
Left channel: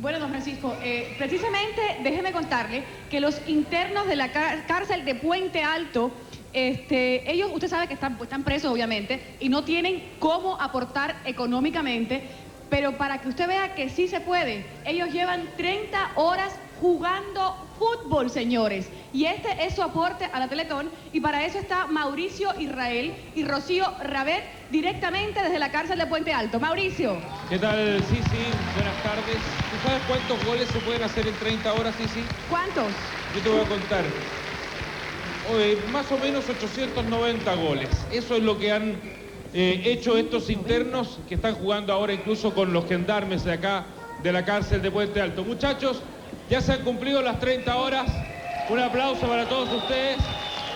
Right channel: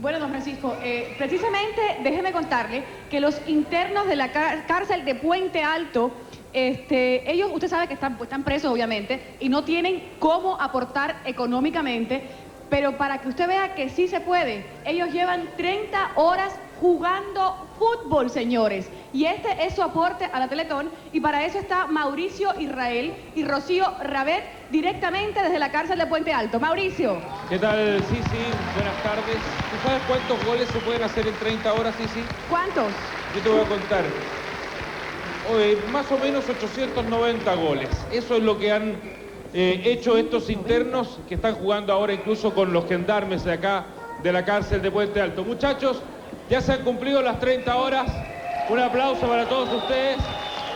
Bueno, don Francisco, precisamente déjeme contarle que los internos de la cárcel de Puente Alto, ellos, usted sabe que están presos obviamente y no tienen cómo aportar económicamente, pero para que usted vea que sí se puede, ellos llevan 30 horas jugando fútbol, señores, y este es su aporte a la Teletón, y para eso está Mauricio Israel y Rocío Rabet directamente desde la cárcel de Puente Alto. Mauricio. ¿Qué tal, Sisi? Buenas tardes. ¿Tú sabes cuántos goles se pueden hacer en 30 horas, Sisi? ¿Cuántos? Yo te voy a contar. Más o menos 890 goles. Eso es lo que han hecho estos internos que están jugando ahora incluso con los gendarmes de acá de la cárcel de Puente Alto. Muchachos, ya se han cumplido las 30 horas. Un aplauso para todos ustedes.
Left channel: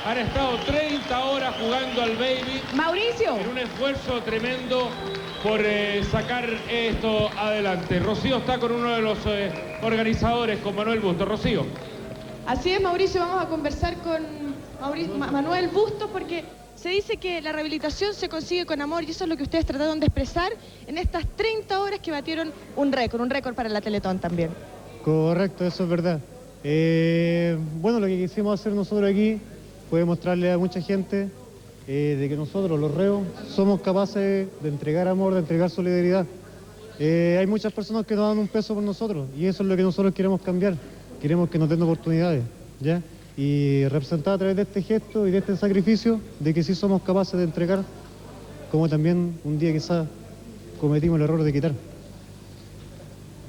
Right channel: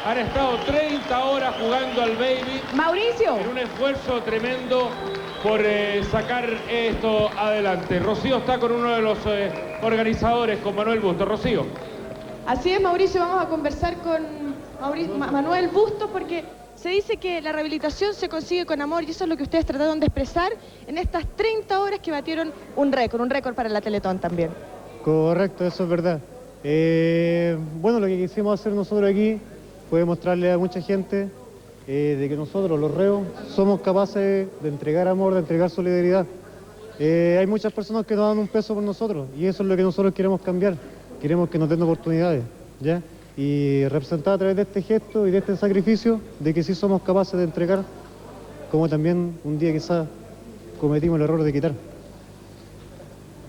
Han estado 30 horas jugando al baby. Mauricio. En un esfuerzo tremendo por sacar esto adelante. Rocío está con uno de los organizadores, con Manuel Bustos. Rocío. Así es, Mauricio, vamos a conversar con Manuel Bustos porque se dice que la rehabilitación se consigue con amor y eso es lo que ustedes trataron de expresar en estas 30 horas que batieron un récord para la Teletón también. Correcto, eso es verdad. Bueno, lo que quisimos hacer nosotros aquí fue mostrarle a mucha gente de que nosotros, los reos, somos capaces de entregar amor, de entregar solidaridad. Hay muchas personas que no dan un peso por nosotros y eso es lo que nosotros queremos cambiar. Queremos que nos den oportunidades, ¿ya? Y representar a través de este gesto y de este sacrificio de que sí somos capaces de entregar, como también un día quizás cometimos el error de quitar.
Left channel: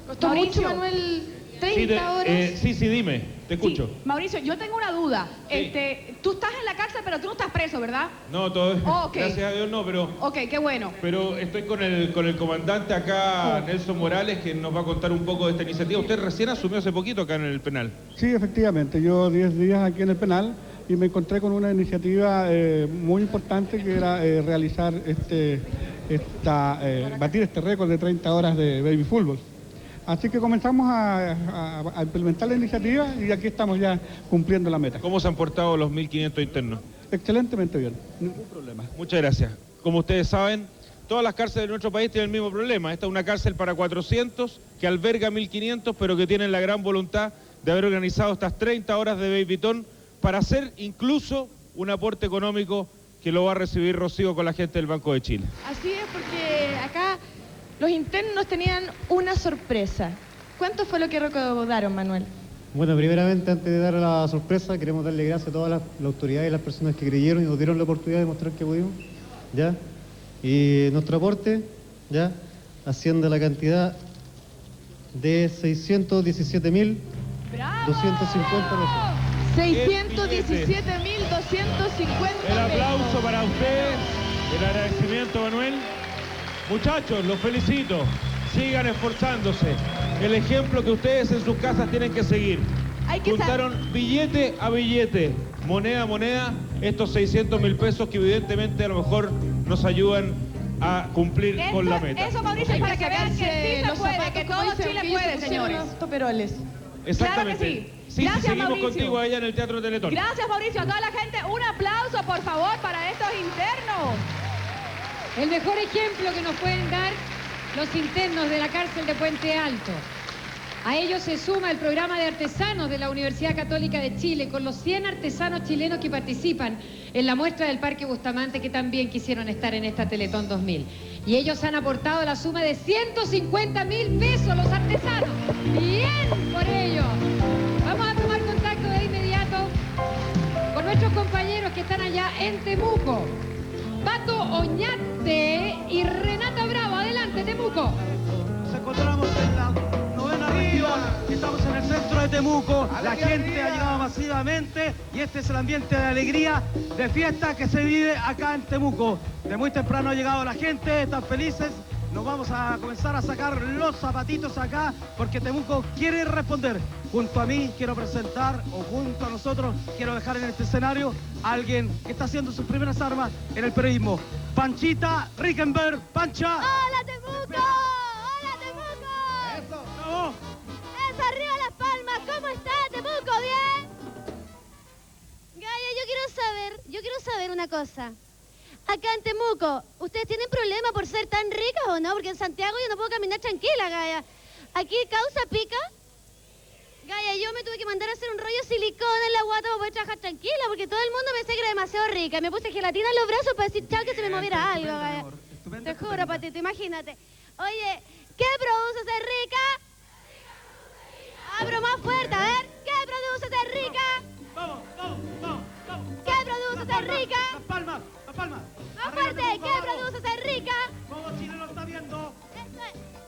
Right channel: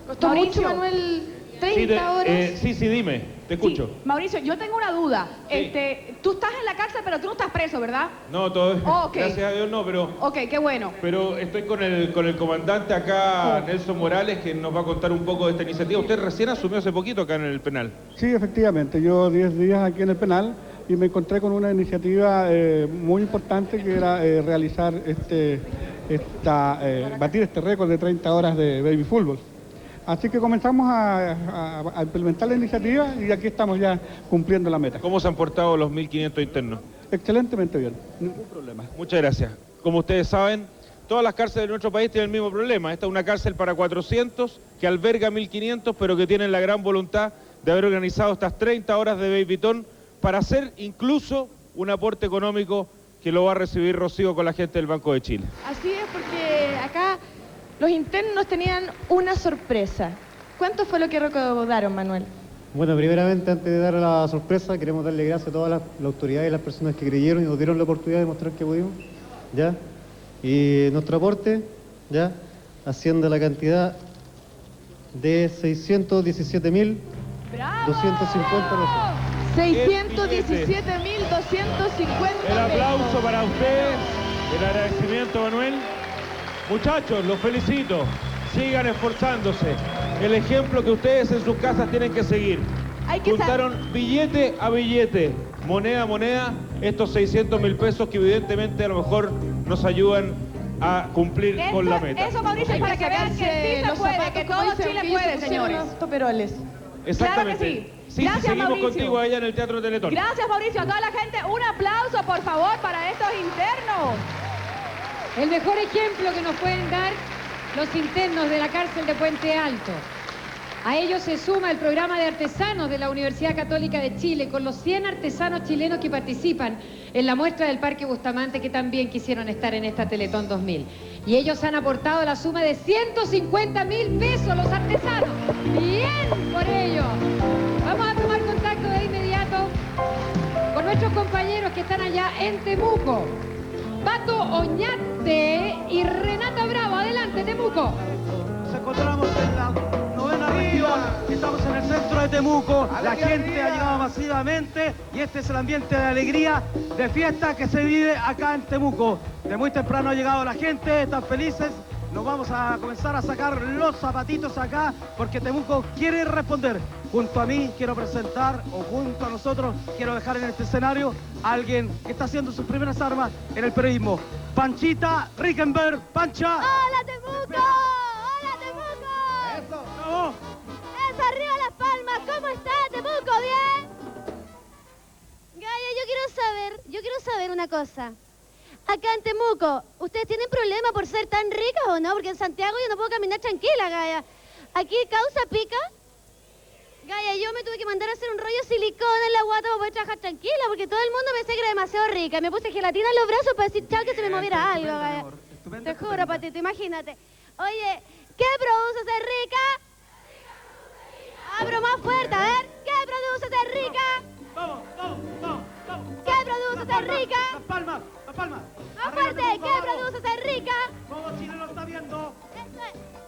¿Costó mucho, Manuel, 30 horas? Sí, dime, te escucho. Sí. Mauricio, yo tengo una duda. Sí. Tú estás en la cárcel, pero tú no estás preso, ¿verdad? No, todavía, Okay. gracias a Dios no, pero... Ok, qué bueno. Pero estoy con el comandante acá, Nelson Morales, que nos va a contar un poco de esta iniciativa. Usted recién asumió hace poquito acá en el penal. Sí, efectivamente. Yo 10 días aquí en el penal y me encontré con una iniciativa muy importante que era realizar batir este récord de 30 horas de baby fútbol. Así que comenzamos a implementar la iniciativa y aquí estamos ya cumpliendo la meta. ¿Cómo se han portado los 1.500 internos? Excelentemente bien, ningún problema. Muchas gracias. Como ustedes saben, todas las cárceles de nuestro país tienen el mismo problema. Esta es una cárcel para 400 que alberga 1.500, pero que tienen la gran voluntad de haber organizado estas 30 horas de babytón para hacer incluso un aporte económico que lo va a recibir Rocío con la gente del Banco de Chile. Así es, porque acá los internos tenían una sorpresa. ¿Cuánto fue lo que recaudaron, Manuel? Bueno, primeramente, antes de dar la sorpresa, queremos darle gracias a todas las autoridades y las personas que creyeron y nos dieron la oportunidad de mostrar que pudimos, ¿ya? Y nuestro aporte, ¿ya? Asciende a la cantidad de 617.250 pesos. 617.250 El aplauso para usted, el agradecimiento, Manuel. Muchachos, los felicito. Sigan esforzándose. El ejemplo que ustedes en sus casas tienen que seguir. Juntaron billete a billete, moneda a moneda, estos 600.000 pesos que evidentemente a lo mejor nos ayudan a cumplir con la meta. Eso, Mauricio, para que vean que sí se puede, que todo Chile puede, señores. Toperoles. Exactamente. Claro que sí. Sí, Gracias, seguimos Mauricio. contigo allá en el Teatro Teletón. Gracias, Mauricio. A toda la gente, un aplauso, por favor, para estos internos. El mejor ejemplo que nos pueden dar los internos de la cárcel de Puente Alto. A ellos se suma el programa de artesanos de la Universidad Católica de Chile, con los 100 artesanos chilenos que participan en la muestra del Parque Bustamante, que también quisieron estar en esta Teletón 2000. Y ellos han aportado la suma de 150.000 pesos, los artesanos. ¡Bien por ello! Vamos a tomar contacto de inmediato con nuestros compañeros que están allá en Temuco. Pato Oñate y Renata Bravo. Adelante, Temuco. Nos encontramos en la 9ª región, estamos en el centro de Temuco, la gente ha llegado masivamente y este es el ambiente de alegría, de fiesta que se vive acá en Temuco. De muy temprano ha llegado la gente, están felices, nos vamos a comenzar a sacar los zapatitos acá porque Temuco quiere responder. Junto a mí quiero presentar, o junto a nosotros quiero dejar en este escenario a alguien que está haciendo sus primeras armas en el periodismo. Panchita Rickenberg. Pancha. ¡Hola, Temuco! ¡Hola, Temuco! ¡Eso! ¡No! ¡Eso, arriba Las Palmas! ¿Cómo está, Temuco? ¿Bien? Gaya, yo quiero saber una cosa. Acá en Temuco, ¿ustedes tienen problema por ser tan ricas o no? Porque en Santiago yo no puedo caminar tranquila, Gaya. ¿Aquí causa pica? Gaya, yo me tuve que mandar a hacer un rollo de silicona en la guata para poder trabajar tranquila, porque todo el mundo pensé que era demasiado rica. Me puse gelatina en los brazos para decir chao que se me moviera algo, Gaya. Te juro, Patito, imagínate. Oye, ¿qué produce ser rica? Abro más fuerte, a ver. ¿Qué produce ser rica? Vamos, vamos, vamos, vamos. ¿Qué produce ser rica? Las Palmas, Las Palmas. Más fuerte, ¿qué produce ser rica? Todo Chile lo está viendo.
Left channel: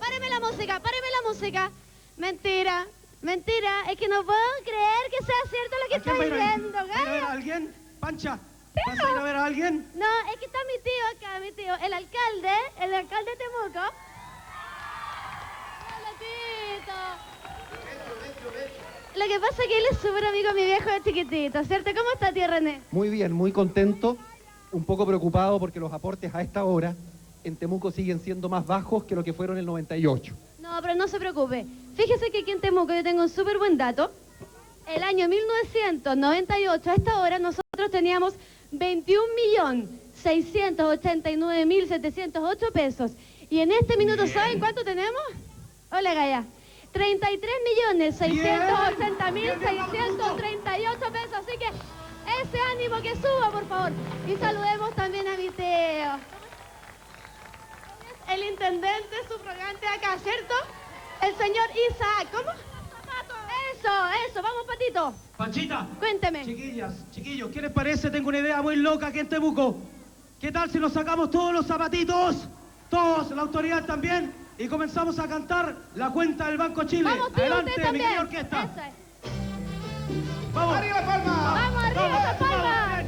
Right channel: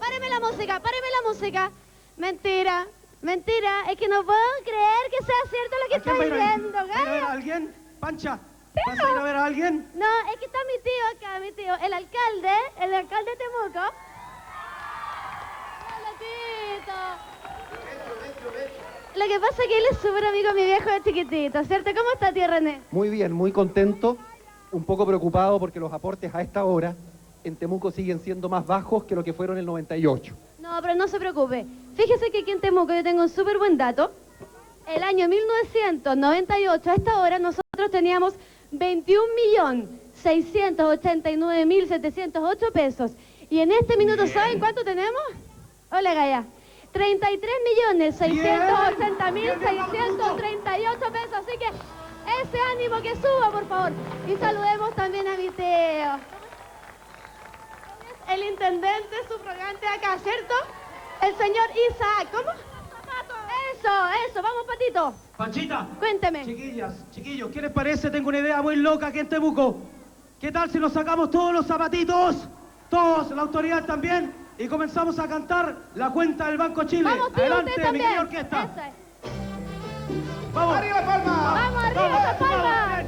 Páreme la música, páreme la música. Mentira, mentira, es que no puedo creer que sea cierto lo que está diciendo, ¿Va a ver a Gaya. alguien? Pancha, ¿vas a ir a ver a alguien? No, es que está mi tío acá, mi tío, el alcalde de Temuco. Hola, Tito. Lo que pasa es que él es súper amigo de mi viejo de chiquitito, ¿cierto? ¿Cómo está, tío René? Muy bien, muy contento, un poco preocupado porque los aportes a esta hora en Temuco siguen siendo más bajos que lo que fueron en el 98. No, pero no se preocupe. Fíjese que aquí en Temuco yo tengo un súper buen dato. El año 1998, a esta hora, nosotros teníamos 21.689.708 pesos. Y en este minuto, ¿saben cuánto tenemos? Hola, Gaya. 33.680.638 pesos. Así que ese ánimo que suba, por favor. Y saludemos también a mi tío. El intendente subrogante acá, ¿cierto? El señor Isaac. ¿Cómo? Eso, vamos, Patito. Panchita. Cuénteme. Chiquillos, ¿qué les parece? Tengo una idea muy loca aquí en Temuco. ¿Qué tal si nos sacamos todos los zapatitos? Todos, la autoridad también. Y comenzamos a cantar la cuenta del Banco Chile. Vamos, tío, adelante, usted mi también. querida orquesta. Eso es. Vamos. ¡Arriba, Palma! ¡Vamos, arriba, esa Palma!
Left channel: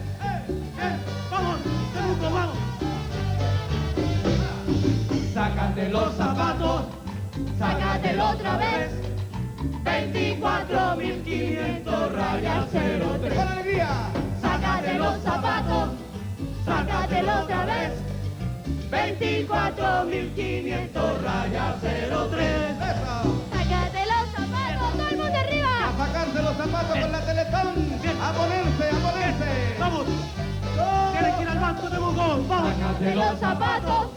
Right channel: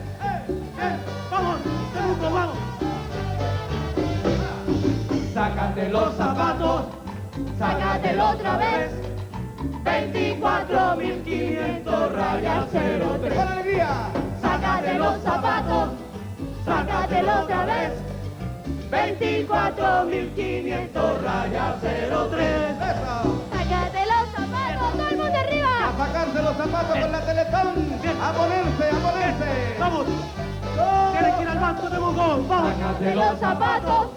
Vamos, Temuco, vamos. Sácate los zapatos, sácatelo otra vez. 24.500 rayas 03. ¡Con alegría! Sácate los zapatos, sácatelo otra vez. 24.500 rayas 03. ¡Sácate los zapatos! ¡Todo el mundo arriba! A sacarse los zapatos con la Teletón. A ponerse, a ponerse. ¡Vamos! ¡Tienes que ir al banco de Bogotá! ¡Vamos! ¡Sácate los zapatos!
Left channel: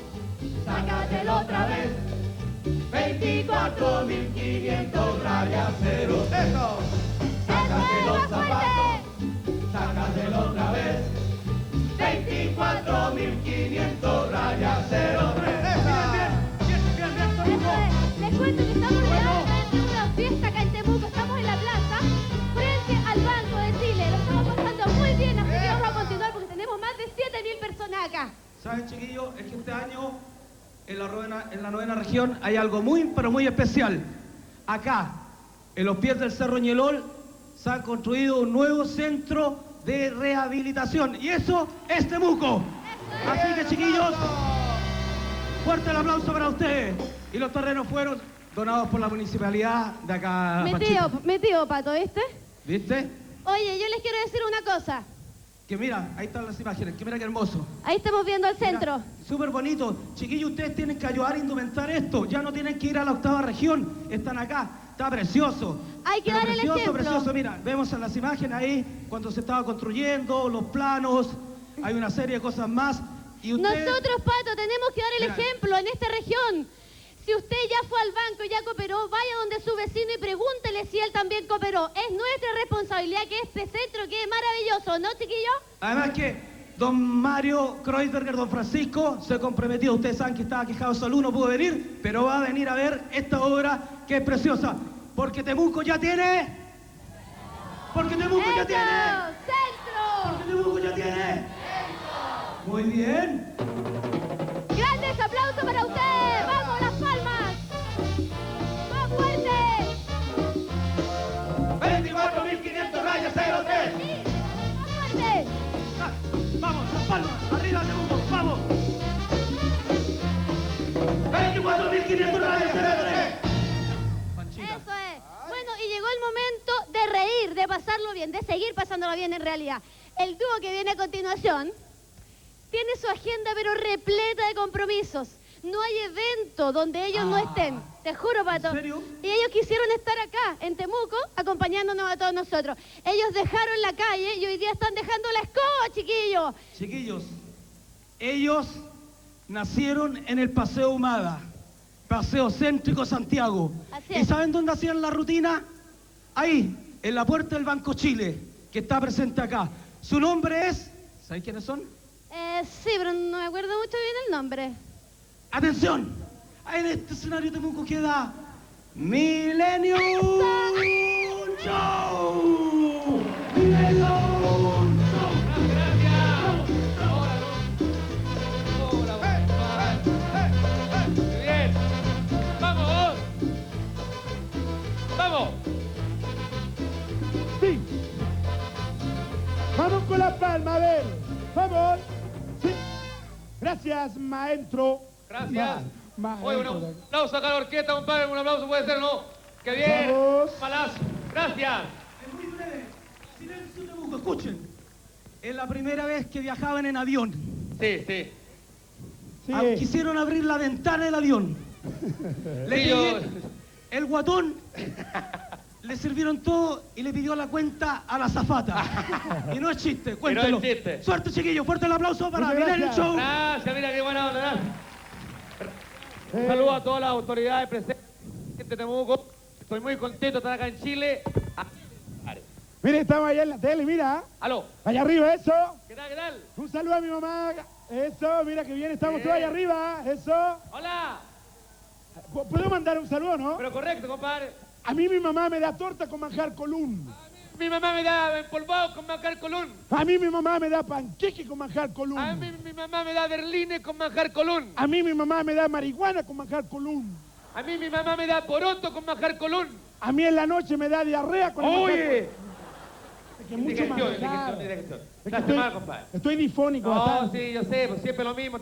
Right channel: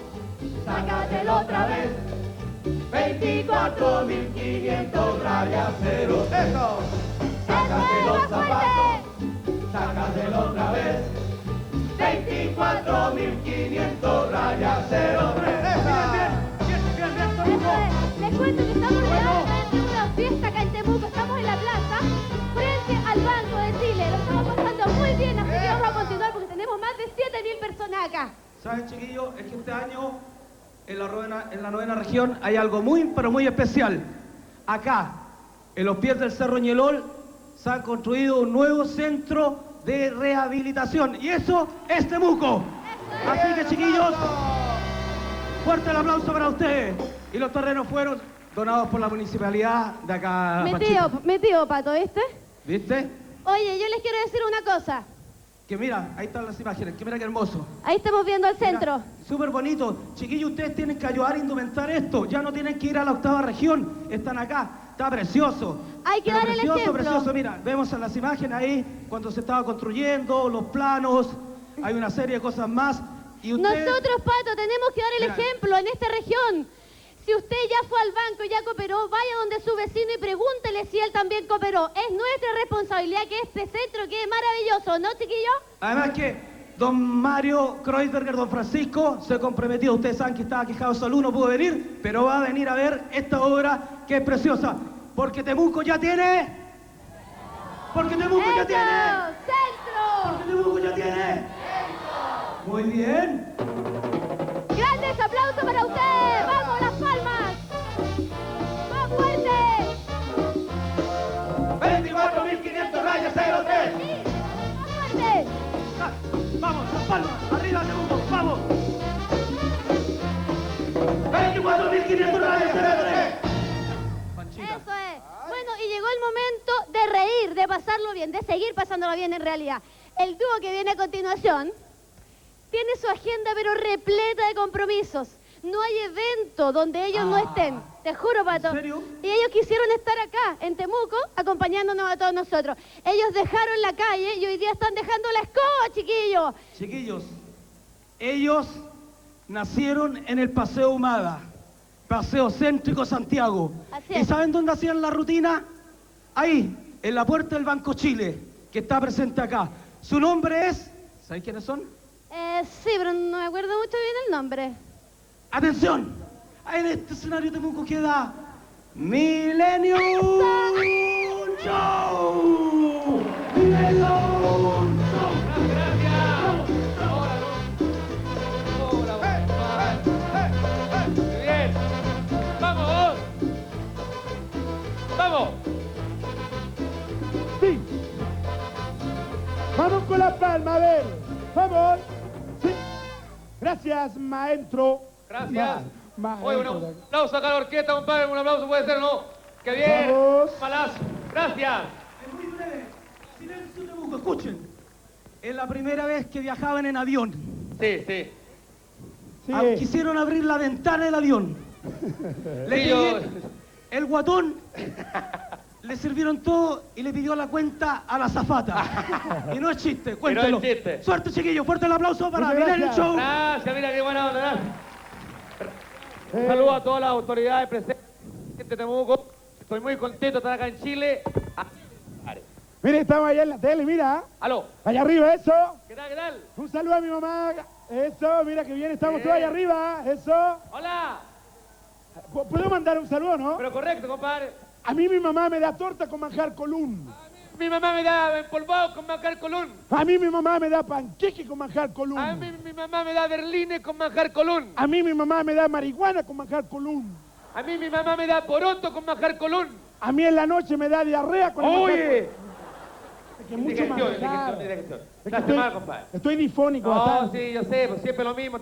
¡Sácatelo otra vez! 24.500 rayas 0. Eso. Sácate los zapatos, sácatelo otra vez. 24.500 rayas 03. Les cuento que estamos realmente en una fiesta acá en Temuco. Estamos en la plaza, frente al Banco de Chile. Lo estamos pasando muy bien, así que vamos a continuar porque tenemos más de 7.000 personas acá. ¿Saben, chiquillos? Es que este año en la novena región hay algo muy, pero muy especial. Acá, en los pies del Cerro Ñelol, se ha construido un nuevo centro de rehabilitación. Y eso es Temuco. Así que, chiquillos, fuerte el aplauso para ustedes. Y los terrenos fueron donados por la municipalidad de acá. Mi tío, Pato, ¿viste? ¿Viste? Oye, yo les quiero decir una cosa. Que mira, ahí están las imágenes, que mira qué hermoso. Ahí estamos viendo el centro. Súper bonito. Chiquillos, ustedes tienen que ayudar a indumentar esto. Ya no tienen que ir a la 8ª región. Están acá. Está precioso. Hay que Pero dar el ejemplo. Precioso. Mira, vemos en las imágenes ahí cuando se estaba construyendo, los planos. Hay una serie de cosas más. Y ustedes... Nosotros, Pato, tenemos que dar el Mira. ejemplo en esta región. Si usted ya fue al banco y ya cooperó, vaya donde su vecino y pregúntele si él también cooperó. Es nuestra responsabilidad que este centro quede maravilloso, ¿no, chiquillos? Además que don Mario Kreuzberger, don Francisco, se comprometió. Ustedes saben que estaba quejado de salud, no pudo venir, pero va a venir a ver esta obra que es preciosa. Porque Temuco ya tiene... Porque Temuco ya tiene... ¡Centro! Porque Temuco ya tiene... Muy bien. ¡Grandes aplausos para usted! ¡Vamos, Las Palmas! ¡Más fuerte! 24.500 rayas 03. ¡Más fuerte! Vamos, Las Palmas, arriba Temuco, vamos. 24.500 rayas 03. Eso es. Bueno, y llegó el momento de reír, de pasarlo bien, de seguir pasándolo bien en realidad. El dúo que viene a continuación tiene su agenda pero repleta de compromisos. No hay evento donde ellos no estén, te juro, Pato. ¿En serio? Y ellos quisieron estar acá, en Temuco, acompañándonos a todos nosotros. Ellos dejaron la calle y hoy día están dejando la escoba, chiquillos. Chiquillos, ellos nacieron en el Paseo Humada, Paseo Céntrico Santiago. Así ¿Y es. saben dónde hacían la rutina? Ahí, en la puerta del Banco Chile, que está presente acá. Su nombre es... ¿Saben quiénes son? Sí, pero no me acuerdo mucho bien el nombre. ¡Atención! Ahí en este escenario Temuco queda... Millennium Show. Millennium Show. Bien. ¡Vamos! ¡Vamos! Sí. Vamos con la palma, a ver. Vamos. Sí. Gracias, maestro. Gracias. Oye, un Maestro. aplauso acá a la orquesta, compadre. Un aplauso puede ser, ¿no? ¡Qué bien! Vamos. Palacio. Gracias. Es muy breve. Silencio Temuco, escuchen. Es la primera vez que viajaban en avión. Sí, sí. Sí. Quisieron abrir la ventana del avión. El guatón le sirvieron todo y le pidió la cuenta a la azafata. Y no es chiste, cuéntelo. No es chiste. Suerte, chiquillos, fuerte el aplauso para Minelli Show. Gracias, mira qué buena onda, gracias. Un saludo a todas las autoridades presentes de Temuco. Estoy muy contento de estar acá en Chile. Mire, estamos allá en la tele, mira. Aló. Allá arriba, eso. ¿Qué tal, qué tal? Un saludo a mi mamá. Eso, mira que bien, estamos todos allá arriba. Eso. Hola. ¿Puedo mandar un saludo, no? Pero correcto, compadre. A mí mi mamá me da torta con manjar colún. Mi mamá me da empolvado con manjar colún. A mí mi mamá me da panqueque con manjar colún. A mí mi mamá me da berlines con manjar colún. A mí mi mamá me da marihuana con manjar colún. A mí mi mamá me da poroto con manjar colún. A mí en la noche me da diarrea con manjar colún. ¡Oye! Que mucho manjar. Gracias más, compadre. Estoy difónico bastante. Sí, yo sé, pues siempre lo mismo.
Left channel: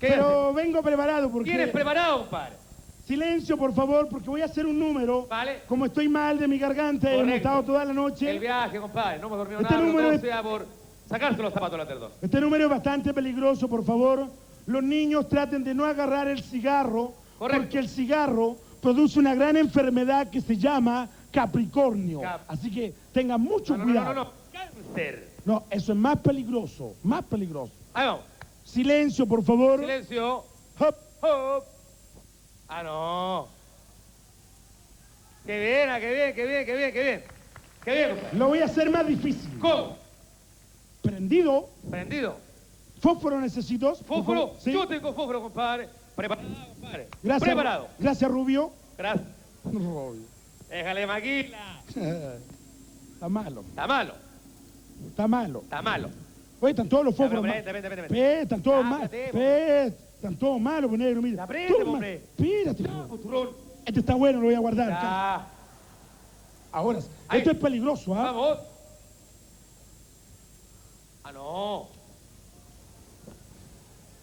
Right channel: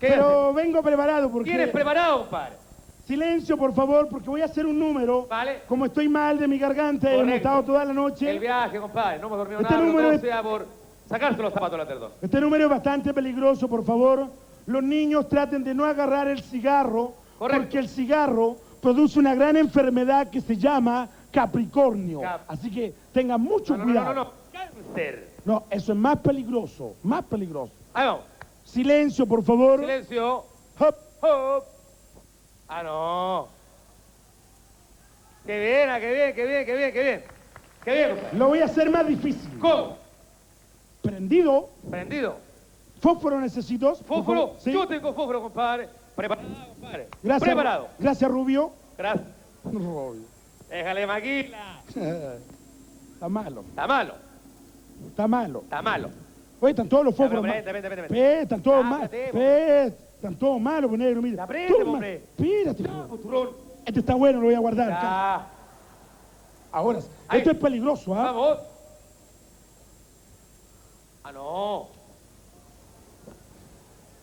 Pero vengo preparado porque... ¿Quién es preparado, compadre? Silencio, por favor, porque voy a hacer un número. Vale. Como estoy mal de mi garganta, hemos estado toda la noche. El viaje, compadre, no hemos dormido Este nada, número todo sea por sacarse los zapatos a la terdón. Este número es bastante peligroso, por favor. Los niños traten de no agarrar el cigarro, porque el cigarro produce una gran enfermedad que se llama Capricornio. Así que tengan mucho cuidado. No, cáncer. No, eso es más peligroso, más peligroso. Ahí vamos. Silencio, por favor. Silencio. Hop. Hop. Ah, no. Qué bien, qué bien, qué bien, qué bien, qué bien. Qué bien, compadre. Lo voy a hacer más difícil. ¿Cómo? Prendido. Prendido. ¿Fósforo necesito? ¿Fósforo? ¿Sí? Yo tengo fósforo, compadre. Preparado, compadre. Gracias. Preparado. Gracias, Rubio. Gracias. Rubio. Déjale maquila. Está malo. Está malo. Está malo. Está malo. Oye, están todos los Ya, fósforos pero malos. vete. Están todos malos. Ábrate, Están todos malos, pues, negro, mira. Aprende, Toma. hombre. Espérate. Turrón. Este está bueno, lo voy a guardar. Ya. Ahora, Ahí. esto es peligroso, ¿ah? Vamos. Ah, no.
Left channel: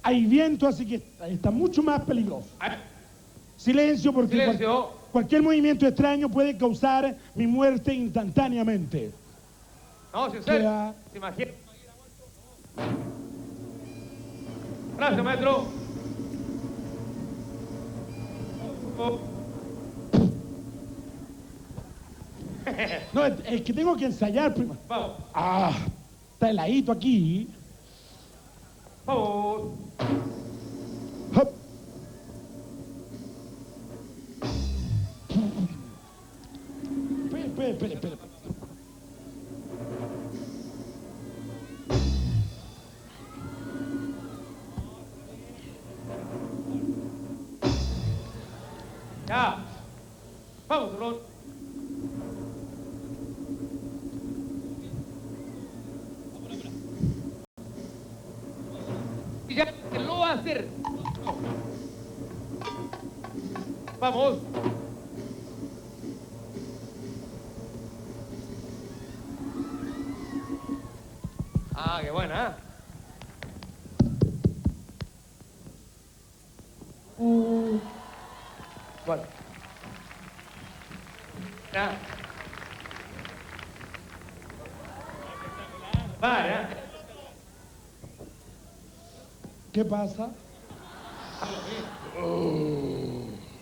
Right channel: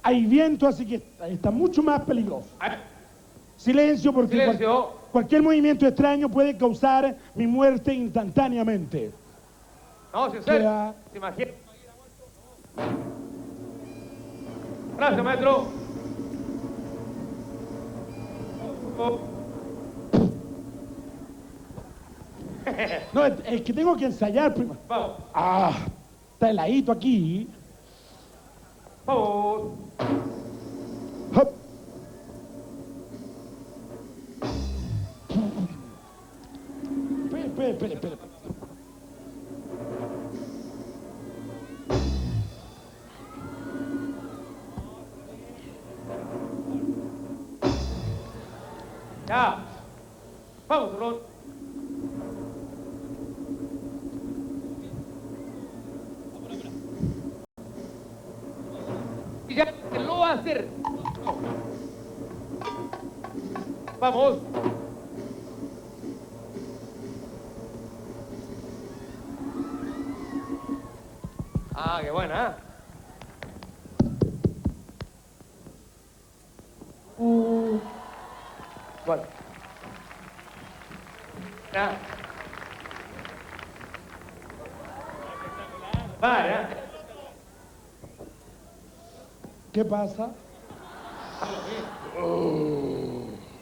Hay viento, así que está mucho más peligroso. Silencio, porque Silencio. Cualquier movimiento extraño puede causar mi muerte instantáneamente. No, sincero. Queda- ¿Se imagina? Gracias, maestro. No, es que tengo que ensayar primero. Vamos. Está heladito aquí. Vamos. Hop. Espera. Ya. Vamos, turrón. Y ya, que lo va a hacer. Vamos. Ah, qué buena, ¿eh? Bueno. Ya. Vale, ¿eh? ¿Qué pasa?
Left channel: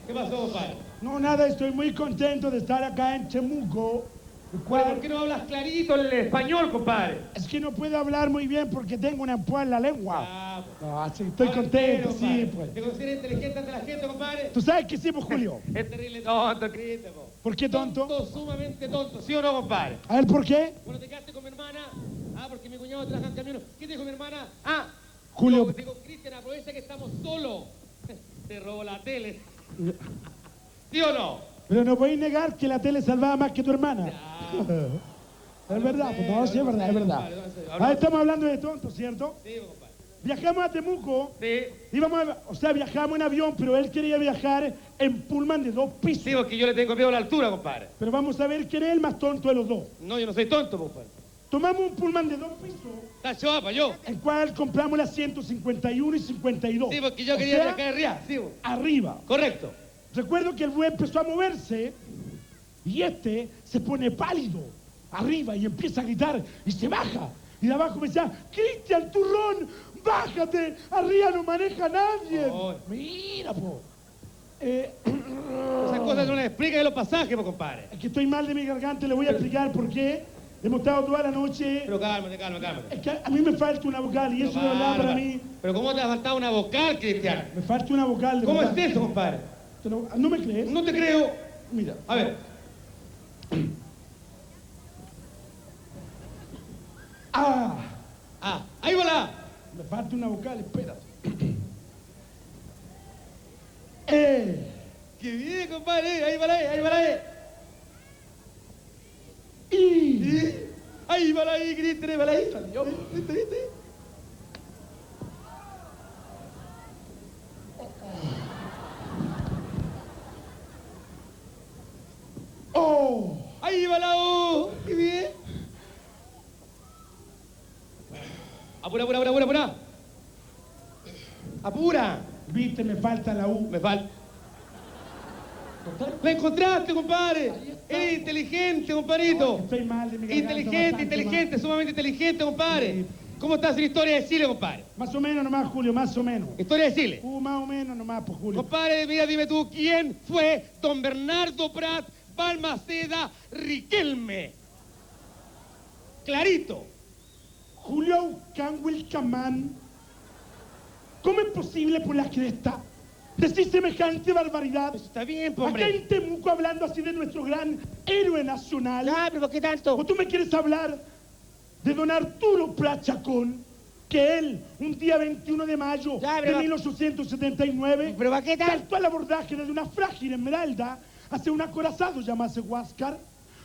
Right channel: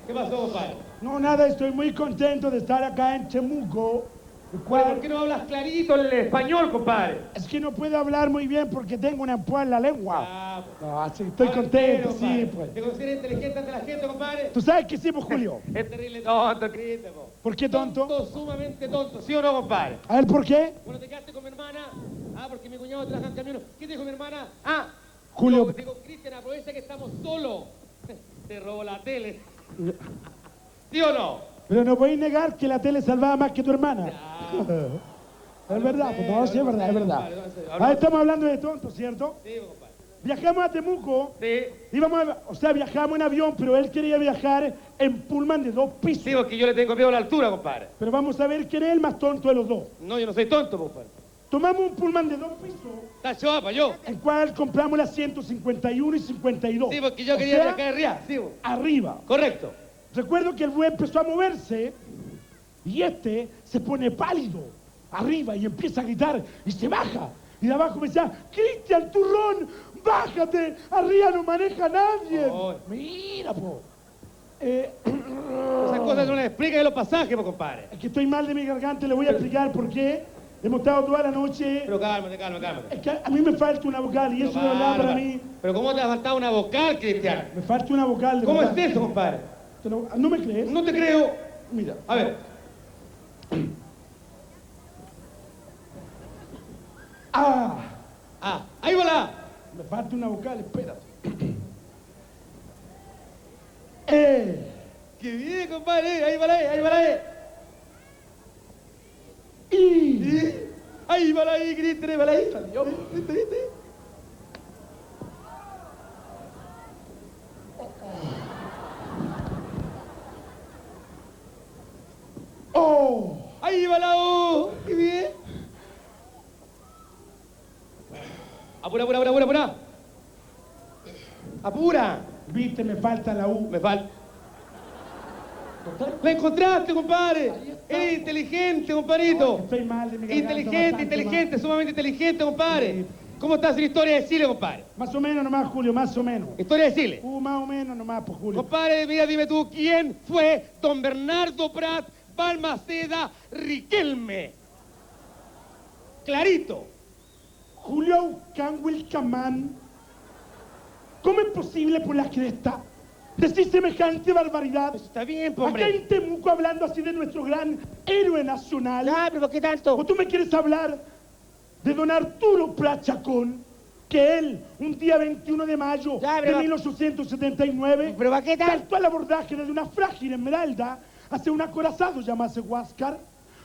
¿Qué pasó, compadre? No, nada, estoy muy contento de estar acá en Temuco. ¿Por qué no hablas clarito el español, compadre? Es que no puedo hablar muy bien porque tengo una empuja en la lengua. No, así estoy contento, sí, pues. ¿Te consideras inteligente ante la gente, compadre? ¿Tú sabes que sí, pues, Julio? Es terrible tonto, Cristo, po. ¿Por qué tonto? Sumamente tonto, ¿sí o no, compadre? A ver, ¿por qué? Bueno, te quedaste con mi hermana. Porque mi cuñado trabaja en camino. ¿Qué dijo mi hermana? Julio. Digo, Cristian, aprovecha que estamos solos. Te robó la tele. ¿Sí o no? Pero no podéis negar que la tele salvaba más que tu hermana. Es verdad, pues no, sí, es verdad, es verdad. Estamos hablando de tontos, ¿cierto? Sí, compadre. Viajamos a Temuco. Sí. Viajamos en avión, pero él quería viajar en pullman de 2 pisos. Sí, porque yo le tengo miedo a la altura, compadre. Pero vamos a ver quién es el más tonto de los dos. No, yo no soy tonto, compadre. Tomamos un pullman de 2 pisos. Está chapa, yo. El cual compramos las 151 y 52. Sí, porque yo O quería sea, viajar arriba. Sí, bo. arriba. Correcto. Recuerdo que el buen empezó a moverse y este se pone pálido arriba y empieza a gritar y se baja. Y de abajo me decía, Cristian Turrón, ¡Bájate! Arriba no maneja nadie. Mira, po. Esas cosas no las explica de los pasajes, po, compadre. Es que estoy mal de mi garganta, le voy a explicar por qué. Hemos estado toda la noche. Pero cálmate. Es que a mí me falta una vocal y eso de verdad para mí. Pero ¿cómo te ha faltado una vocal, Cristian? Me falta una vocal de ¿Cómo verdad. es eso, compadre? ¿No me crees? No te creo. Mira. A ver. Ahí va la. Me falta una vocal, espera. ¡Qué bien, compadre! Ahí va la Ahí va la Cristian, ahí va la Salió. ¿Viste? ¡Oh! Ahí va la O. ¡Qué bien! Apura. ¡Apura! Viste, me falta la U. Me falta. ¡La encontraste, compadre! ¡Eres inteligente, compadrito! Estoy mal de mi garganta, Inteligente, sumamente inteligente, compadre. ¿Cómo estás en la historia de Chile, compadre? Más o menos nomás, Julio, más o menos. Historia de Chile. Más o menos nomás, pues, Julio. Compadre, mira, dime tú, ¿quién fue don Bernardo Prat Balmaceda Riquelme? Clarito. Julio Canwil Camán. ¿Cómo es posible por la cresta decir semejante barbaridad? Eso está bien, hombre. Acá en Temuco hablando así de nuestro gran héroe nacional. Pero ¿qué tanto? ¿O tú me quieres hablar de don Arturo Prat Chacón? Que él, un día 21 de mayo de 1879, saltó al abordaje desde una frágil esmeralda hacia un acorazado llamado Huáscar,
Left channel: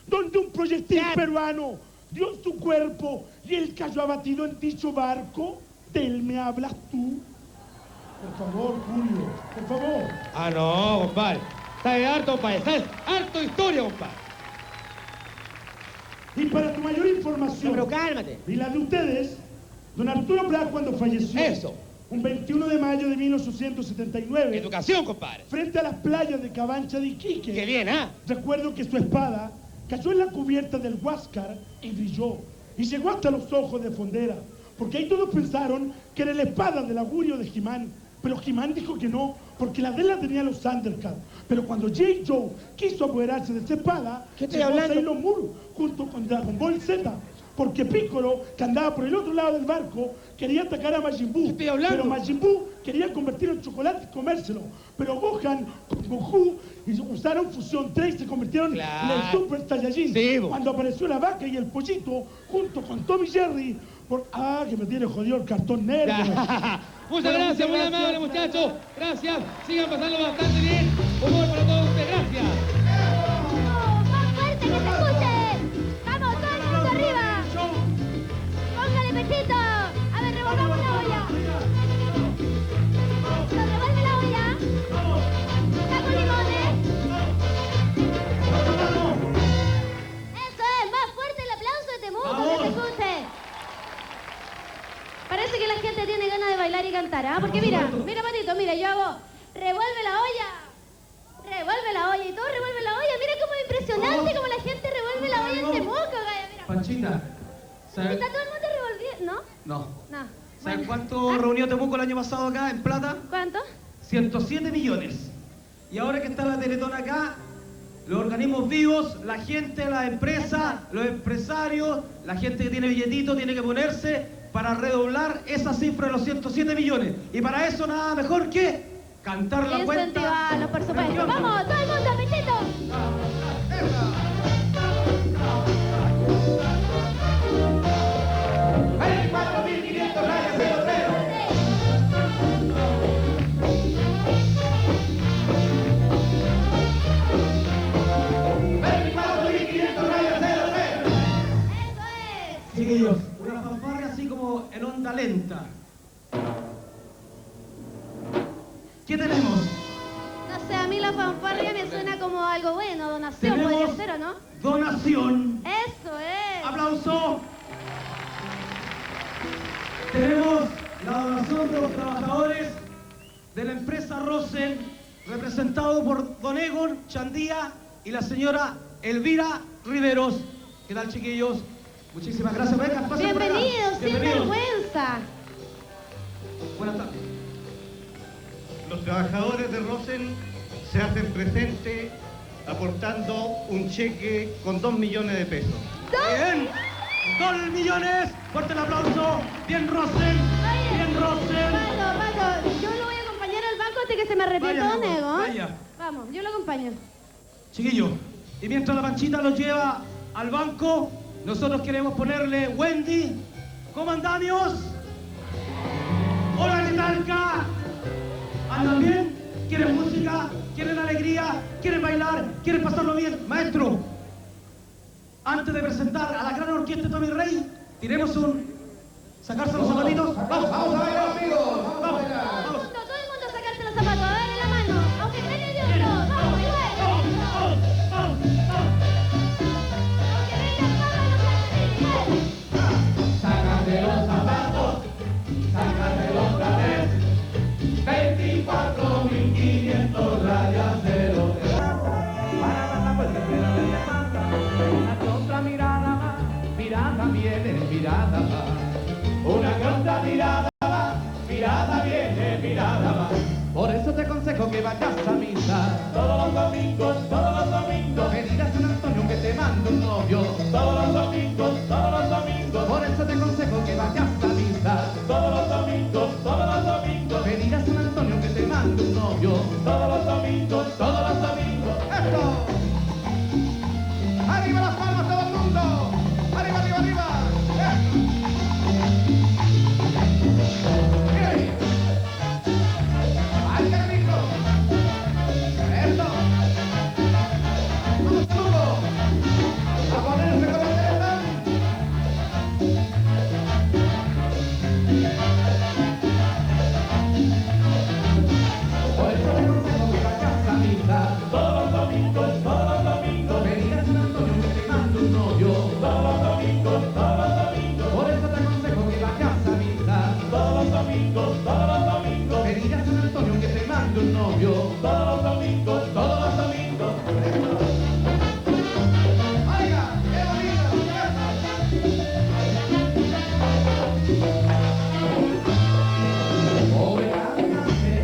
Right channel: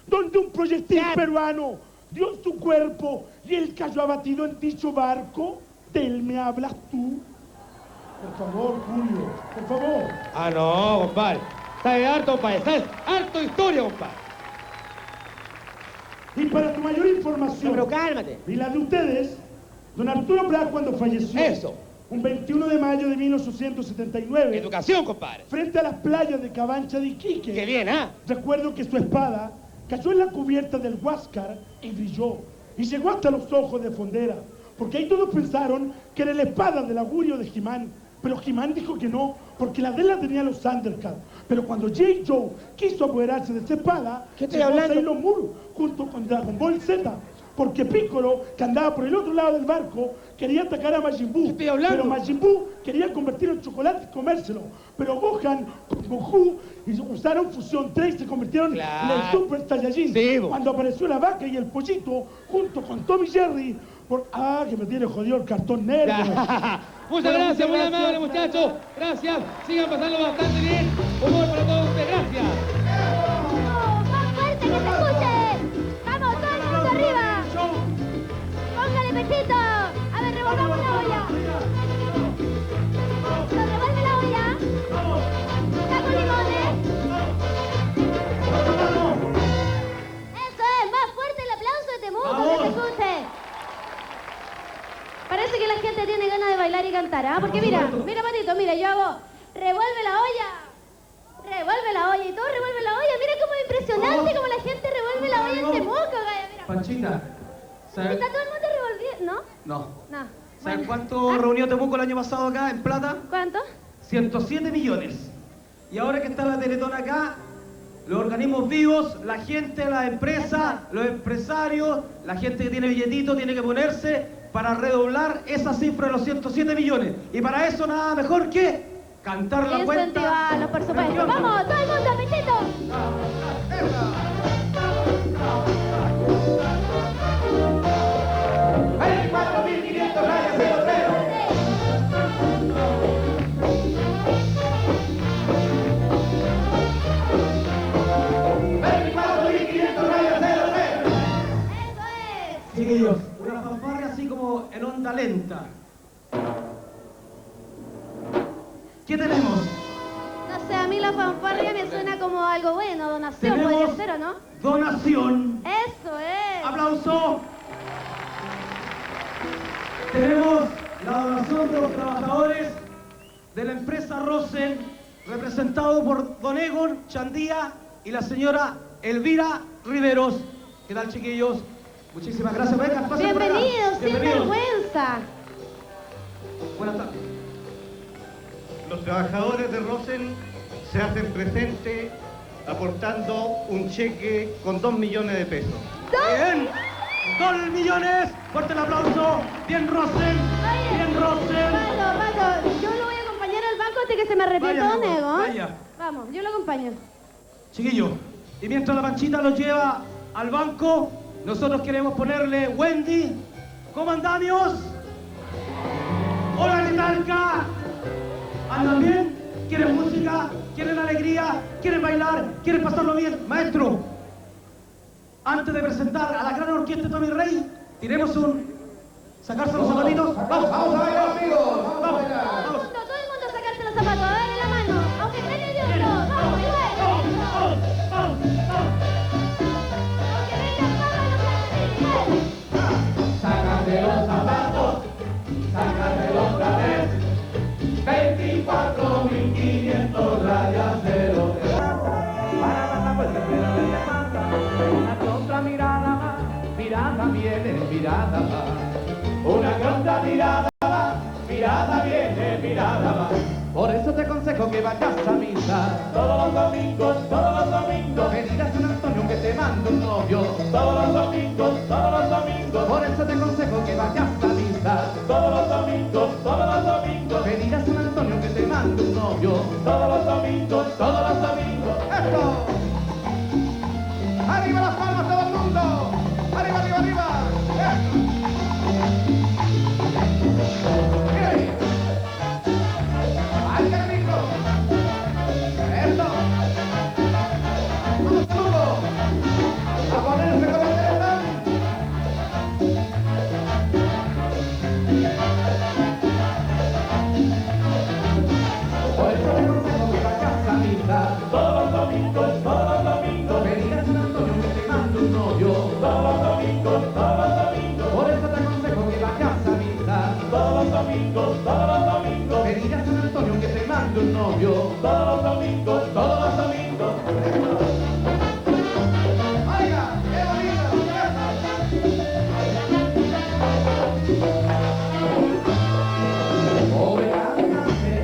donde un proyectil peruano dio en su cuerpo y él cayó abatido en dicho barco. ¿De él me hablas tú? Por favor, Julio, por favor. No, compadre. Está harto, compadre. Está harto historia, compadre. Y para tu mayor información, pero cálmate. Y la de ustedes, don Arturo Prat, cuando falleció, un 21 de mayo de 1879, Educación, compadre. frente a las playas de Cabancha de Iquique, Qué bien, ¿ah? recuerdo que su espada cayó en la cubierta del Huáscar y brilló, y llegó hasta los ojos de Fondera, porque ahí todos pensaron que era la espada del augurio de Jimán, pero Jimán dijo que no, porque la de él la tenía los Thundercats. Pero cuando J. Joe quiso apoderarse de esa espada, llegó a Sailor Moon junto con Dragon Ball Z, porque Piccolo, que andaba por el otro lado del barco, quería atacar a Majin Buu, pero Majin Buu quería convertirlo en chocolate y comérselo. Pero Gohan con Goku usaron Fusión 3 y se convirtieron en el Super Saiyajin. Cuando apareció la vaca y el pollito, junto con Tom y Jerry, que me tiene jodido el cartón negro. Muchas gracias, muy amable, muchachos. Gracias. Sigan pasando bastante bien. Humor para todos ustedes. Gracias. ¡Más fuerte, que se escuche! ¡Vamos, todo el mundo arriba! ¡Póngale pechito! A ver, revolvamos la olla. ¿Nos revuelve la olla? ¿Saco limones? ¡Eso es! ¡Más fuerte el aplauso de Temuco, que se escuche! Parece que la gente tiene ganas de bailar y cantar, ¿ah? Porque mira, Matito, mira, yo hago revuelve la olla y todo revuelve la olla. Mira cómo es impresionante como la gente revuelve la olla en Temuco, Gaya, mira. Panchita, ¿sabes? ¿Está todo el mundo revolviendo? ¿No? No. No. ¿Sabes cuánto reunió Temuco el año pasado acá en plata? ¿Cuánto? 107 millones. Y ahora que está la Teletón acá, los organismos vivos, la gente, las empresas, los empresarios, la gente que tiene billetito tiene que ponerse para redoblar esa cifra de los 107 millones. Y para eso nada mejor que cantar la cuenta. Incentivarlos, por supuesto. ¡Vamos, todo el mundo, Pechito! Chiquillos, una fanfarria así como en onda lenta. ¿Qué tenemos? No sé, a mí la fanfarria me suena como algo bueno, donación, Tenemos podría ser, ¿o no? Donación. Eso es. ¡Aplauso! Tenemos la donación de los trabajadores de la empresa Rosen, representado por don Egon Chandía y la señora Elvira Riveros. ¿Qué tal, chiquillos? Muchísimas gracias. Venga, pasen por acá. Bienvenidos, sin vergüenza. Buenas tardes. Los trabajadores de Rosell se hacen presente aportando un cheque con 2 millones de pesos. Bien, 2 millones, fuerte el aplauso. Bien Rosell, bien Rosell. Pato, yo lo voy a acompañar al banco hasta que se me repita, Vaya, nego. vaya. Vamos, yo lo acompaño. Chiquillo, y mientras la Panchita los lleva al banco, nosotros queremos ponerle Wendy, comandamios. Hola, Nitalca. ¿Andan bien? ¿Quieren música? ¿Quieren alegría? ¿Quieren bailar? ¿Quieren pasarlo bien? Maestro, antes de presentar a la gran orquesta de Tommy Rey, tiremos un... sacarse los zapatitos. Vamos, vamos a bailar, amigos. Vamos, vamos. Todo el mundo sacarse los zapatos, dale la mano, aunque estén nerviosos. Vamos, Sácate los zapatos, sácatelo otra vez. 24.500 rayas de los de otra mirada más, mirada viene, mirada va. Una otra mirada va, mirada viene, mirada va. Por eso te aconsejo que vayas a misa todos los domingos, que digas a San Antonio que te mando un novio todos los domingos. Por eso te aconsejo que vayas a misa todos los domingos, que digas a San Antonio que te mando un novio todos los domingos. ¡Esto! ¡Arriba las palmas todo el mundo! ¡Arriba, arriba, arriba! ¡Ay, qué rico! ¡Eso! ¡Vamos, a ponerse con el teléfono! Por eso te aconsejo que vayas a misa todos los domingos, que digas a San Antonio que te mando un novio todos los domingos. Por eso te aconsejo que vayas a misa todos los domingos, que digas a San Antonio que te mando un novio todos los domingos. ¡Oiga, qué bonito! Pobre caminante,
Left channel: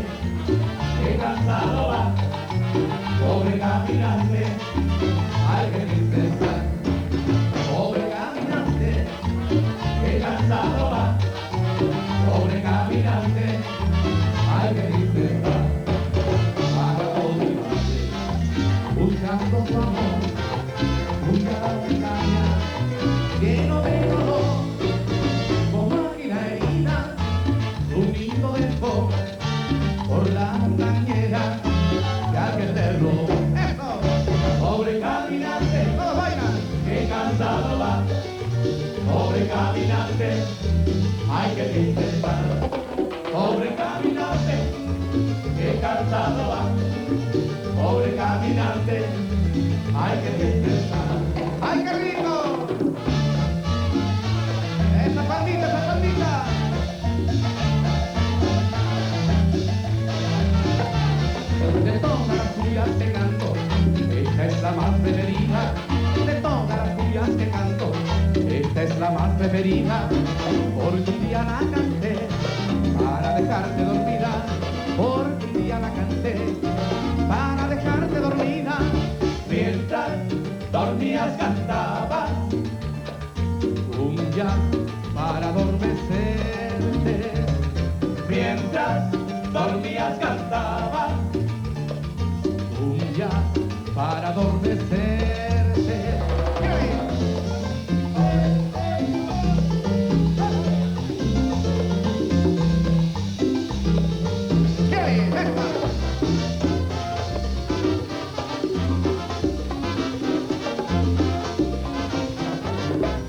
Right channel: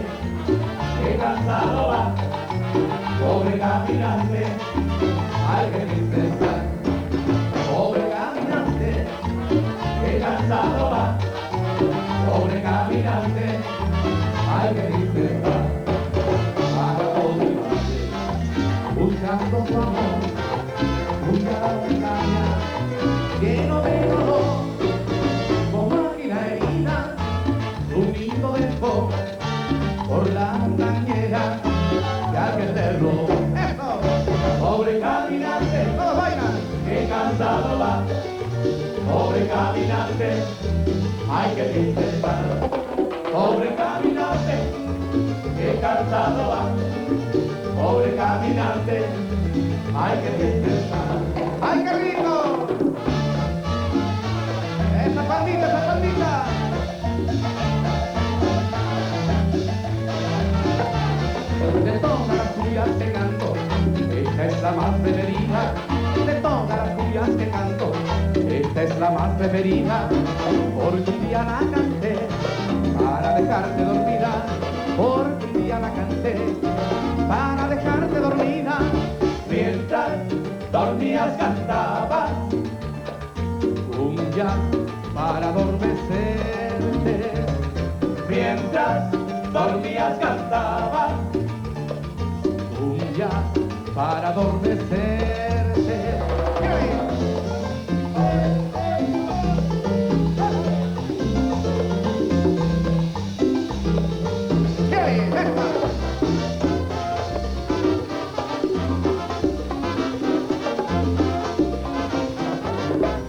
qué cansado va. Pobre caminante, hay que dispensar. Pobre caminante, qué cansado va. Pobre caminante, hay que dispensar. Haga todo el mate, buscando su amor, busca la montaña, lleno de dolor, como águila herida, un nido dejó por la montañera, ya que te robó. ¡Eso! Pobre caminante, todos bailan, qué cansado va. Pobre caminante, hay que dispensar. Pobre caminante, qué cansado va. Pobre caminante, hay que dispensar. ¡Ay, qué rico! ¡Esa palmita, esa palmita! De todas las cumbias que canto, esta es la más preferida. De todas las cumbias que canto, esta es la más preferida. Porque un día la canté para dejarte dormida. Porque un día la canté para dejarte dormida. Mientras dormías cantaba cumbia para adormecerte. Mientras dormías cantaba cumbia para adormecerte.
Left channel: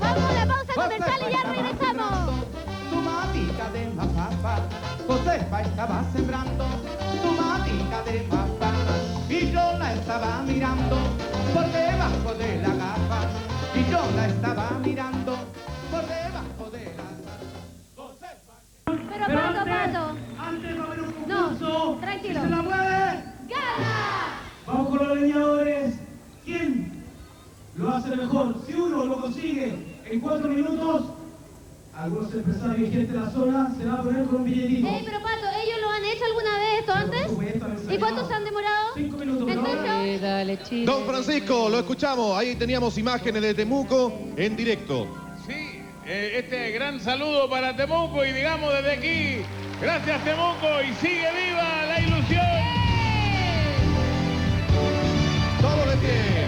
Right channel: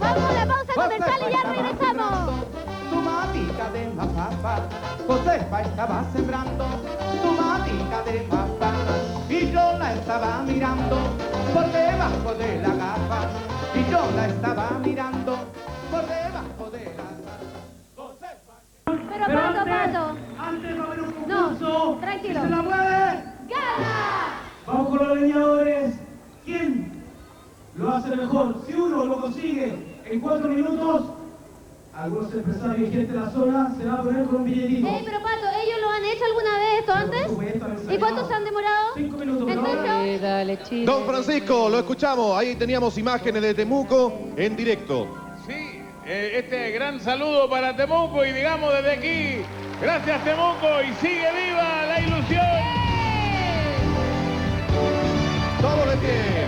Vamos a la pausa comercial y ya regresamos. Tu matica de mazapán, Josefa estaba sembrando tu matica de mazapán y yo la estaba mirando por debajo de la gafa y yo la estaba mirando por debajo de la gafa. Pero Pato. Antes va a haber un No, concurso. tranquilo. ¿Se la mueve? ¡Gana! Vamos con los leñadores. ¿Quién lo hace mejor? Si uno lo consigue en 4 minutos, algunos empresarios y gente de la zona se va a poner con un billetito. Pero Pato, ¿ellos lo han hecho alguna vez esto antes? ¿Y cuánto se han demorado? 5 minutos. Dale, Chile. Don Francisco, lo escuchamos. Ahí teníamos imágenes de Temuco en directo. Sí, este gran saludo para Temuco y digamos desde aquí, gracias Temuco y sigue viva la ilusión. Todo de pie.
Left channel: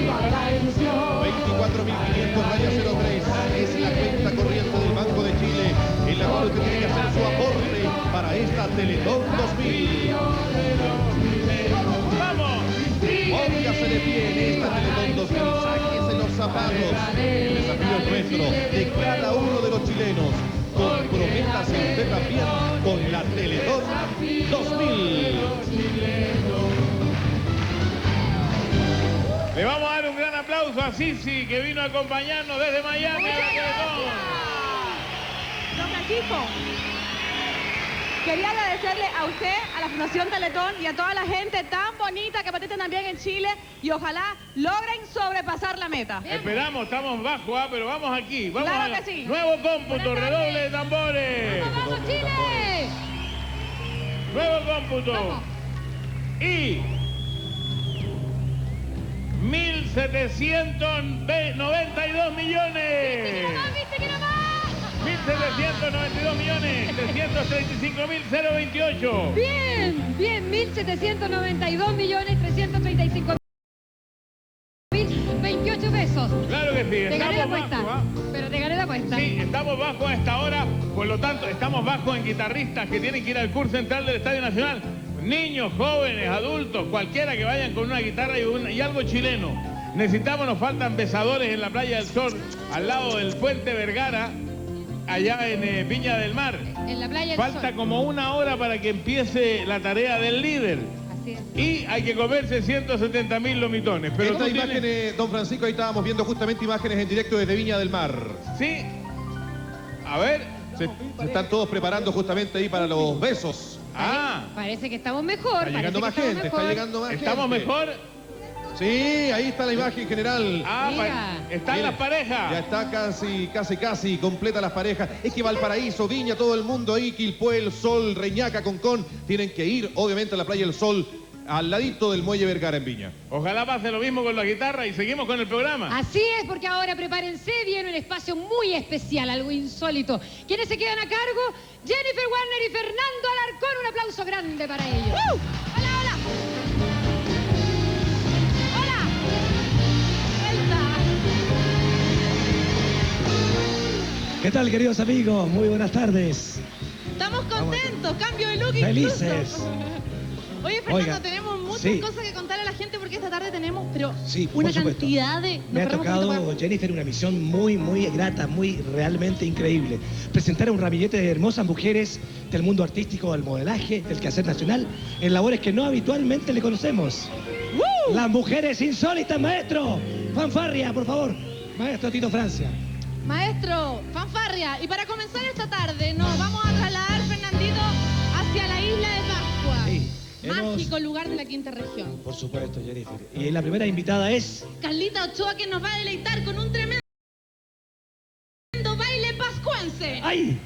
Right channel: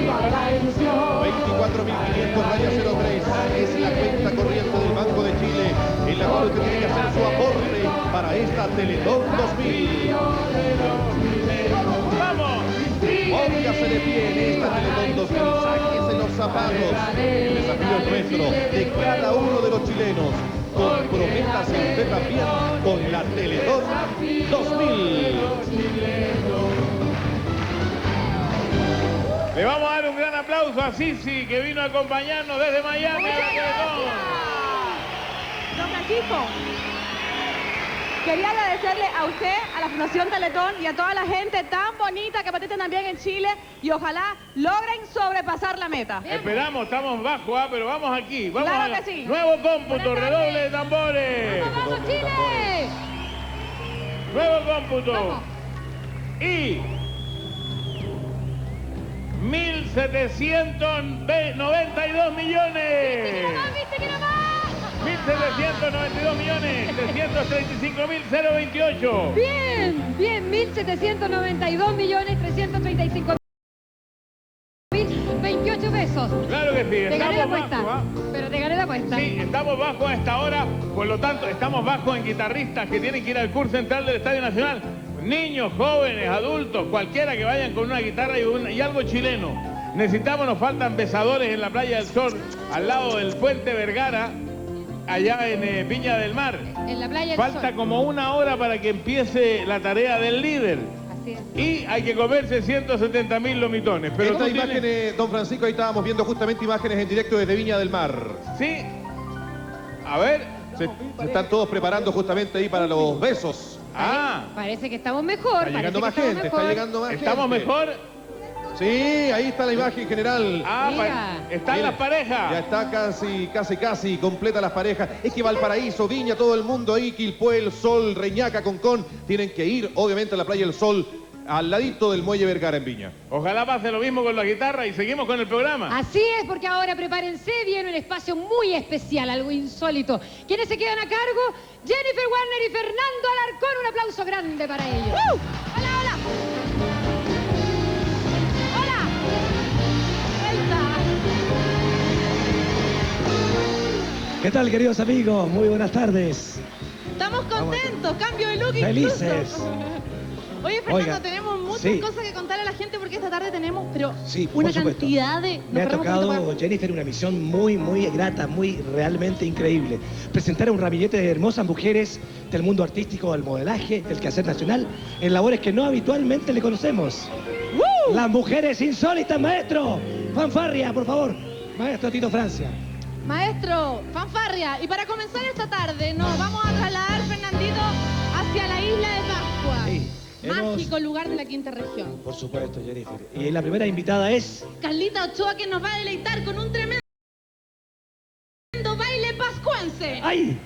¡Viva la ilusión! 24.500 rayas 03 es la cuenta corriente del Banco de Chile, en la cual usted tiene que hacer su aporte para esta Teletón 2000. ¡Vamos! Póngase de pie en esta Teletón 2000, sáquese los zapatos. El desafío es nuestro, de cada uno de los chilenos. Comprométase usted también con la Teletón 2000. Le vamos a dar un gran aplauso a Sisi, que vino a acompañarnos desde Miami. Don Francisco, quería agradecerle a usted, a la Fundación Teletón y a toda la gente tan bonita que participa también en Chile y ojalá logren sobrepasar la meta. Esperamos, estamos bajo, pero vamos aquí. Vamos Claro a que sí. nuevo cómputo, redoble de tambores. ¡Vamos, Chile! Nuevo cómputo. Y 1.792 millones. 1.792 millones, 335.028. Bien, bien, 1.792 millones 335.028 pesos. Claro que sí, Te gané la estamos apuesta, bajo, pero te gané la apuesta. Sí, estamos bajo a esta hora, por lo tanto, estamos bajo en guitarristas que tienen que ir al curso central del Estadio Nacional. Niños, jóvenes, adultos, cualquiera que vayan con una guitarra y algo chileno. Nos faltan besadores en la Playa del Sol, al lado del Puente Vergara, allá en Viña del Mar. En la Playa del Falta Sol. como una hora para que empiece la tarea del líder. Así es. Y hay que comerse 170.000 lomitones. Pero Estas tú tienes- imágenes, don Francisco, ahí estábamos viendo justamente imágenes en directo desde Viña del Mar. Sí. A ver. Se están todos preparando justamente ahí para los besos. Ah. Parece que estamos mejor. Está llegando más gente, está llegando más gente. ¿Estamos mejor? Sí, ahí está la imagen general. Ah, están Mira, las parejas. Ya está casi completa las parejas. Es que Valparaíso, Viña, todo el mundo ahí, Quilpué, El Sol, Reñaca, Concón, tienen que ir, obviamente, a la Playa del Sol, al ladito del Muelle Vergara en Viña. Ojalá pase lo mismo con la guitarra y seguimos con el programa. Así es, porque ahora prepárense, viene un espacio muy especial, algo insólito. ¿Quiénes se quedan a cargo? Jennifer Warner y Fernando Alarcón. Un aplauso grande para ellos. ¡Hola, hola! ¡Hola! ¿Qué tal, queridos amigos? Muy buenas tardes. Estamos contentos, cambio de look Felices. Oye, Fernando, Oiga, tenemos muchas sí. cosas que contarle a la gente porque esta tarde tenemos, pero Sí, por una supuesto. cantidad de... Me ha Nos paramos un tocado, poquito Jennifer, una misión muy grata, realmente increíble. Presentar a un ramillete de hermosas mujeres del mundo artístico, del modelaje, del quehacer nacional, en labores que no habitualmente le conocemos. Las mujeres insólitas, maestro. Fanfarria, por favor. Maestro Tito Francia. Maestro, fanfarria, y para comenzar esta tarde nos vamos a trasladar, Fernandito, hacia la isla de Pascua. Sí, Mágico lugar de la quinta región. Por supuesto, Jennifer. Y la primera invitada es... Carlita Ochoa, que nos va a deleitar con un tremendo baile pascuense. ¡Ay!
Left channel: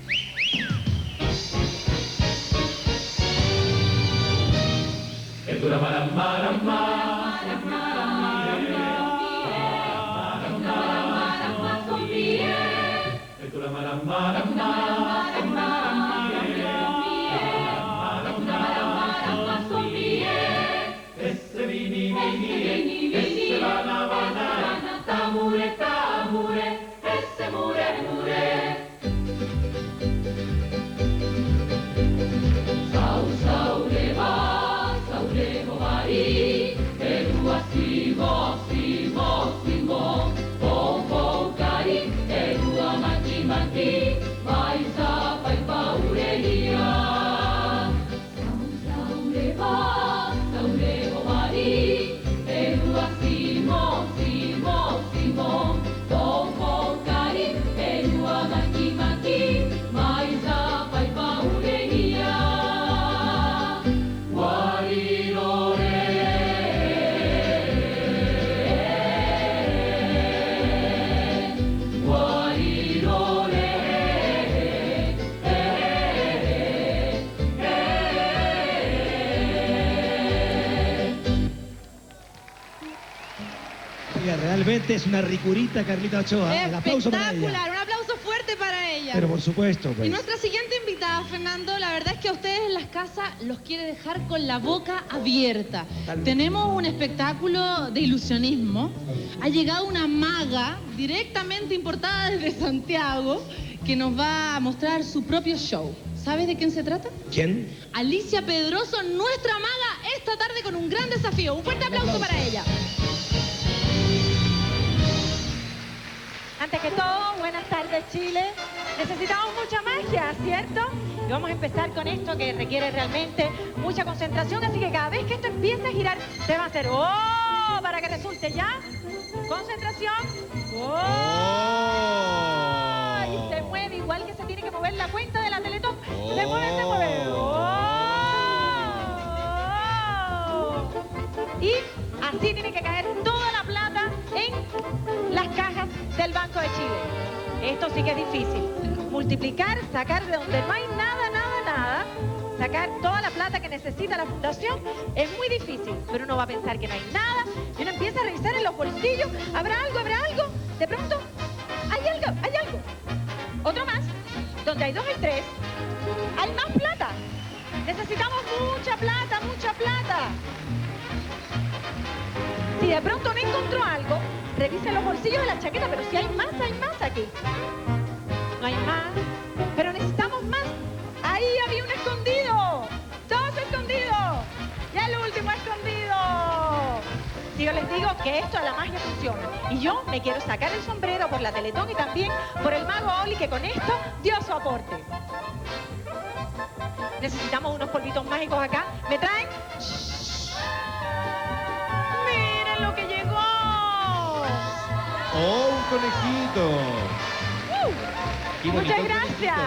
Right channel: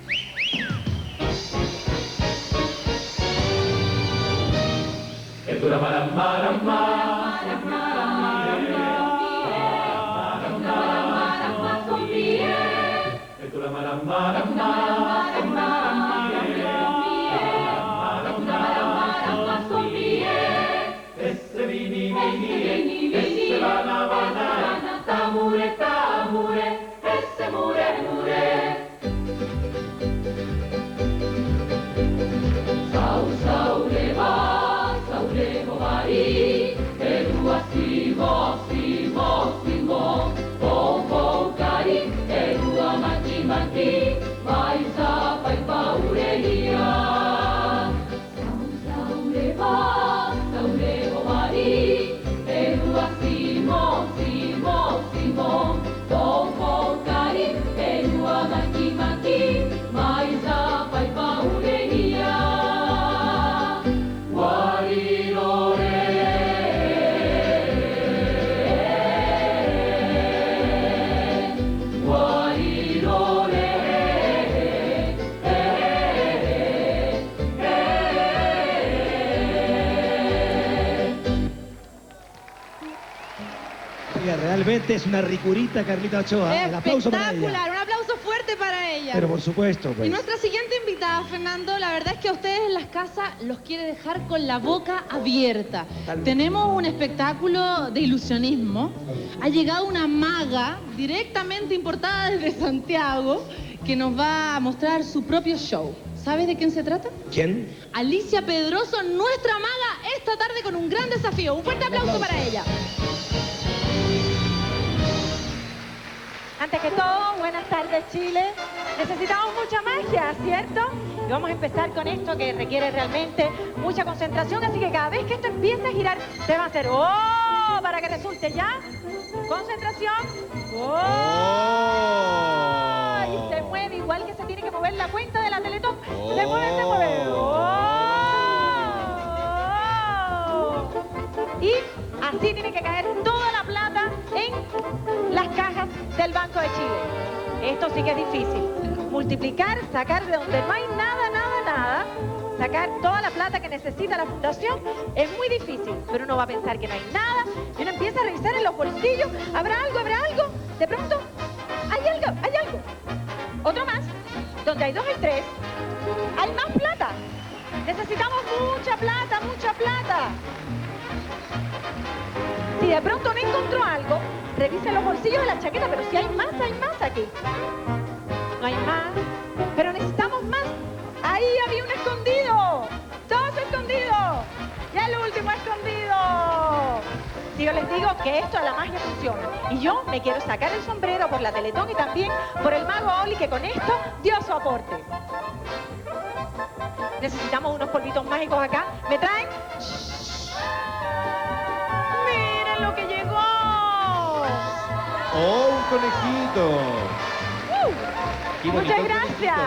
realmente es una ricurita Carlita Ochoa. El aplauso para ella. Espectacular, un aplauso fuerte para ella. Pero por supuesto, Y pues. nuestra siguiente invitada, Fernando, la verdad es que a ustedes en las casas los quiere dejar con la boca abierta. Tenemos un espectáculo de ilusionismo. Ha llegado una maga directamente importada desde Santiago que nos va a mostrar su propio show. ¿Sabes de quién se trata? ¿Quién? Alicia Pedroso, nuestra maga, esta tarde con un gran desafío. Un fuerte aplauso para ella. Antes que todo, buenas tardes, Chile. Necesitamos mucha magia, ¿cierto? Y vamos a empezar con esto que requiere realmente mucha concentración, así que cada vez que esto empiece a girar, se va a hacer ¡oh! Para que resulte ya. Concentración. ¡Oh! Y se mueve igual que se tiene que mover la cuenta de la Teletón. Se mueve, se mueve. ¡Oh! Y así tiene que caer toda la plata en las cajas del Banco de Chile. Esto sí que es difícil. Multiplicar, sacar de donde no hay nada, nada, sacar toda la plata que necesita la fundación es muy difícil. Pero uno va a pensar que no hay nada y uno empieza a revisar en los bolsillos. ¿Habrá algo? ¿Habrá algo? De pronto, hay algo, hay algo. Otro más. Donde hay 2 y 3, hay más plata. Necesitamos mucha plata, mucha plata. Si de pronto no encontró algo, revise los bolsillos de la chaqueta, pero si hay más aquí. No hay más, pero necesitamos más. Ahí había un escondido, 2 escondidos, y el último escondido. Si yo les digo que esto de la magia funciona, y yo me quiero sacar el sombrero por la Teletón y también por el mago Oli, que con esto dio su aporte. Necesitamos unos polvitos mágicos acá. ¿Me traen? ¡Miren lo que llegó! ¡Oh, un conejito! Qué bonito Muchas el gracias. conejito.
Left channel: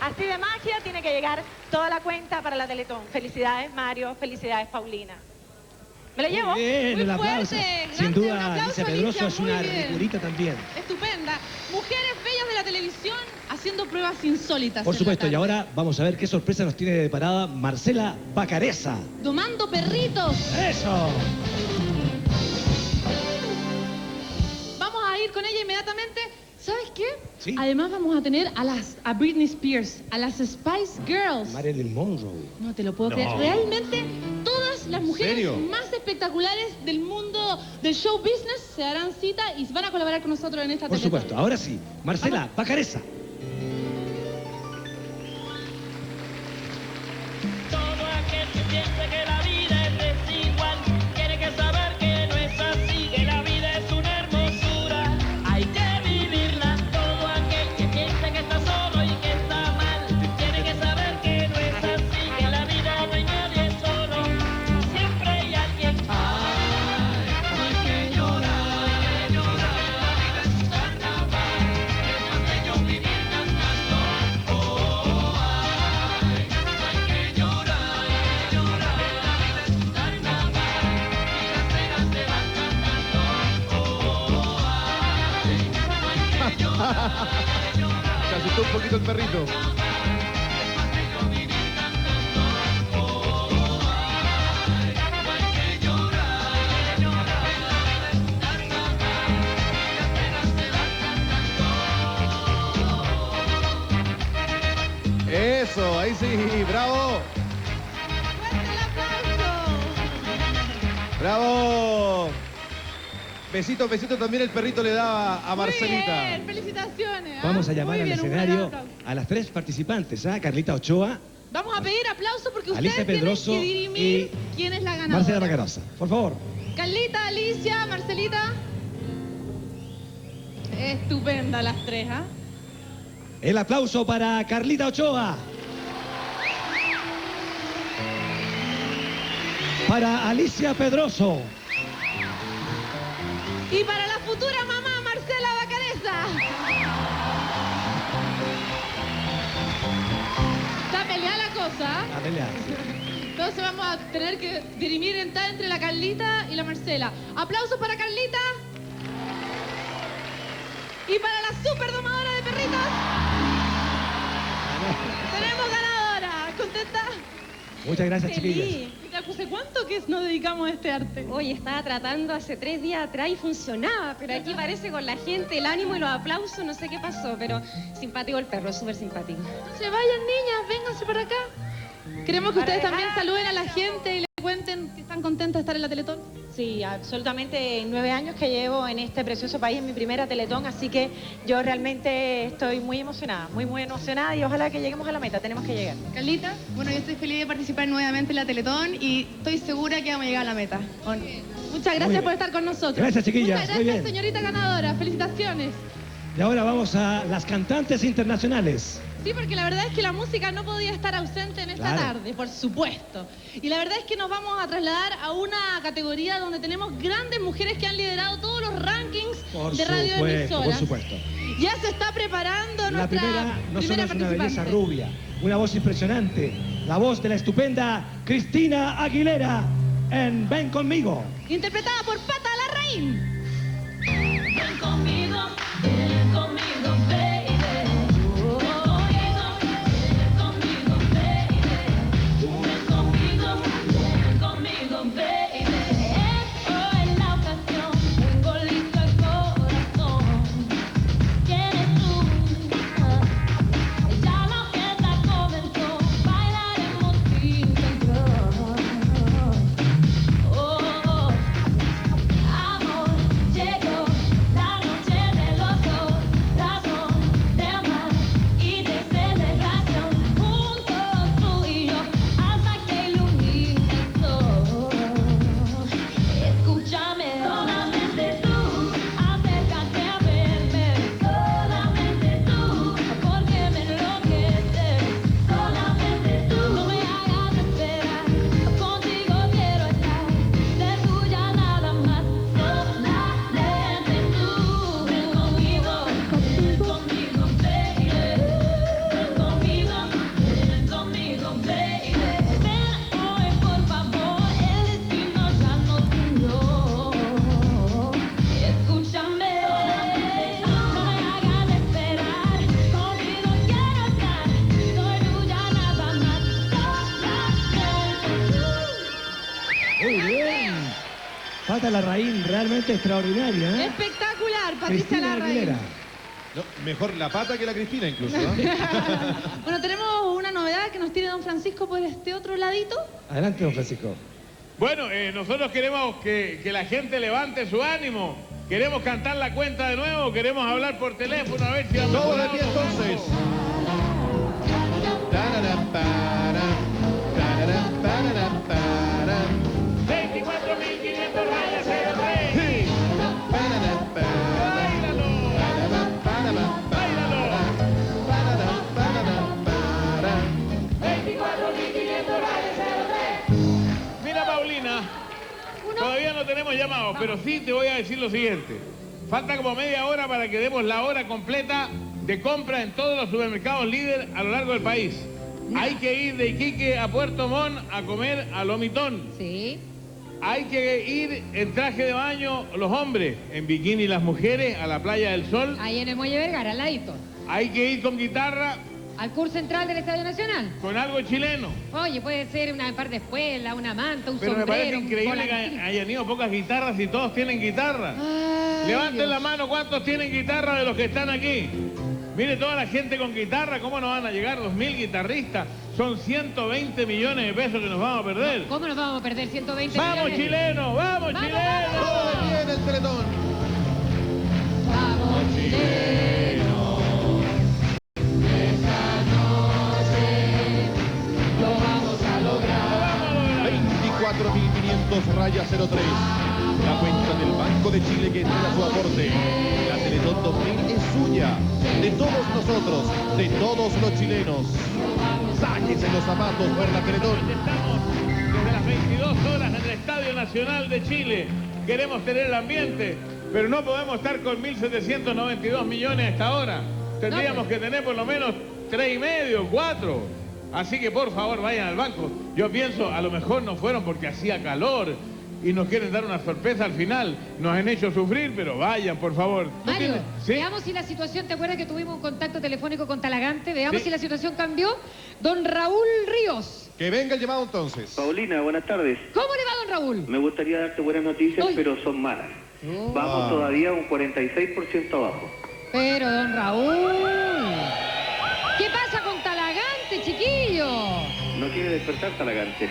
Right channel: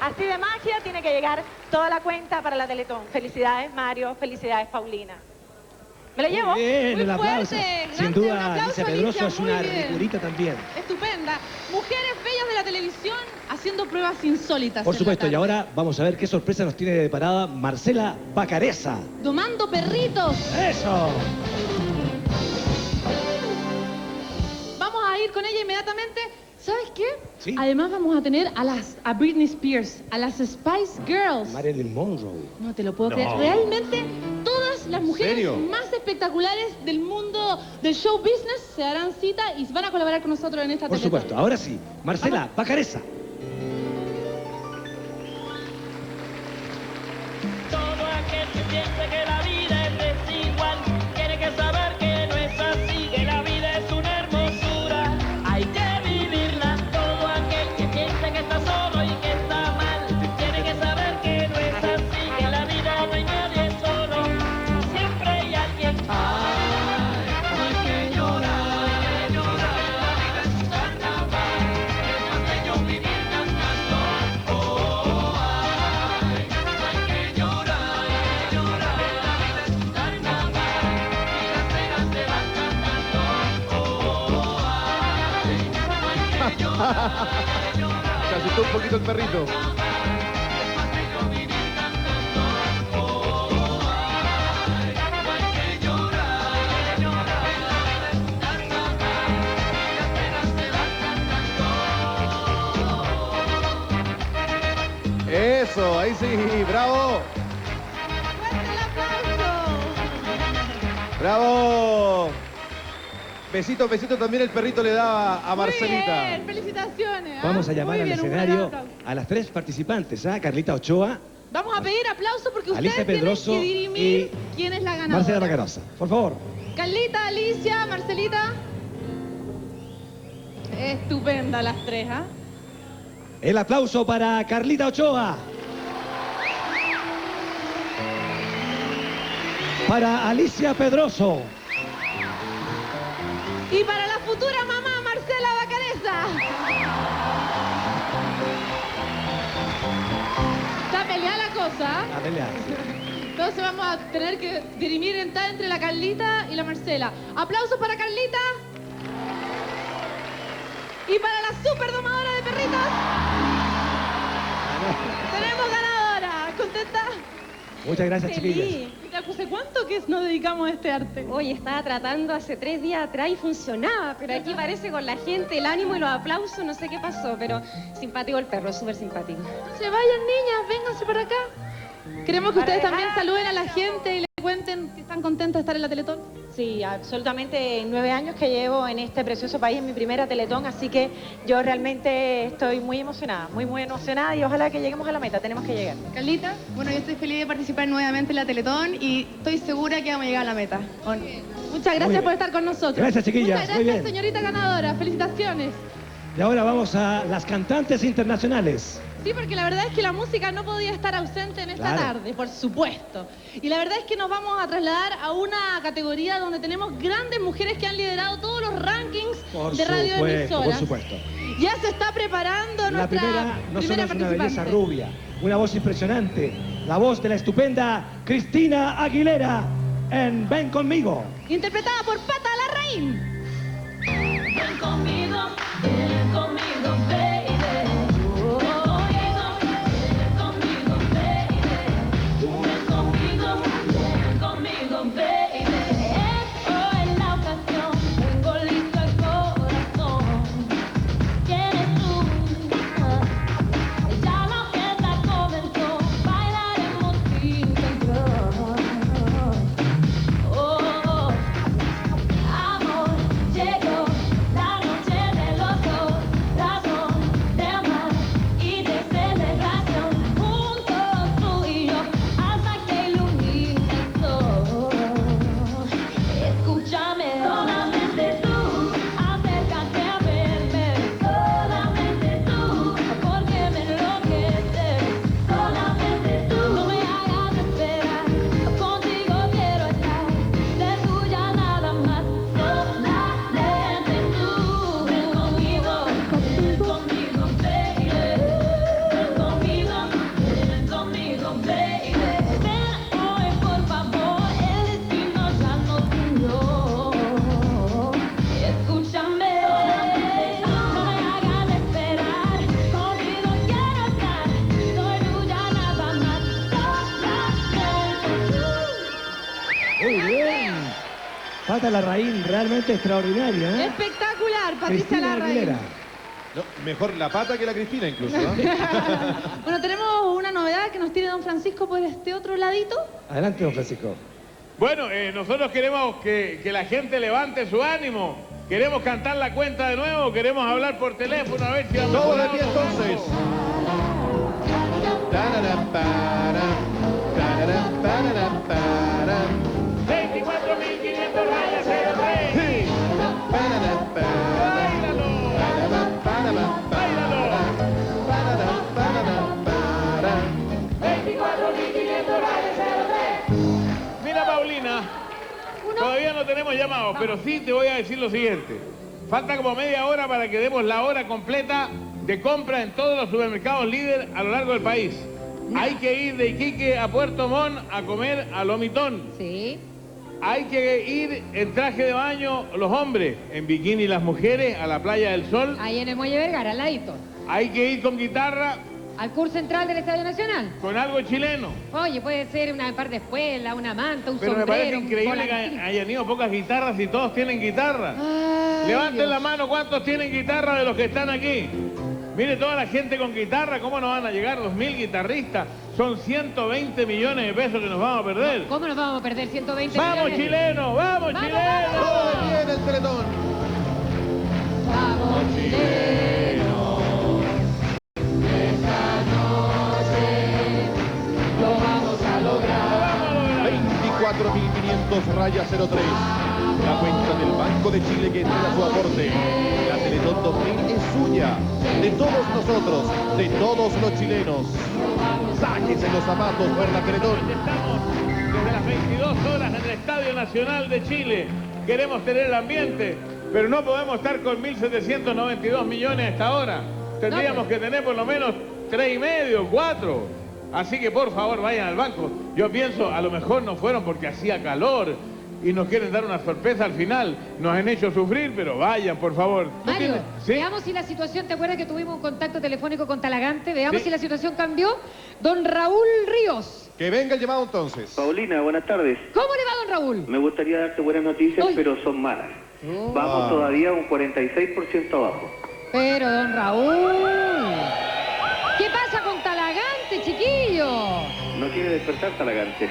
Así de magia tiene que llegar toda la cuenta para la Teletón. Felicidades, Mario. Felicidades, Paulina. ¿Me la llevo? Muy bien, Muy un aplauso. fuerte. Sin Gracias, un duda, aplauso, Alicia Pedroso Alicia, es una muy bien. ricurita también. Estupenda. Mujeres bellas de la televisión haciendo pruebas insólitas. Por en la supuesto, y tarde. ahora vamos a ver qué sorpresa nos tiene preparada Marcela Bacareza. Domando perritos. ¡Eso! Vamos a ir con ella inmediatamente. ¿Sabes qué? Sí. Además vamos a tener a Britney Spears, a las Spice Girls. Marilyn Monroe. No te lo puedo No. creer. Realmente todas las mujeres serio? más espectaculares del mundo del show business se darán cita y van a colaborar con nosotros en esta Por Teletón. supuesto, ahora sí. Marcela Bacareza. Todo aquel que piense que la vida es desigual tiene que saber que no es así, que la vida es una hermosura, hay que vivirla. Todo aquel que piense que está solo y que está mal tiene que saber que no es así, que la vida no hay nadie solo, siempre hay alguien. Hay que llorar, llorar, la vida es un carnaval, es pequeño vivir cantando. Se asustó un poquito el perrito. Eso, ahí sí, bravo. Bravo. Besito, besito también el perrito le da a Marcelita. Bien, felicitaciones. ¿ah? Vamos a llamar Muy al bien, un escenario gran aplauso. a las 3 participantes, ¿ah? Carlita Ochoa, Vamos a pedir aplausos porque Alicia ustedes tienen Pedroso que dirimir quién es la ganadora. Marcela Bacareza. Por favor. Carlita, Alicia, Marcelita. Estupenda las tres, ¿ah? El aplauso para Carlita Ochoa. Para Alicia Pedroso. Y para la futura mamá, Marcela Bacareza. Está peleada la cosa. A pelear. Entonces vamos a tener que dirimir entre la Carlita y la Marcela. Aplausos para Carlita. Y para la superdomadora de perritos. Tenemos ganadora. ¿Contenta? Muchas gracias, chiquillas. ¿Hace cuánto que nos dedicamos a este arte? Oye, estaba tratando hace 3 días atrás y funcionaba, pero aquí parece con la gente, el ánimo y los aplausos, no sé qué pasó, pero simpático el perro, súper simpático. No se vayan, niñas, vénganse para acá. Queremos que ustedes también saluden a la gente y les cuenten si están contentos de estar en la Teletón. Sí, absolutamente 9 años que llevo en este precioso país, en mi primera Teletón, así que yo realmente estoy muy emocionada y ojalá que lleguemos a la meta, tenemos que llegar. Carlita, bueno, yo estoy feliz de participar nuevamente en la Teletón y estoy segura que vamos a llegar a la meta. Muchas gracias por estar con nosotros. Gracias, chiquillas. Muchas Muy gracias, bien. señorita ganadora. Felicitaciones. Y ahora vamos a las cantantes internacionales. Sí, porque la verdad es que la música no podía estar ausente en esta tarde, por supuesto. Y la verdad es que nos vamos a trasladar a una categoría donde tenemos grandes mujeres que han liderado todos los rankings de radioemisoras. Por supuesto. Ya se está preparando La nuestra primera no solo es una belleza participante. rubia, una voz impresionante, la voz de la estupenda Cristina Aguilera en Ven Conmigo. Interpretada por Pata Larraín. Ven conmigo, baby. Pata Larraín, realmente extraordinaria, ¿eh? Espectacular, Patricia Cristina Larraín. Aguilera. No, mejor la pata que la Cristina incluso, ¿no? Bueno, tenemos una novedad que nos tiene don Francisco por este otro ladito. Adelante, don Francisco. Bueno, nosotros queremos que la gente levante su ánimo. Queremos cantar la cuenta de nuevo, queremos hablar por teléfono, a ver si vamos. Todos de pie entonces. 24.500 rayas en el rey. Mira, Paulina, todavía no tenemos llamados, pero sí te voy a decir lo siguiente. Falta como media hora para que demos la hora completa de compra en todos los supermercados líder a lo largo del país. Hay que ir de Iquique a Puerto Montt a comer a Lomitón. Sí. Hay que ir en traje de baño los hombres, en bikini las mujeres a la Playa del Sol. Ahí en el Muelle Vergara, al ladito. Hay que ir con guitarra. Al curso central del Estadio Nacional. Con algo chileno. Oye, puede ser una par de espuela, una manta, un Pero me sombrero, parece un increíble que volantín. hayan ido pocas guitarras y todos tienen guitarra. Ay, Levanten Dios. la mano, ¿cuántos tienen guitarra de los que están aquí? Mire toda la gente con guitarra, ¿cómo nos van a llegar 2.000 guitarristas? Son 120 millones de pesos que nos vamos a perder. ¿Cómo nos vamos a perder 120 ¡Vamos, millones? chilenos! ¡Vamos, chilenos! Todo de pie en el Teletón. ¡Vamos, chilenos! Esta noche lo vamos a lograr. 24.500 rayas 03. La cuenta del Banco de Chile que entrega su aporte. La Teletón 2000 es suya. De todos nosotros, de todos los chilenos. Sáquense los zapatos por la Teletón. Estamos desde las 22 horas en el Estadio Nacional de Chile. Queremos tener el ambiente, pero no podemos estar con 1.792 millones a esta hora. Tendríamos que tener por lo menos 3,5, 4. Así que por favor vayan al banco. Yo pienso, a lo mejor no fueron porque hacía calor. y nos quieren dar una sorpresa al final. Nos han hecho sufrir, pero vayan, por favor. Mario, ¿Sí? veamos si la situación, ¿te acuerdas que tuvimos un contacto telefónico con Talagante? Veamos Sí. si la situación cambió. Don Raúl Ríos. Que venga el llamado entonces. Paulina, buenas tardes. ¿Cómo le va, don Raúl? Me gustaría darte buenas noticias, pero son malas. Vamos todavía un 46% abajo. Pero, don Raúl, ¿qué pasa con Talagante, chiquillo? No quiere despertar Talagante.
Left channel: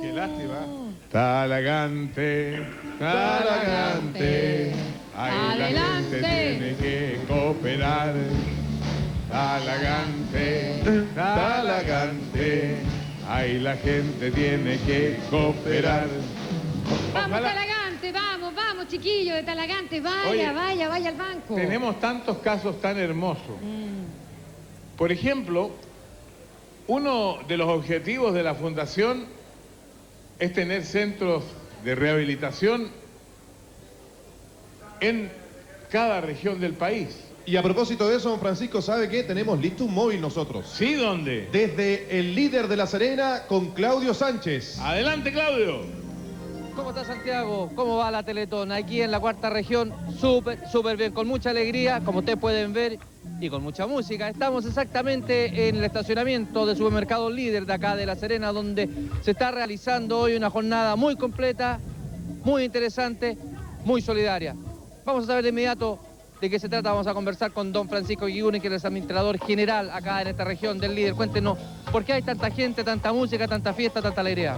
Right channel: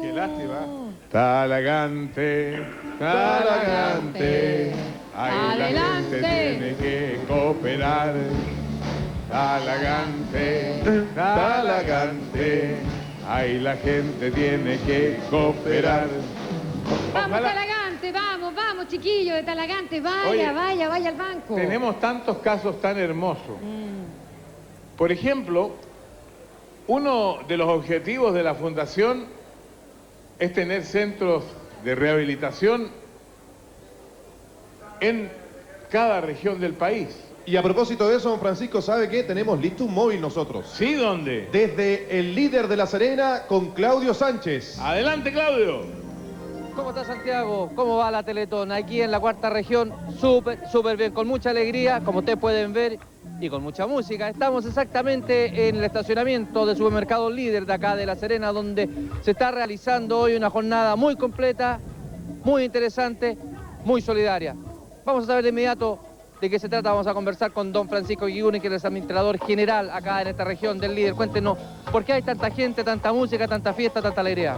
Qué lástima. Talagante, Talagante, ahí la gente tiene que cooperar. Talagante, Talagante, ahí la gente tiene que cooperar. Vamos, Talagante, vamos, chiquillo de Talagante, vaya, Oye, vaya al banco. Tenemos tantos casos tan hermosos. Por ejemplo, uno de los objetivos de la Fundación es tener centros de rehabilitación en cada región del país. Y a propósito de eso, don Francisco, ¿sabe qué? Tenemos listo un móvil nosotros. ¿Sí? ¿Dónde? Desde el líder de La Serena con Claudio Sánchez. Adelante, Claudio. ¿Cómo está Santiago? ¿Cómo va la Teletón? Aquí en la cuarta región, súper bien, con mucha alegría, como ustedes pueden ver, y con mucha música. Estamos exactamente en el estacionamiento de Supermercado Líder de acá de La Serena, donde se está realizando hoy una jornada muy completa, muy interesante, muy solidaria. Vamos a saber de inmediato de qué se trata. Vamos a conversar con don Francisco Guiguni, que es el administrador general acá en esta región del Líder. Cuéntenos, ¿por qué hay tanta gente, tanta música, tanta fiesta, tanta alegría?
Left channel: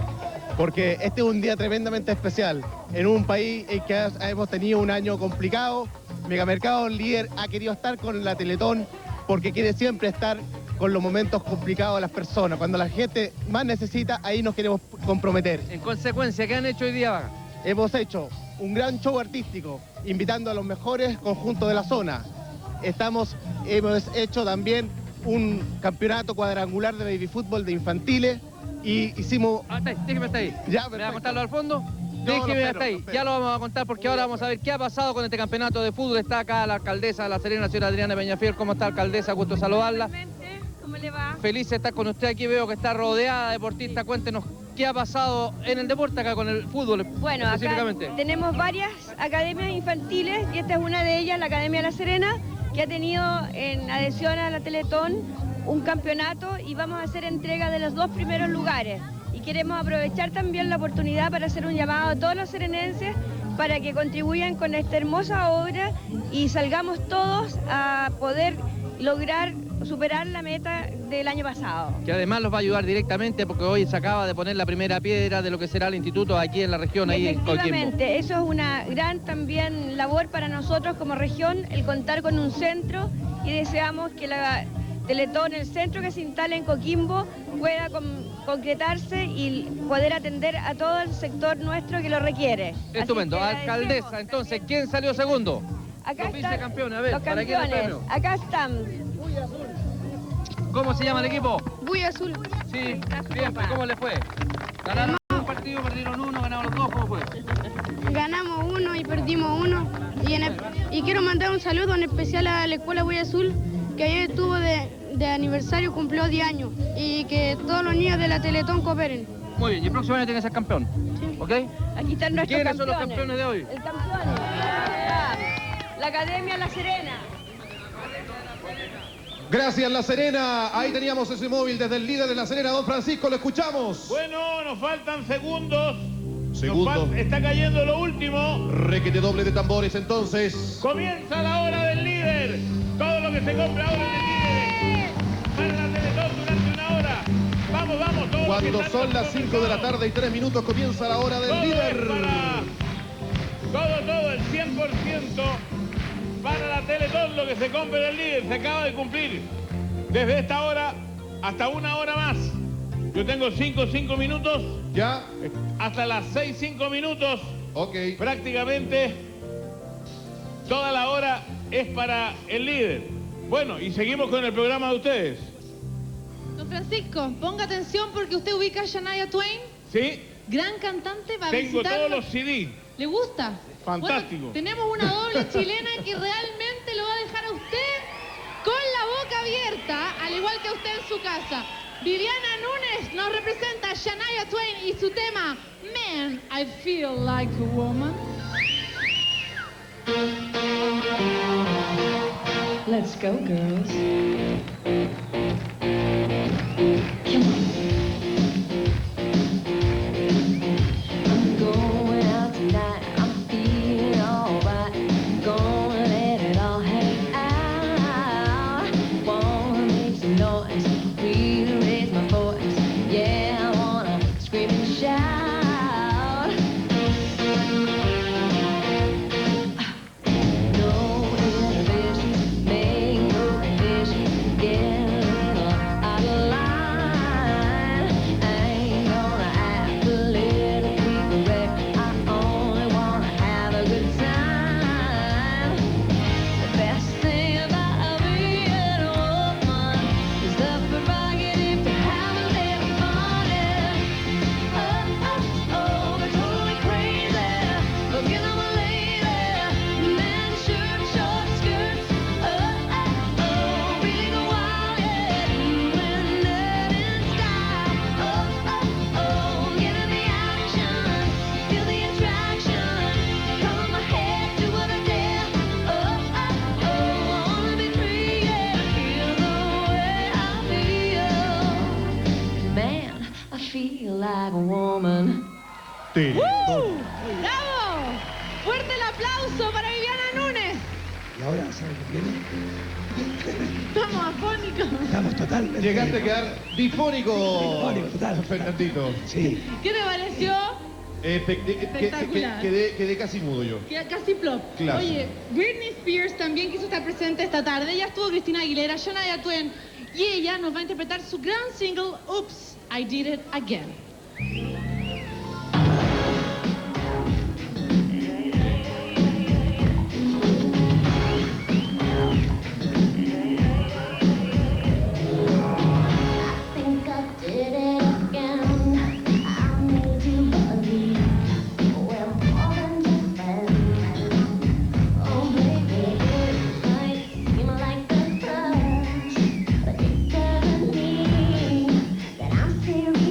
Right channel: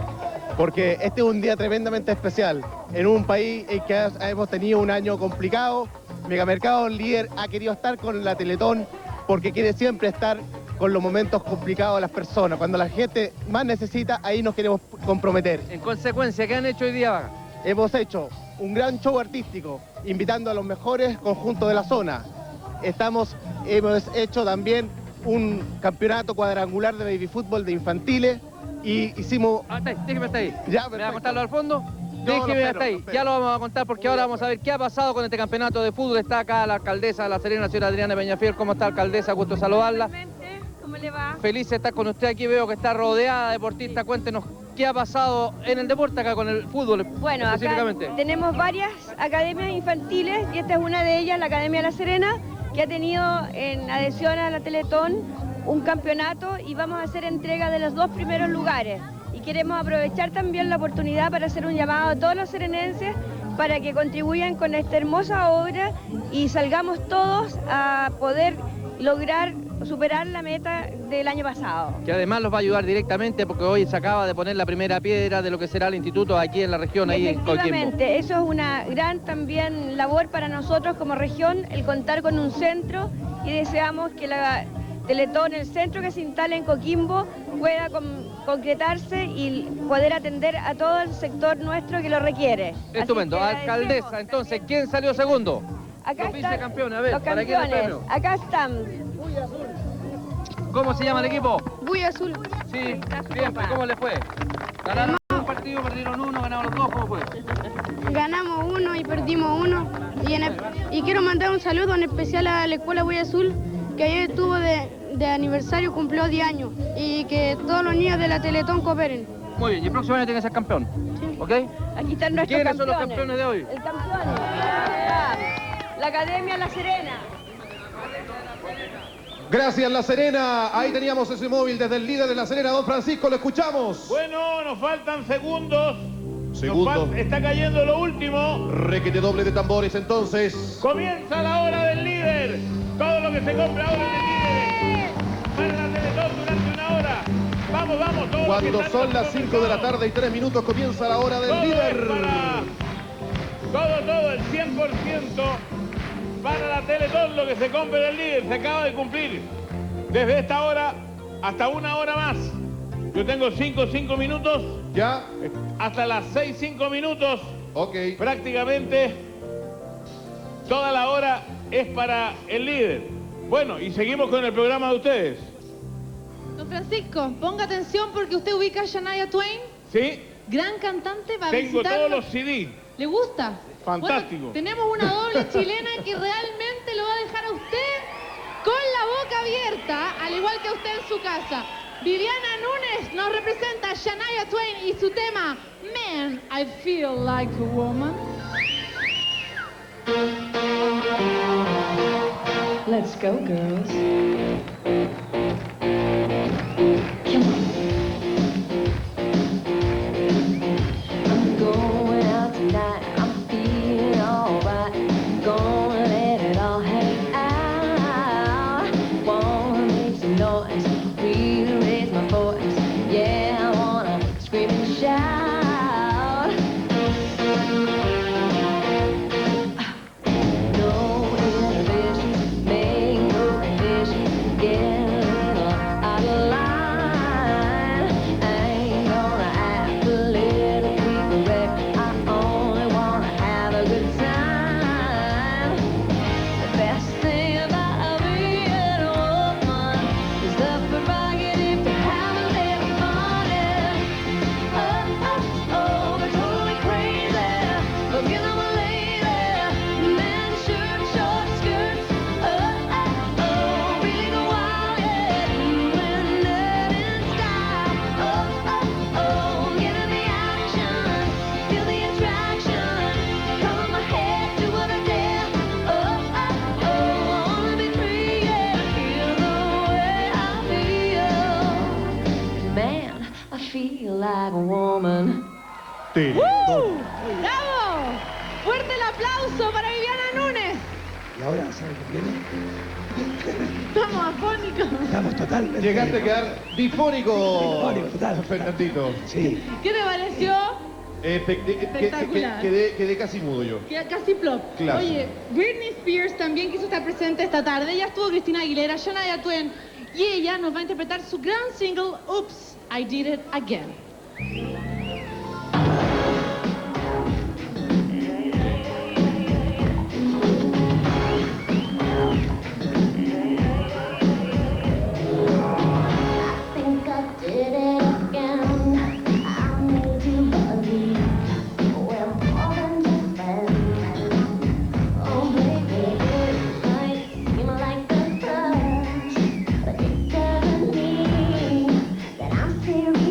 Porque este es un día tremendamente especial, en un país en que hemos tenido un año complicado. Megamercado Líder ha querido estar con la Teletón porque quiere siempre estar con los momentos complicados de las personas. Cuando la gente más necesita, ahí nos queremos comprometer. En consecuencia, ¿qué han hecho hoy día? Hemos hecho un gran show artístico, invitando a los mejores conjuntos de la zona. Hemos hecho también un campeonato cuadrangular de baby fútbol de infantiles y hicimos... Déjeme hasta ahí. Ya, ¿Me va a contarlo al fondo? Yo Déjeme lo hasta ahí. espero. Ya lo vamos a contar porque ahora vamos a ver qué ha pasado con este campeonato de fútbol. Está acá la alcaldesa de La Serena, la señora Adriana Peñafiel. ¿Cómo está, alcaldesa? Gusto saludarla. ¿Cómo le va? Feliz de estar con usted aquí. Veo que está rodeada de deportistas. Cuéntenos qué ha pasado en el deporte acá con el fútbol. Bueno, acá específicamente. tenemos varias academias infantiles y esta es una de ellas, la Academia La Serena, que ha tenido en adhesión a la Teletón un campeonato y vamos a hacer entrega de los 2 primeros lugares. Y queremos aprovechar también la oportunidad para hacer un llamado a todos los serenenses para que contribuyan con esta hermosa obra y salgamos todos a poder lograr superar la meta del año pasado. Que además los va a ayudar directamente porque hoy se acaba de poner la primera piedra de lo que será el instituto aquí en la región, ahí en Coquimbo. Efectivamente, eso es una gran también labor para nosotros como región, el contar con un centro, y deseamos que la Teletón, el centro que se instale en Coquimbo, pueda concretarse y poder atender a todo el sector nuestro que lo requiere. Estupendo. Así que Alcaldesa, entonces, ¿quién salió segundo? Acá Los están vicecampeones, a ver, los ¿para quién el campeones, premio? acá están. ¿Cómo se llama el equipo? Buy Azul. Sí, bien, ¿cómo le fue? ¿Ganaron un partido, perdieron uno, ganaron los dos? ¿Cómo fue? Ganamos uno y perdimos uno. Y quiero mandar un saludo en especial a la Escuela Buy Azul, que ayer estuvo de aniversario, cumplió 10 años. Y que todos los niños de la Teletón cooperen. Muy bien, y el próximo año tiene que ser campeón. ¿Ok? Aquí están nuestros ¿Quiénes son los campeones. campeones de hoy? El campeón. La Academia La Serena. Gracias, La Serena. Ahí teníamos ese móvil desde el líder de La Serena, don Francisco, lo escuchamos. Bueno, nos faltan segundos. Segundo. Está cayendo lo último. Requete doble de tambores, entonces. Comienza la hora del líder. Todo lo que se compra ahora es del líder. Para la Teletón durante una hora. Vamos, vamos. Todo Cuando lo que está son las 5 de la tarde y 3 minutos comienza la hora del todo líder. es todo, el 100% para la Teletón, lo que se compre del líder. Se acaba de cumplir. Desde esta hora hasta una hora más. Yo tengo 5 minutos. Ya. Hasta las 6, 5 minutos. Ok. Prácticamente toda la hora es para el líder. Bueno, y seguimos con el programa de ustedes. Don Francisco, ponga atención porque usted ubica a Shania Twain, ¿Sí? gran cantante, va a Tengo visitarlo. todos los CD. ¿Le gusta? Fantástico. Bueno, tenemos una doble chilena que realmente lo va a dejar a usted con la boca abierta, al igual que a usted en su casa. Viviana Núñez nos representa Shania Twain y su tema Man, I Feel Like a Woman. Let's go, girls. I'm going out tonight. I'm feeling alright. Gonna let it all hang out. Wanna make some noise. Really raise my voice. Yeah, I wanna scream and shout. No inhibitions, make no conditions. Get a little out of line. I ain't gonna act a little quick wreck. I only wanna have a good time. The best thing about being a woman is the prerogative to have a little fun. Oh, it's totally crazy. Forget I'm a lady. Men shirt, short skirts. Really go wild, yeah. When nerd in style. Get in the action. Feel the attraction. Color my hair, do what I dare. I wanna be free, yeah. Feel the way I feel. Man, I feel like a woman. ¡Bravo! ¡Fuerte el aplauso para Viviana Núñez! ¿Y ahora sabe qué viene? Estamos afónicos. Estamos totalmente... Llegaste a quedar difónico, Difónico, total. Fernandito. Sí. ¿Qué te pareció? Espectacular. Quedé casi mudo yo. Queda casi plop. Claro. Oye, Britney Spears también quiso estar presente esta tarde. Ya estuvo Cristina Aguilera, Shania Twain. Y ella nos va a interpretar su gran single, Oops, I Did It Again. Think I did it again. I made you believe we're more than just friends. Oh, baby, it might seem like a touch, but it doesn't mean that I'm serious.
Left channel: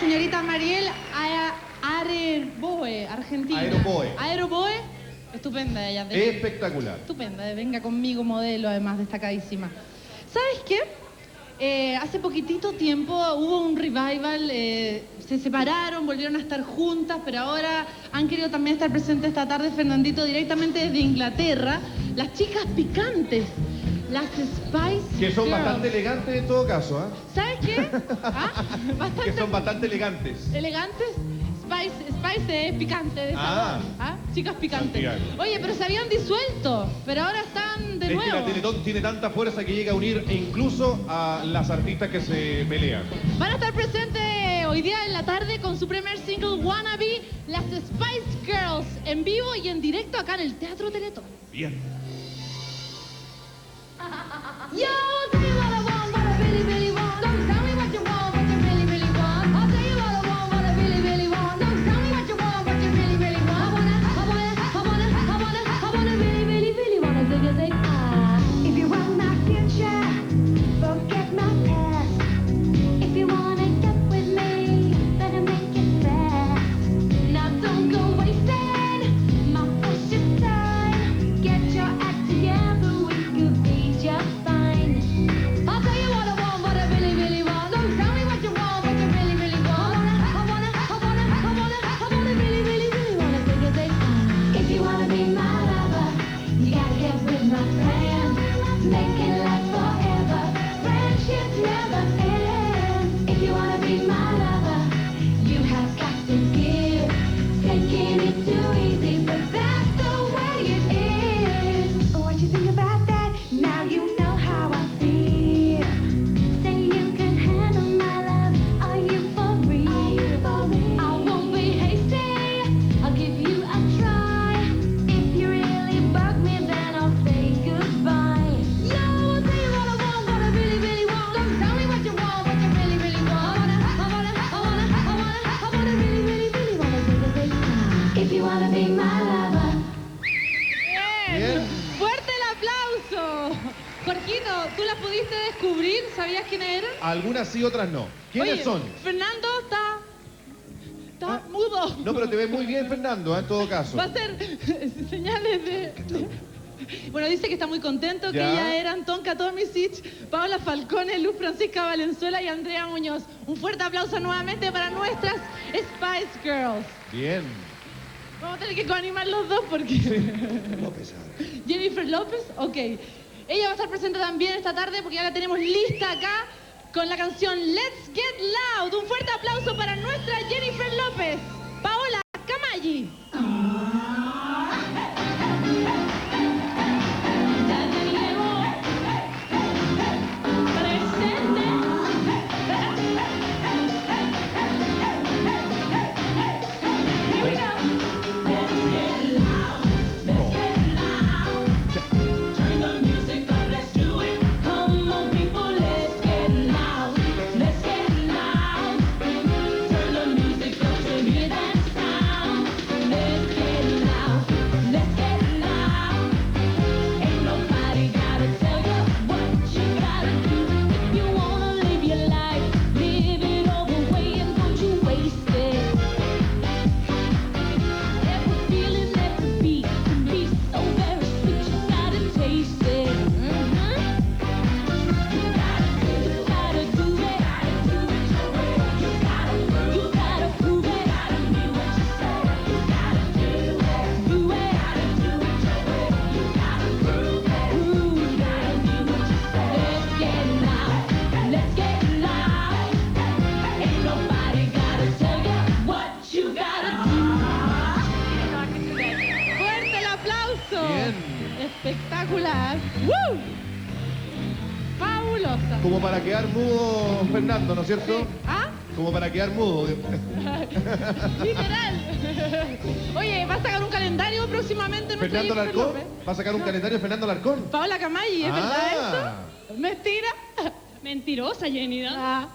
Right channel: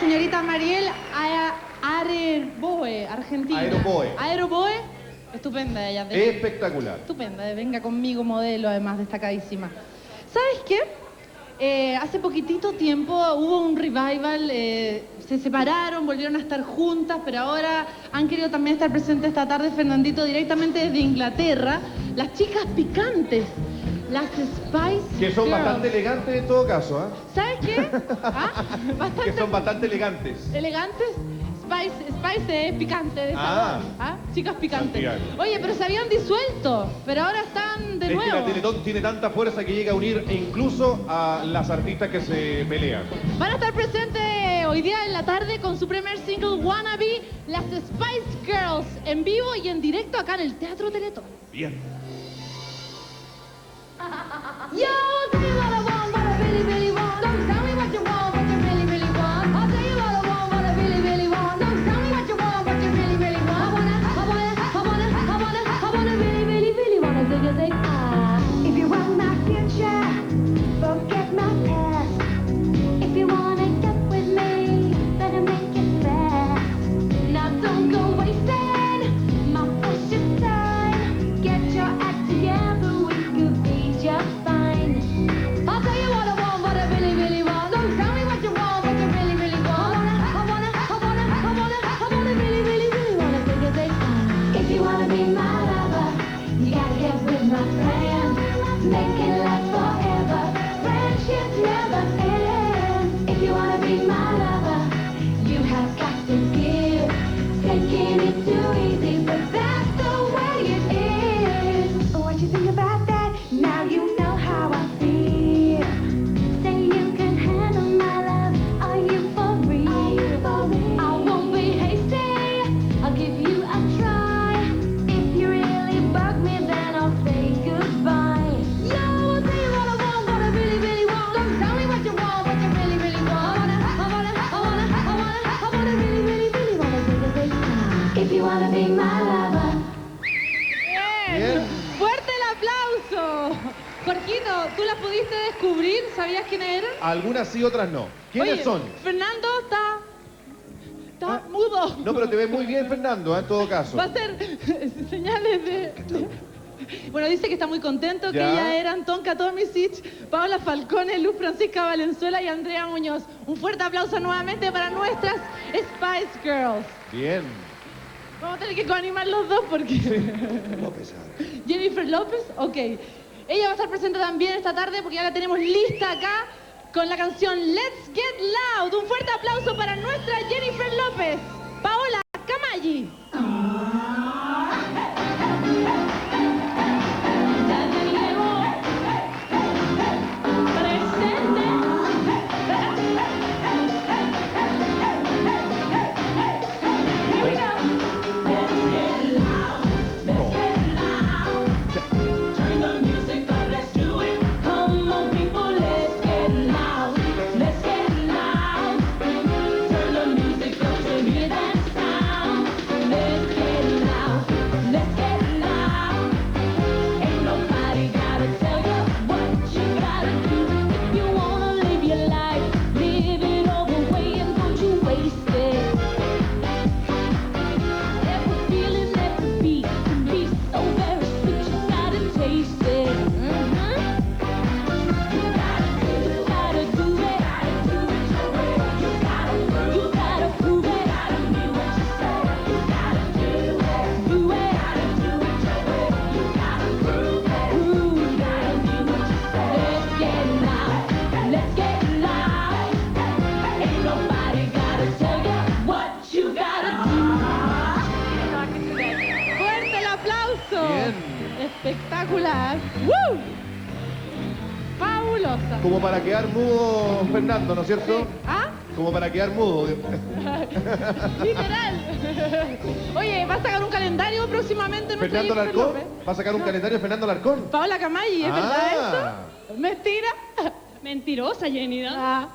señorita Mariel Aeroboe, Argentina. Aeroboe, estupenda ella. Espectacular. Estupenda, venga conmigo, modelo, además destacadísima. ¿Sabes qué? Hace poquitito tiempo hubo un revival, se separaron, volvieron a estar juntas, pero ahora han querido también estar presentes esta tarde, Fernandito, directamente desde Inglaterra, las chicas picantes, las Spice Que son Girls. bastante elegantes en todo caso, ¿ah? ¿Sabes qué? Bastante Que son bastante elegantes. elegantes. Spice es picante de sabor. Chicas picantes. Santiago. Oye, pero se habían disuelto, pero ahora están de Es que nuevo. la Teletón tiene tanta fuerza que llega a unir incluso a las artistas que se pelean. Van a estar presentes hoy día en la tarde con su primer single Wannabe, las Spice Girls, en vivo y en directo acá en el Teatro Teletón. Bien. Yo, tell me what I want, what I really, really want. Don't tell me what you want, what you really, really want. I'll tell you what I want, what I really, really want. Don't tell me what you want, what you really, really want. I wanna really, really, really wanna do your thing. If you want my future, forget my past. If you wanna get with me, better make it fast. Now don't go wasting my precious time. Get your act together, we could be just fine. making it too easy, but that's the way it is. What you think about that? Now you know how I feel. Say you can handle my love. Are you for real? I won't be hasty. I'll give you a try. If you really bug me, then I'll say goodbye. Yeah, I will tell you what I want, what I really, really want. So tell me what you want, what you really, really want. I wanna really, really, really wanna take a big time. If you wanna be my lover. Bien. ¡Fuerte el aplauso! Jorgito, ¿tú las pudiste descubrir? ¿Sabías quiénes eran? Algunas sí, otras no. ¿Quiénes Oye, son? Fernando está mudo. No, pero te ves muy bien, Fernando, en todo caso. Va a ser señales de... Bueno, dice que está muy contento, que Ya. ya eran Tonka Tomisic, Paola Falcone, Luz Francisca Valenzuela y Andrea Muñoz. Un fuerte aplauso nuevamente para nuestras Spice Girls. Bien. Vamos a tener que coanimar los dos porque... Jennifer López, ok. Ella va a estar presente también esta tarde porque ya la tenemos lista acá con la canción Let's Get Loud. Un fuerte aplauso para nuestra Jennifer López. Paola Camalli. Fuerte el aplauso. Bien. Espectacular. ¡Woo! Fabulosa. Como para quedar mudo, Fernando, ¿no es cierto? ¿Ah? Como para quedar mudo. Literal. Oye, ¿va a sacar un calendario próximamente? nuestra ¿Fernando Jennifer Larcón? López? ¿Va a sacar un calendario Fernando Larcón? Paola Camalli, ¿es Ah. verdad eso? ¿Mentira? Mentirosa, Jenny, ¿no? Ah,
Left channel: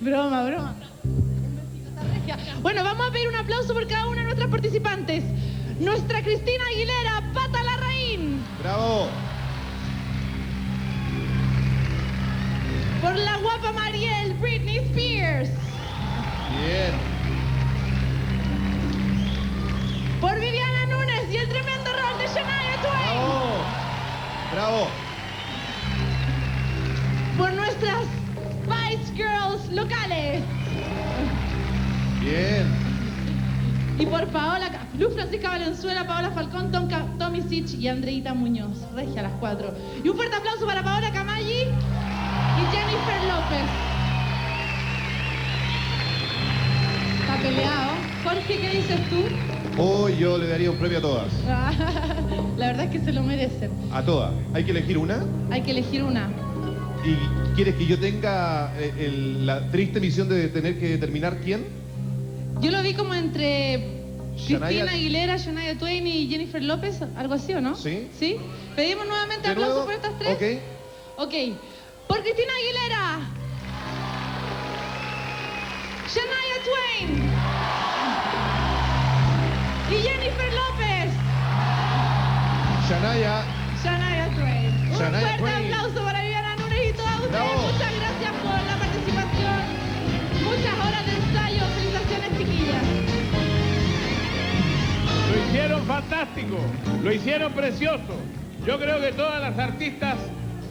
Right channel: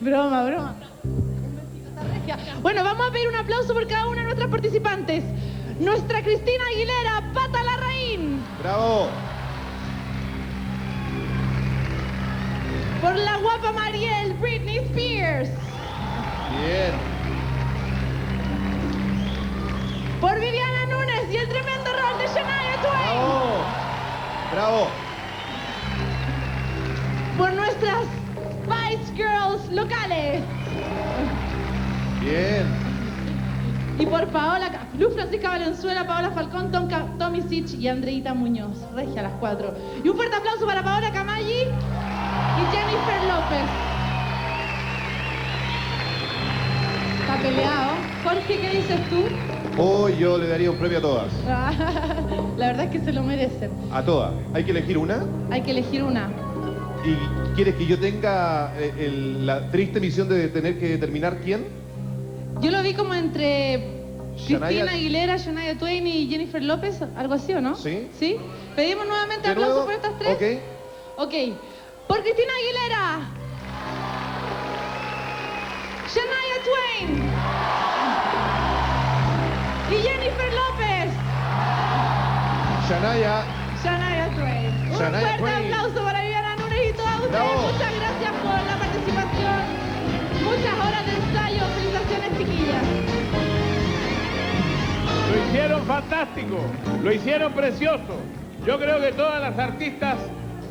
broma, broma. Bueno, vamos a pedir un aplauso por cada una de nuestras participantes. Nuestra Cristina Aguilera, Pata Larraín. ¡Bravo! Por la guapa Mariel, Britney Spears. Bien. Por Viviana Núñez y el tremendo rol de Shania Twain. ¡Bravo! ¡Bravo! Por nuestras Spice Girls locales. Bien. Y por Paola, Luz Francisca Valenzuela, Paola Falcón, Tonka Tomisic y Andreita Muñoz. Regia las cuatro. Y un fuerte aplauso para Paola Camalli y Jennifer López. Está peleado. Jorge, ¿qué dices tú? Hoy yo le daría un premio a todas. La verdad es que se lo merecen. A todas. ¿Hay que elegir una? Hay que elegir una. ¿Y quieres que yo tenga la triste misión de tener que determinar quién? Yo lo vi como entre Shania- Cristina Aguilera, Shania Twain y Jennifer López, algo así, ¿o no? Sí. ¿Sí? Pedimos nuevamente ¿De aplausos nuevo? por estas tres. Ok. Ok. Por Cristina Aguilera. Shania Twain. Y Jennifer López. Shania. Shania Twain. Un Shania fuerte Twain. aplauso para Viviana Núñez y todas ustedes. Bravo. Muchas gracias por la participación. Muchas horas de ensayo. Felicitaciones, chiquillas. Lo hicieron fantástico, lo hicieron precioso. Yo creo que todas las artistas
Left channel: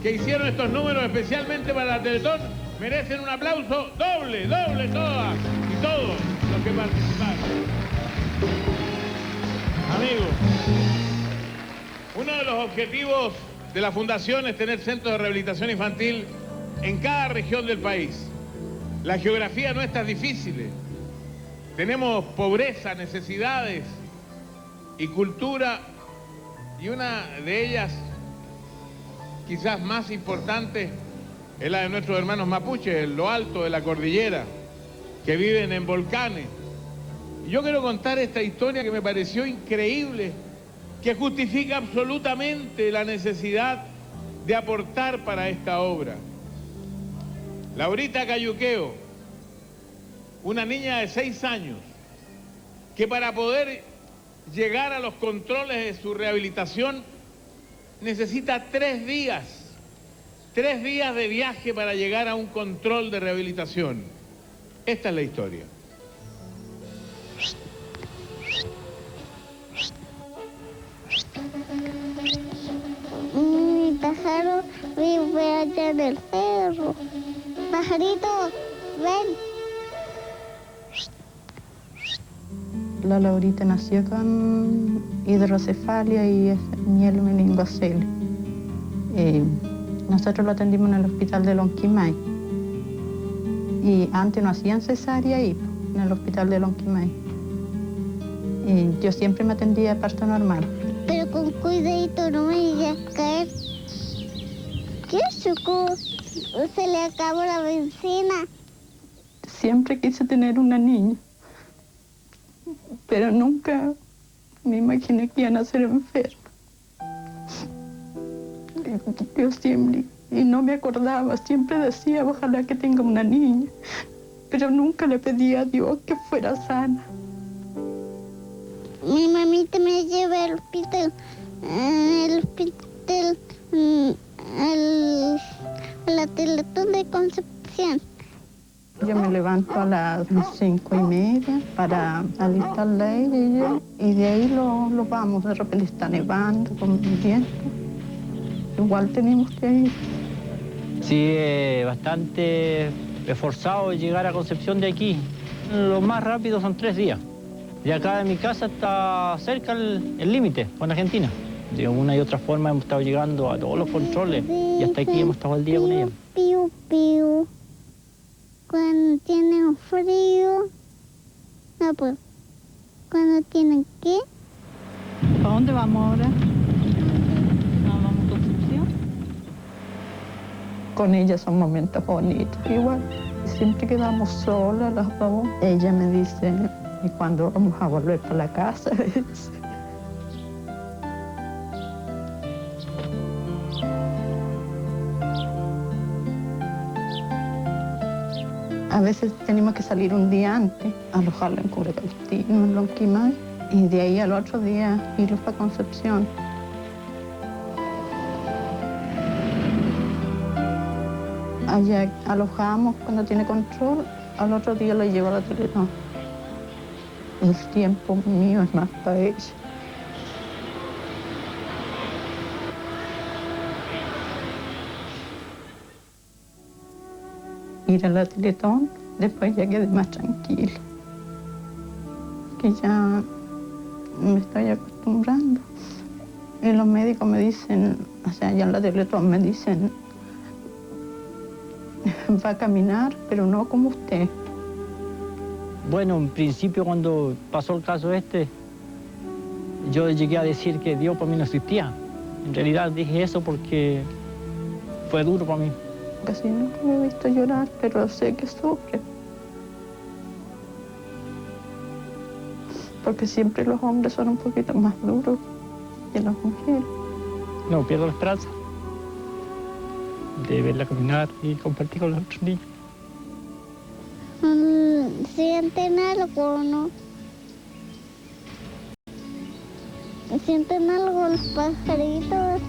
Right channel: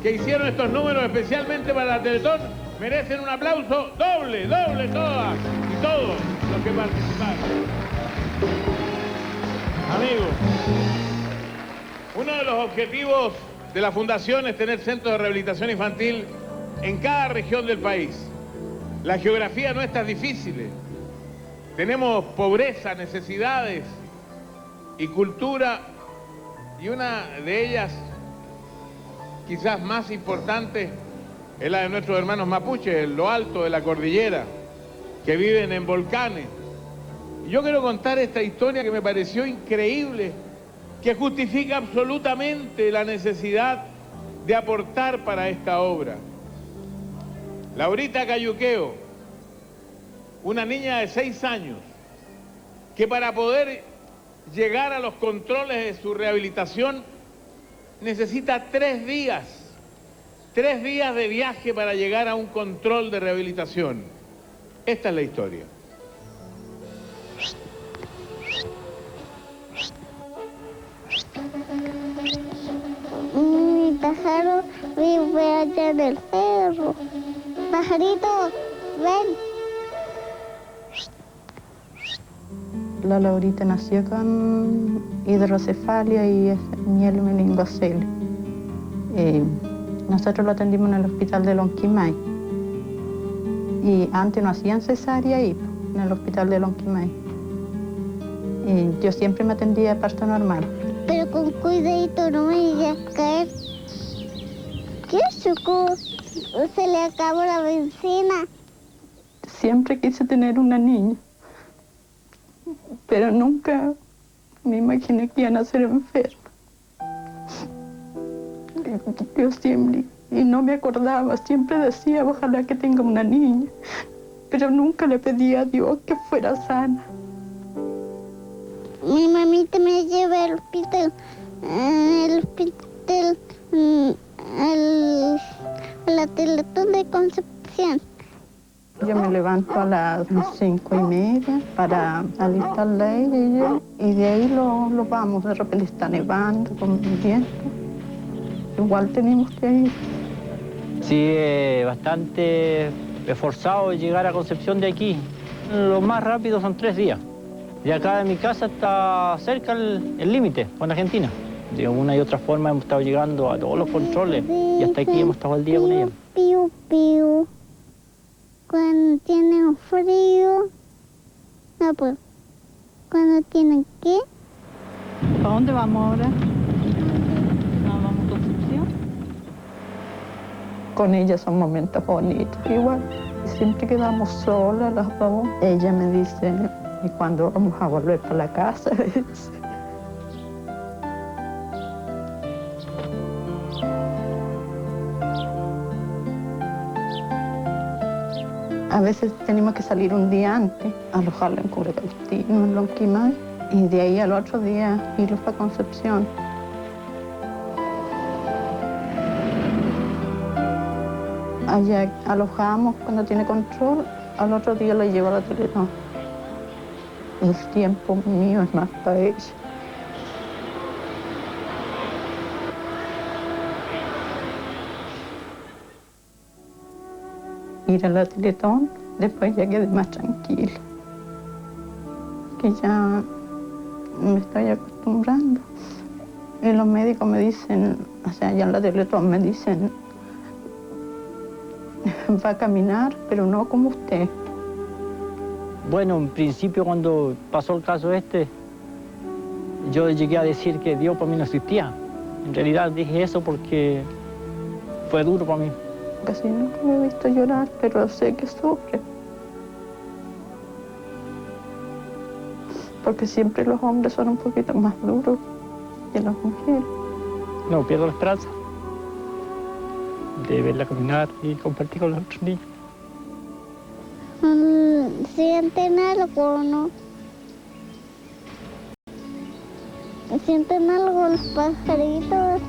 que hicieron estos números especialmente para la Teletón merecen un aplauso doble, doble todas y todos los que participaron. Amigos, uno de los objetivos de la Fundación es tener centros de rehabilitación infantil en cada región del país. La geografía no es tan difícil. Tenemos pobreza, necesidades y cultura, y una de ellas, quizás más importante, es la de nuestros hermanos mapuches, en lo alto de la cordillera, que viven en volcanes. Y yo quiero contar esta historia que me pareció increíble, que justifica absolutamente la necesidad de aportar para esta obra. Laurita Cayuqueo, una niña de 6 años, que para poder llegar a los controles de su rehabilitación necesita 3 días. 3 días de viaje para llegar a un control de rehabilitación. Esta es la historia. Mi pájaro vive allá en el cerro. Pajarito, ven. La Laurita nació con hidrocefalia y miel meningocele. Nosotros lo atendimos en el hospital de Lonquimay. Y antes no hacían cesárea ahí, en el hospital de Lonquimay. Y yo siempre me atendía a parto normal. Pero con cuidadito, no me llegues a caer. ¿Qué chocó? Se le acabó la benzina. Siempre quise tener una niña, pero nunca me imaginé que iban a ser enferma. Yo siempre, y no me acordaba, siempre decía, ojalá que tenga una niña, pero nunca le pedía a Dios que fuera sana. Mi mamita me lleva al hospital, a la Teletón de Concepción. Yo me levanto a las 5:30 para alistarla a ella y de ahí lo vamos. De repente está nevando, con viento. Igual tenemos que ir. Sí, bastante esforzado llegar a Concepción de aquí. Lo más rápido son 3 días. De acá de mi casa está cerca el límite con Argentina. De una y otra forma hemos estado llegando a todos los controles y hasta aquí hemos estado al día con ella. Piu, piu. Cuando tienen frío, no pues. Cuando tienen qué. ¿Para dónde vamos ahora? ¿Vamos a Concepción? Con ella son momentos bonitos, igual. Siempre quedamos solas las dos. Ella me dice, ¿y cuándo vamos a volver para la casa? A veces tenemos que salir un día antes, alojarla en Curacautín, en Lonquimay, y de ahí al otro día irlos para Concepción. Allá alojamos cuando tiene control, al otro día la llevo a la Teletón. El tiempo mío es más para ella. Ir a la Teletón, después ya quedé más tranquila. Que ya me estoy acostumbrando. Y los médicos me dicen, o sea, allá en la Teletón me dicen, va a caminar, pero no como usted. Bueno, en principio cuando pasó el caso yo llegué a decir que Dios para mí no existía. En realidad dije eso porque fue duro para mí. Casi nunca me he visto llorar, pero sé que sufre. Porque siempre los hombres son un poquito más duros que las mujeres. No pierdo la esperanza de verla caminar y compartir con los otros niños. ¿Sienten algo o no? ¿Sienten algo los pajaritos?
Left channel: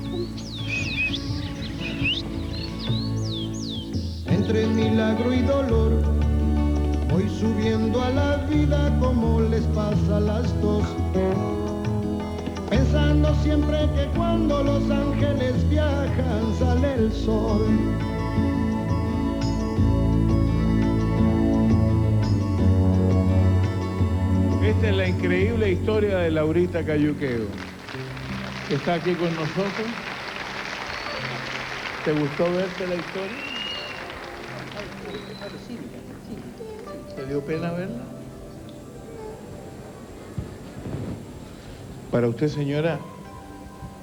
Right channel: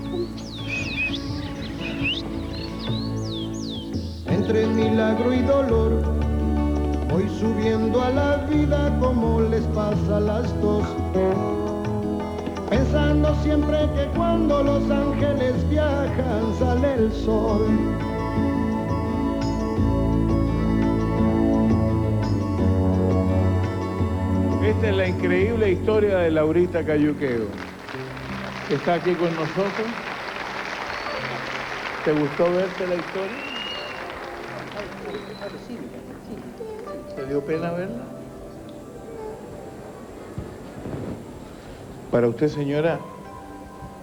Entre milagro y dolor, voy subiendo a la vida como les pasa a las dos. Pensando siempre que cuando los ángeles viajan sale el sol. Esta es la increíble historia de Laurita Cayuqueo, que está aquí con nosotros. ¿Te gustó verte la historia? ¿Te dio pena verla? Para usted, señora,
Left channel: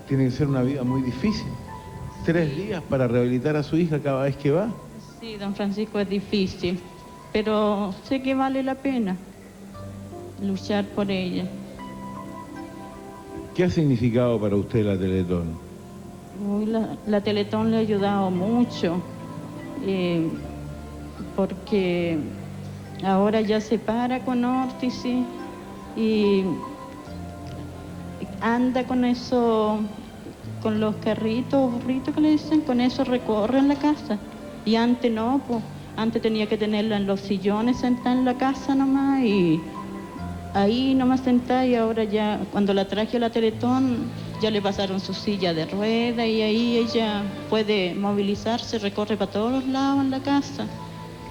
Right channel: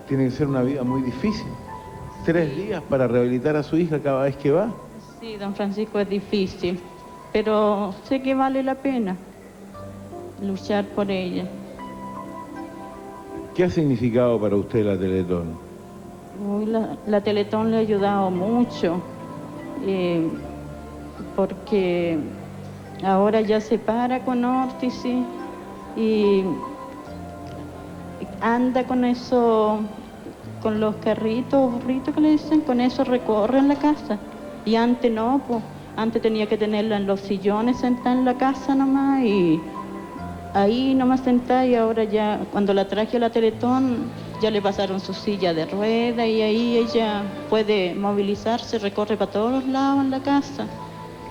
tiene que ser una vida muy difícil. 3 días para rehabilitar a su hija cada vez que va. Sí, don Francisco, es difícil, pero sé que vale la pena luchar por ella. ¿Qué ha significado para usted la Teletón? Uy, la Teletón le ha ayudado mucho, porque ahora ya se para con órtisis y anda con eso, con los carritos, burritos que le dicen, con eso recorre en la casa. Y antes no, pues, antes tenía que tenerla en los sillones sentada en la casa nomás y ahí nomás sentada, y ahora ya, cuando la traje a la Teletón, ya le pasaron su silla de rueda y ahí ella puede movilizarse, recorre para todos los lados en la casa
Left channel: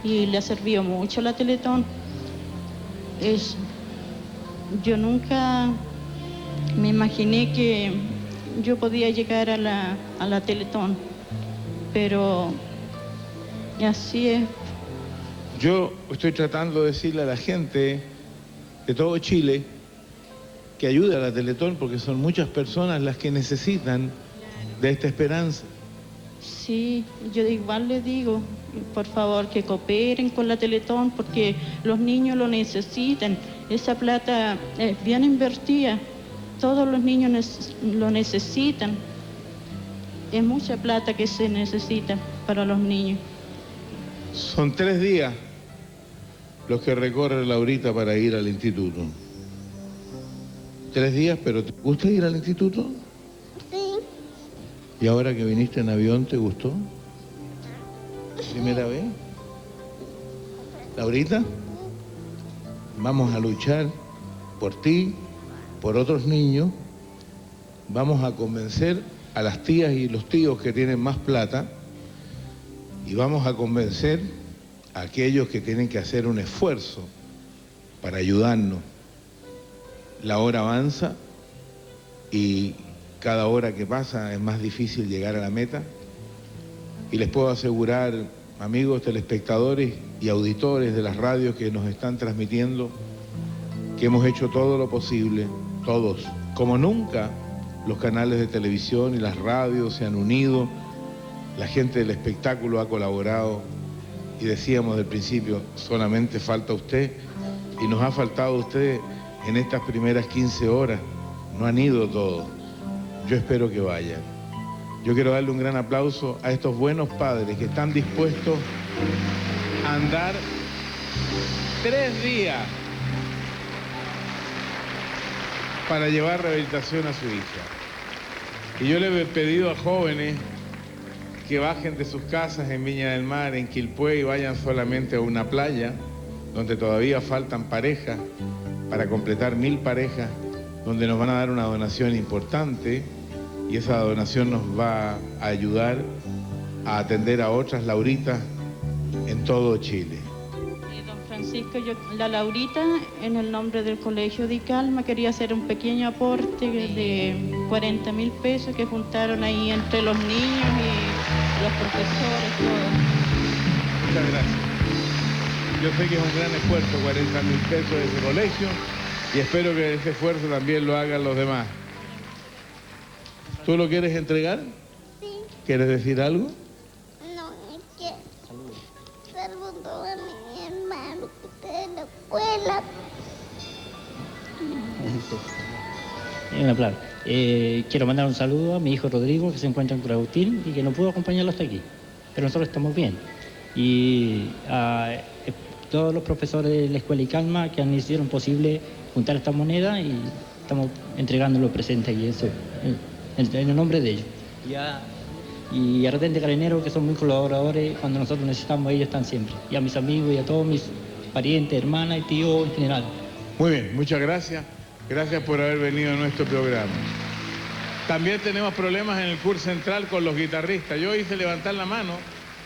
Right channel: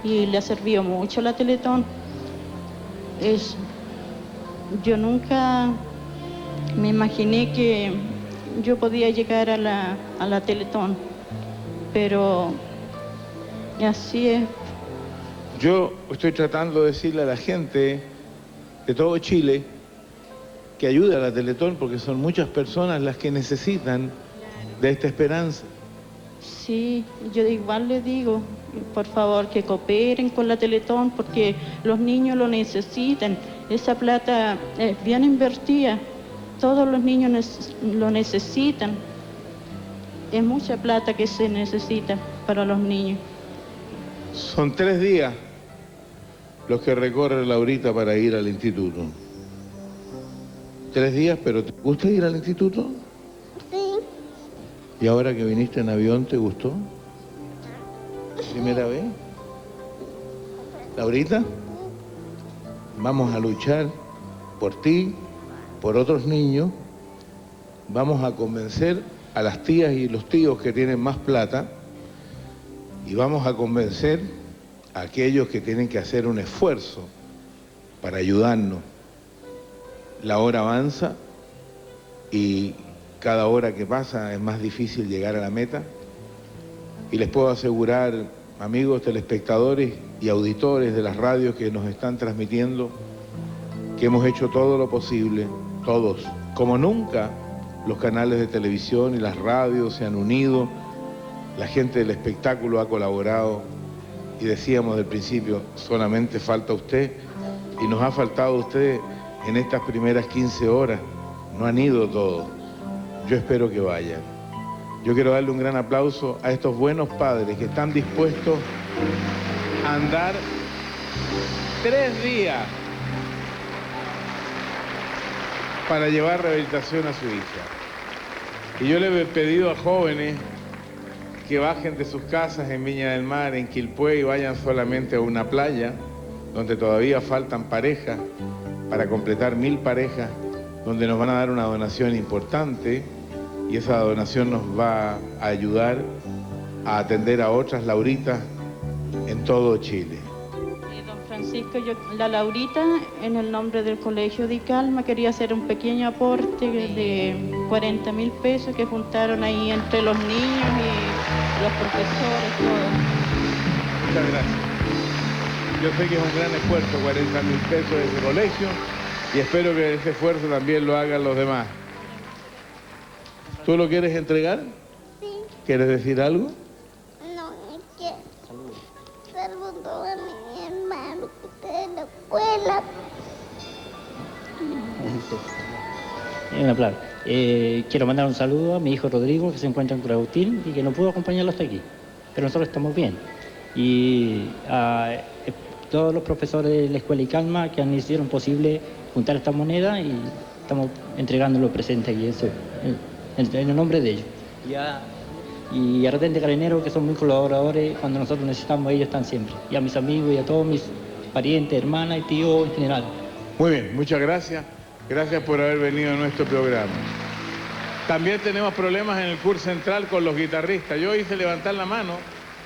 y le ha servido mucho la Teletón. Yo nunca me imaginé que yo podía llegar a la Teletón, pero así es. Yo estoy tratando de decirle a la gente de todo Chile que ayude a la Teletón, porque son muchas personas las que necesitan de esta esperanza. Sí, yo igual le digo, por favor, que cooperen con la Teletón, porque los niños lo necesitan. Esa plata es bien invertida, todos los niños lo necesitan. Es mucha plata que se necesita para los niños. Son 3 días los que recorre Laurita para ir al instituto. 3 días, pero ¿te gusta ir al instituto? Sí. ¿Y ahora que viniste en avión, te gustó? ¿Primera vez? Laurita, vamos a luchar por ti, por otros niños. Vamos a convencer a las tías y los tíos que tienen más plata y vamos a convencer a aquellos que tienen que hacer un esfuerzo para ayudarnos. La hora avanza y cada hora que pasa es más difícil llegar a la meta. Y les puedo asegurar, amigos telespectadores y auditores de las radios que nos están transmitiendo, que hemos hecho todo lo posible, todos, como nunca los canales de televisión y las radios se han unido, la gente del espectáculo ha colaborado y decíamos del principio, solamente falta usted y nos ha faltado usted en estas primeras 15 horas, no han ido todos, yo espero que vayan. Yo quiero darle un gran aplauso a estos buenos padres que están dispuestos a andar 3 días para llevar rehabilitación a su hija. Y yo le he pedido a jóvenes que bajen de sus casas en Viña del Mar, en Quilpué, y vayan solamente a una playa donde todavía faltan parejas para completar 1000 parejas, donde nos van a dar una donación importante y esa donación nos va a ayudar a atender a otras Lauritas en todo Chile. Don Francisco, la Laurita, en el nombre del Colegio de Calma, quería hacer un pequeño aporte de 40.000 pesos que juntaron ahí entre los niños y los profesores, todos. Muchas gracias. Yo sé que es un gran esfuerzo, 40.000 pesos de ese colegio, y espero que ese esfuerzo también lo hagan los demás. ¿Tú lo quieres entregar? Sí. ¿Quieres decir algo? No, es que saludo a mi hermano que está en la escuela. Claro. Quiero mandar un saludo a mi hijo Rodrigo, que se encuentra en Curautín y que no pudo acompañarlo hasta aquí. Pero nosotros estamos bien. Y a todos los profesores de la Escuela Icalma que hicieron posible juntar esta moneda y estamos entregando los presentes y eso, en el nombre de ellos. Y a Retente Carabinero, que son muy colaboradores, cuando nosotros necesitamos, ellos están siempre. Y a mis amigos y a todos mis parientes, hermanas y tíos en general. Muy bien, muchas gracias. Gracias por haber venido a nuestro programa. También tenemos problemas en el CUR Central con los guitarristas. Yo hice levantar la mano,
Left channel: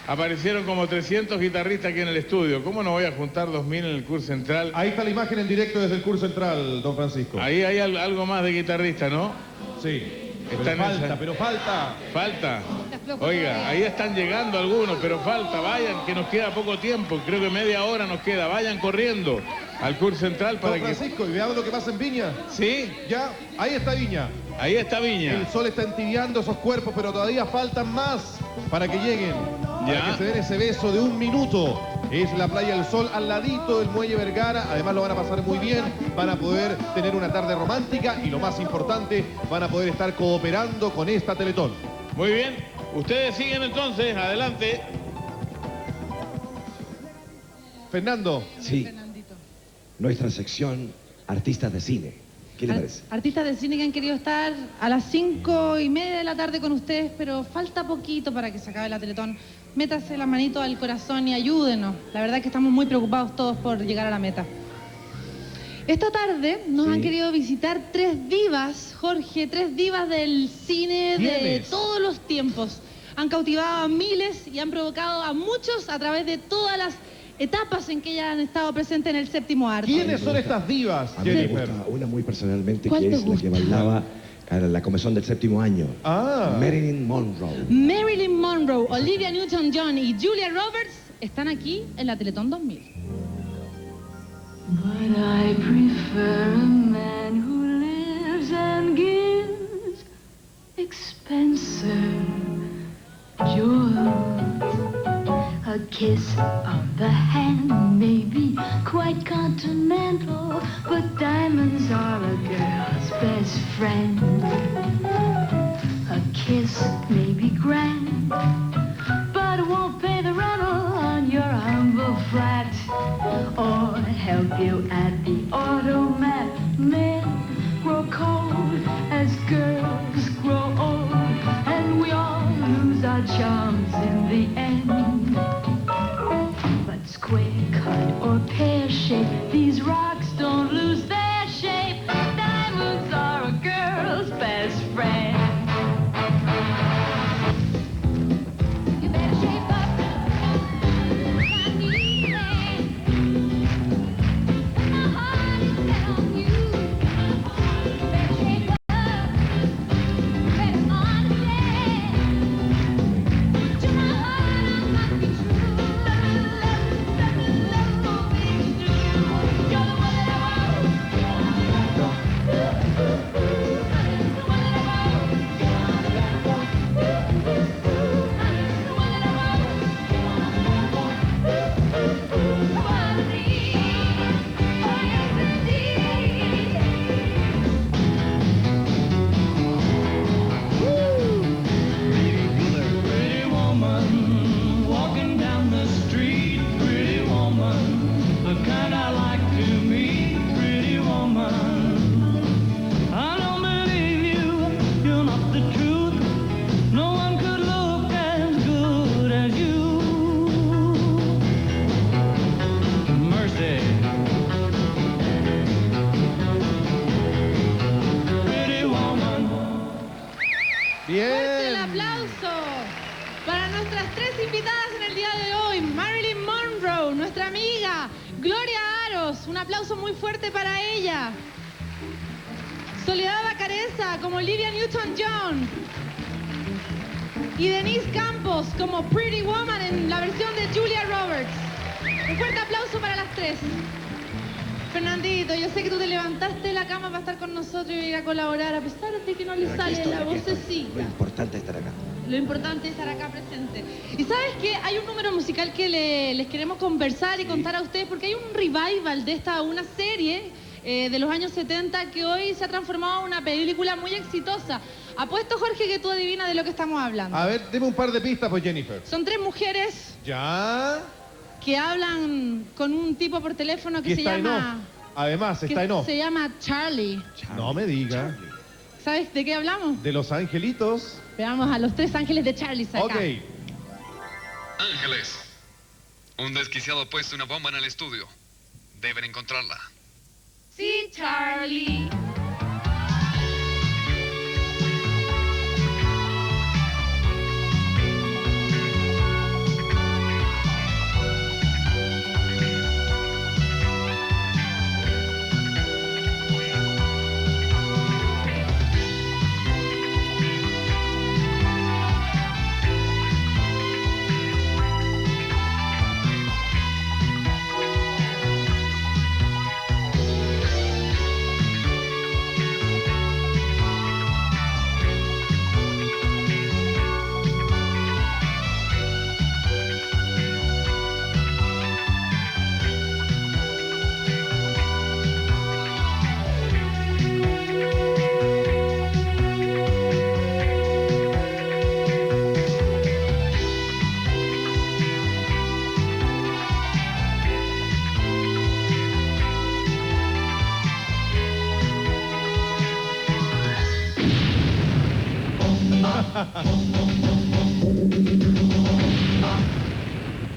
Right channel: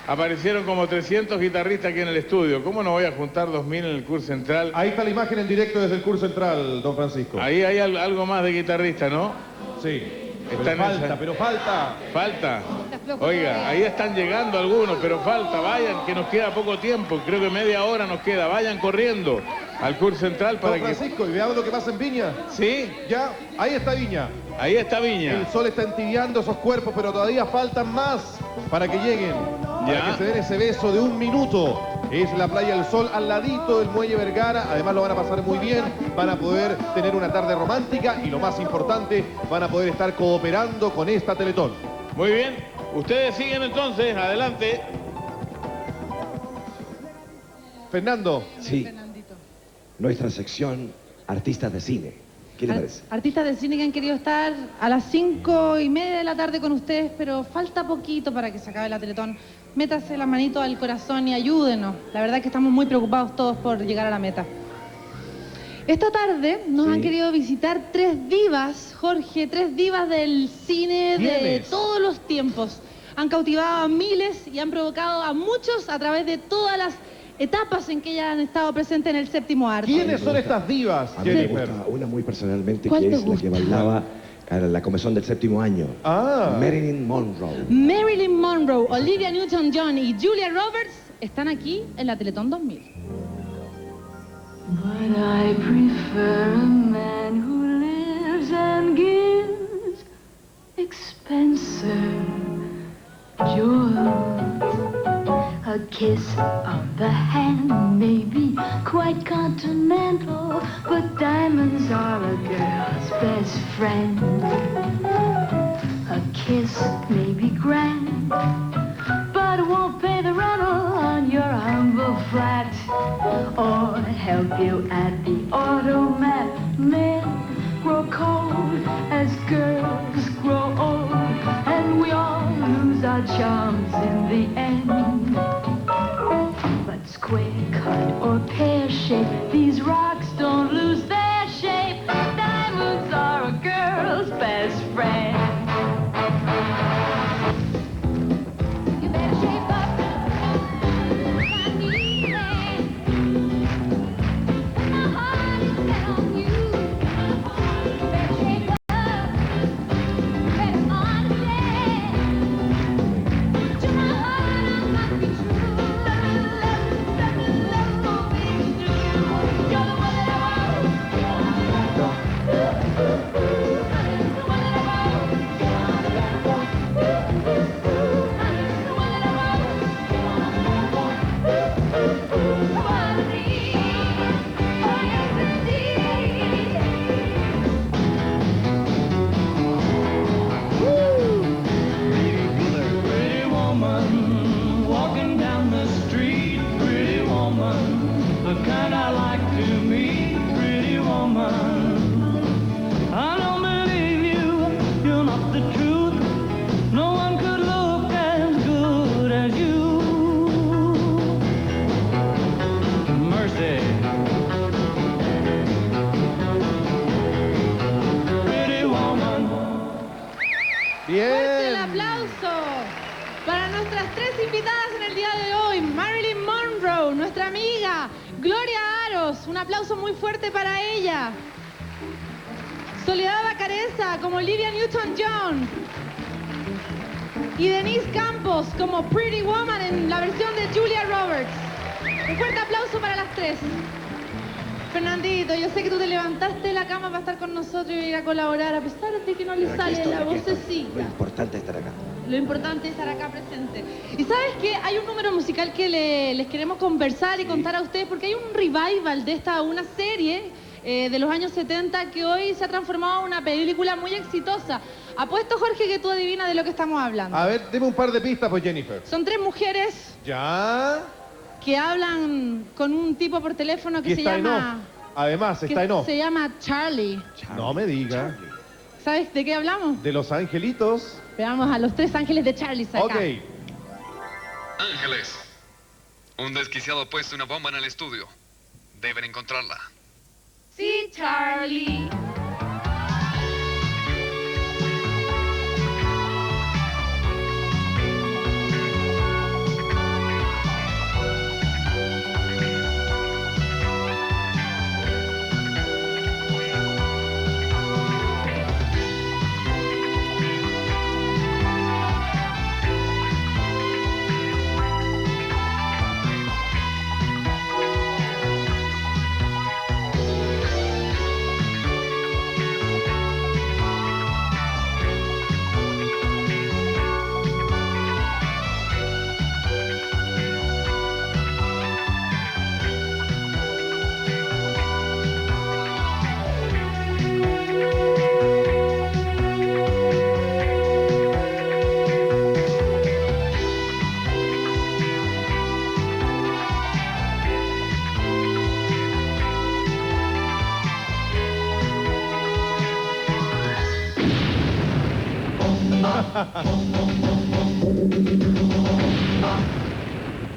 aparecieron como 300 guitarristas aquí en el estudio. ¿Cómo no voy a juntar 2.000 en el CUR Central? Ahí está la imagen en directo desde el CUR Central, don Francisco. Ahí hay algo más de guitarristas, ¿no? Sí. Pero falta. Falta. Oiga, ahí están llegando algunos, pero falta. Vayan, que nos queda poco tiempo. Creo que media hora nos queda. Vayan corriendo. al curso central para Don Francisco, y veamos lo que pasa en Viña. Sí. Ya, ahí está Viña. Ahí está Viña. El sol está entibiando esos cuerpos, pero todavía faltan más para que lleguen. Para que se den ese beso de 1 minuto. Es la Playa del Sol al ladito del Muelle Vergara. Además lo van a pasar muy bien. Van a poder tener una tarde romántica y lo más importante, van a poder estar cooperando con esta Teletón. Muy bien. Ustedes siguen entonces. Adelante. Fernando. Sí. Nuestra sección Artistas de Cine. ¿Qué les parece? Artistas de cine que han querido estar a las 5:30 de la tarde con ustedes, pero falta poquito para que se acabe la Teletón. Métase la manito al corazón y ayúdenos. La verdad es que estamos muy preocupados todos por llegar a la meta. Esta tarde nos han querido visitar 3 divas, Jorge, 3 divas del cine de todos los tiempos. Han cautivado a miles y han provocado a muchos a través de todas las etapas en que ellas han estado presentes en el séptimo arte. ¿Quiénes son estas divas, A mí me Jennifer? gusta una muy personalmente, ¿Cuál que te es la gusta? que bailaba a la comezón del séptimo año. Marilyn Monroe. Marilyn Monroe, Olivia Newton-John y Julia Roberts están aquí en la Teletón 2000. But I prefer a man who lives and gives expensive jewels. A kiss on the hand may be quite continental, but diamonds are a girl's best friend. A kiss may be grand, but it won't pay the rental on your humble flat, or help you at the automat. Men grow cold as girls grow old, and we all lose our charms in the end. But square cut or pear shape, these rocks don't lose their shape. Diamonds are a girl's best friend. You better shape up. ¡Fuerte el aplauso para nuestras 3 invitadas en el día de hoy! Marilyn Monroe, nuestra amiga Gloria Aros, un aplauso muy fuerte para ella. Soledad Bacareza como Olivia Newton-John y Denise Campos como Pretty Woman en la versión de Julia Roberts. Un fuerte aplauso para las 3. Fernandito, yo sé que tú te levantaste de la cama para estar con nosotros y ir a colaborar, a pesar de que no le sale la vocecita. Lo importante es estar acá. Lo importante es estar acá presente. Y sabes que hay un número musical que les queremos conversar y contar a ustedes, porque hay un revival de una serie de los años 70 que hoy se ha transformado en una película muy exitosa. Apuesto, Jorge, que tú adivinas de lo que estamos hablando. A ver, deme un par de pistas, pues, Jennifer. Son 3 mujeres Ya. que hablan con un tipo por teléfono que Y se está en llama... off. Además, está en off. Se llama Charlie. No me diga. ¿Sabes de qué hablamos? De los angelitos. Veamos a los 3 ángeles de Charlie acá. Ok. Ángeles. Un desquiciado ha puesto una bomba en el estudio. Deben encontrarla. Sí, Charlie.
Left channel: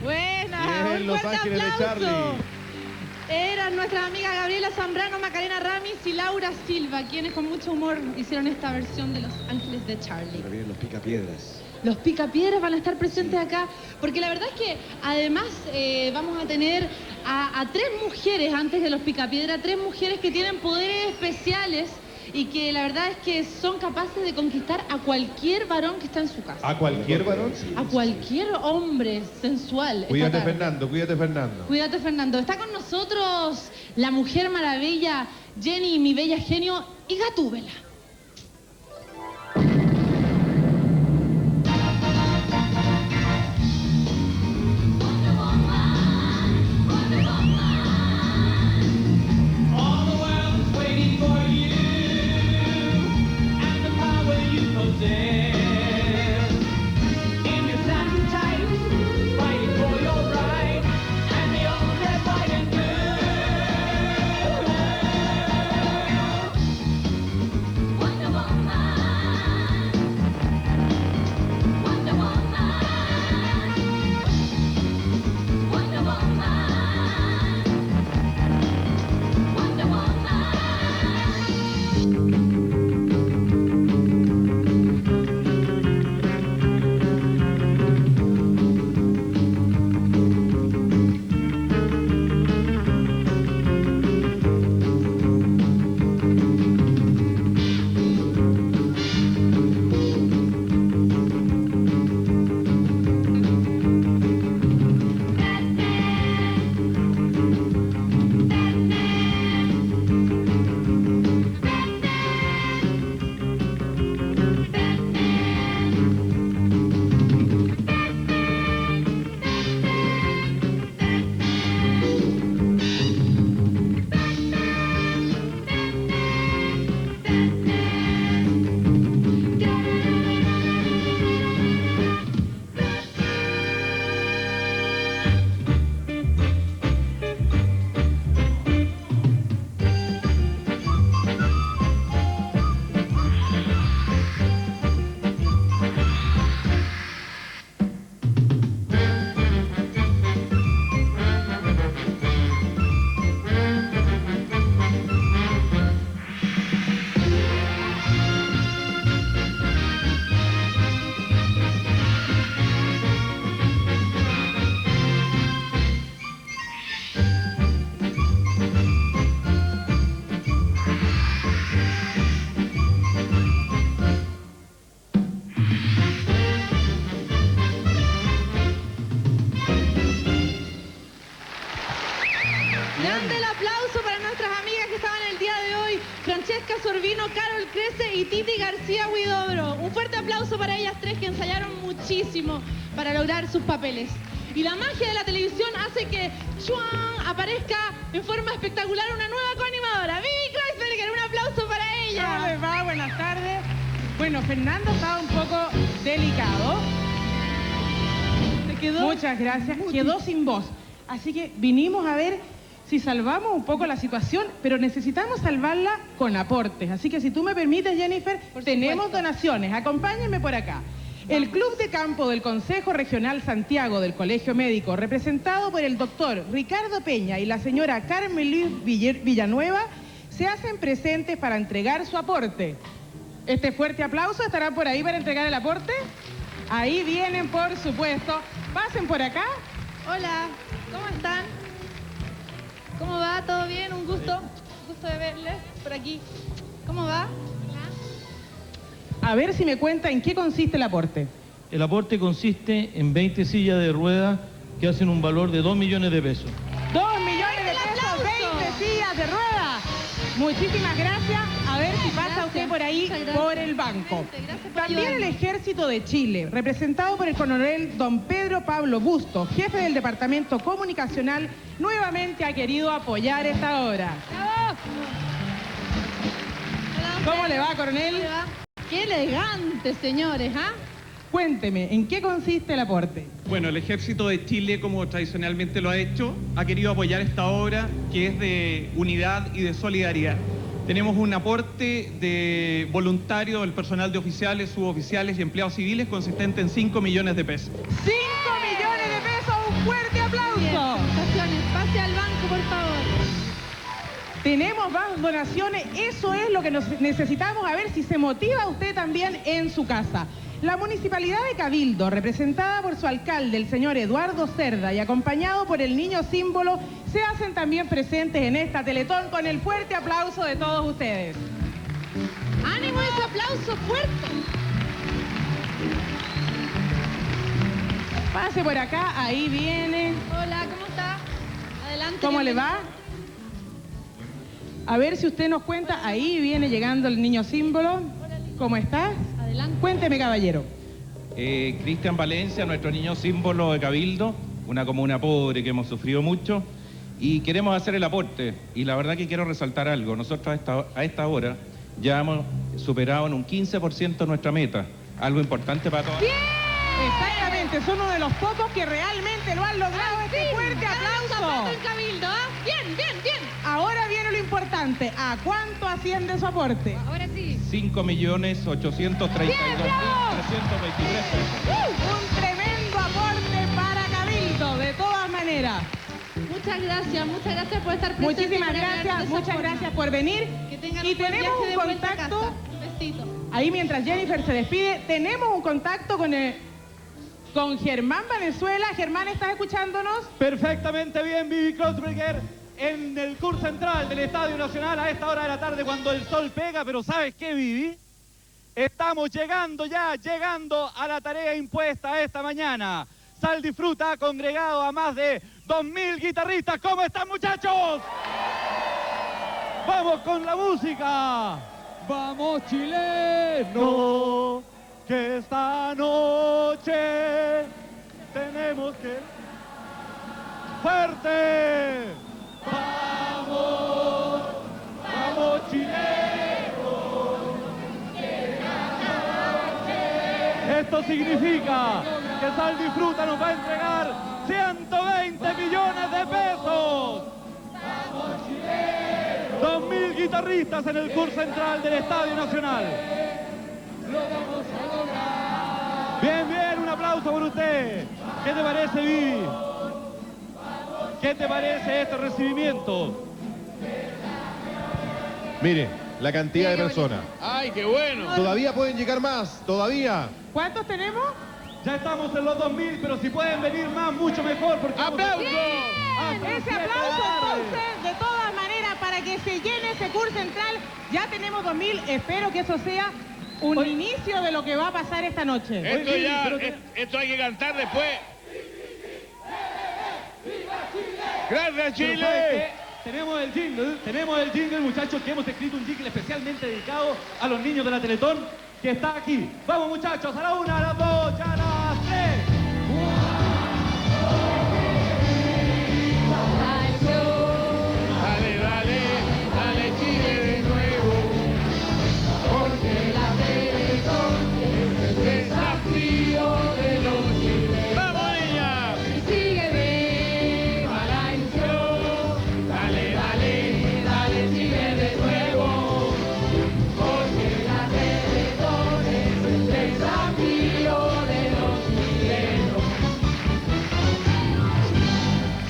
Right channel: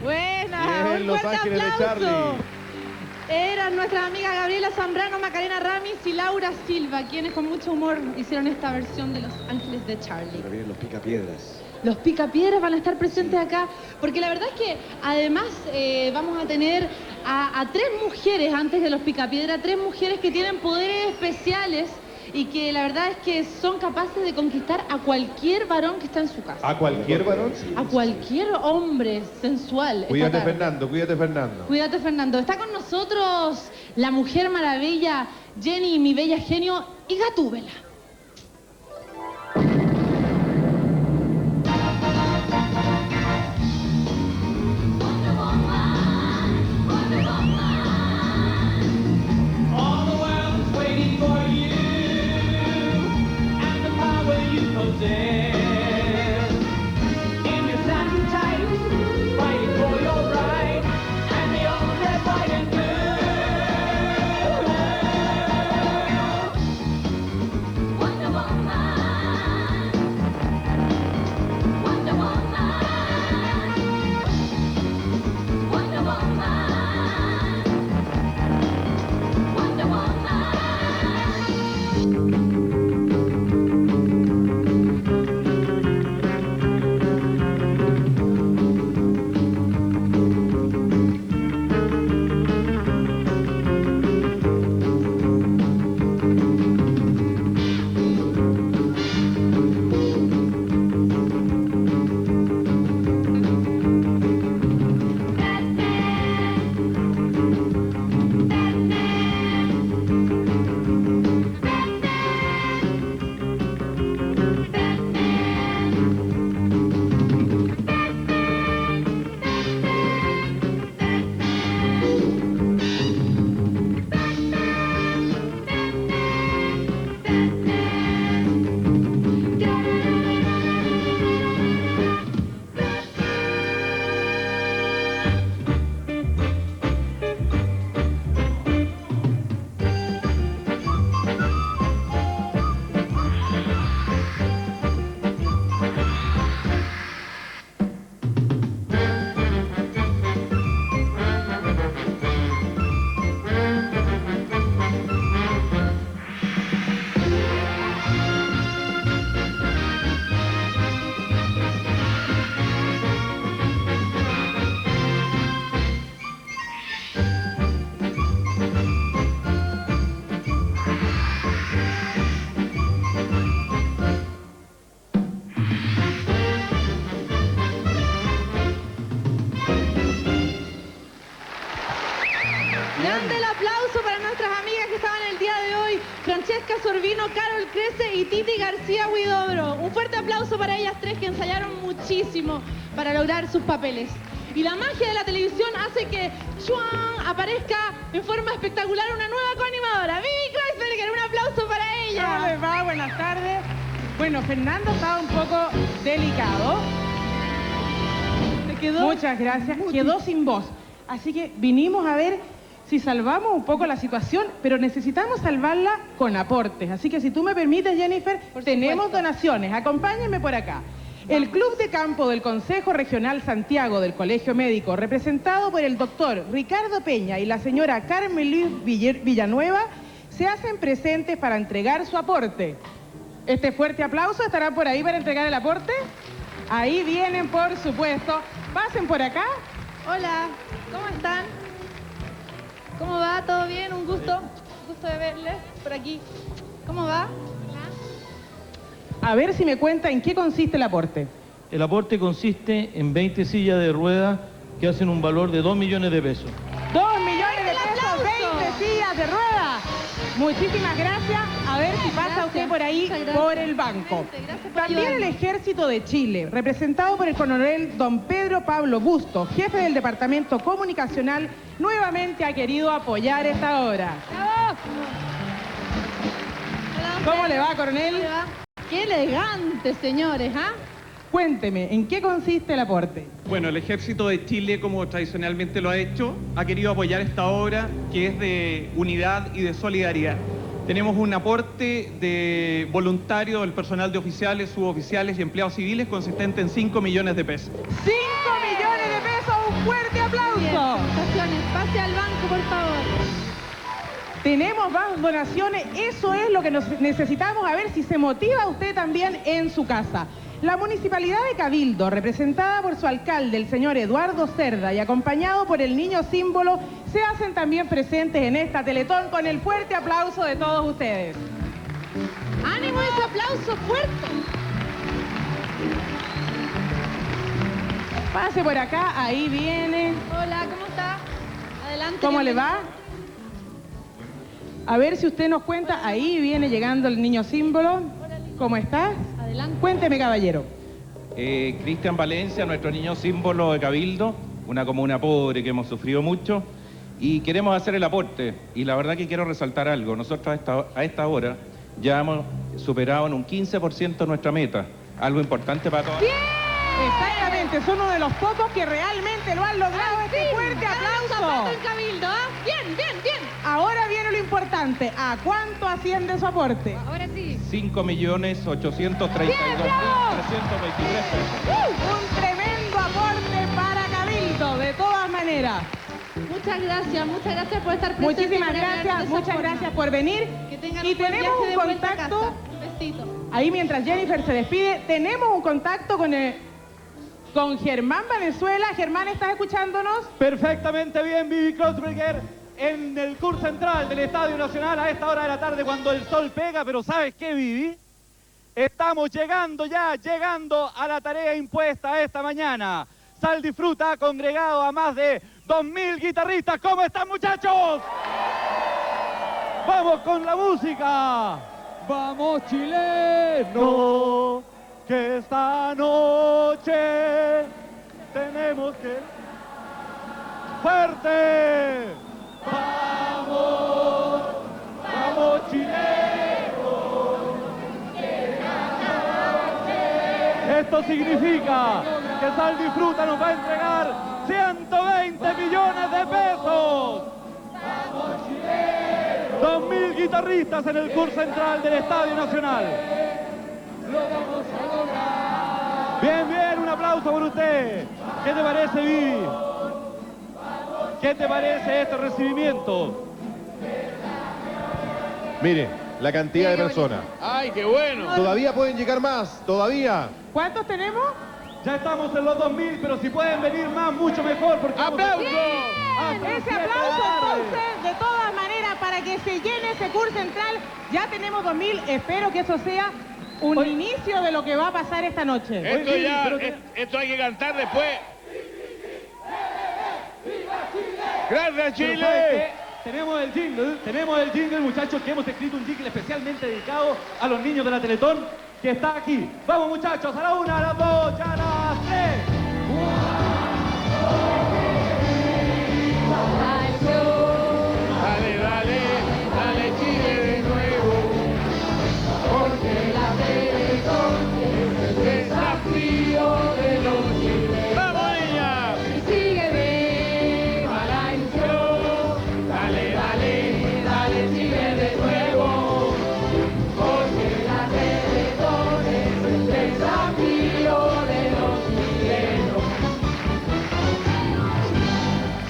Buena, Bien, un Los fuerte Ángeles de aplauso. Charlie. Eran nuestras amigas Gabriela Zambrano, Macarena Ramis y Laura Silva, quienes con mucho humor hicieron esta versión de Los Ángeles de Charlie. Ahora vienen los picapiedras. Los picapiedras van a estar presentes acá, porque la verdad es que además vamos a tener a 3 mujeres antes de los picapiedras, 3 mujeres que tienen poderes especiales y que la verdad es que son capaces de conquistar a cualquier varón que está en su casa. ¿A cualquier varón? A cualquier hombre sensual. esta Cuídate, tarde. Fernando, cuídate, Fernando. Cuídate, Fernando. Está con nosotros la Mujer Maravilla, Jenny, mi bella genio, y Gatúbela. Grande el aplauso para nuestras amigas que estaban el día de hoy, Francesca Sorbino, Carol Crece y Titi García Huidobro. Un fuerte aplauso para ellas 3 que ensayaron muchísimo para lograr sus papeles. Y la magia de la televisión hace que ¡chuan! Aparezca en forma espectacular una nueva coanimadora. Vivi Kreisberger, un aplauso para ella. ¿Cómo les va? Buenas tardes. Bueno, Fernando estaba un poco delicado. Muchas gracias. Quedó sin voz. Así que vinimos a ver si salvamos un poco la situación, pero necesitamos salvarla con aportes. Así que si tú me permites, Jennifer, tenemos donaciones. Acompáñenme por acá. El Club de Campo del Consejo Regional Santiago del Colegio Médico, representado por el doctor Ricardo Peña y la señora Carmen Luis Villanueva, se hacen presentes para entregar su aporte. Este fuerte aplauso, ¿estarán por ahí para entregar el aporte? Ahí vienen, por supuesto. Pasen por acá. Hola, ¿cómo están? ¿Cómo va? ¿Todo bien? Un gusto de verles por aquí. ¿Cómo va? A ver si me cuenta en qué consiste el aporte. El aporte consiste en 20 sillas de ruedas que hacen un valor de 2 millones de pesos. 2 millones de pesos, 20 sillas de ruedas. Muchísimas gracias. A ver si pasa usted por ahí, por el banco. También el Ejército de Chile, representado por el coronel don Pedro Pablo Busto, jefe del Departamento Comunicacional, nuevamente ha querido apoyar esta obra. ¿Cómo le va, coronel? Qué elegante, señores, ¿ah? Cuénteme, ¿en qué consiste el aporte? Bueno, el Ejército de Chile, como tradicionalmente lo ha hecho, ha querido apoyar esta obra que es de unidad y de solidaridad. Tenemos un aporte de voluntario del personal de oficiales, suboficiales y empleados civiles consistente en 5 millones de pesos. 5 millones de pesos, un fuerte aplauso. Pase al banco, por favor. Tenemos más donaciones, eso es lo que necesitamos, a ver si se motiva usted también en su casa. La Municipalidad de Cabildo, representada por su alcalde, el señor Eduardo Cerda, y acompañado por el niño símbolo, se hacen también presentes en esta Teletón con el fuerte aplauso de todos ustedes. ¡Ánimo ese aplauso fuerte! Pase por acá, ahí viene. Hola, ¿cómo está? Adelante. ¿Cómo le va? A ver si usted nos cuenta, ahí viene llegando el niño símbolo. ¿Cómo está? Adelante. Cuénteme, caballero. Cristian Valencia, nuestro niño símbolo de Cabildo, una comuna pobre que hemos sufrido mucho, y queremos hacer el aporte. Y la verdad que quiero resaltar algo. Nosotros a esta hora ya hemos superado en un 15% nuestra meta, algo importante para todos. Exactamente, es uno de los pocos que realmente lo han logrado. Este fuerte aplauso. En Cabildo, ¿ah? Bien, bien, bien. Ahora viene lo importante. ¿A cuánto asciende su aporte? Ahora sí. 5.832.323 pesos. Un tremendo aporte para Cabildo, de todas maneras. Muchas gracias por estar presente. Muchísimas gracias, muchas gracias por venir. Que tengan y un buen tenemos viaje de un vuelta a contacto. casa. Un besito. Ahí mientras Jennifer se despide, tenemos un contacto con Germán Valenzuela. Germán, ¿estás escuchándonos? Perfectamente bien, Vivi Kreutzberger, en el curso central del Estadio Nacional a esta hora de la tarde cuando el sol pega, pero ¿sabes qué, Vivi? Estamos llegando a la tarea impuesta esta mañana. Sal Disfruta ha congregado a más de 2.000 guitarristas. ¿Cómo están, muchachos? ¡Vamos con la música! ¡Vamos, chileno! Que esta noche tenemos que... ¡Fuerte! ¡Vamos! ¡Vamos, chileno! Esto significa que Sal Disfruta nos va a entregar 120 millones de pesos. 2.000 guitarristas en el curso central del Estadio Nacional. Bien, bien, un aplauso por usted. ¿Qué te parece, Vivi? ¿Qué te parece este recibimiento? Mire, la cantidad de personas. ¡Ay, qué bueno! Todavía pueden llegar más, todavía. ¿Cuántos tenemos? Ya estamos en los 2.000, pero si pueden venir más, mucho mejor. Porque ¡Aplauso! Ese aplauso entonces, de todas maneras, para que se llene ese curso central. Ya tenemos 2.000, espero que eso sea un inicio de lo que va a pasar esta noche. Esto hay que cantar después. ¡Gracias, Chile! Tenemos el jingle, muchachos, que hemos escrito un jingle especialmente dedicado a los niños de la Teletón, que está aquí. Vamos, muchachos, a la 1, a la 2, y a las 3. Dale, dale, dale, Chile de nuevo, porque la Teletón es el desafío de los chilenos. ¡Vamos, niña! Sigue viva la ilusión, dale, dale, dale, sigue de nuevo, porque la Teletón es el desafío de los chilenos.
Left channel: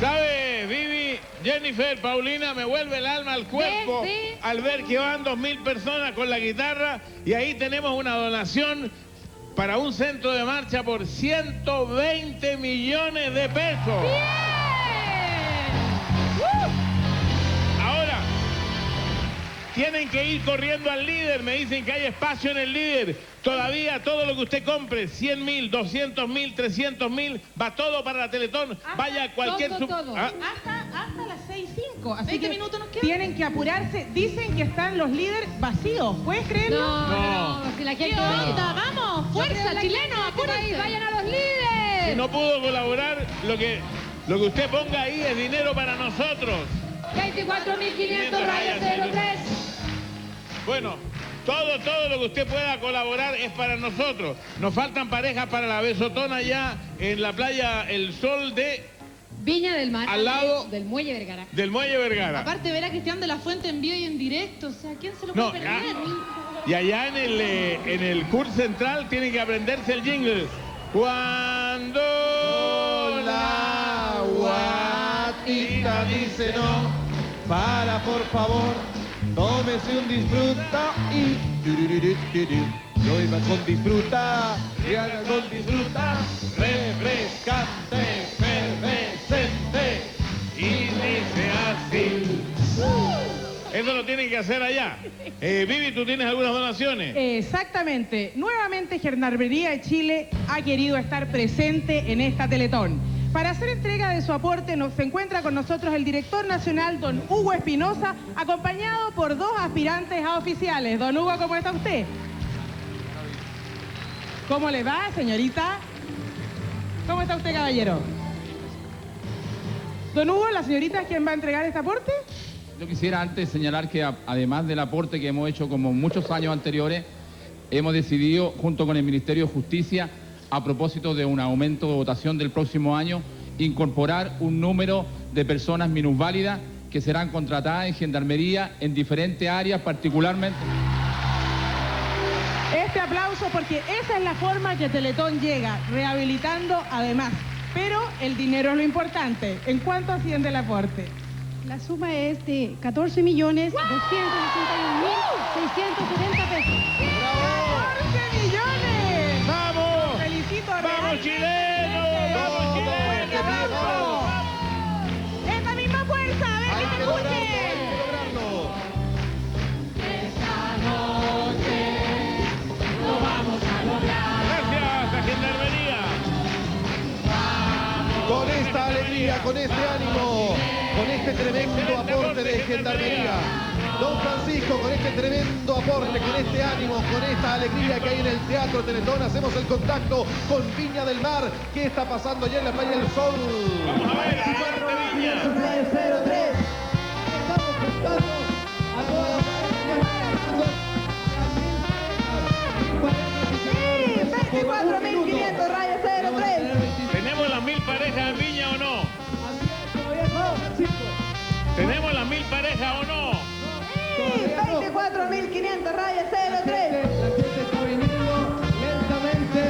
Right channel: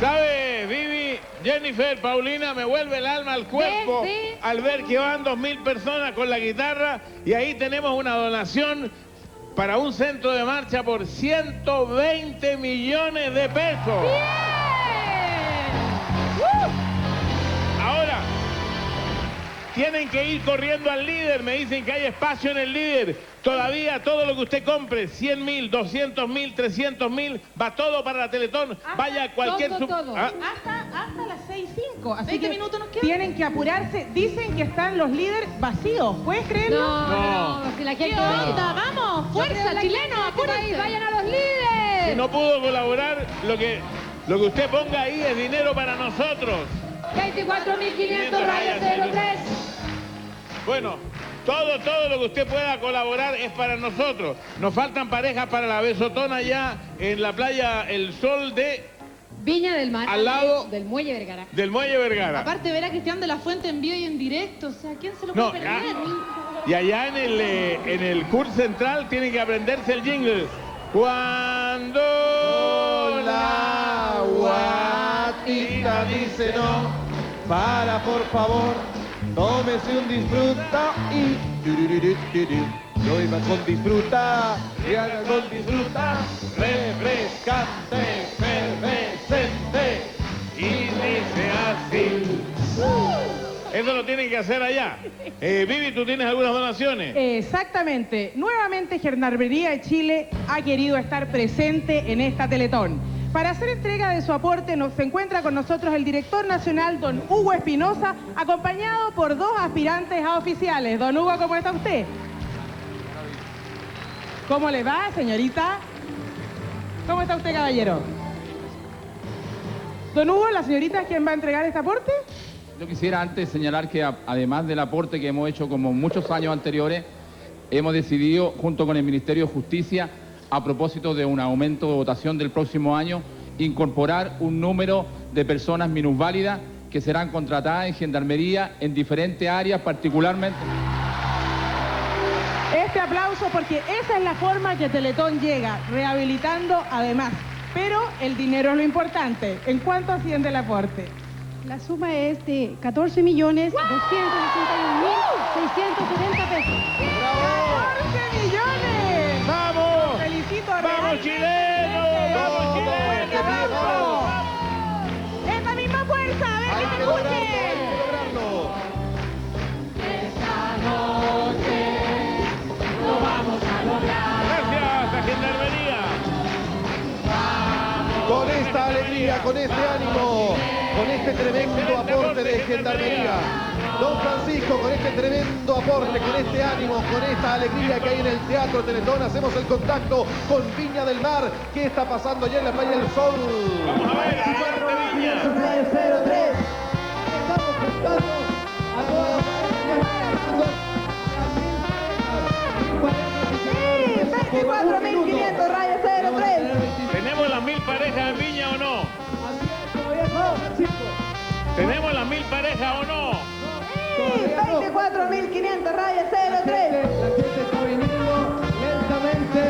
¿Sabe, Vivi, Jennifer, Paulina, me vuelve el alma al cuerpo al ver que van 2.000 personas con la guitarra y ahí tenemos una donación para un centro de marcha por 120 millones de pesos. Ahora, tienen que ir corriendo al líder, me dicen que hay espacio en el líder. Todavía todo lo que usted compre, 100.000, 200.000, 300.000, va todo para la Teletón. Vaya a cualquier... Todo. ¿Ah? Hasta las 6:05, así 20 que minutos nos quedan. tienen que apurarse. Dicen que están los líderes vacíos, ¿puedes creerlo? No, si la gente... ¿Qué onda? ¡Vamos! ¡Fuerza, chileno! ¡Apúrense! ¡Vayan a los líderes! Si no pudo colaborar, lo que usted ponga ahí es dinero para nosotros. 24.500 rayos 03. Bueno, todo lo que usted pueda colaborar es para nosotros. Nos faltan parejas para la besotona ya en la playa El Sol de Viña del Mar. Al lado del Muelle Vergara. del Muelle Vergara. Aparte, verá Cristian de la Fuente en vivo y en directo. O sea, ¿quién se lo No, puede perder? Y allá en el CUR Central tienen que aprenderse el jingle. Cuando la guatita dice no, para por favor, tómese un disfruta y lo iba con disfruta, y haga con disfruta, refrescante, efervescente, y dice así. Eso lo tienen que hacer allá. Vivi, ¿tú tienes algunas donaciones? Exactamente. Nuevamente Gendarmería de Chile ha querido estar presente en esta Teletón. Para hacer entrega de su aporte se encuentra con nosotros el director nacional, don Hugo Espinosa, acompañado por 2 aspirantes a oficiales. Don Hugo, ¿cómo está usted? ¿Cómo le va, señorita? ¿Cómo está usted, caballero? Don Hugo, ¿la señorita es quien va a entregar este aporte? Yo quisiera antes señalar que además del aporte que hemos hecho como muchos años anteriores, hemos decidido junto con el Ministerio de Justicia, a propósito de un aumento de votación del próximo año, incorporar un número de personas minusválidas que serán contratadas en Gendarmería en diferentes áreas, particularmente. Este aplauso porque esa es la forma que Teletón llega, rehabilitando además. Pero el dinero es lo importante. ¿En cuánto asciende el aporte? La suma es de 14.261.670 pesos. ¡14 millones! ¡Vamos! Los felicito. ¡Vamos, chilenos! ¡Vamos, chilenos! ¡Vamos! ¡Esta misma fuerza! ¡A ver que me escuchen! Esta noche lo vamos a lograr. Gracias a Gendarmería. Con esta alegría, con este ánimo, con este tremendo aporte de Gendarmería. Don Francisco, con este tremendo aporte, con este ánimo, con esta alegría que hay en el Teatro Teletón, hacemos el contacto con Viña del Mar. ¿Qué está pasando allá en la Playa del Sol? Vamos a ver, Viña. Estamos buscando a todas las Sí, 24.500 rayas 03. ¿Tenemos las 1000 parejas en Viña o no? ¿Tenemos las 1000 parejas o no? Sí, 24.500 rayas 03. La gente está viniendo lentamente.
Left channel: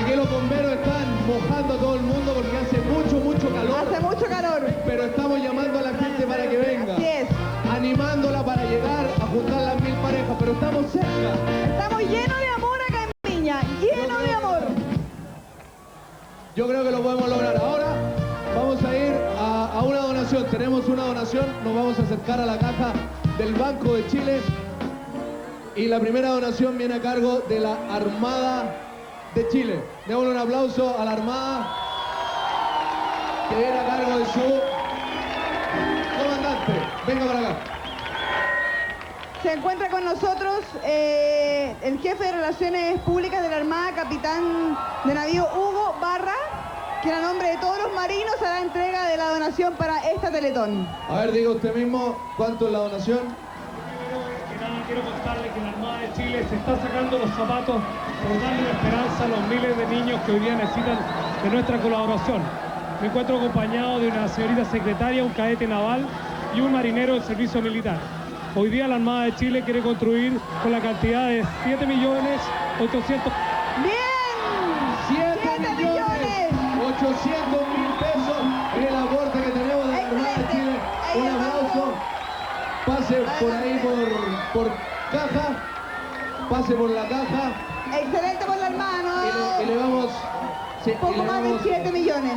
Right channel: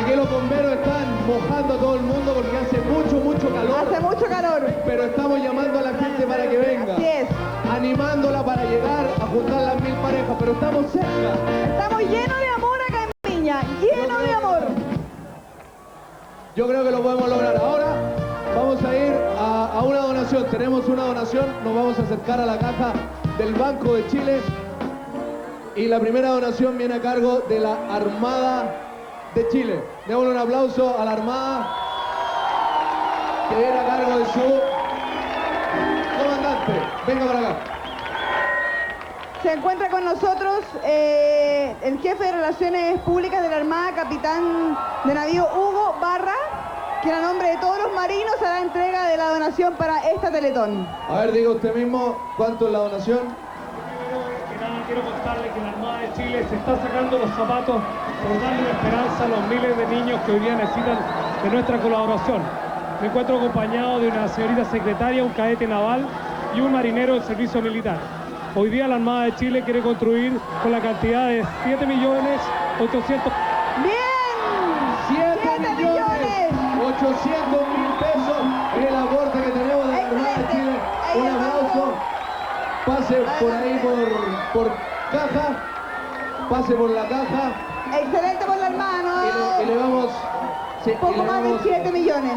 Aquí los bomberos están mojando a todo el mundo porque hace mucho calor. Hace mucho calor. Pero estamos llamando a la gente para que venga. Así es. Animándola para llegar a juntar las 1000 parejas, pero estamos cerca. Estamos llenos de amor acá en Viña, lleno de amor. Yo creo que lo podemos lograr. Ahora vamos a ir a una donación. Tenemos una donación, nos vamos a acercar a la caja del Banco de Chile. Y la primera donación viene a cargo de la Armada de Chile. Démosle un aplauso a la Armada, que viene a cargo de su comandante. Venga para acá. Se encuentra con nosotros el jefe de Relaciones Públicas de la Armada, capitán de navío Hugo Barra, que a nombre de todos los marinos hará entrega de la donación para esta Teletón. A ver, diga usted mismo, ¿cuánto es la donación? Quiero contarle que la Armada de Chile se está sacando los zapatos por darle esperanza a los miles de niños que hoy día necesitan de nuestra colaboración. Me encuentro acompañado de una señorita secretaria, un cadete naval y un marinero del servicio militar. Hoy día la Armada de Chile quiere construir con la cantidad de 7.800.000. ¡Bien! 7.800.000 pesos el aporte que tenemos de la Armada de Chile. Un aplauso. Pase por ahí por caja. Pase por la caja. Excelente por la Armada, Y le vamos... Sí, poco más de 7 millones.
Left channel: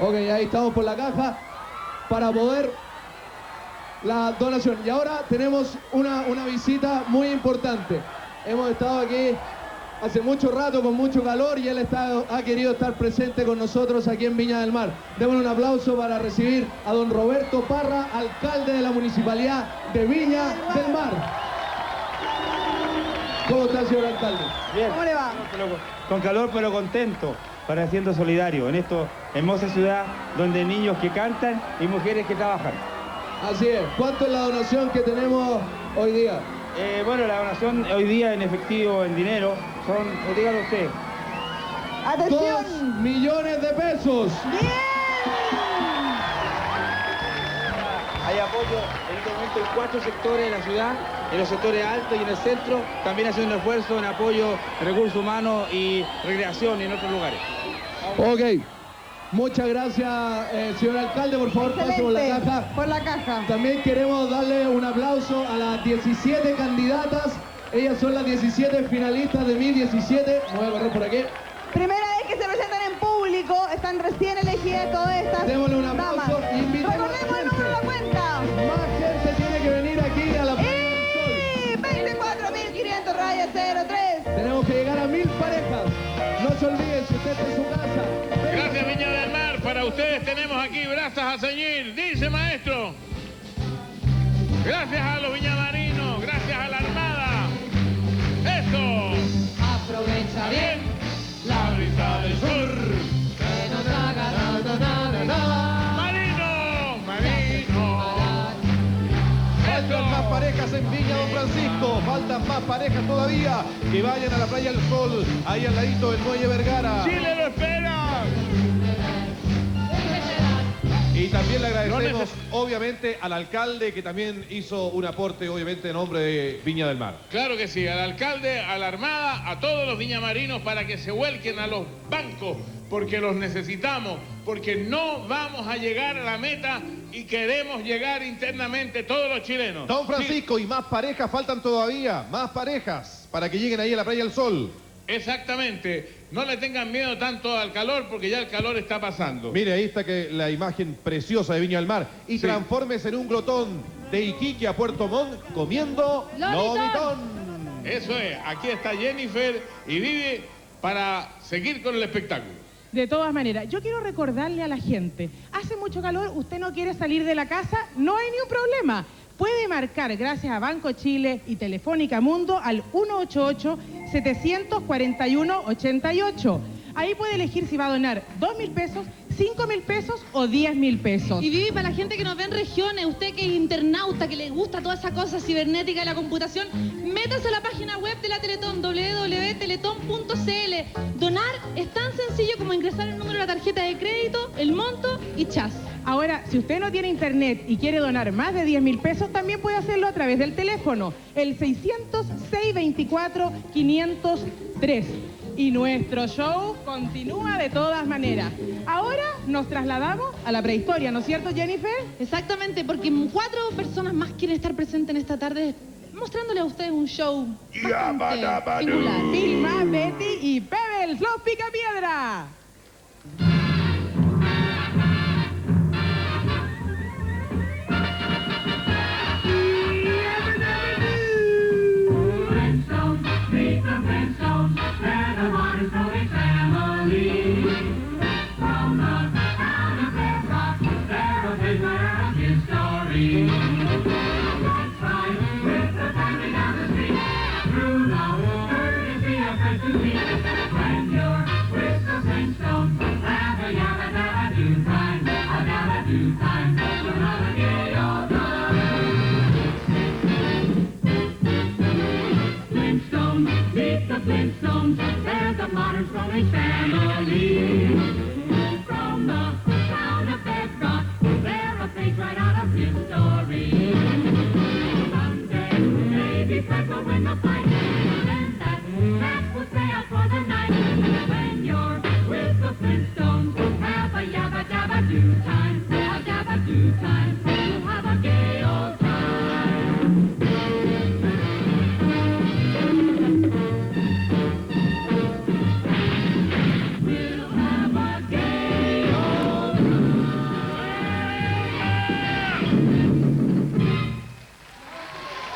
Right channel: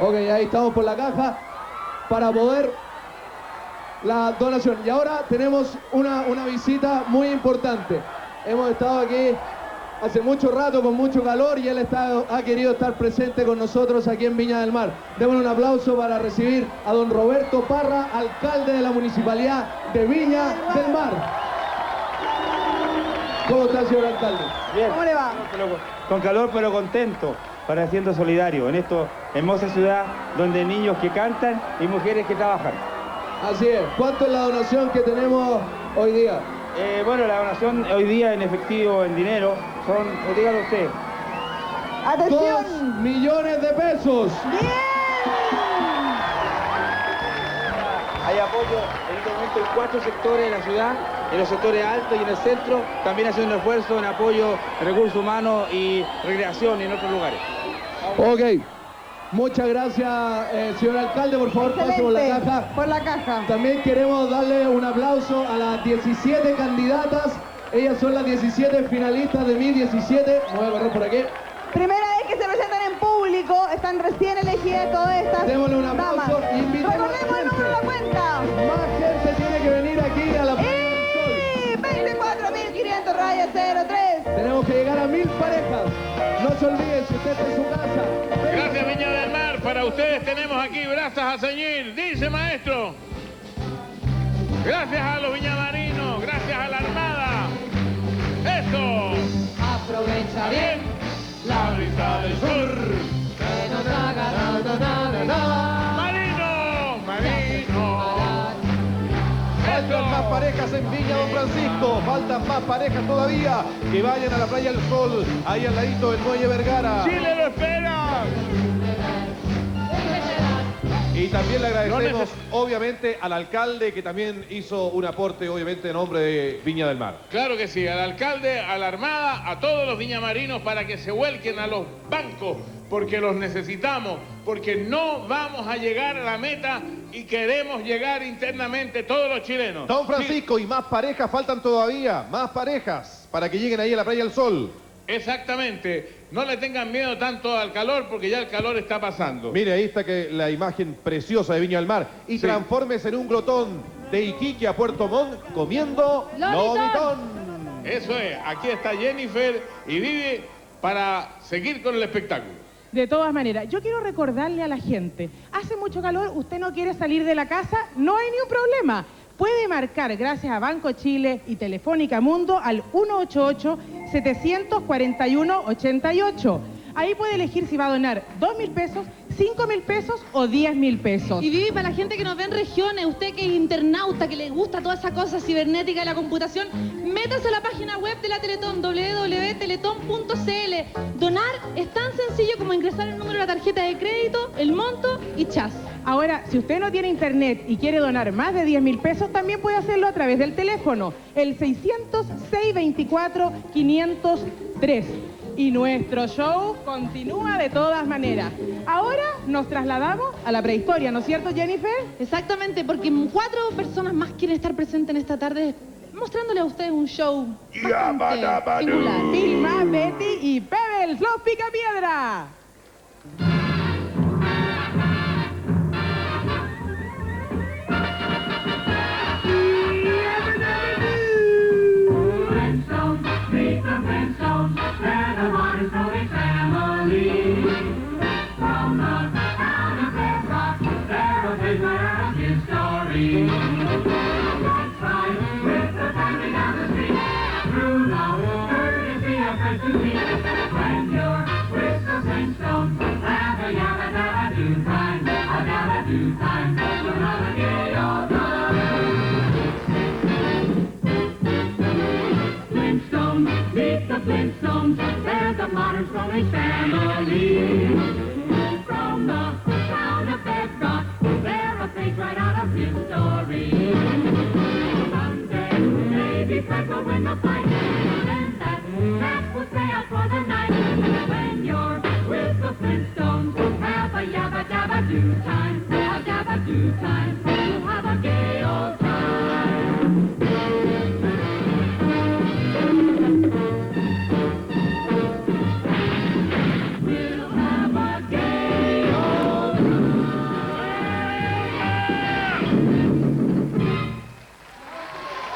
Ok, ahí estamos por la caja para poder la donación. Y ahora tenemos una visita muy importante. Hemos estado aquí hace mucho rato con mucho calor y él ha querido estar presente con nosotros aquí en Viña del Mar. Démosle un aplauso para recibir a don Roberto Parra, alcalde de la Municipalidad de Viña del Mar. ¿Cómo está, señor alcalde? Bien. ¿Cómo le va? Con calor pero contento, pareciendo solidario en esta hermosa ciudad donde niños que cantan y mujeres que trabajan. Así es. ¿Cuánto es la donación que tenemos hoy día? Bueno, la donación hoy día en efectivo, en dinero, son, dígalo usted. 2 millones de pesos. Hay apoyo en este momento en 4 sectores de la ciudad, en los sectores altos y en el centro, también haciendo un esfuerzo en apoyo de recursos humanos y recreación y en otros lugares. Ok. Muchas gracias, señor alcalde. Por favor, pase por la caja. Por la caja. También queremos darle un aplauso a las 17 candidatas. Ellas son las 17 finalistas de Mi 17. Me voy a correr por aquí. Primera vez que se presentan en público, están recién elegidas todas estas Démosle un damas. aplauso y invitemos a la Recordemos el gente. número de la cuenta. Más gente tiene que venir aquí a la Playa del Sol. 24.500 rayas 03. Tenemos que llegar a 1000 parejas. No se olviden, si usted está en su casa. Gracias, Viña del Mar. Para ustedes tenemos aquí brazos a ceñir. Dice, maestro. Gracias a los viñamarinos, gracias a la Armada. ¡Esto! Aprovecha bien la brisa del sur. que nos haga da, da, da, da, da. ¡Marino! ¡Marino! Faltan más parejas en Viña Don Francisco, faltan más parejas todavía. Que vayan a la Playa del Sol, ahí al ladito del Muelle Vergara. ¡Chile lo espera! Y también le agradecemos, obviamente, al alcalde que también hizo un aporte, obviamente, en nombre de Viña del Mar. Claro que sí, al alcalde, a la Armada, a todos los viñamarinos para que se vuelquen a los bancos, porque los necesitamos, porque no vamos a llegar a la meta y queremos llegar internamente todos los chilenos. Don Francisco, y más parejas faltan todavía, más parejas, para que lleguen ahí a la Playa del Sol. Exactamente, no le tengan miedo tanto al calor, porque ya el calor está pasando. Mire, ahí está que la imagen preciosa de Viña del Mar. Y Sí. transfórmese en un glotón de Iquique a Puerto Montt comiendo lobitón. Eso es, aquí está Jennifer y Vivi para seguir con el espectáculo. De todas maneras, yo quiero recordarle a la gente, hace mucho calor, usted no quiere salir de la casa, no hay ni un problema. Puede marcar, gracias a Banco Chile y Telefónica Mundo, al 188-741-88. Ahí puede elegir si va a donar 2.000 pesos, 5.000 pesos o 10.000 pesos. Y Vivi, para la gente que nos ve en regiones, usted que es internauta, que le gusta toda esa cosa cibernética de la computación, métase a la página web de la Teletón, www.teletón.cl. Donar es tan sencillo como ingresar el número de la tarjeta de crédito, el monto y chas. Ahora, si usted no tiene internet y quiere donar más de 10.000 pesos, también puede hacerlo a través del teléfono, el 600-624-503. Y nuestro show continúa de todas maneras. Ahora nos trasladamos a la prehistoria, ¿no es cierto, Jennifer? Exactamente, porque 4 personas más quieren estar presentes en esta tarde, mostrándole a ustedes un show bastante singular. Vilma, Betty y Pebbles, los Picapiedra.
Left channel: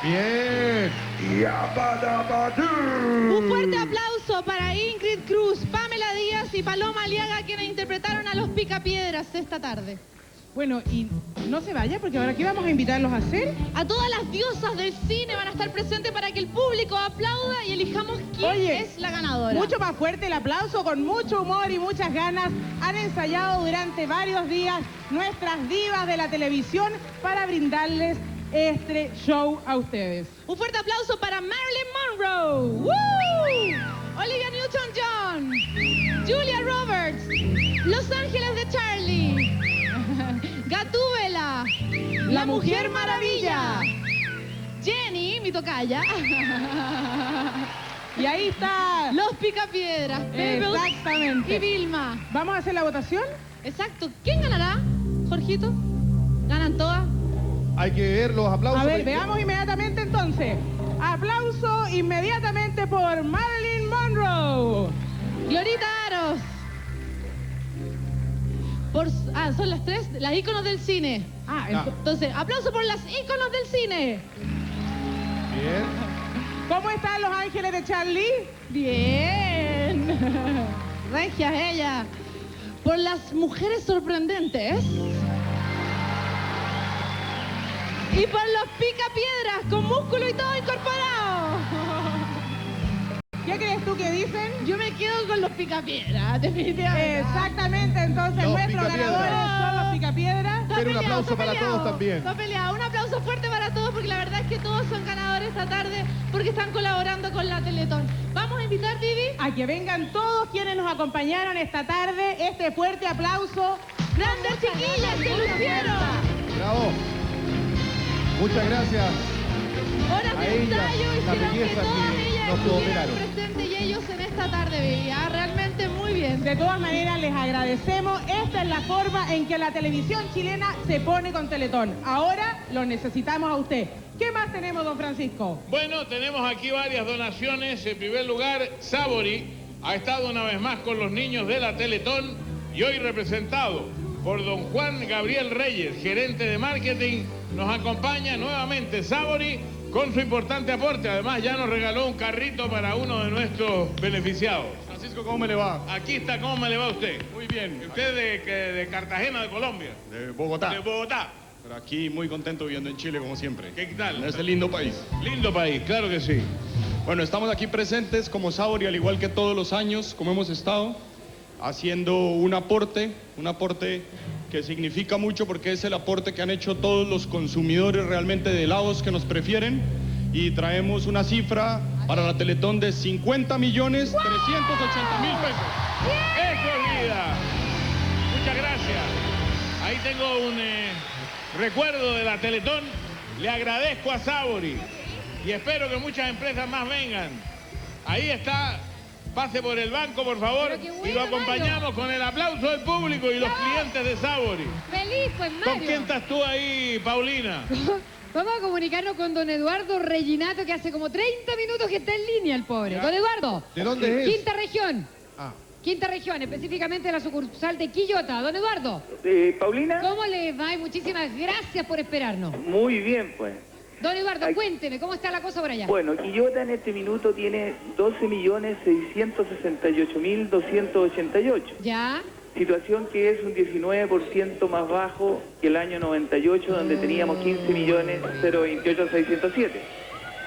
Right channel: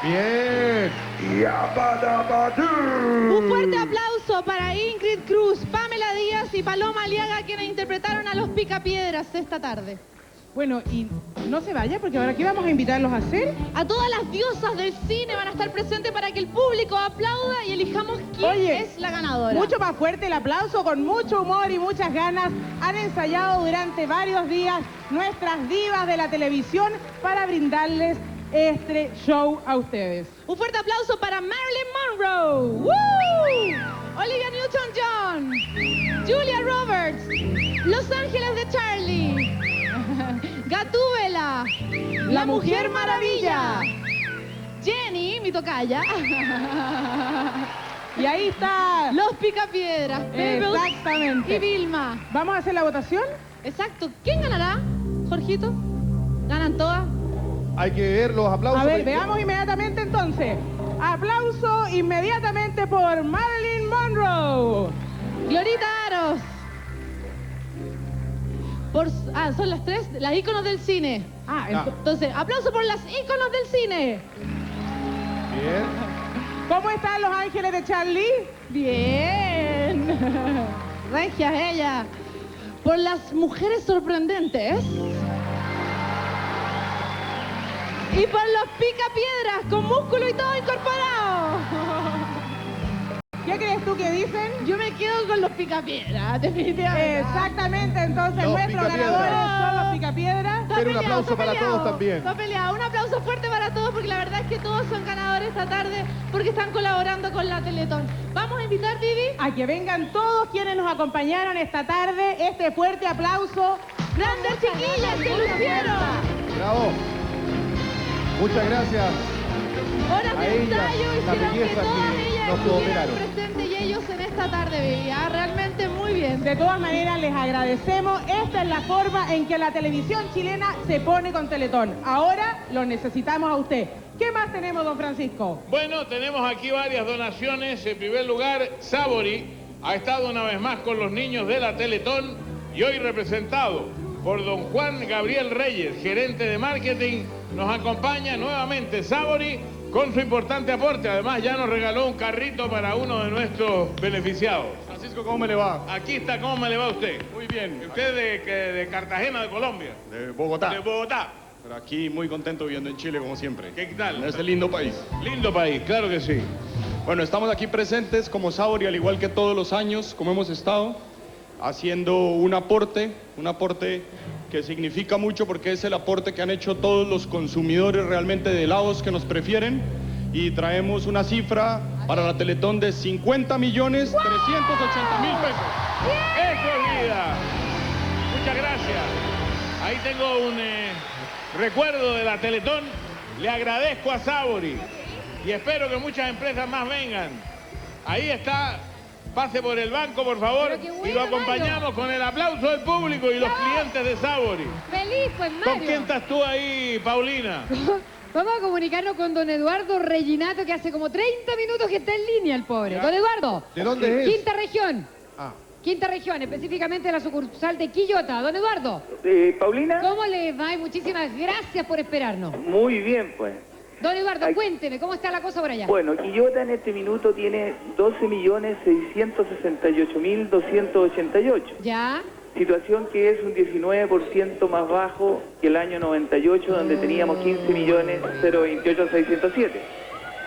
Bien. Un fuerte aplauso para Ingrid Cruz, Pamela Díaz y Paloma Aliaga, quienes interpretaron a los Picapiedras esta tarde. Bueno, y no se vaya, porque ahora ¿qué vamos a invitarlos a hacer? A todas las diosas del cine van a estar presentes para que el público aplauda y elijamos quién es la ganadora. Mucho más fuerte el aplauso, con mucho humor y muchas ganas. Han ensayado durante varios días nuestras divas de la televisión para brindarles este show a ustedes. Un fuerte aplauso para Marilyn Monroe. ¡Woo! Olivia Newton-John, Julia Roberts, Los Ángeles de Charlie, Gatúbela, La Mujer Maravilla, Jenny, mi tocaya, Y ahí está. Los Picapiedras, Pebbles Exactamente. y Vilma. ¿Vamos a hacer la votación? Exacto. ¿Quién ganará, Jorgito? ¿Ganan todas? Hay que ver los aplausos. A ver, veamos inmediatamente entonces. Aplauso inmediatamente por Marilyn Monroe. Glorita Aros. Son las tres, las íconos del cine. Entonces, aplauso por las íconos del cine. Bien. ¿Cómo están Los Ángeles de Charlie? Bien. Regias ella. Por las mujeres sorprendentes. Y por los picapiedras con músculo y todo incorporado. ¿Qué crees tú que dicen? Yo me quedo con los picapiedras, definitivamente. Exactamente, entonces Los nuestros Picapiedras. ganadores son los picapiedras. Pero un aplauso para todos también. Está peleado. Un aplauso fuerte para todos porque la verdad es que todos son ganadores esta tarde porque están colaborando con la Teletón. Vamos a invitar, Vivi, A que vengan todos quienes nos acompañaron esta tarde. Este fuerte aplauso. grandes chiquillas que lucieron. Bravo. Muchas gracias. Horas A de ellas, ensayo la hicieron que belleza todas que ellas nos estuvieran cooperaron. presentes y ellos en esta tarde, Vivi. Realmente muy bien. De todas maneras, les agradecemos. Esta es la forma en que la televisión chilena se pone con Teletón. Ahora lo necesitamos a usted. ¿Qué más tenemos, don Francisco? Bueno, tenemos aquí varias donaciones. En primer lugar, Sabori ha estado una vez más con los niños de la Teletón y hoy representado por don Juan Gabriel Reyes, gerente de marketing, nos acompaña nuevamente Sabori con su importante aporte. Además, ya nos regaló un carrito para uno de nuestros beneficiados. Francisco, ¿cómo me le va? Aquí está, ¿cómo me le va a usted? Muy bien. ¿Usted de Cartagena, de Colombia? De Bogotá. De Bogotá. Pero aquí muy contento viviendo en Chile, como siempre. ¿Qué tal? En este lindo país. Lindo país, claro que sí. Bueno, estamos aquí presentes como Sabori, al igual que todos los años, como hemos estado, haciendo un aporte que significa mucho porque es el aporte que han hecho todos los consumidores realmente de helados que nos prefieren, y traemos una cifra para la Teletón de 50.380.000 pesos. ¡Eso es vida! Muchas gracias. Ahí tengo un recuerdo de la Teletón. Le agradezco a Sabori y espero que muchas empresas más vengan. Ahí está. Pase por el banco, por favor, y lo acompañamos con el aplauso del público y los clientes de Sabori. Feliz, pues, Mario. ¿Con quién estás tú ahí, Paulina? Vamos a comunicarnos con don Eduardo Reginato, que hace como 30 minutos que está en línea el pobre. Don Eduardo. ¿De dónde es? Quinta región. Ah. Quinta región, específicamente la sucursal de Quillota. Don Eduardo. Paulina. ¿Cómo le va? Y muchísimas gracias por esperarnos. Muy bien, pues. Don Eduardo, cuénteme, ¿cómo está la cosa por allá? Bueno, Quillota en este minuto tiene 12.668.288. ¿Ya? Situación que es un 19% más bajo que el año 98, donde teníamos 15.028.607.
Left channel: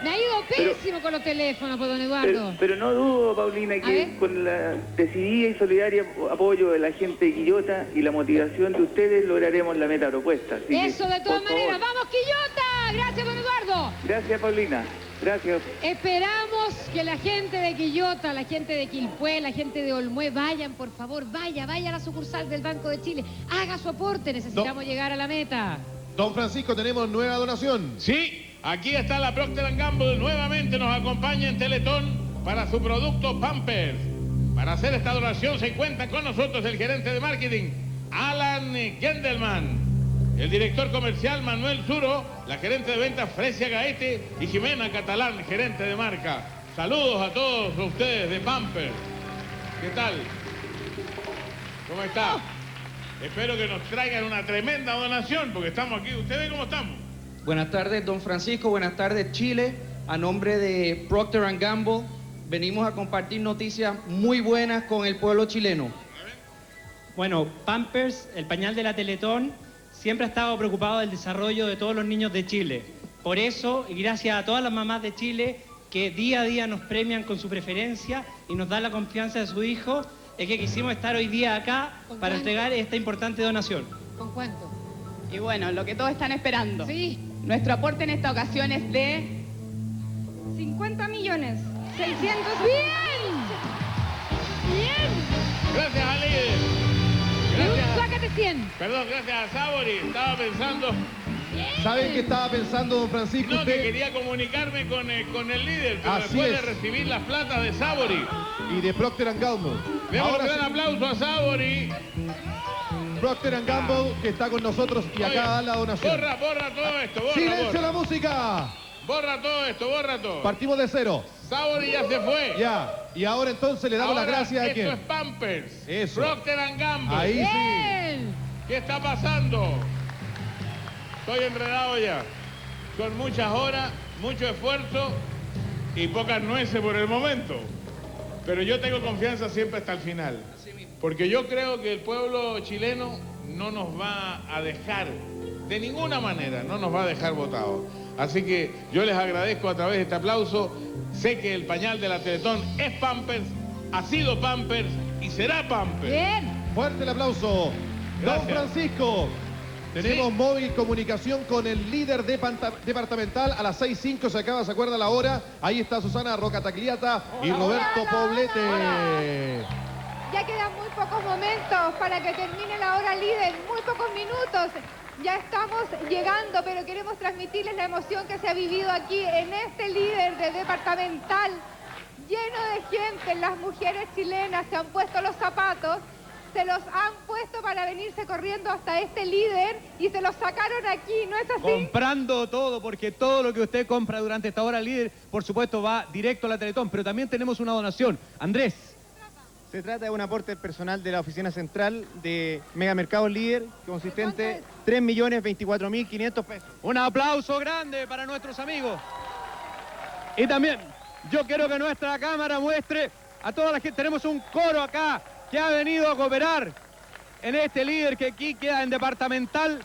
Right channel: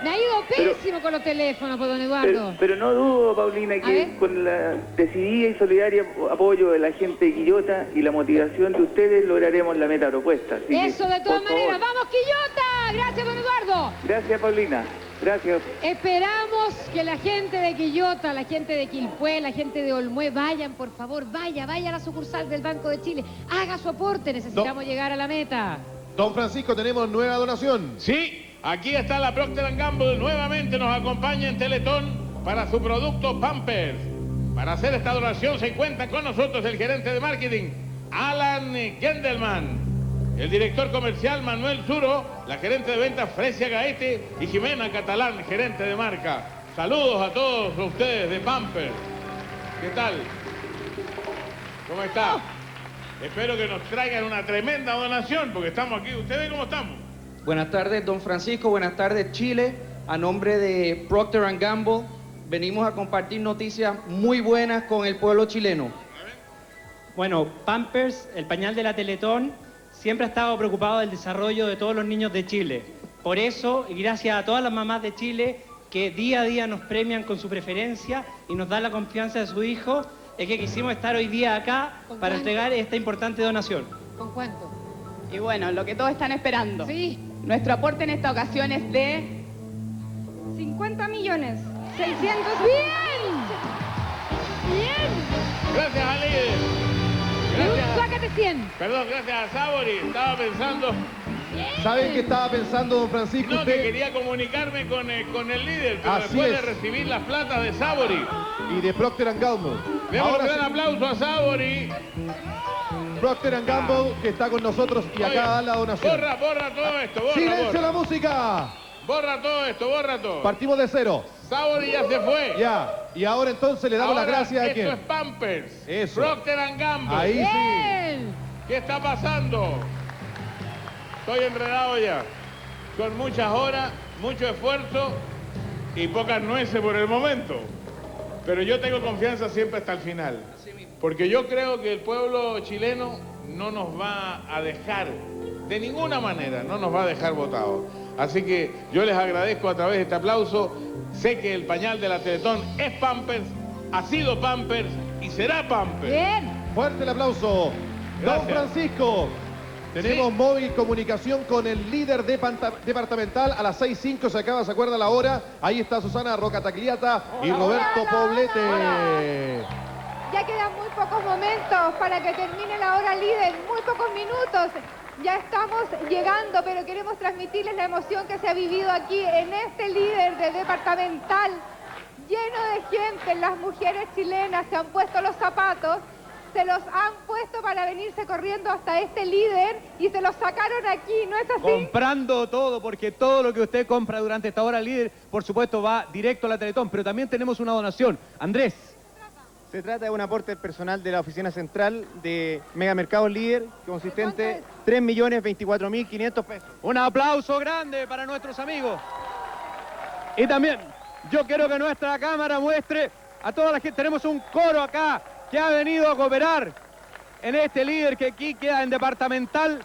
Me ha ido pésimo con los teléfonos, pues, don Eduardo. Pero no dudo, Paulina, A que ver. con la decidida y solidaria apoyo de la gente de Quillota y la motivación de ustedes lograremos la meta propuesta. Así que, Eso, de todas por favor. maneras. ¡Vamos, Quillota! Gracias, don Eduardo. Gracias, Paulina. Gracias. Esperamos que la gente de Quillota, la gente de Quilpué, la gente de Olmué vayan, por favor, vaya a la sucursal del Banco de Chile, haga su aporte, necesitamos llegar a la meta. Don Francisco, tenemos nueva donación. Sí, aquí está la Procter & Gamble, nuevamente nos acompaña en Teletón para su producto Pampers. Para hacer esta donación se encuentra con nosotros el gerente de marketing, Alan Gendelman, el director comercial Manuel Zuro, la gerente de ventas Fresia Gaete y Jimena Catalán, gerente de marca. Saludos a todos ustedes de Pampers. ¿Qué tal? ¿Cómo está? Espero que nos traigan una tremenda donación porque estamos aquí. ¿Ustedes cómo estamos? Buenas tardes, don Francisco. Buenas tardes, Chile. A nombre de Procter & Gamble, venimos a compartir noticias muy buenas con el pueblo chileno. Bueno, Pampers, el pañal de la Teletón, siempre ha estado preocupado del desarrollo de todos los niños de Chile. Por eso, y gracias a todas las mamás de Chile que día a día nos premian con su preferencia y nos dan la confianza de su hijo, es que quisimos estar hoy día acá para entregar esta importante donación. ¿Con cuánto? Y bueno, lo que todos están esperando. Sí. Nuestro aporte en esta ocasión es de 50.600.000. ¡Bien! Gracias al líder. Sácate 100. Perdón, gracias a Sabori. Estaba pensando... ¿Saben qué estaba pensando, don Francisco? No, que Usted quería comunicarme con el líder, pero Así después es. de recibir las platas de Sabori. y de Procter & Gamble. Demos un Ahora gran sí, aplauso a Sabori. Procter & Gamble, que está con nosotros y acá da la donación. Borra todo esto, ¡Silencio la música! Borra todo esto, borra todo. Partimos de cero. Sabori ya se fue. Ya. Y ahora entonces le damos las gracias a esto quién. es Pampers. Eso. Procter & Gamble. Ahí sí. ¿Qué está pasando? Estoy enredado ya. Son muchas horas, mucho esfuerzo y pocas nueces por el momento. Pero yo tengo confianza siempre hasta el final. Porque yo creo que el pueblo chileno no nos va a dejar, de ninguna manera, no nos va a dejar votados. Así que yo les agradezco a través de este aplauso. Sé que el pañal de la Teletón es Pampers, ha sido Pampers y será Pampers. Bien. Fuerte el aplauso. Gracias. Don Francisco. Tenemos móvil comunicación con el líder departamental a las 6:05, ¿se acuerda la hora? Ahí está Susana Roca Tagliata y Roberto Poblete. Ya quedan muy pocos momentos para que termine la hora líder, muy pocos minutos. Ya estamos llegando, pero queremos transmitirles la emoción que se ha vivido aquí en este líder de departamental, lleno de gente. Las mujeres chilenas se han puesto los zapatos, se los han puesto para venirse corriendo hasta este líder y se los sacaron aquí, ¿no es así? Comprando todo, porque todo lo que usted compra durante esta hora líder, por supuesto, va directo a la Teletón. Pero también tenemos una donación. Andrés. Se trata de un aporte personal de la oficina central de Megamercados Líder, consistente 3.024.500 pesos. Un aplauso grande para nuestros amigos. Y también, yo quiero que nuestra cámara muestre a toda la gente. Tenemos un coro acá que ha venido a cooperar en este líder que aquí queda en departamental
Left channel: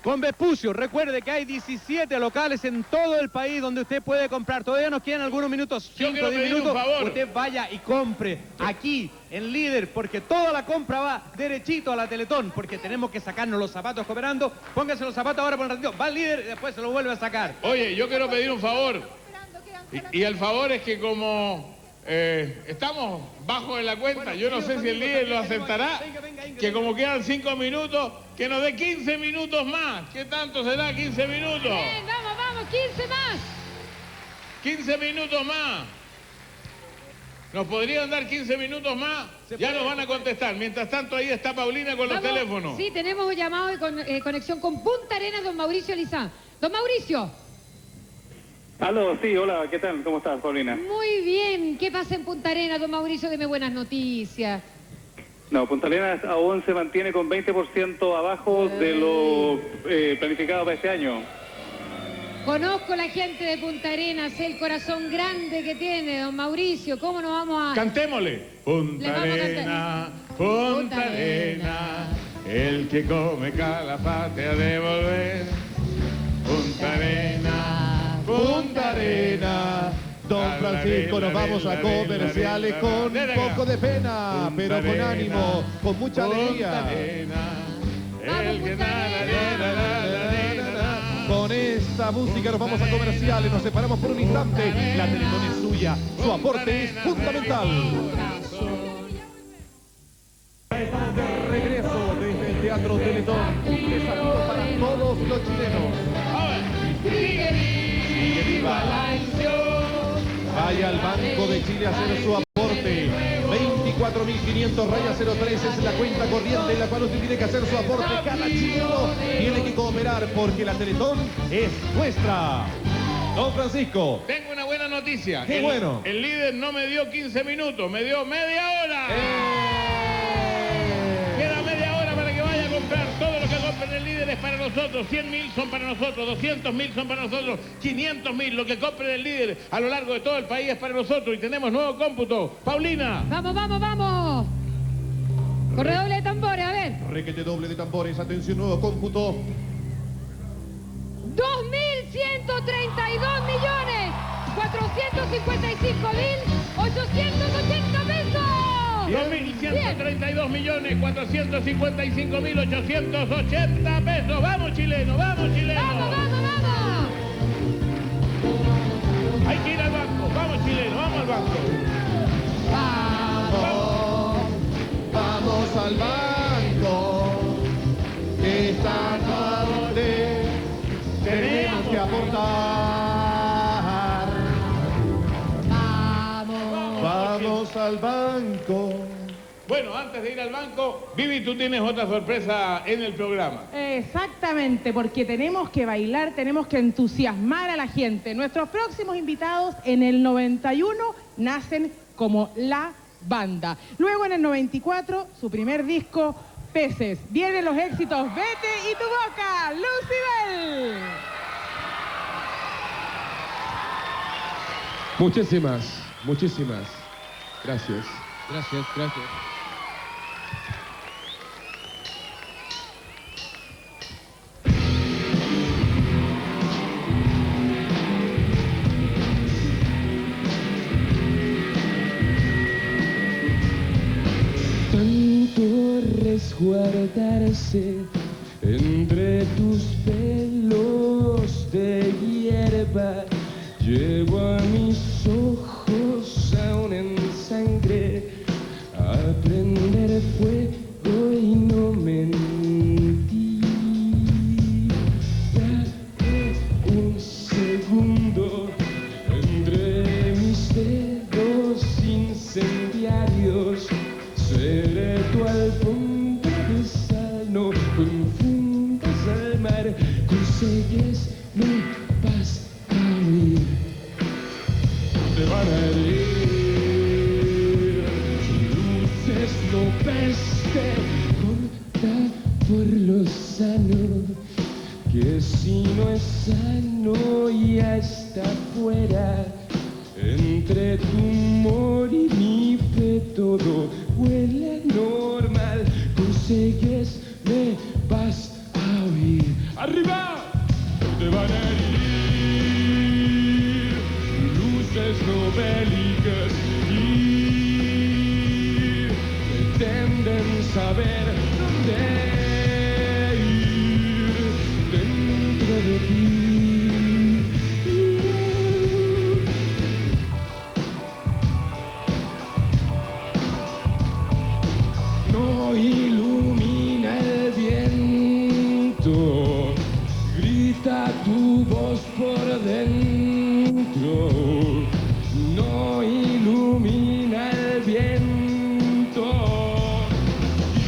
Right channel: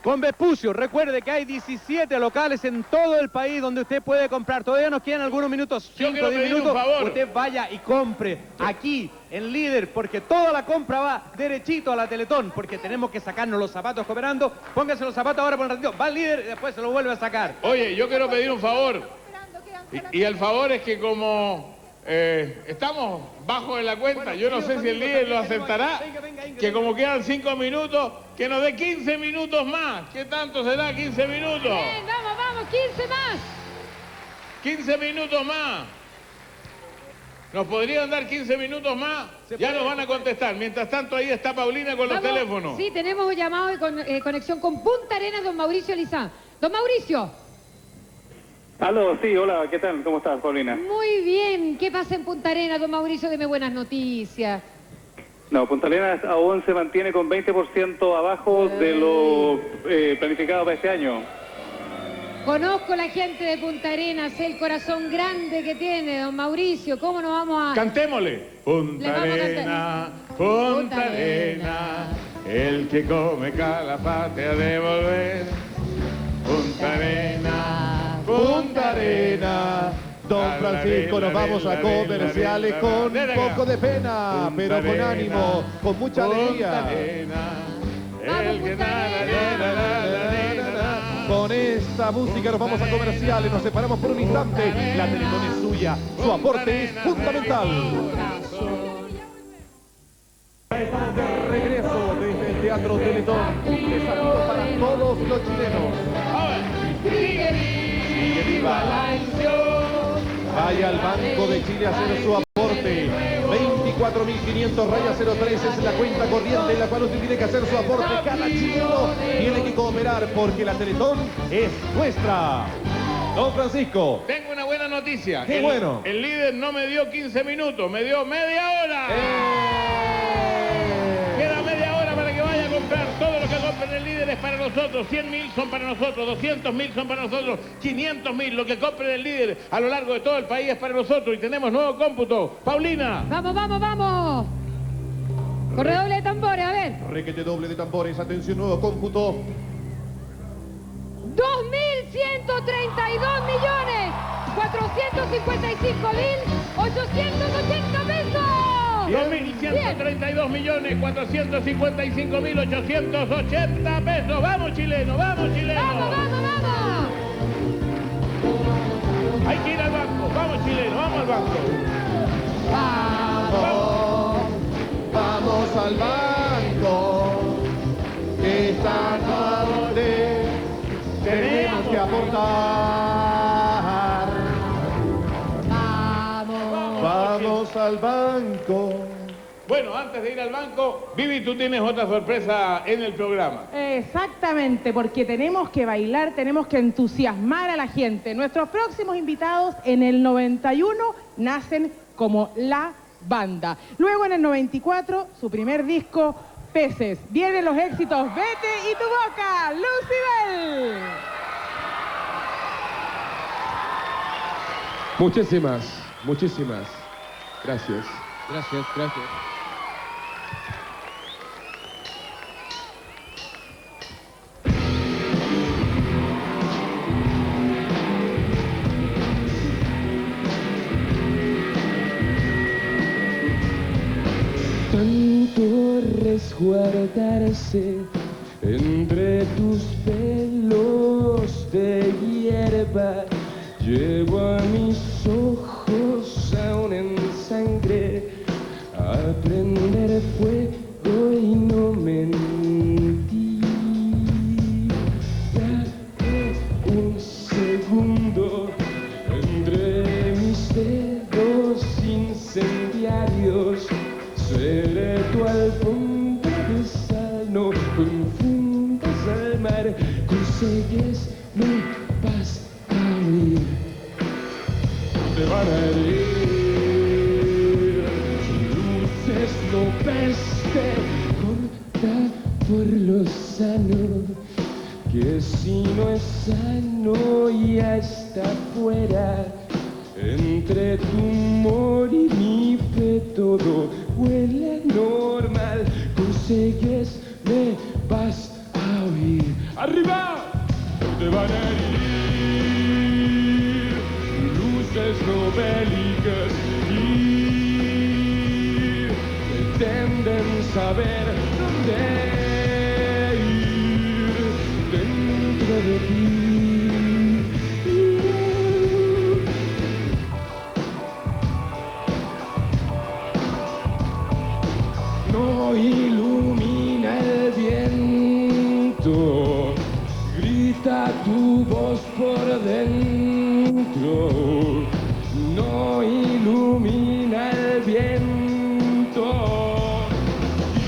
con Vespucio. Recuerde que hay 17 locales en todo el país donde usted puede comprar. Todavía nos quedan algunos minutos, 5 o 10 minutos. Usted vaya y compre aquí en líder, porque toda la compra va derechito a la Teletón, porque tenemos que sacarnos los zapatos cooperando. Póngase los zapatos ahora por un ratito. Va al líder y después se los vuelve a sacar. Oye, yo quiero pedir un favor. Y el favor es que como estamos bajo de la cuenta, yo no sé si el líder lo aceptará, que como quedan 5 minutos, que nos dé 15 minutos más. ¿Qué tanto será 15 minutos? Bien, vamos, 15 más. 15 minutos más. ¿Nos podrían dar 15 minutos más? Ya nos van a contestar. Mientras tanto, ahí está Paulina con los teléfonos. Sí, tenemos un llamado de conexión con Punta Arenas, don Mauricio Lizán. Don Mauricio. Aló, sí, hola, ¿qué tal? ¿Cómo estás, Paulina? Muy bien. ¿Qué pasa en Punta Arenas, don Mauricio? Deme buenas noticias. No, Punta Arenas aún se mantiene con 20% abajo de lo planificado para este año. Conozco la gente de Punta Arenas, el corazón grande que tiene, don Mauricio. ¿Cómo nos vamos a...? Cantémosle. Punta Arena, Punta Arena, el que come calafate ha de volver. Punta Arena, Punta Arena. Don Francisco, nos vamos a comerciales con un poco de pena, pero con ánimo, con mucha alegría. Con esta música nos vamos a comerciales, nos separamos por un instante. La Teletón es suya, su aporte es fundamental. Estamos de regreso desde el Teatro Teletón. Desafío para todos los chilenos. Sigue viva la ilusión. Vaya al Banco de Chile a hacer su aporte. 24.500 raya 03 es la cuenta corriente en la cual usted tiene que hacer su aporte. Cada chileno tiene que cooperar porque la Teletón es nuestra. Don Francisco. Tengo una buena noticia. Qué bueno. El líder no me dio 15 minutos, me dio media hora. Queda media hora para que vaya a comprar. Todo lo que compren el líder es para nosotros. 100.000 son para nosotros, 200.000 son para nosotros, 500.000. Lo que compren el líder a lo largo de todo el país es para nosotros. Y tenemos nuevo cómputo. Paulina. Vamos. Con redoble de tambores, a ver. Requete doble de tambores, atención, nuevo cómputo. 2.132.455.880 pesos. 2.132.455.880 pesos. Vamos, chileno, vamos, chileno. Vamos. Hay que ir al banco. Vamos, chileno, vamos al banco. vamos al banco. Bueno, antes de ir al banco, Vivi, tú tienes otra sorpresa en el programa. Exactamente, porque tenemos que bailar, tenemos que entusiasmar a la gente. Nuestros próximos invitados en el 91 nacen como La Banda. Luego en el 94, su primer disco, Peces. Vienen los éxitos Vete y Tu Boca, Lucibel. Muchísimas. Gracias. Tanto resguardarse entre tus pelos de hierba, llevo a mis ojos aún en sangre a prender fuego y no mentir. Dame un segundo entre mis dedos incendiarios. Seré tu alfombra de sal, no confundas al mar, consigues mi paz a oír. Te van a herir, luces no peste, corta por lo sano, que si no es sano ya está fuera. Entre tu humor y mi fe todo huele normal, consigues, me vas a oír. ¡Arriba! Te van a herir, luces no bélicas y pretenden saber dónde ir dentro de ti. No ilumina el viento, grita tu voz por dentro. No ilumina el viento y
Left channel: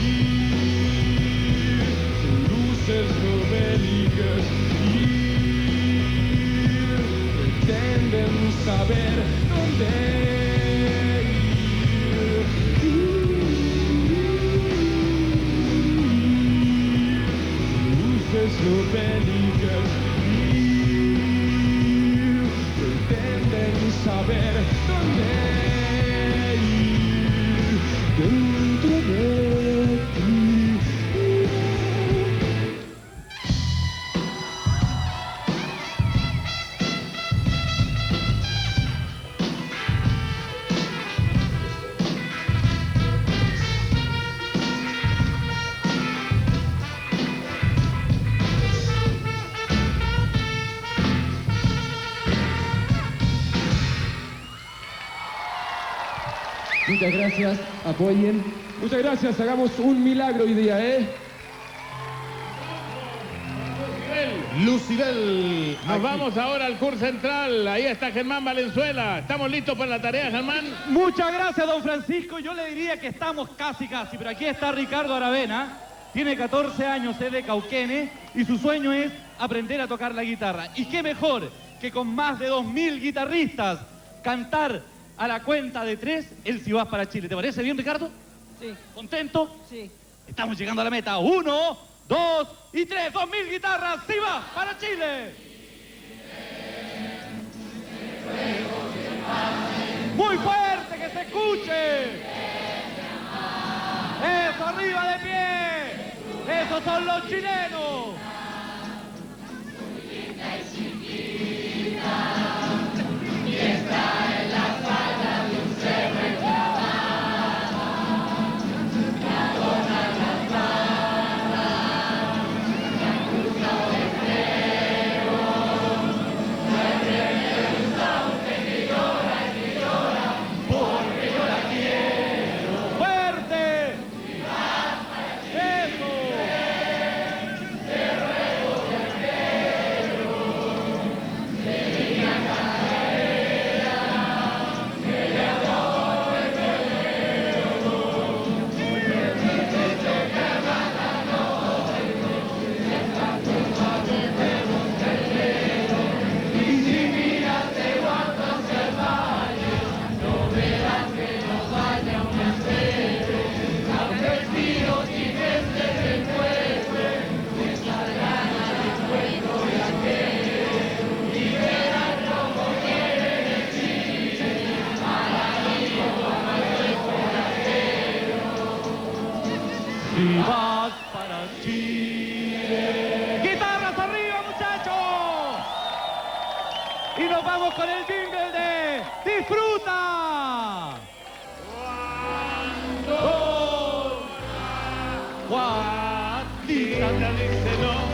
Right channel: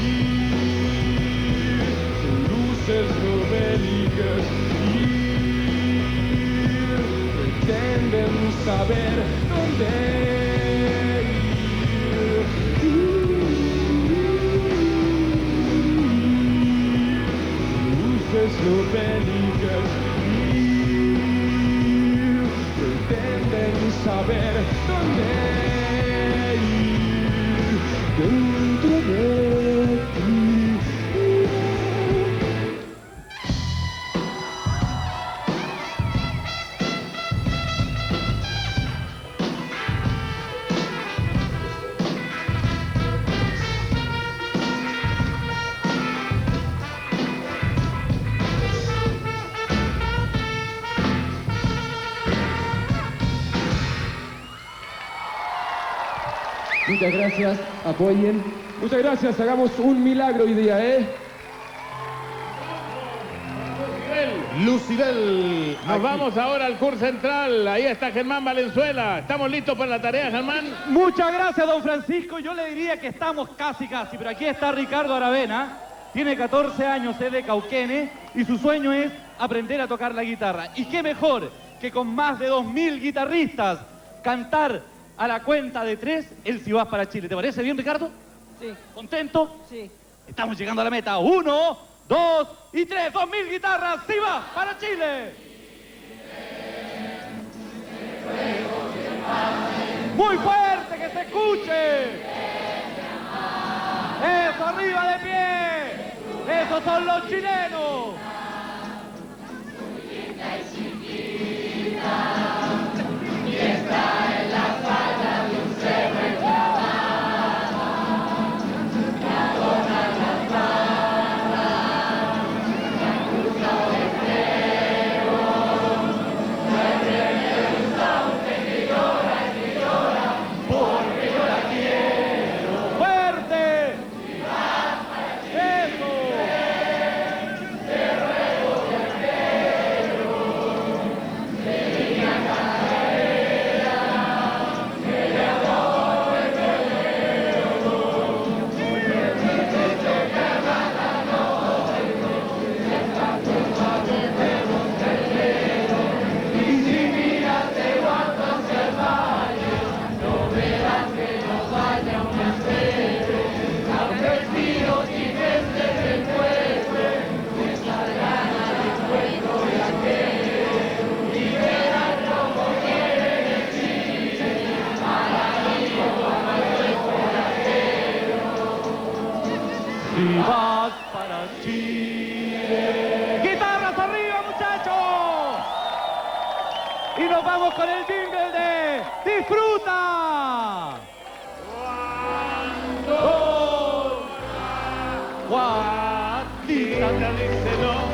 luces no bélicas y pretenden saber dónde luces no bélicas y pretenden saber dónde ir dentro de ti. Muchas gracias, apoyen. Muchas gracias, hagamos un milagro hoy día, Lucibel. Nos vamos ahora al CUR Central. Ahí está Germán Valenzuela. ¿Estamos listos para la tarea, Germán? Muchas gracias, don Francisco. Yo le diría que estamos casi, pero aquí está Ricardo Aravena. Tiene 14 años, es de Cauquenes y su sueño es aprender a tocar la guitarra. Y qué mejor que con más de 2000 guitarristas cantar a la cuenta de 3 el Si Vas para Chile. ¿Te parece bien, Ricardo? Sí. ¿Contento? Sí. Estamos llegando a la meta. 1, 2 y 3. 2000 guitarras. Si Vas para Chile. Muy fuerte, que se escuche. Eso, arriba de pie. Esos son los chilenos. Fuerte. Eso. Vivas para Chile. ¡Guitarras arriba, muchachos! Y nos vamos con el jingle de ¡Disfruta! Juanita te dice no.